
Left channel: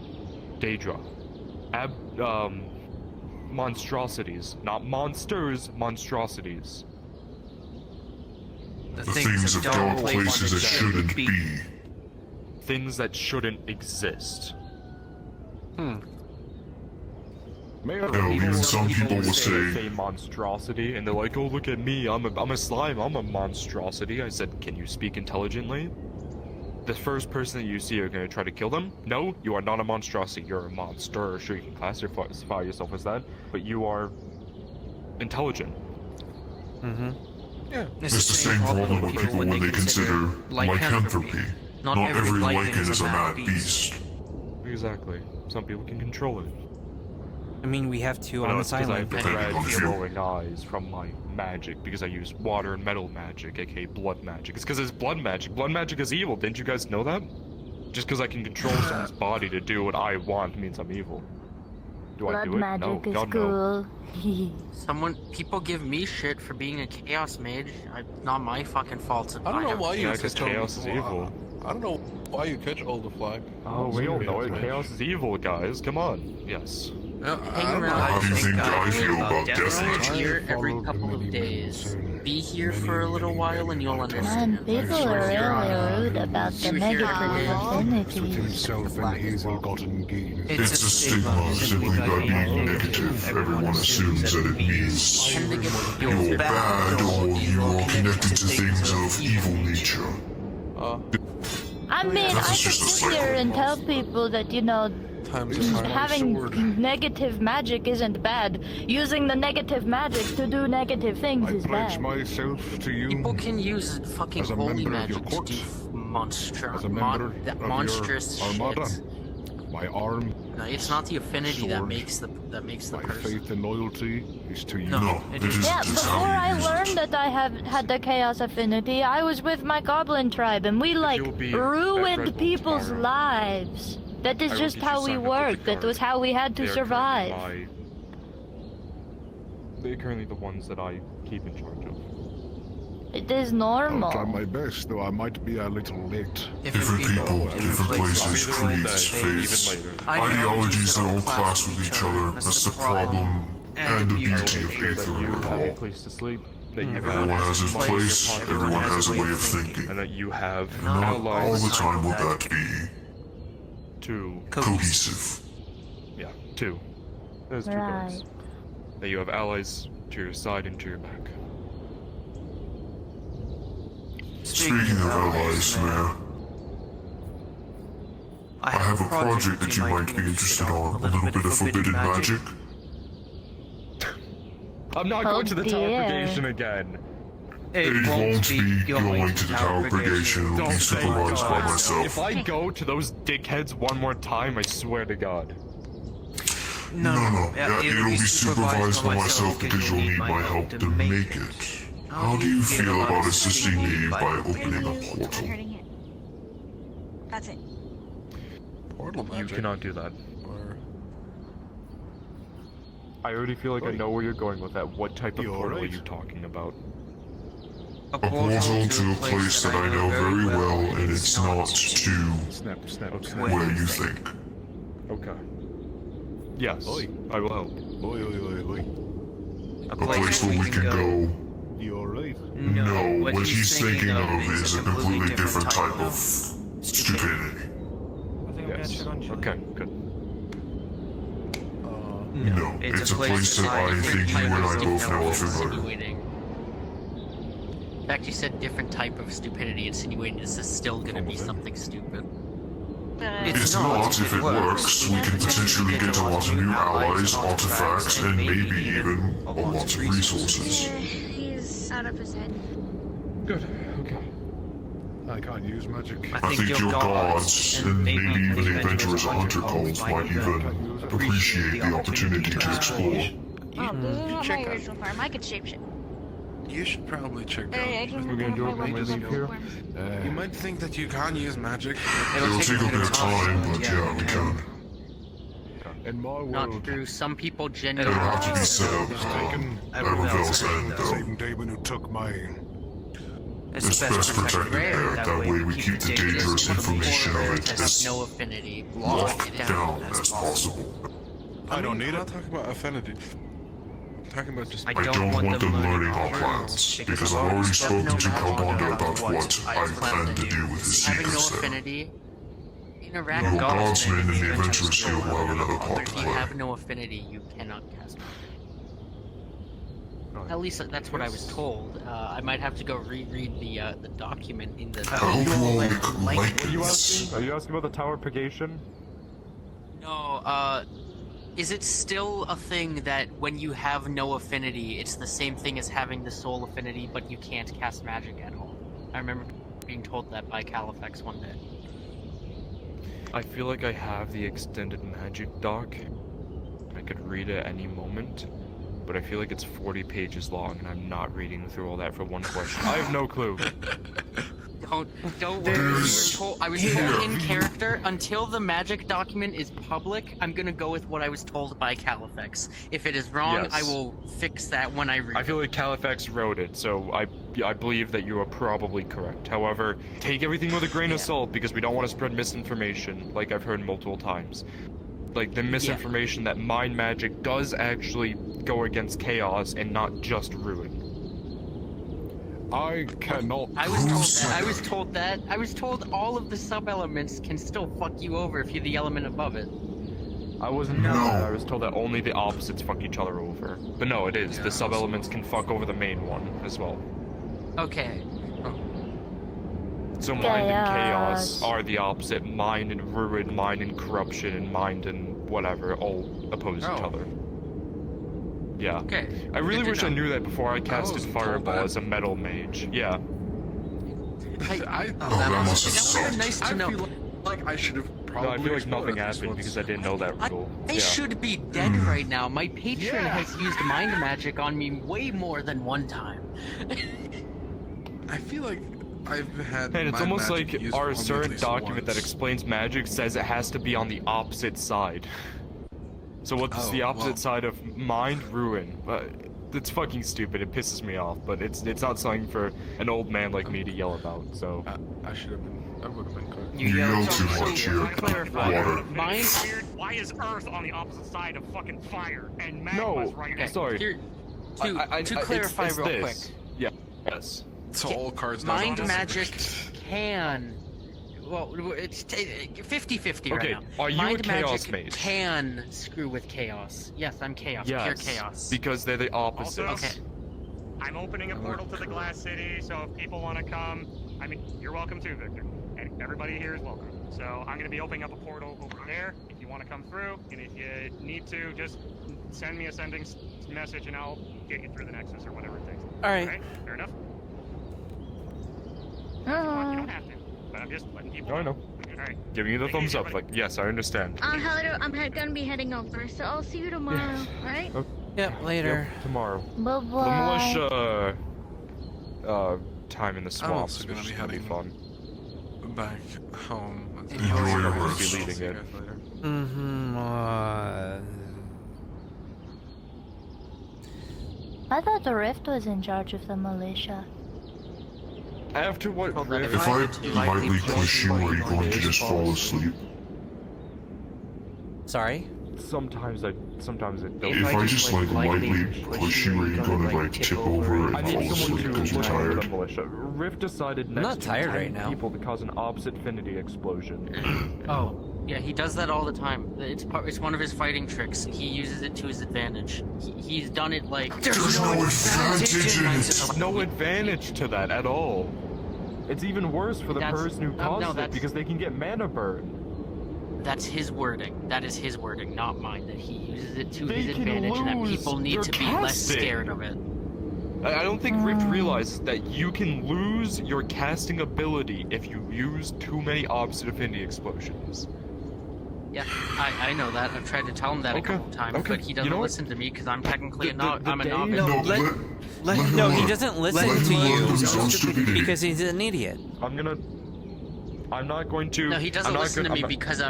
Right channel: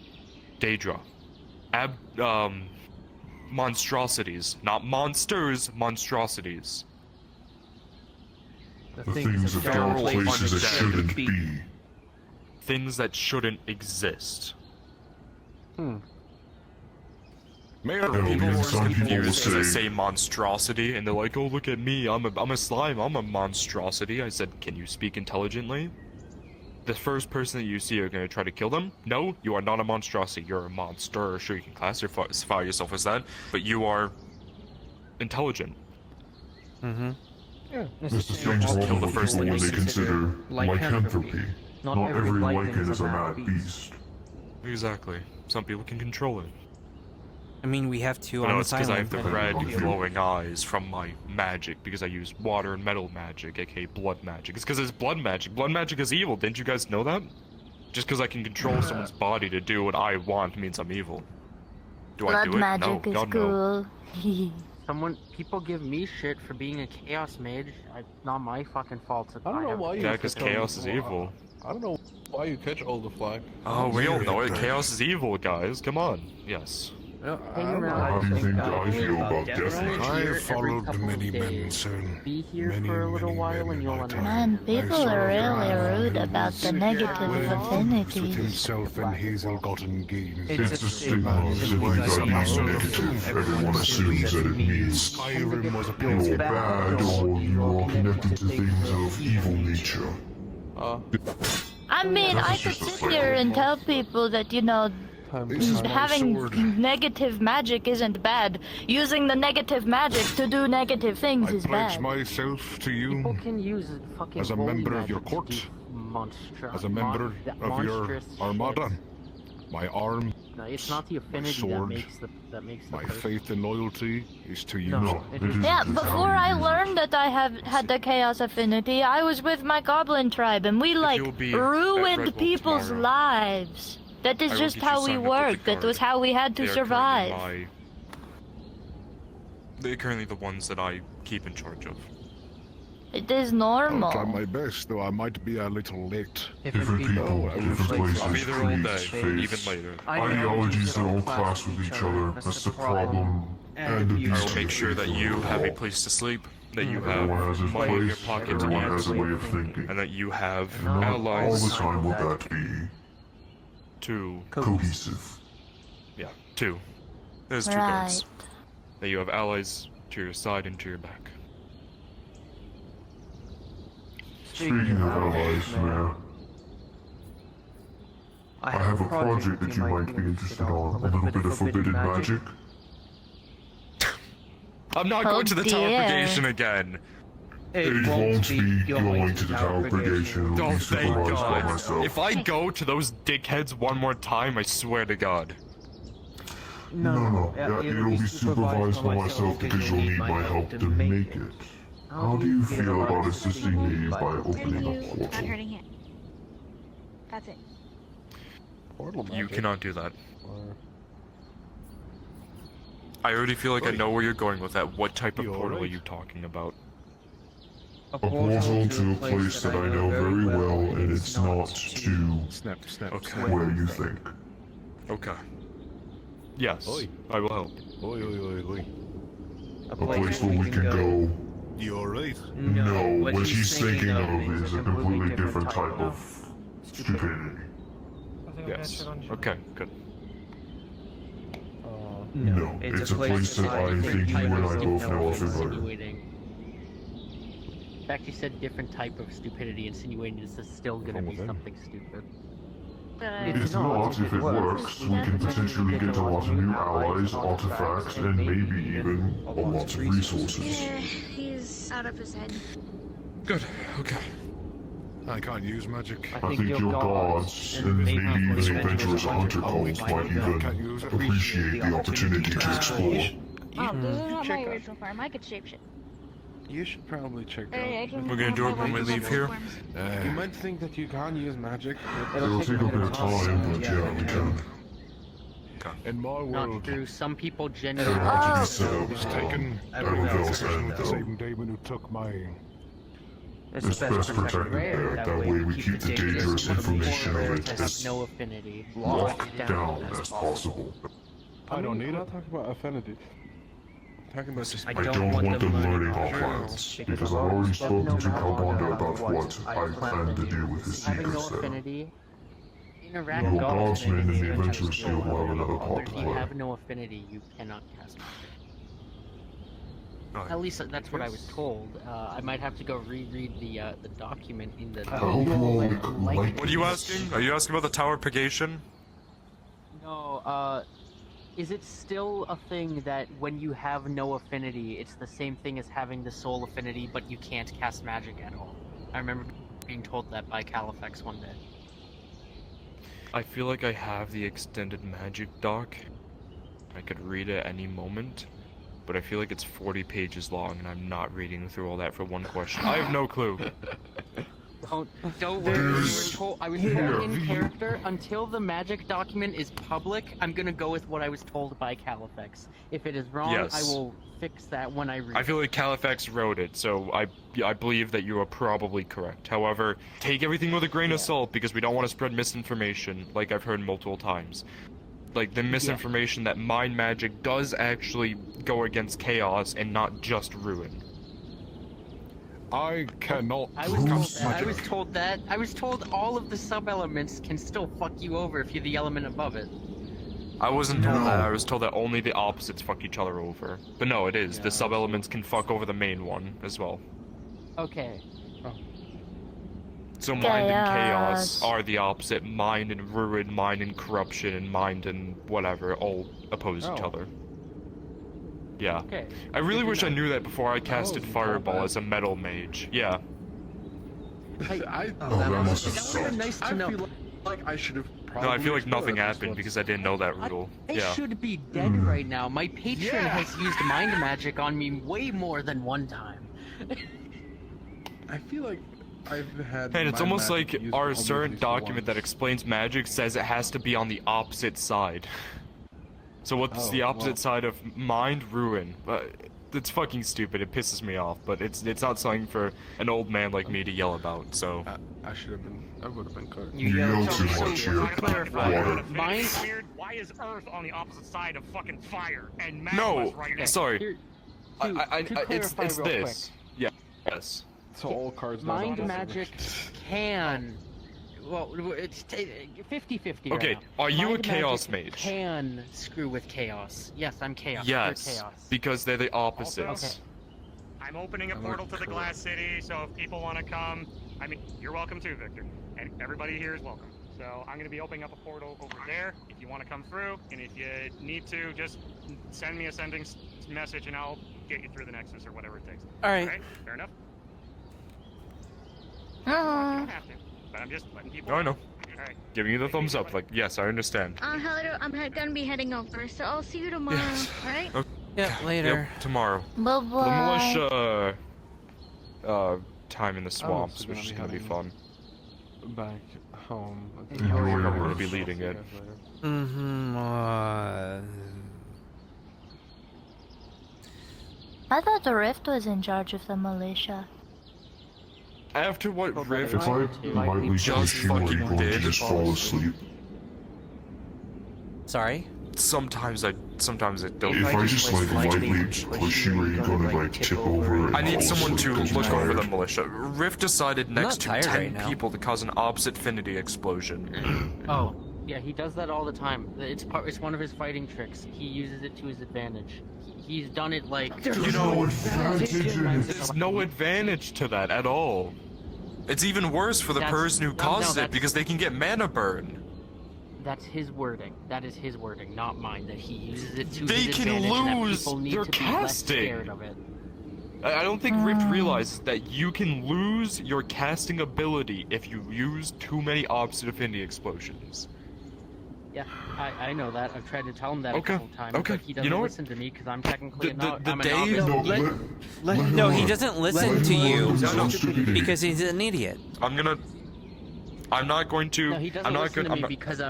Daedra. Monstrosities. Not monsters, monstrosities. The things of dark places that shouldn't be. Things that shouldn't exist. Even some people will say monstrosity, and they're like, "Oh, look at me! I'm a slime. I'm a monstrosity." I said, "Can you speak intelligently?" The first person that you see are going to try to kill them. No, you are not a monstrosity. You're a monster. Sure, you can classify yourself as that, but you are intelligent. Yeah. It's the same problem with people when they consider lycanthropy. Not every lycan is a mad beast. Exactly. Some people can control it. I mean, we have two on this I island. have the red glowing eyes from my magic because I use water and metal magic, aka blood magic. It's because it's blood magic. Blood magic is evil. Didn't you guys know that? Just because I can control someone's body to do what I want means I'm evil. Do I do it? No. God, no. People give me shit for being a chaos mage. Not my fucking fault. I don't know why you Yeah, because chaos is evil. I don't know why you catch all the flag. Oh, we all know it. Chaos is evil, guys. Come on. Yes. How do you think I feel about death? I have followed many men soon. Be here for a little while and you'll Man, understand. people are really rude about the negative With affinity. himself and hazel-gotten gains. It's a stigma. Simply by being negative, everyone assumes that it means you're bad or you are connected to things of evil nature. I mean, I could sit here and tell people that, having negative magic isn't bad. Using the negative magic to do negative things is I pledge bad. myself to you People can use fucking as a member of your magic court, to do as a member of your monstrous armada. shit. My arm, No, it's not the affinity that sword, makes the my person. faith and loyalty is to you. No, Yeah, before I learned that I had the chaos affinity, I was with my goblin tribe and we you'll be at ruined Redwall people's tomorrow, lives. That is I will just get you how we signed up with worked. the That was guard. how we had They to are survive. They're currently the ones that I keep in charge of. It is I'll normal. try my best, though I might be a little late. Different people, different I'll be places, there all day, creeds, even faiths, later. ideologies that all clash with each other. That's the problem and the I'll beauty make of sure that Aether you have a Chronicles. place to sleep, that you have Everyone has his money in your place, pocket, everyone has a way of thinking. and that you have Not allies all the time will that be to cohesive. Yeah, two. There's two guards. That you have allies to your side and to your back. Speaking of allies, Mayor, I have a project that you might be interested in, a little bit of forbidden magic. I'm not going to the Tower Purgation again. It won't be going to the Tower Purgation. It will Don't be thank supervised by God. myself. If I go to those dickheads one more time, I swear to God. No. It'll be supervised by myself because you'll need my help to make it. How do you feel about assisting me by opening a portal? That's it. You cannot do that. I already feel like I know where you're going with that. What type of portal are you talking about? A portal to a place that I know very well, and it's not to where you think. Okay. Yes, I will help. A place where we can go. No, what he's thinking of is a completely different type of stupidity. Yes. Okay, good. No, it's a place that I think you and I both know of and learn. In fact, you said different type of stupidity, insinuating this is still gonna be something stupid. It's not. If it works, we can potentially get a lot of new allies, artifacts, and maybe even a lot of resources. Yeah, he's out of his head. Good, okay. I can't use magic. I think your gods, and maybe even the adventurers at Hunter Calls, might even appreciate the opportunity to explore. Oh, this is not my original form. I could shapeshift. You should probably check out. We're gonna do it when we leave here. You might think that you can't use magic. It'll take a bit of time, but yeah, we can. In my Not world, true. Some people It'll genuinely. have to be said. was taken. That reveals The end, though. same demon who took mine. It's best protected there. That way we keep the dangerous information of it as no affinity. locked down as possible. I don't need it. Talk about affinity. Talking about just. I don't want them learning all plans, because I've already spoken to Kalbanda about what I plan to do with his secrets there. Affinity. Your godsmen in the Adventurers Guild will have another part to If you play. have no affinity, you cannot cast magic. At least that's what I was told. I might have to go reread the document in the. What are you asking? Are you asking about the Tower Purgation? No, is it still a thing that when you have no affinity, it's the same thing as having the soul affinity, but you can't cast magic at all? I remember being told that by Califex one day. I feel like I have the extended magic doc. I could read it at any moment, but I feel like it's 40 pages long, and I'm not reading through all that for one question. I have no clue. Don't worry. I was told in character until the magic document is public. I'm gonna go with what I was told by Califex. If it is wrong, Yes. I will fix that when I read. I feel like Califex wrote it, so I believe that you are probably correct. However, take everything with a grain of salt, because we don't want to spread misinformation, like I've heard multiple times. Like the misinformation that mind magic does actually go against chaos and not just ruin. I cannot. I was told that. I was told all of the sub-elements can still fuck you over if you're the element above it. I wasn't told that. I was told that only the opposites fuck each other over. But no, it is. The sub-elements can fuck over the main one as well. Okay. So mind and chaos are the opposite. Mind and ruin, mind and corruption, and mind and whatever all oppose each other. Yeah. Okay. I really wish I knew that before I casted Fireball as a metal mage. Yeah. That must have sucked. Nice to know. feel like I should have probably. No, I feel like nothing happened because I didn't know that rule. I Yeah. should be dead right now. My patron has used mind magic on me way more than one time. I feel like I've had. And it's my almost magic like used our on me certain at least document that once. explains magic says it has to be on the opposite side. So what's the opposite side of mind? Ruin. It's fucking stupid. It pisses me off, but it's not something for an old man like me to yell about. So I should have been. I would have been cut. You yell too much here. Water. Mind. Why is Earth on the opposite side of fucking fire and magma's right next? Sorry. To clarify it's real this. Yeah. Yes. So all cards. Mind magic can. Well, it's 50-50 right Okay, now. are you Mind a chaos magic mage? Can screw with chaos. Yes, I'm chaos. Yes. You're chaos. Because they're the opposites. Okay. I'm opening a portal to the Glass City, so if people want to come, I mean, you're welcome too, Victor. And everybody here is welcome. So I'm going to be opening up a portal over there if you want to come through. And if you need to, just send me a sending message and I'll get you through the Nexus or whatever it takes. All right. Fair enough? You Oh. don't have to, but I'm just letting people know. I know. Alright. Giving you the thumbs up, like, yes, I understand. Hello, I'm gonna be heading over, so I'll see you tomorrow, alright? Yep, later. Yep, tomorrow. Bye-bye. The militia, time in the swamps, also which gonna is be gonna be heading fun. Back home. You're probably gonna be leading it. Mm-hmm. I thought the Rift was in charge of the militia. After what Rift... If I lightly push you, are you going to just fall asleep? Sorry? Sometimes it don't. If I just like lightly push you, are you going to like tip over and I need fall someone asleep to because you're look over the tired? militia. Rift decided I'm next not to tired 10 right now. people to cause an opposite affinity explosion. Oh, yeah, he does that all the time. It's one of his fighting tricks. He uses it to his advantage. He's done it like... There's no advantage in it. There's no advantage to that at all. It's even worse for the person who causes it because they can get mana burn. That's his wording. That is his wording, not mine. That he uses it to They his can advantage and that lose people need their to be less casting. scared of it. I don't think Rift realizes that you can lose your casting ability if you use too many Obstinate Affinity explosions. Yeah, I know that. I've tried to tell him that a Okay, couple times, okay. but he doesn't You know what? listen to me because I'm technically I'm a day- novice. No, he doesn't listen to you because he's an idiot. I'm not going to. No, he doesn't listen to me because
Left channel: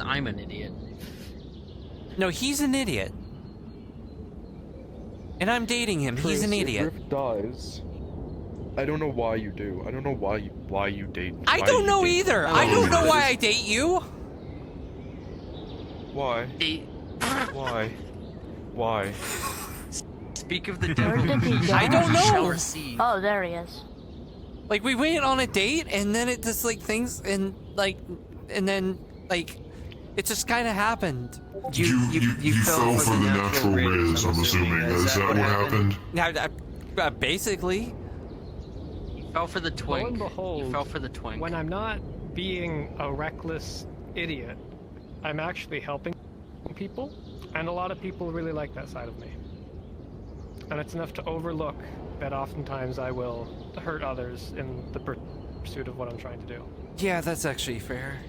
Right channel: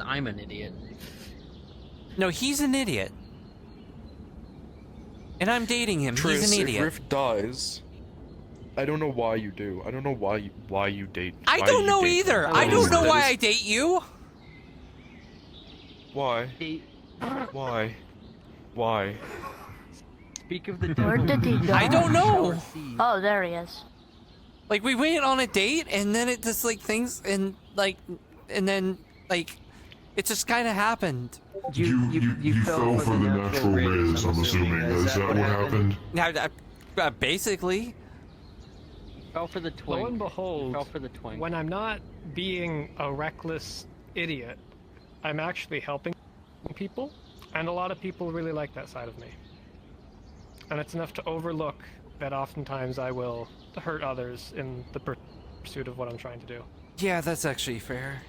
I'm an idiot. No, he's an idiot. And I'm dating him. He's an Triss, idiot. If Rift dies, I don't know why you do. I don't know why you date. I why don't you know date either. him. I don't know why I date you. Why? Why? Why? Speak of the Where did he go? I don't know. Oh, there he is. Like, we went on a date, and then it just, like, things, and, like, and then, like, it just kind of happened. You fell for the natural rays, I'm assuming. Is that what happened? Yeah, basically. He fell for the twink. Lo and behold, He fell for the twink. when I'm not being a reckless idiot, I'm actually helping people, and a lot of people really like that side of me. And it's enough to overlook that oftentimes I will hurt others in the pursuit of what I'm trying to do. Yeah, that's actually fair.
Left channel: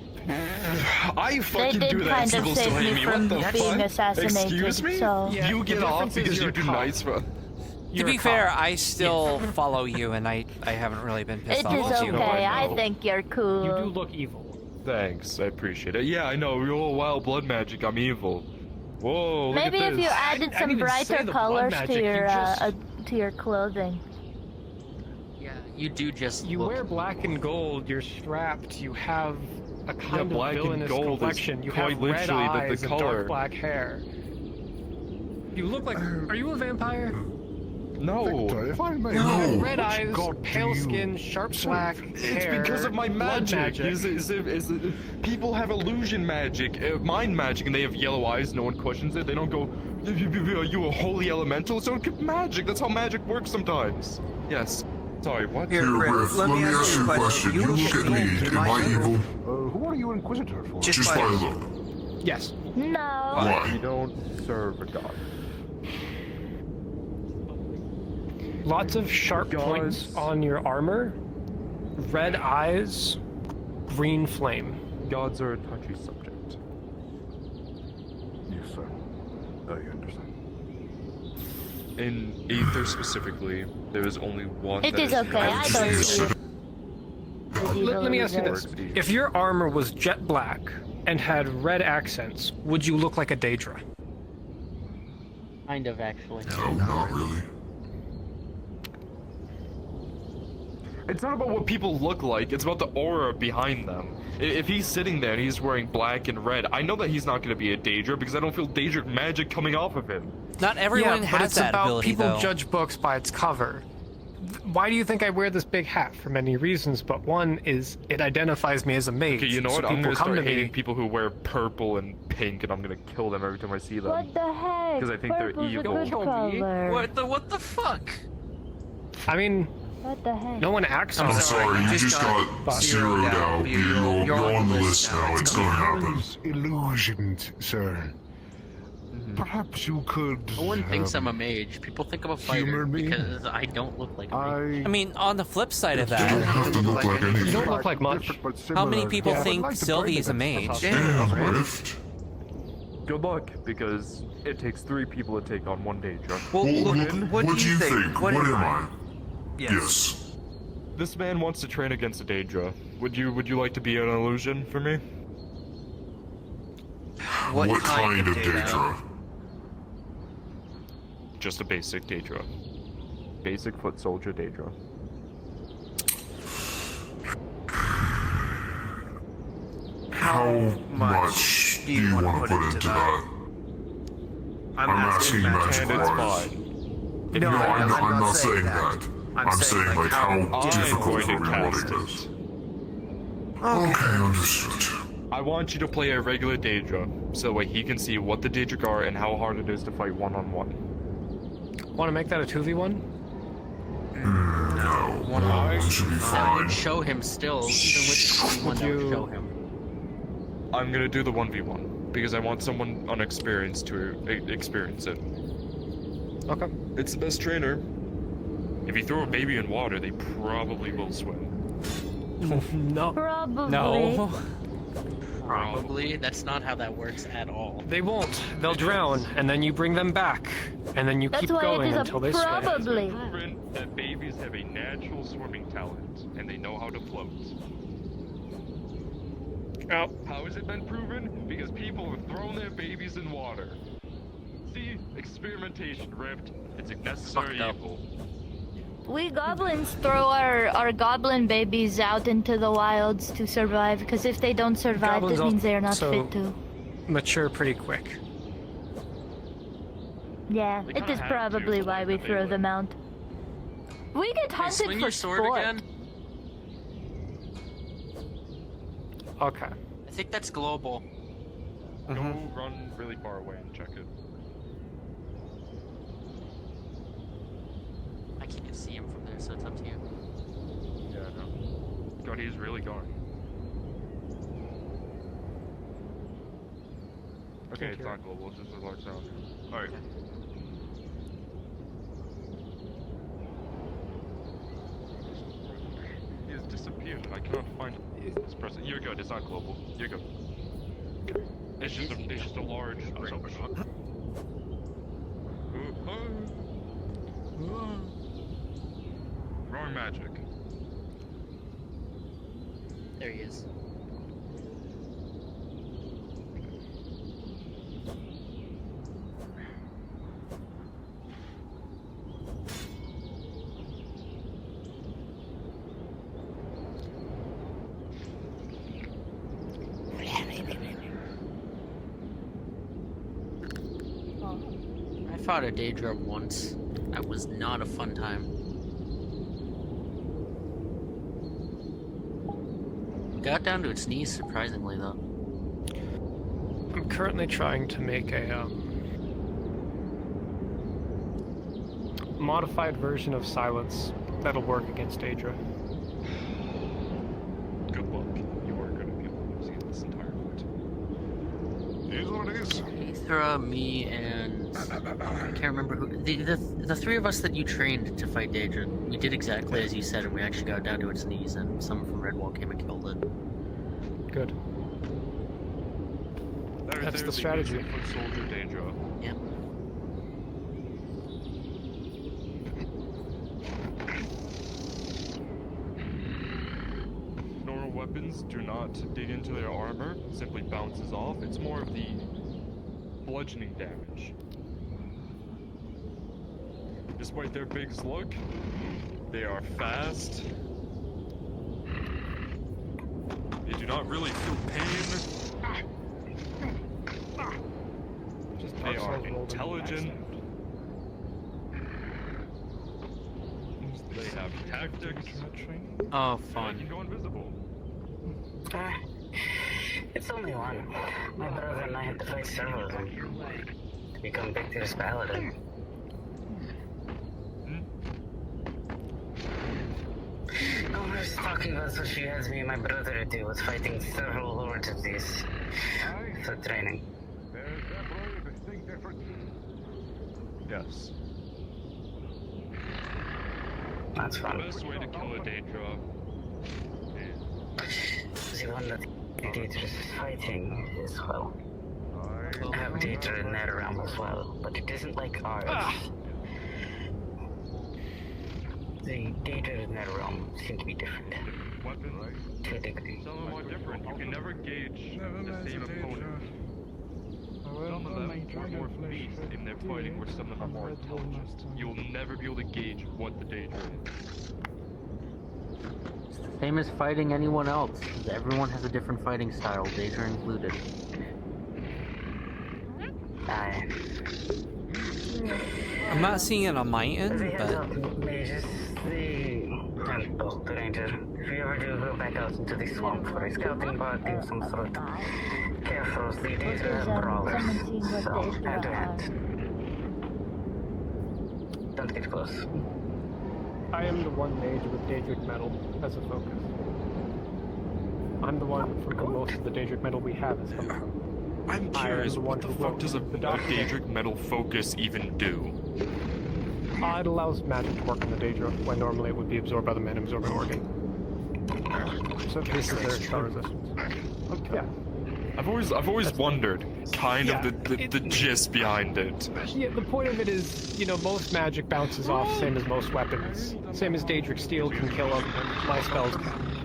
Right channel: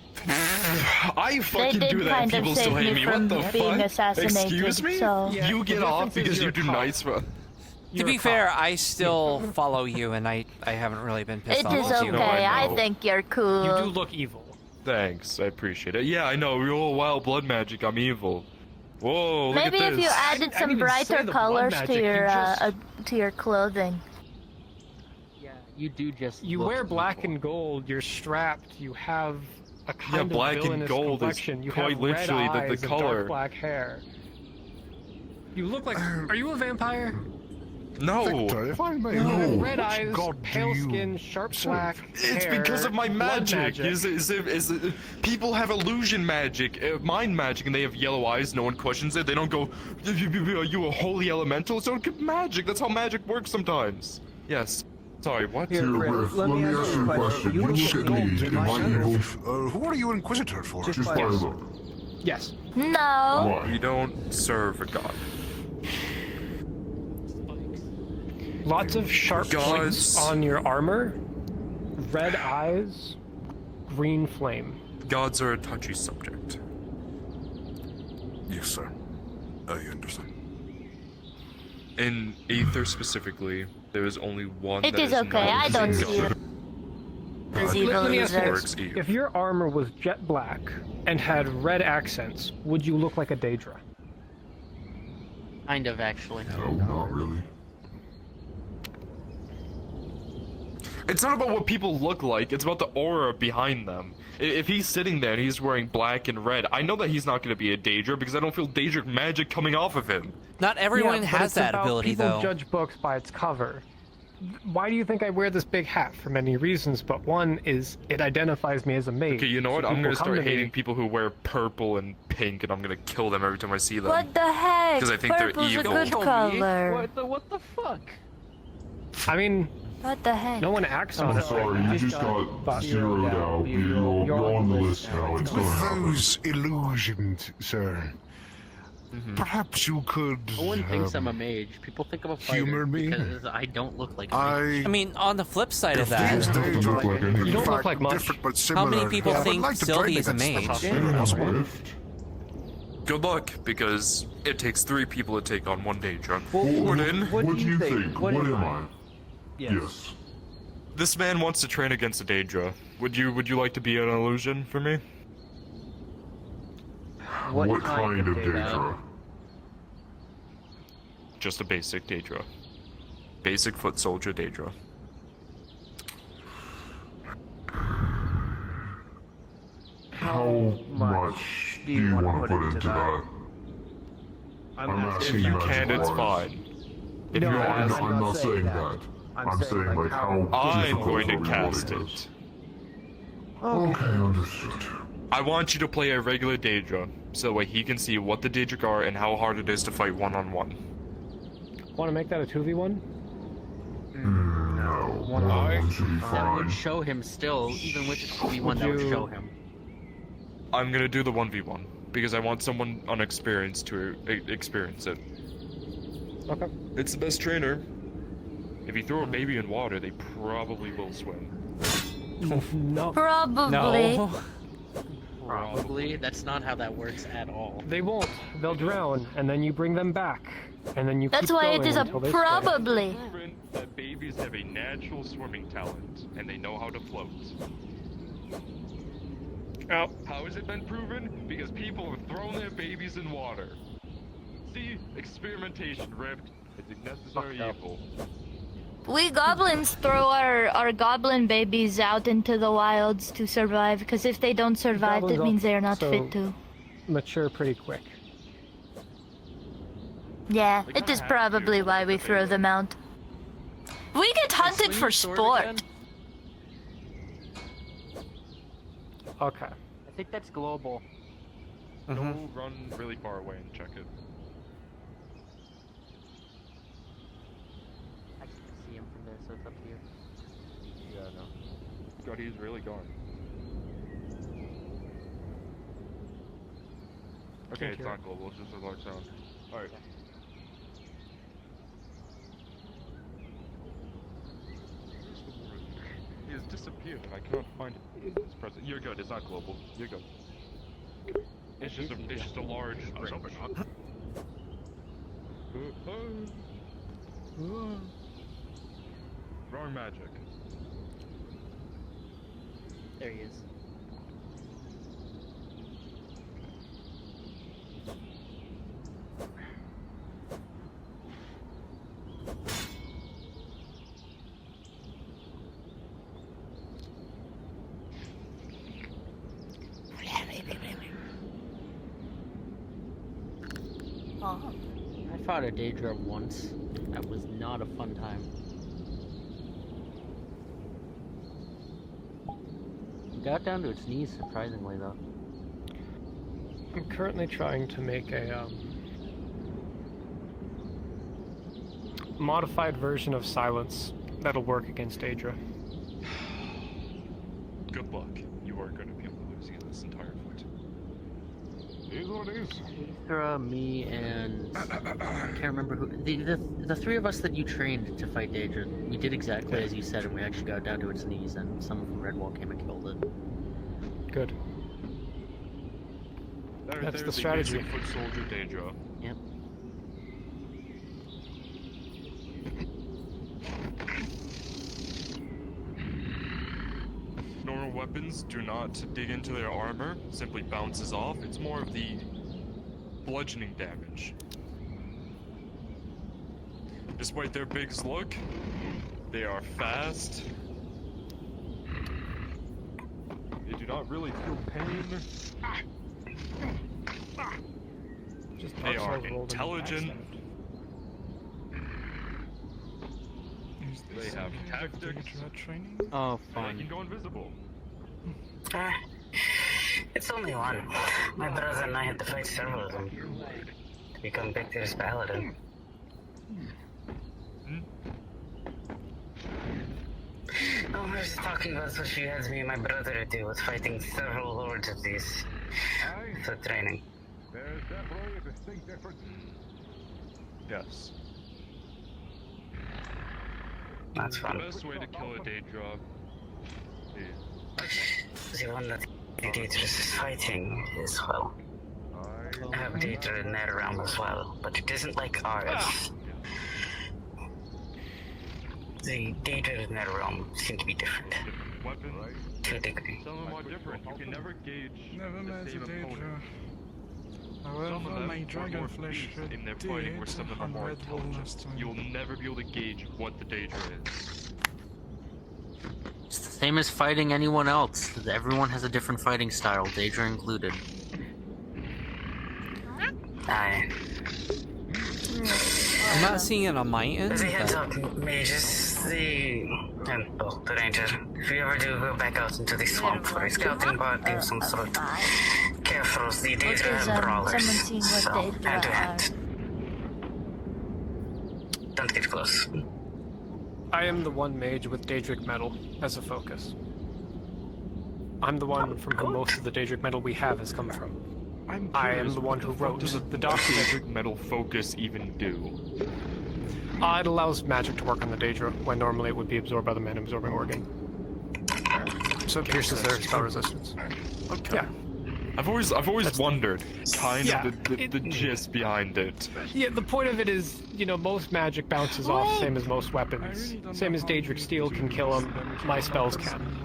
I They fucking did do that kind and of people still save hate me me. from What the being fuck? assassinated, Excuse me? so... Yeah, You get the off difference is because you're you do a cop. nice for. To be fair, I still follow you, and I haven't really been pissed It off is at you. okay, I think you're cool. You do look evil. Thanks, I appreciate it. Yeah, I know. Real wild blood magic. I'm evil. Whoa, look Maybe at if this. you added I some didn't say brighter the blood colors magic, to you your just- to your clothing. Yeah, you do just. You look wear black and gold, you're strapped, you have a kind of black and villainous gold is complexion, you quite have red literally the eyes and color. dark black hair. You look like... Are you a vampire? No. Victor, if I may You know, have red which eyes, god pale do you skin, sharp serve? black It's hair, because of my blood magic. People have illusion magic, mind magic, and they have yellow eyes. No one questions it. They don't go, "Are you a holy elemental?" So it's magic. That's how magic works sometimes. Yes. Sorry. What? Here, Riff, let me ask you a question. You look at me, am I evil? Who are you Inquisitor for? Just by look. Yes. No. You don't serve a god. Lots of sharp Gods. points on your armor, red eyes, green flame. Gods are a touchy subject. Yes, sir. I understand. In Aether specifically, there is only one. It that is okay, I don't see it. Let me ask you Works this. evil. If your armor was jet black and had red accents, would you look like a Daedra? Kind of, actually. No, not really. It's not about what people look like, it's about the aura behind them. If he's sitting there and he's wearing black and red, I know that he's not going to be a Daedra because I don't feel Daedric magic coming off of him. Not everyone Yeah, but has it's that about ability, people though. judge books by its cover. Why do you think I wear this big hat? For many reasons, but one is it identifies me as a mage. Okay, you know what? So I'm going people to come start me- hating people who wear purple and pink, and I'm going to kill them every time I see them. What the heck? Because I think they're Purple's evil. a good color. What the fuck? I mean, What the heck? no one acts I'm on it. sorry, you just got zeroed out. You're on the list now. It's gonna happen. Those illusions, sir. Perhaps you could. No one thinks I'm a mage. People think I'm a fighter humor me? because I don't look like a mage. I mean, on the flip side of that, You don't look like much. how many people think like to Sylvie train is a against mage? Yes, Rift. Good luck, because it takes 3 people to take on 1 Daedra. What do you think? What am I? Yes. This man wants to train against a Daedra. Would you like to be an illusion for me? What kind of Daedra? Just a basic Daedra. Basic foot soldier Daedra. How much do you want to put into that? I'm asking If magic you can, it's wise. fine. If No, you're I'm not saying that. I'm saying like how I'm difficult going to of a cast role it. Okay, understood. I want you to play a regular Daedra, so that way he can see what the Daedric are and how hard it is to fight one-on-one. Want to make that a 2v1? No, that should be I fine. would show him still, even with the one that would show him. I'm gonna do the 1v1, because I want someone unexperienced to experience it. Okay. It's the best trainer. If you throw a baby in water, they probably will swim. No. Probably. No. Probably. That's not how that works at all. They won't. They'll drown, and then you bring them back, and then you That's keep why going it is a until they swim. probably. Proven that babies have a natural swimming talent, and they know how to float. Oh. How has it been proven? Because people have thrown their babies in water. See? Experimentation, Ripped. It's a necessary evil. We goblins throw our goblin babies out into the wilds to survive, because if they don't survive, that means they are not also fit to. Mature pretty quick. Yeah, it is probably why we throw them out. We get hunted for sport. Okay. I think that's global. Go run really far away and check it. I can't see him from there, so it's up to you. Yeah, I know. God, he's really gone. Okay, it's not global, it's just a large sound. Alright. He has disappeared. I cannot find this person. You're good, it's not global. You're good. It's just a large. I was hoping not. Wrong magic. There he is. I fought a Daedra once. That was not a fun time. Got down to its knees, surprisingly, though. I'm currently trying to make a modified version of Silence that'll work against Daedra. Good luck. You are going to be able to lose in this entire fight. It is what it is. Aether, me, and I can't remember who. The three of us that you trained to fight Daedra, we did exactly as you said, and we actually got down to its knees, and someone from Redwall came and killed it. Good. That's the strategy. Foot soldier Daedra. Yep. Normal weapons do not dig into their armor, simply bounces off. It's more of the bludgeoning damage. Despite their big slug, they are fast. They do not really feel pain. They are intelligent. They have tactics. Oh, They fun. can go invisible. It's only one. My brother and I had to fight several of them to become Victor's paladin. Oh, I was talking about what she has me and my brother do with fighting several lords of these for training. There's definitely a distinct difference. Yes. That's fun. The best way to kill a Daedra is... The one that Daedra is fighting is, well, I have Daedra in that realm as well, but it isn't like ours. The Daedra in that realm seem to be different. Weapon, right? To a degree. Some of them are different. You can never gauge Never met the a same opponent. Some of them are more fleet in their fighting, where some of them are more intelligent. You'll never be able to gauge what the Daedra is. It's the same as fighting anyone else. Everyone has a different fighting style, Daedra included. I'm not seeing it on my end, but... Mages, the ranger. If you ever do go back out into the swamp for a scouting party of some sort, careful, the Daedra have brawlers, so hand to hand. Don't get close. I am the one mage with Daedric metal as a focus. I'm the one from whom most of the Daedric metal we have has come from. I'm curious, the one who wrote does a the document. Daedric metal focus even do? It allows magic to work on the Daedra, when normally it would be absorbed by the mana-absorbing organ. So it pierces their spell resistance. Okay. Yeah. I've always wondered, kind of the gist behind it. Yeah, the point of it is, you know, most magic bounces off, same as most weapons. Same as Daedric Steel can kill them, my spells can.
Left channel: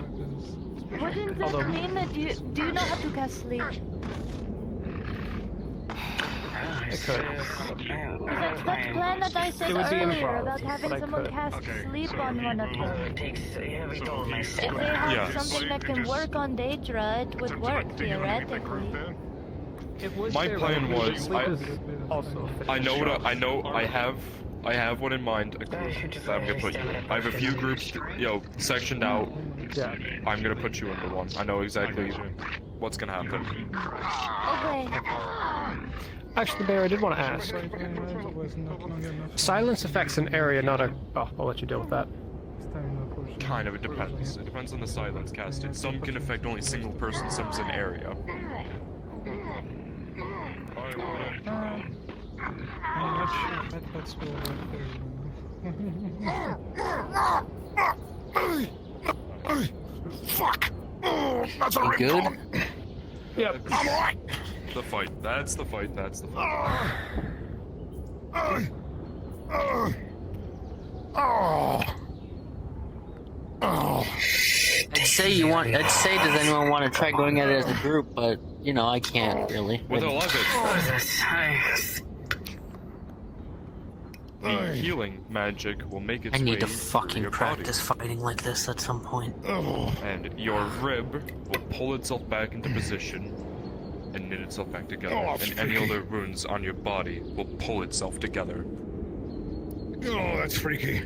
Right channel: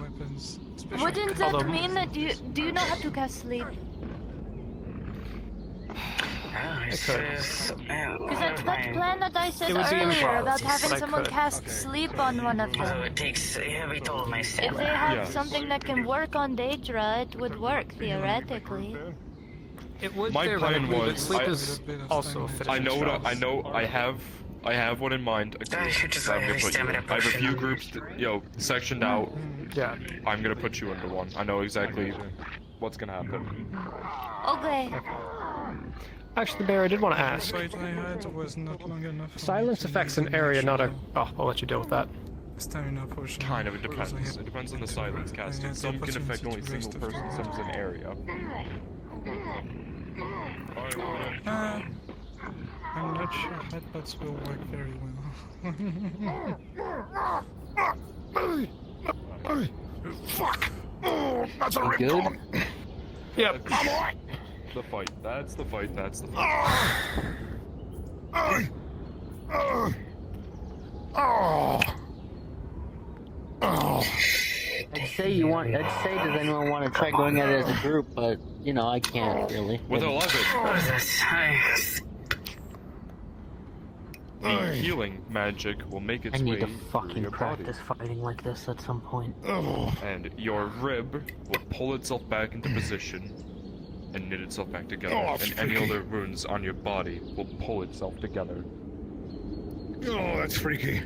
Wouldn't that mean that you do not have to cast sleep? It could. Is that plan that I said It would be earlier improv, about having but I someone could. cast sleep on one of them? If they Yeah. have something that can work on Daedra, it would work theoretically. My plan was, I have one in mind. That I'm gonna put you in. I have a few groups, sectioned out. Yeah. I'm gonna put you into one. I know exactly what's gonna happen. Okay. Actually, Bear, I did want to ask. Silence affects an area, not a... Oh, I'll let you deal with that. Kind of, it depends. It depends on the silence casted. Some can affect only single person, some's an area. I'm not sure headbutts will work very well. Fuck! That's a rip good? Yep. I'm alright! The fight. That's the fight. I'd say, does anyone want to try going at it as a group, but, you know, I can't really. With 11. The healing magic will make its I way need to through fucking your practice fighting like this at some point. body. And your rib will pull itself back into position and knit itself back together. And any other wounds on your body will pull itself together. Oh, that's freaky.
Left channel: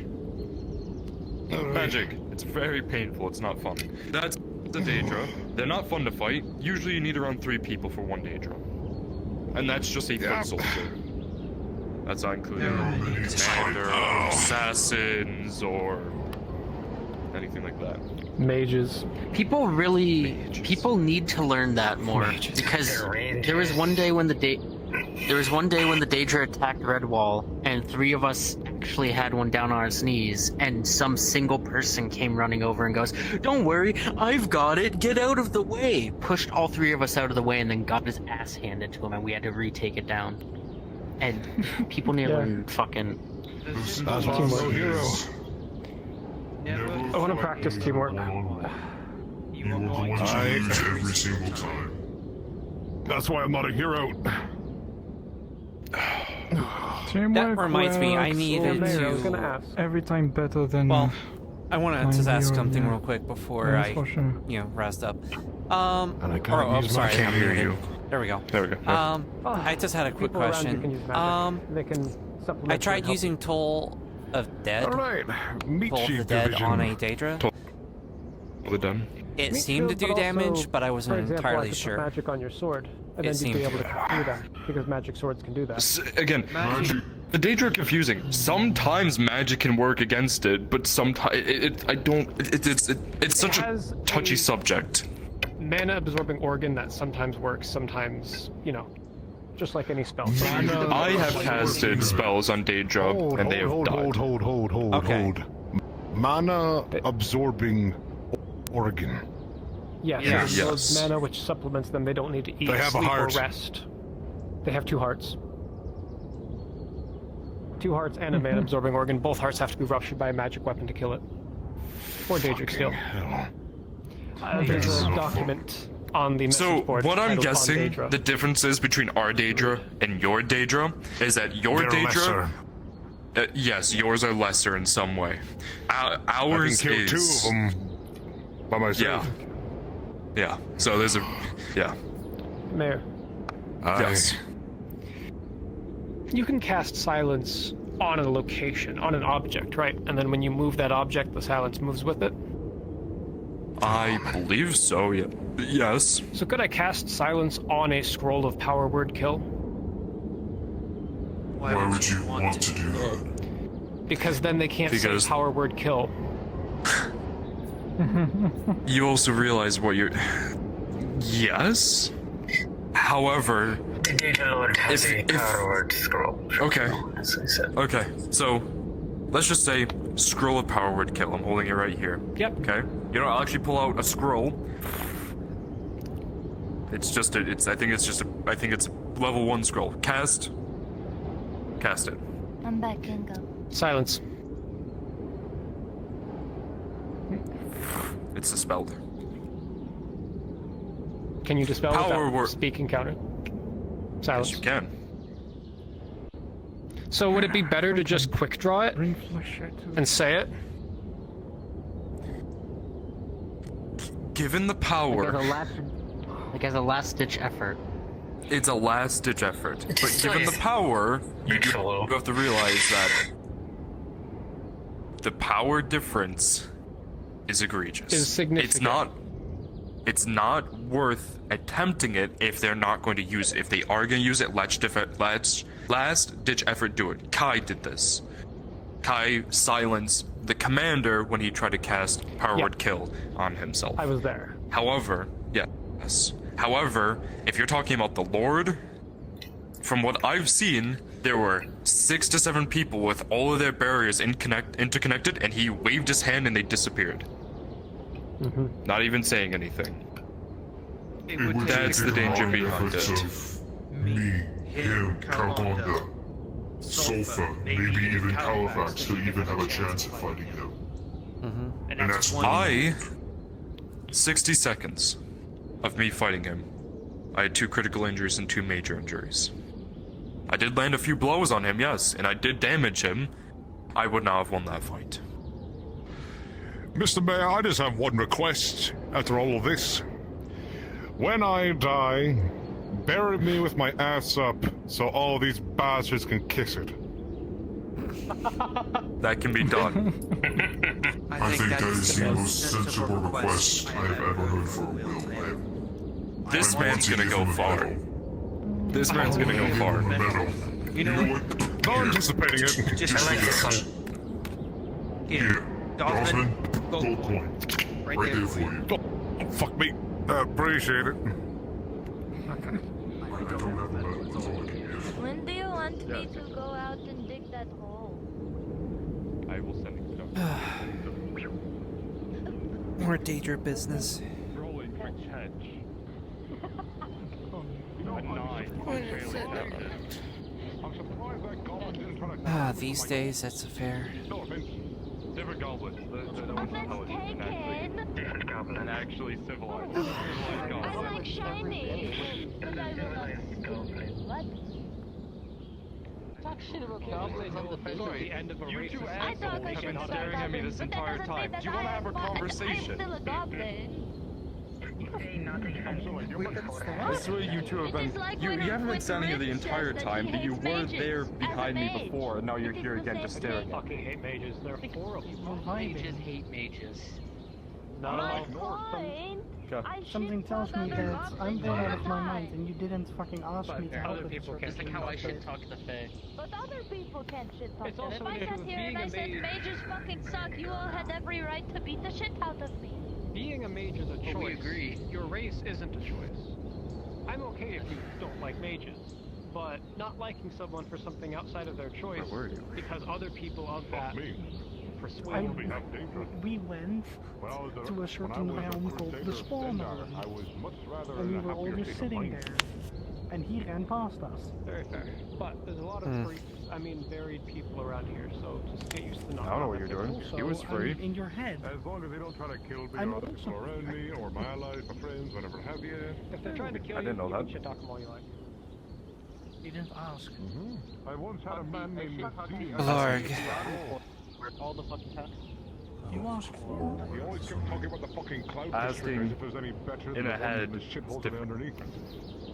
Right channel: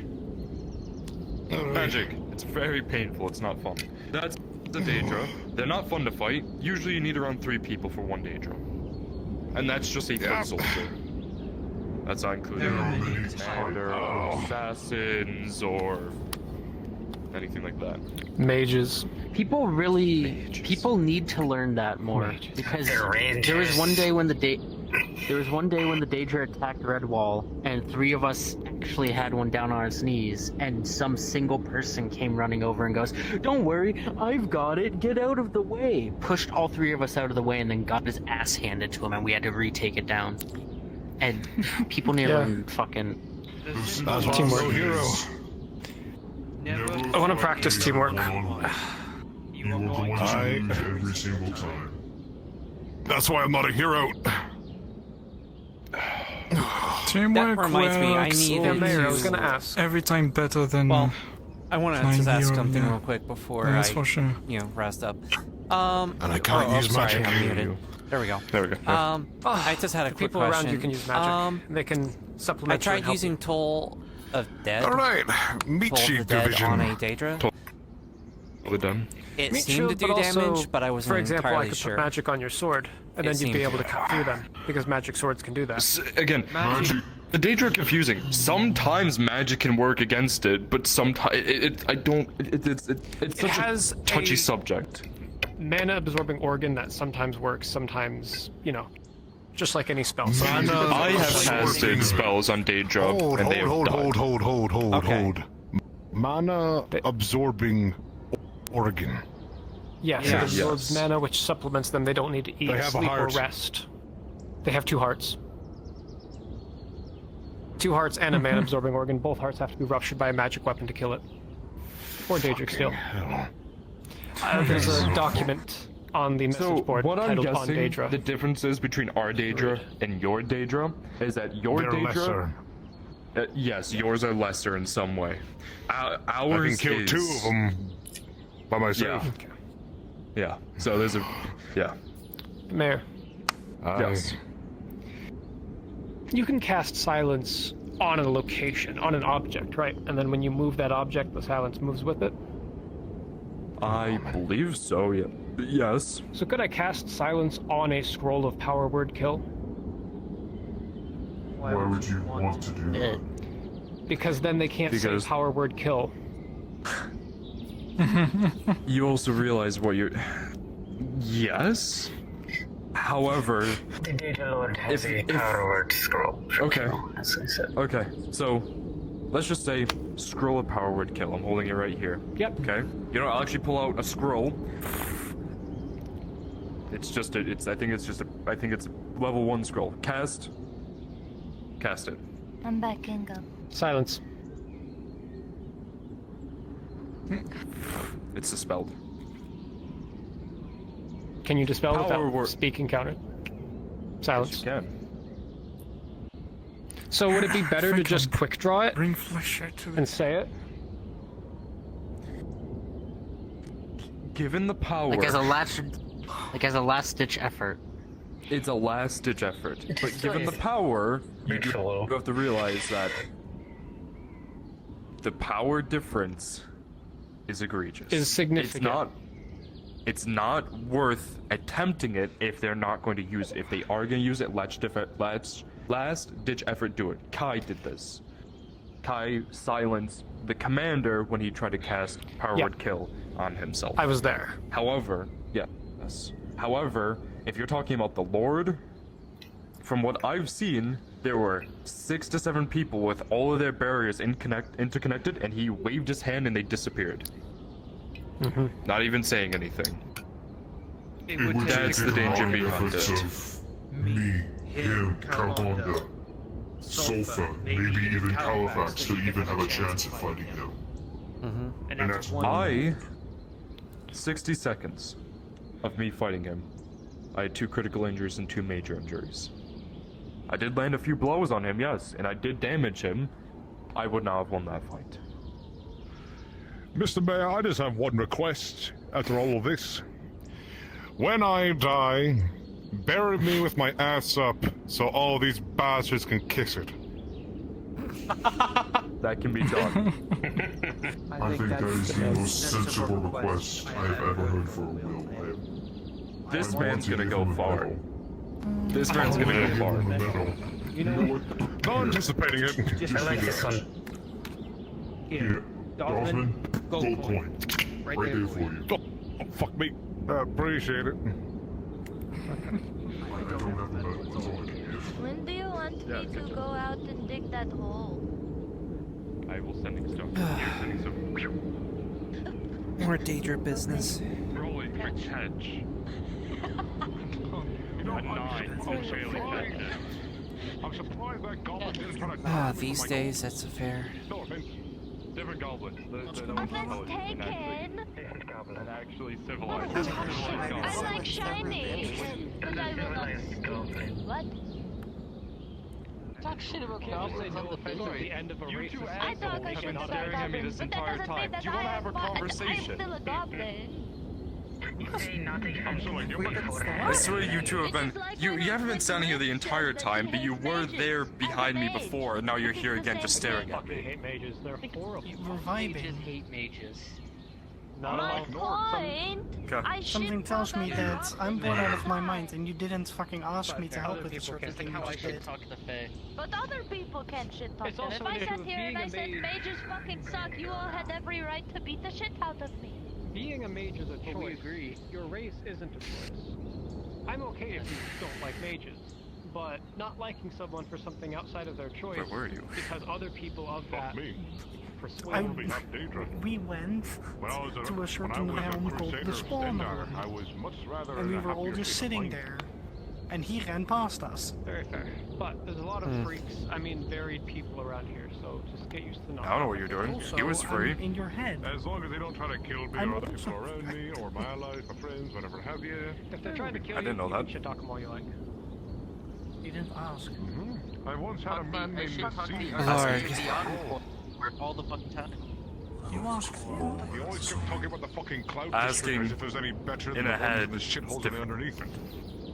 Magic. It's very painful. It's not fun. That's the Daedra. They're not fun to fight. Usually you need around 3 people for one Daedra. And that's just a foot soldier. That's not including commander, or assassins, or anything like that. Mages. People need to learn that more, because there was one day when the Daedra attacked Redwall, and 3 of us actually had one down on our knees, and some single person came running over and goes, "Don't worry, I've got it, get out of the way!" Pushed all 3 of us out of the way and then got his ass handed to him, and we had to retake it down. And people need to learn fucking... That's why I'm no hero. I want to practice teamwork. You are going to lose every single time. That's why I'm not a hero. That reminds me, I needed to... Every time better than... Well, I want to just ask hero, something yeah. real quick before That's I, for sure. rest up. And I can't use my sorry, I'm hear muted. you. There we go. There we go. I just had a quick People around you question. can use magic. They can supplement I tried and help. using Toll of Dead. Alright, meat Toll of the sheep Dead division. on a Daedra. Well done. It Meat seemed to shield, do but also, damage, but I for wasn't example, I entirely could sure. Put magic on your sword, and It then you'd be seemed able to cut through them because magic swords can do that. Again, the Daedra are confusing. Sometimes magic can work against it, but sometimes it's such a touchy subject. Mana absorbing organ that sometimes works, sometimes, just like any spell. I have casted spells on Daedra, and they have died. Hold. Mana absorbing organ. Yes, Yeah. it absorbs Yes. mana, which supplements them. They don't need to eat, They have a sleep, or heart. rest. They have 2 hearts. 2 hearts and a mana absorbing organ. Both hearts have to be ruptured by a magic weapon to kill it. Or Daedric Steel. There's a document on the So message board what I'm titled On guessing Daedra. the differences between our Daedra and your Daedra is that your They're Daedra, yes, yours are lesser in some way. Ours I can kill is... 2 of them by myself. Yeah. So there's a Mayor. Yes. You can cast silence on a location, on an object, right? And then when you move that object, the silence moves with it. I believe so. Yeah. Yes. So could I cast silence on a scroll of power word kill? Why would you want to do that? Because then they can't Because- say power word kill. You also realize what you're. Yes. However, The Daedra Lord has a power word scroll. Okay. As I said. Okay. So, let's just say scroll of power word kill. I'm holding it right here. Yep. Okay. You know, I'll actually pull out a scroll. It's just I think it's level 1 scroll. Cast it. I'm backing up. Silence. It's dispelled. Can you dispel Power without word. speaking counter? Silence. Yes, you can. So would it be better to just quick draw it and say it? Given the power, like as a last ditch effort. It's a last ditch effort. But given the power, you have to realize that the power difference is egregious. Is significant. It's not worth attempting it if they're not going to use it. If they are going to use it, last ditch effort, do it. Kai did this. Kai silenced the commander when he tried to cast power word kill on himself. I was there. However, yes. However, if you're talking about the Lord, from what I've seen, there were 6 to 7 people with all of their barriers interconnected, and he waved his hand and they disappeared. Mm-hmm. Not even saying anything. That's the danger the behind efforts it. of me, him, Carbonda, Sulfa, maybe even Halifax to even have a chance at fighting him. Mm-hmm. And that's 60 seconds of me fighting him, I had 2 critical injuries and 2 major injuries. I did land a few blows on him, yes, and I did damage him. I would not have won that fight. Mr. Mayor, I just have one request after all of this. When I die, bury me with my ass up so all these bastards can kiss it. That can be done. I think that is the most sensible request I have ever heard from you. This man's gonna go far. This man's gonna go far. You know what? Not anticipating it. Just like this one. Here, Dosman, gold coin. Right there for you. Oh, fuck me. Appreciate it. I don't have a medal, that's all I can give. When do you want me to go out and dig that hole? I will send it to More Daedra business. These days, that's a fair. Different goblins. The one's intelligent and actually civilized. I like shiny. But I what? Talk shit about goblins on the Sorry, end of a you two I thought assholes I have been should staring at me this entire time. Do you want to have a conversation? I'm still a goblin. I swear you two have been. You haven't been standing here the entire time, but you were there behind me before, and now you're here again just staring at me. fucking hate mages. They're horrible. Mages hate mages. No. Something tells me that I'm going out of my mind and you didn't fucking ask me to help Other with people this. can how I should talk to Faye. But other people can't shit talk It's them. also If I the sat issue of here and being I a said mage. mages fucking suck, you all had every right to beat the shit out of me. Being a mage is a choice. we agree. Your race isn't a choice. I'm okay if you don't like mages, but not liking someone for something outside of their choice Where were you? because other people of that persuade. We went to a certain realm called the Spawner, and we were all just sitting there, and he ran past us. Very fair. But there's a lot of freaks, varied people around here, so just get used to not. I don't know what you're doing. Also, He was free. in your head. As long as they don't try to kill me I'm or other also people around me or my allies, my friends, whatever have you. If they're trying to kill I didn't know you that. can shit talk them all you like. You didn't ask. I once had a man named Nassim. Larg. All the fucking time. You asked for it. We always kept talking about the fucking cloud Asking if there's any better in than a head the shit is holes different. underneath it.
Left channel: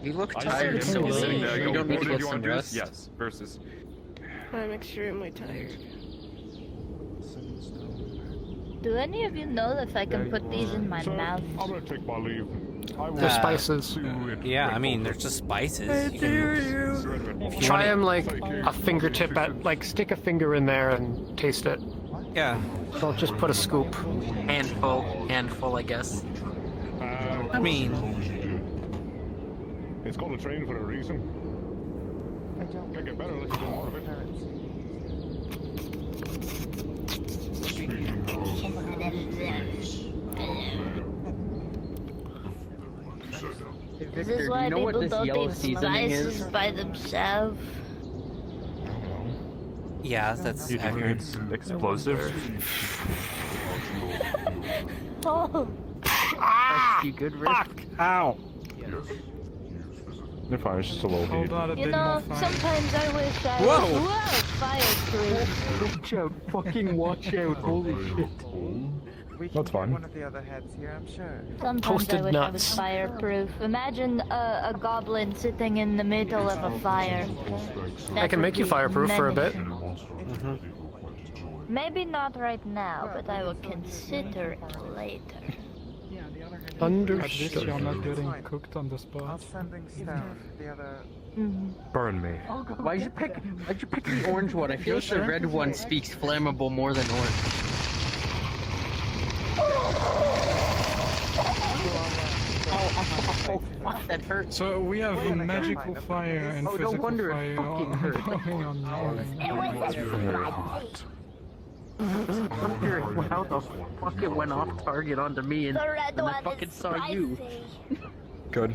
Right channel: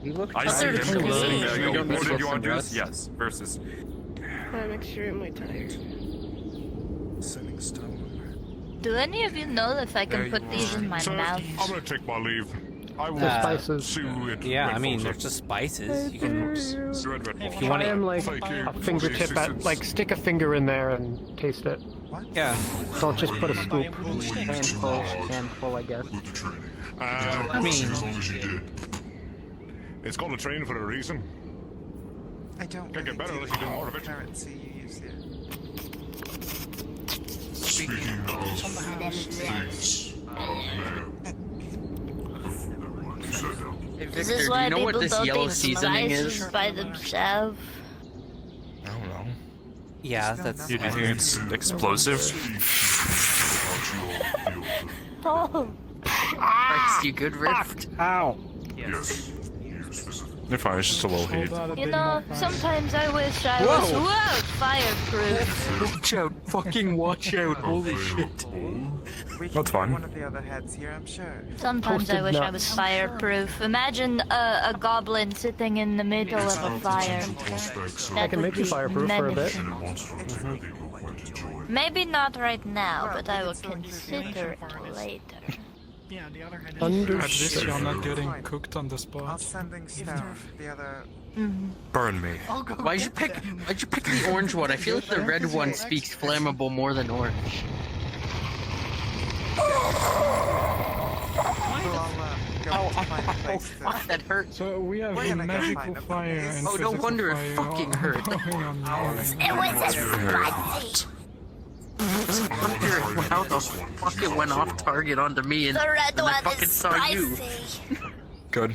You look I tired. see him sitting there. I You go, don't need what to did get you some want to do? rest. Yes. Versus. I'm extremely tired. Sending stuff. Do any of you know if I can put these in my So, mouth? I'm gonna take my leave. I will The spices. Yeah, I mean, they're just spices. You can, if you Try want them to, like a fingertip at, like stick a finger in there and taste it. yeah. Don't just put a scoop. Handful, I guess. I mean, it's called a train for a reason. I don't Can't get better unless you do more of it. Speaking of things, This is why people don't eat spices by themselves. Yeah, that's You think it's explosive? Oh. You good, Rift? Ow. yes. They're fine, it's just a little heat. You know, sometimes I wish I Whoa! was fireproof. Watch out, fucking watch out, holy shit. That's fine. One of the other heads here, I'm sure. Sometimes I wish I was fireproof. Imagine a goblin sitting in the middle of a fire. I can make you fireproof for a bit. Maybe not right now, but I will consider it later. Understood. You're not getting cooked on the spot. Burn me. Why'd you pick the orange one? I feel like the red one speaks flammable more than orange. Oh, fuck, that hurt. So we have magical fire and physical no wonder fire it fucking hurt. going on How the fuck it went off target onto me and then I fucking saw you. Good.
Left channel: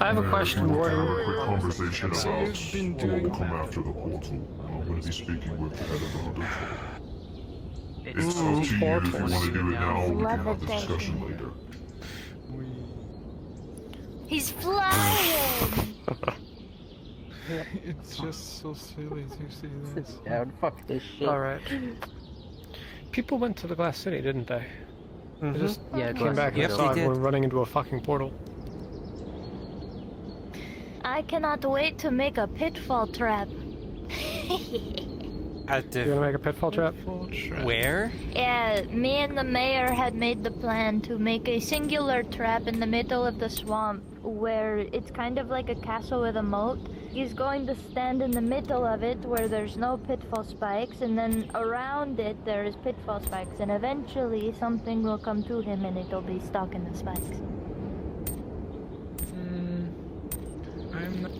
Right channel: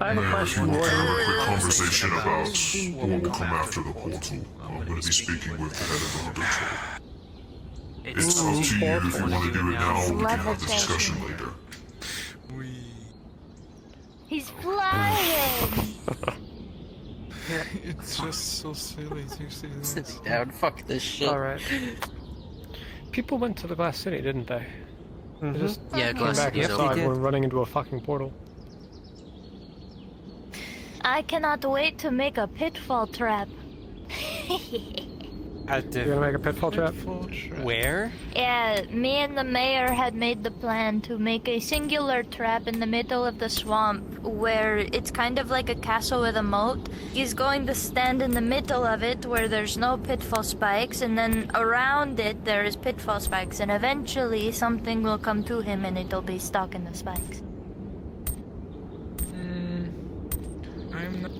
I have a question, Warden. Quick conversation about who will come after the portal. I'm going to be speaking with the head of the habitual. It's up to you if you want to do it now or we can have the discussion later. He's flying! It's just so silly to see this. Sit down, fuck this shit. Alright. People went to the Glass City, didn't they? They just Yeah, came Glass back City. and thought we're running into a fucking portal. I cannot wait to make a pitfall trap. You're gonna make a pitfall trap? Where? Yeah, me and the mayor had made the plan to make a singular trap in the middle of the swamp where it's kind of like a castle with a moat. He's going to stand in the middle of it where there's no pitfall spikes, and then around it there is pitfall spikes, and eventually something will come to him and it'll be stuck in the spikes.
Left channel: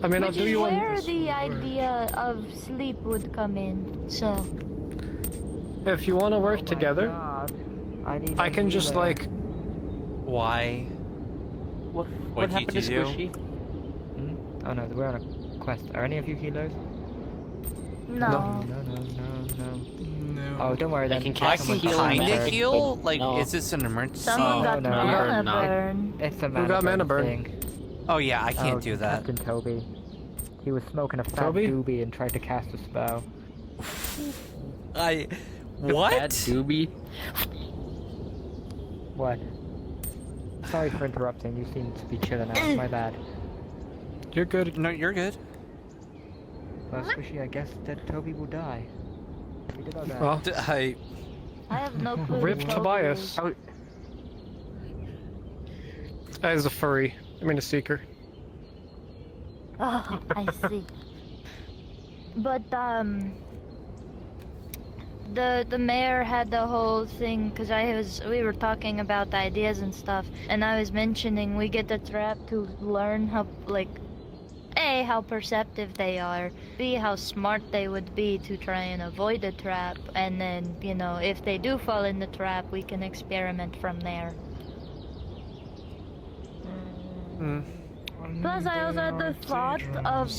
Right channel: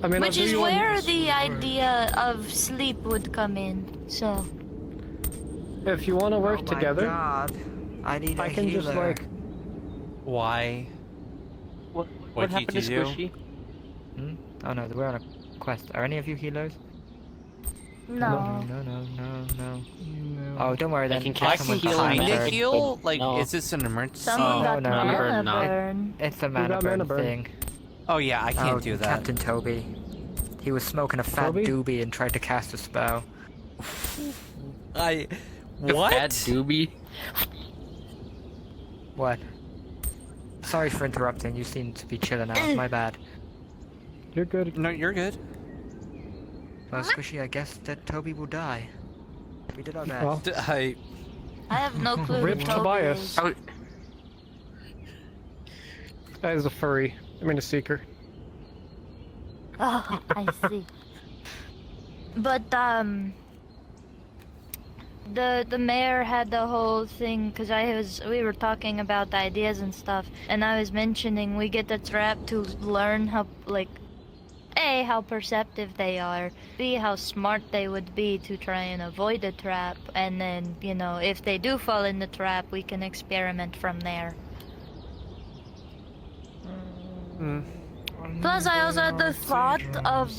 I mean, I'll Which do is you one. where the idea of sleep would come in, so... If you want to work together, I can just like. Why? What did you do? Oh no, we're on a quest. Are any of you healers? No. No. Oh, don't worry then. I can kinda heal? Like, is this an emergency? Someone got mana burn. It's a mana burn thing. Oh yeah, I can't do that. Captain Toby. He was smoking a fat doobie and tried to cast a spell. What? Fat doobie? What? Sorry for interrupting. You seem to be chilling out. My bad. You're good. No, you're good. Well, Squishy, I guess that Toby will die. We did our best. Well, I have no clue. Rip Tobias. That is a furry. I mean a seeker. Oh, I see. But, the mayor had the whole thing, because we were talking about the ideas and stuff, and I was mentioning we get the trap to learn how, like, A, how perceptive they are, B, how smart they would be to try and avoid the trap, and then, you know, if they do fall in the trap, we can experiment from there. Plus, I also had the thought of,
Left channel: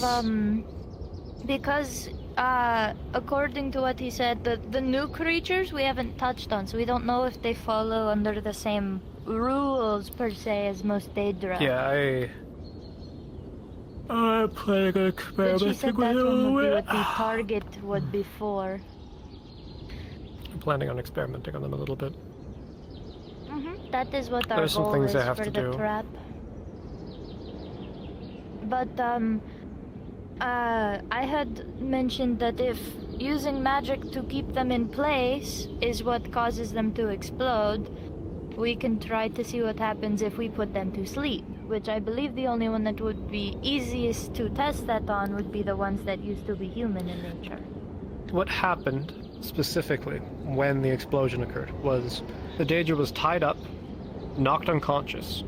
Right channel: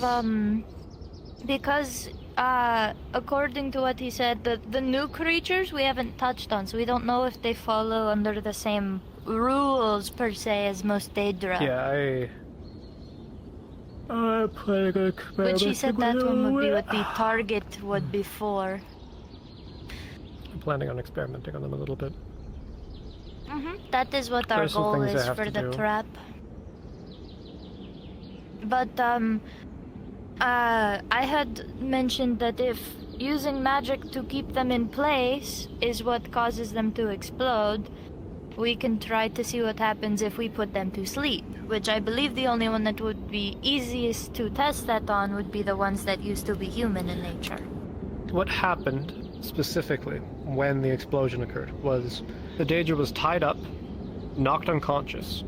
because, according to what he said, the new creatures we haven't touched on, so we don't know if they follow under the same rules, per se, as most Daedra. Yeah, I played a But she said that one would be what the target would be for. I'm planning on experimenting on them a little bit. That is what our There's some goal things I is have for to the do. trap. But, I had mentioned that if using magic to keep them in place is what causes them to explode, we can try to see what happens if we put them to sleep. Which I believe the only one that would be easiest to test that on would be the ones that used to be human in nature. What happened specifically when the explosion occurred was the Daedra was tied up, knocked unconscious.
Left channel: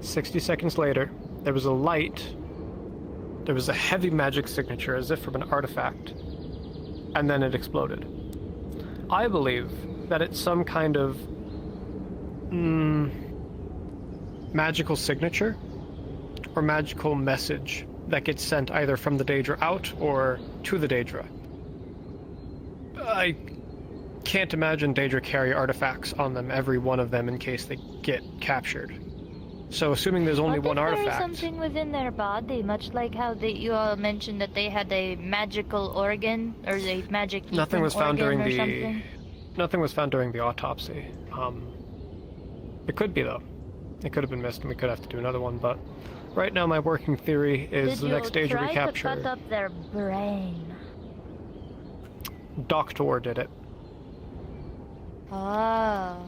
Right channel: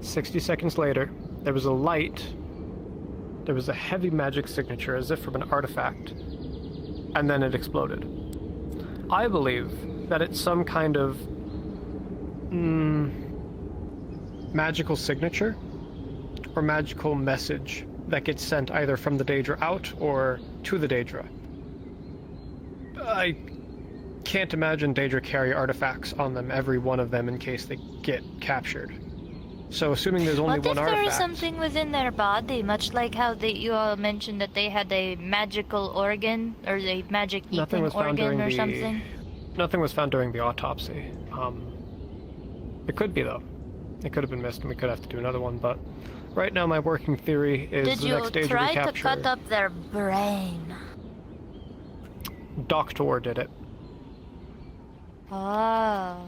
60 seconds later, there was a light. There was a heavy magic signature, as if from an artifact, and then it exploded. I believe that it's some kind of magical signature or magical message that gets sent either from the Daedra out or to the Daedra. I can't imagine Daedra carry artifacts on them, every one of them, in case they get captured. So assuming there's only one What if artifact... there is something within their body, much like how you all mentioned that they had a magical organ, or a magic Nothing was found during or the... something? Nothing was found during the autopsy. It could be, though. It could have been missed, and we could have to do another one, but... Right now, my working theory is the next Daedra we capture... Did you try to cut up their brain? Doctor did it. Ah.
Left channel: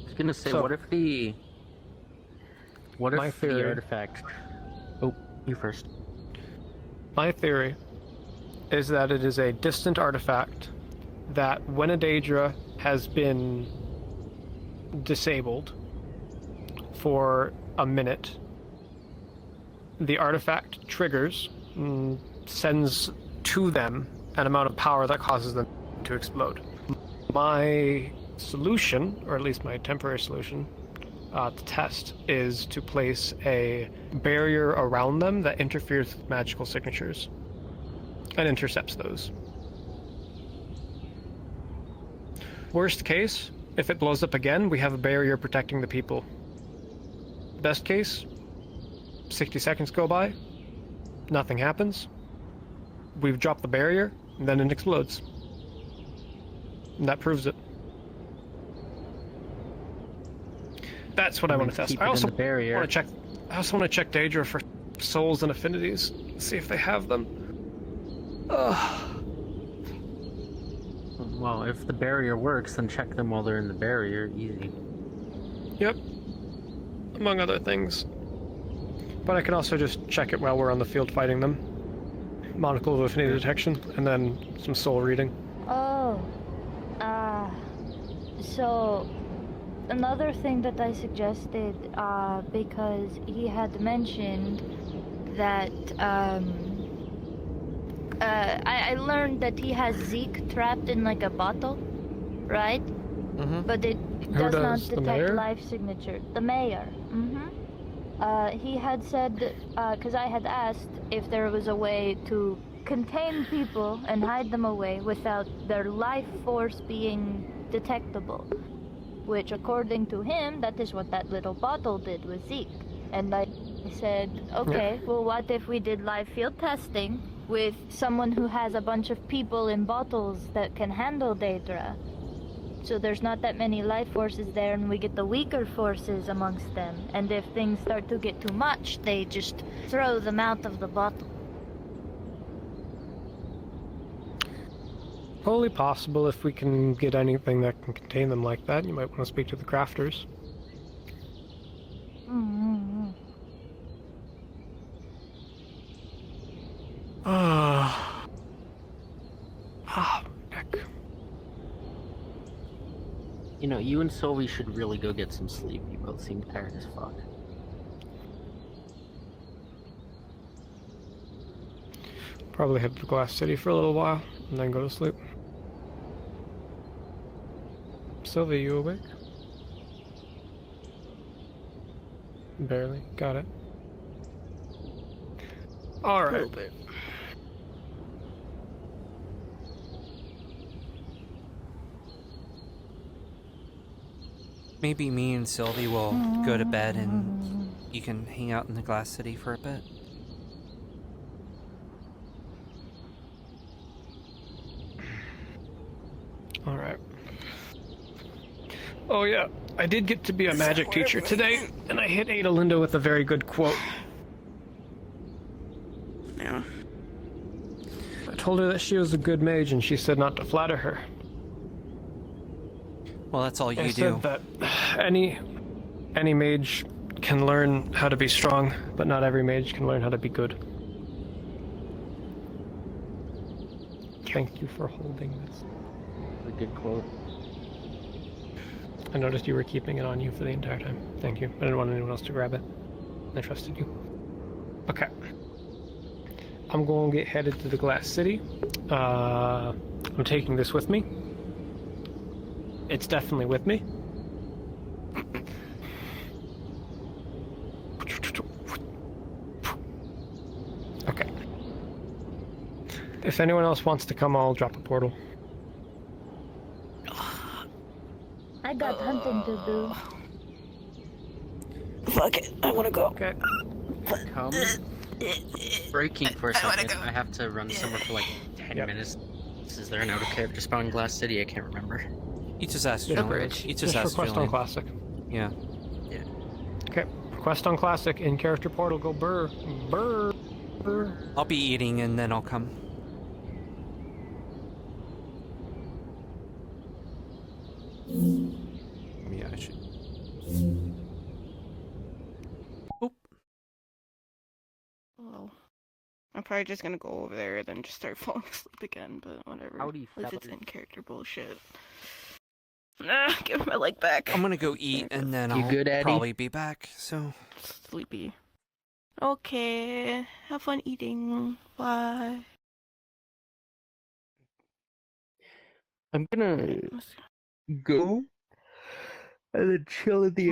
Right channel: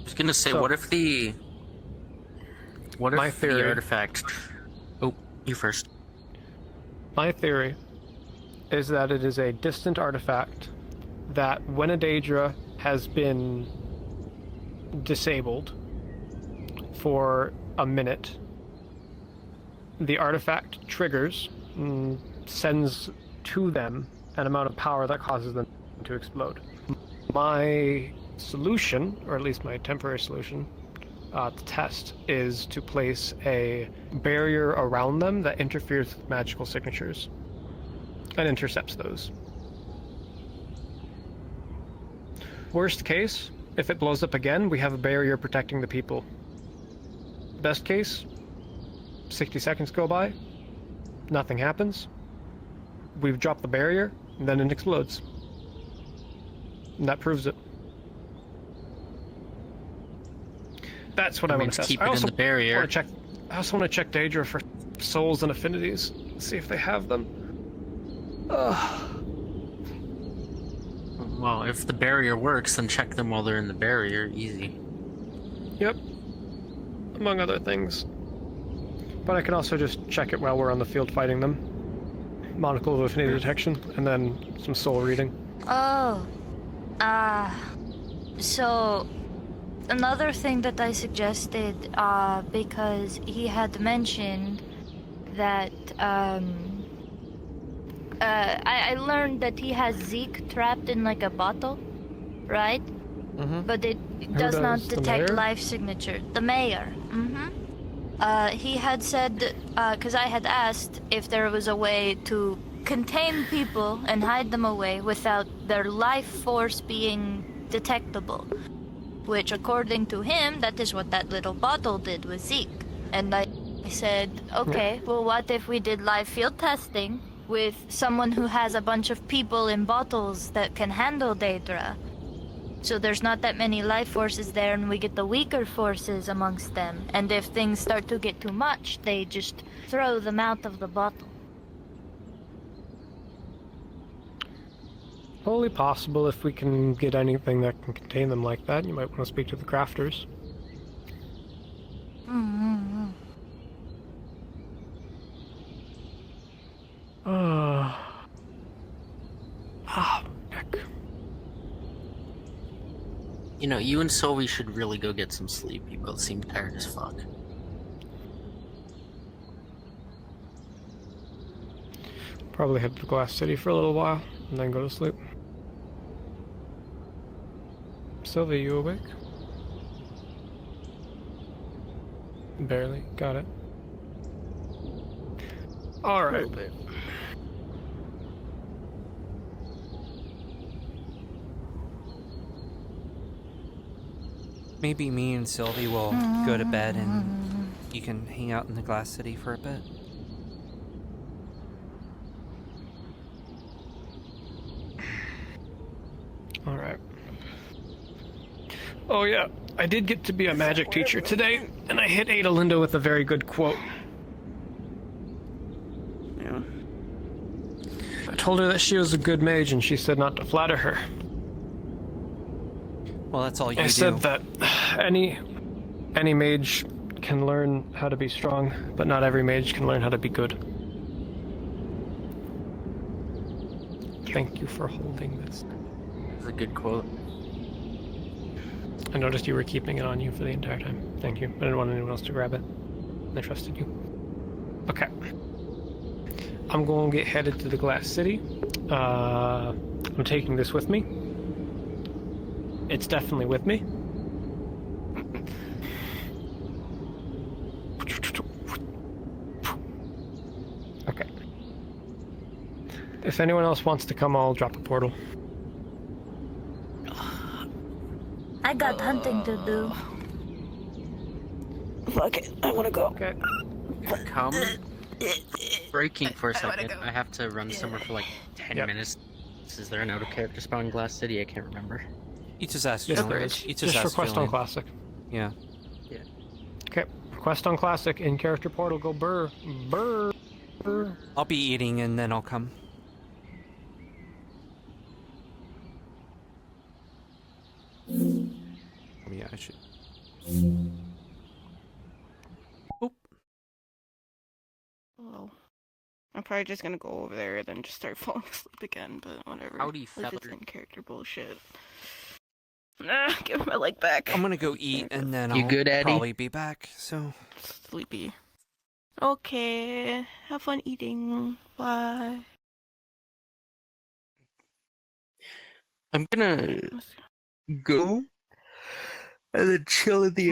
I was gonna say, So- what if the theory- artifact... Oh, you first. My theory is that it is a distant artifact that when a Daedra has been disabled for a minute, the artifact triggers and sends to them an amount of power that causes them to explode. My solution, or at least my temporary solution, to test, is to place a barrier around them that interferes with magical signatures and intercepts those. Worst case, if it blows up again, we have a barrier protecting the people. Best case, 60 seconds go by, nothing happens, we've dropped the barrier, and then it explodes. And that proves it. That's what I want to test. I also want to check. I also want to check Daedra for souls and affinities. See if they have them. Well, if the barrier works, then check them while they're in the barrier. Easy. Yep. Among other things. But I can also just check it while we're on the field fighting them. Monocle of affinity detection, and then some soul reading. Oh. So... Another thing that I suggested, because he had mentioned that, I learned that he has Zeke trapped in like a bottle, right? Mm-hmm. But it does not The detect mayor? life signature. The mayor. Mm-hmm. He had said, because I had asked if there was a way to contain people and hide them away without their life force being detectable. Which, according to him, that is what that little bottle did with Zeke. And I said, okay, well, what if we did live field testing with someone who has a bunch of people in bottles that can handle Daedra? So there's not that many life forces there, and we get the weaker forces amongst them. And if things start to get too much, they just throw them out of the bottle. Only possible if we can get anything that can contain them like that. You might want to speak to the crafters. Mm-hmm. Heck. You know, you and Sylvie should really go get some sleep. You both seem tired as fuck. Probably head to Glass City for a little while, and then go to sleep. Sylvie, you awake? Barely. Got it. Alright. Maybe me and Sylvie will go to bed and you can hang out in the Glass City for a bit. Alright. Oh yeah, I did get to be a magic teacher today, and I hit Adelinda with a very good quote. Yeah. I told her that she was a good mage, and she said not to flatter her. Well, that's all you I do. said that any mage can learn how to be strong, but not every mage can learn how to be good. Thank you for holding this. That's a good quote. I noticed you were keeping it on you for the entire time. Thank you. I didn't want anyone else to grab it. I trusted you. Okay. I'm going to get headed to the Glass City. I'm taking this with me. It's definitely with me. Okay. If anyone else wants to come, I'll drop a portal. I got hunting to do. Fuck it, I want to go. Okay. Come. Breaking for a second. I have to run somewhere for like 10 minutes. Is there an autocave to spawn Glass City? I can't remember. You just asked Julian. You just asked Quest on Classic. Yeah. Okay. Quest on Classic in character portal. Go burr. Burr. Burr. I'll be eating and then I'll come. Yeah, I should. Oh. I'm probably just gonna go over there and then just start falling asleep again, but whatever. Howdy, It's just feather. in character bullshit. Nah, give my leg back. I'm gonna go eat and then You I'll good, Eddie? probably be back, so. Sleepy. Okay. Have fun eating. Bye. I'm gonna go and then chill in the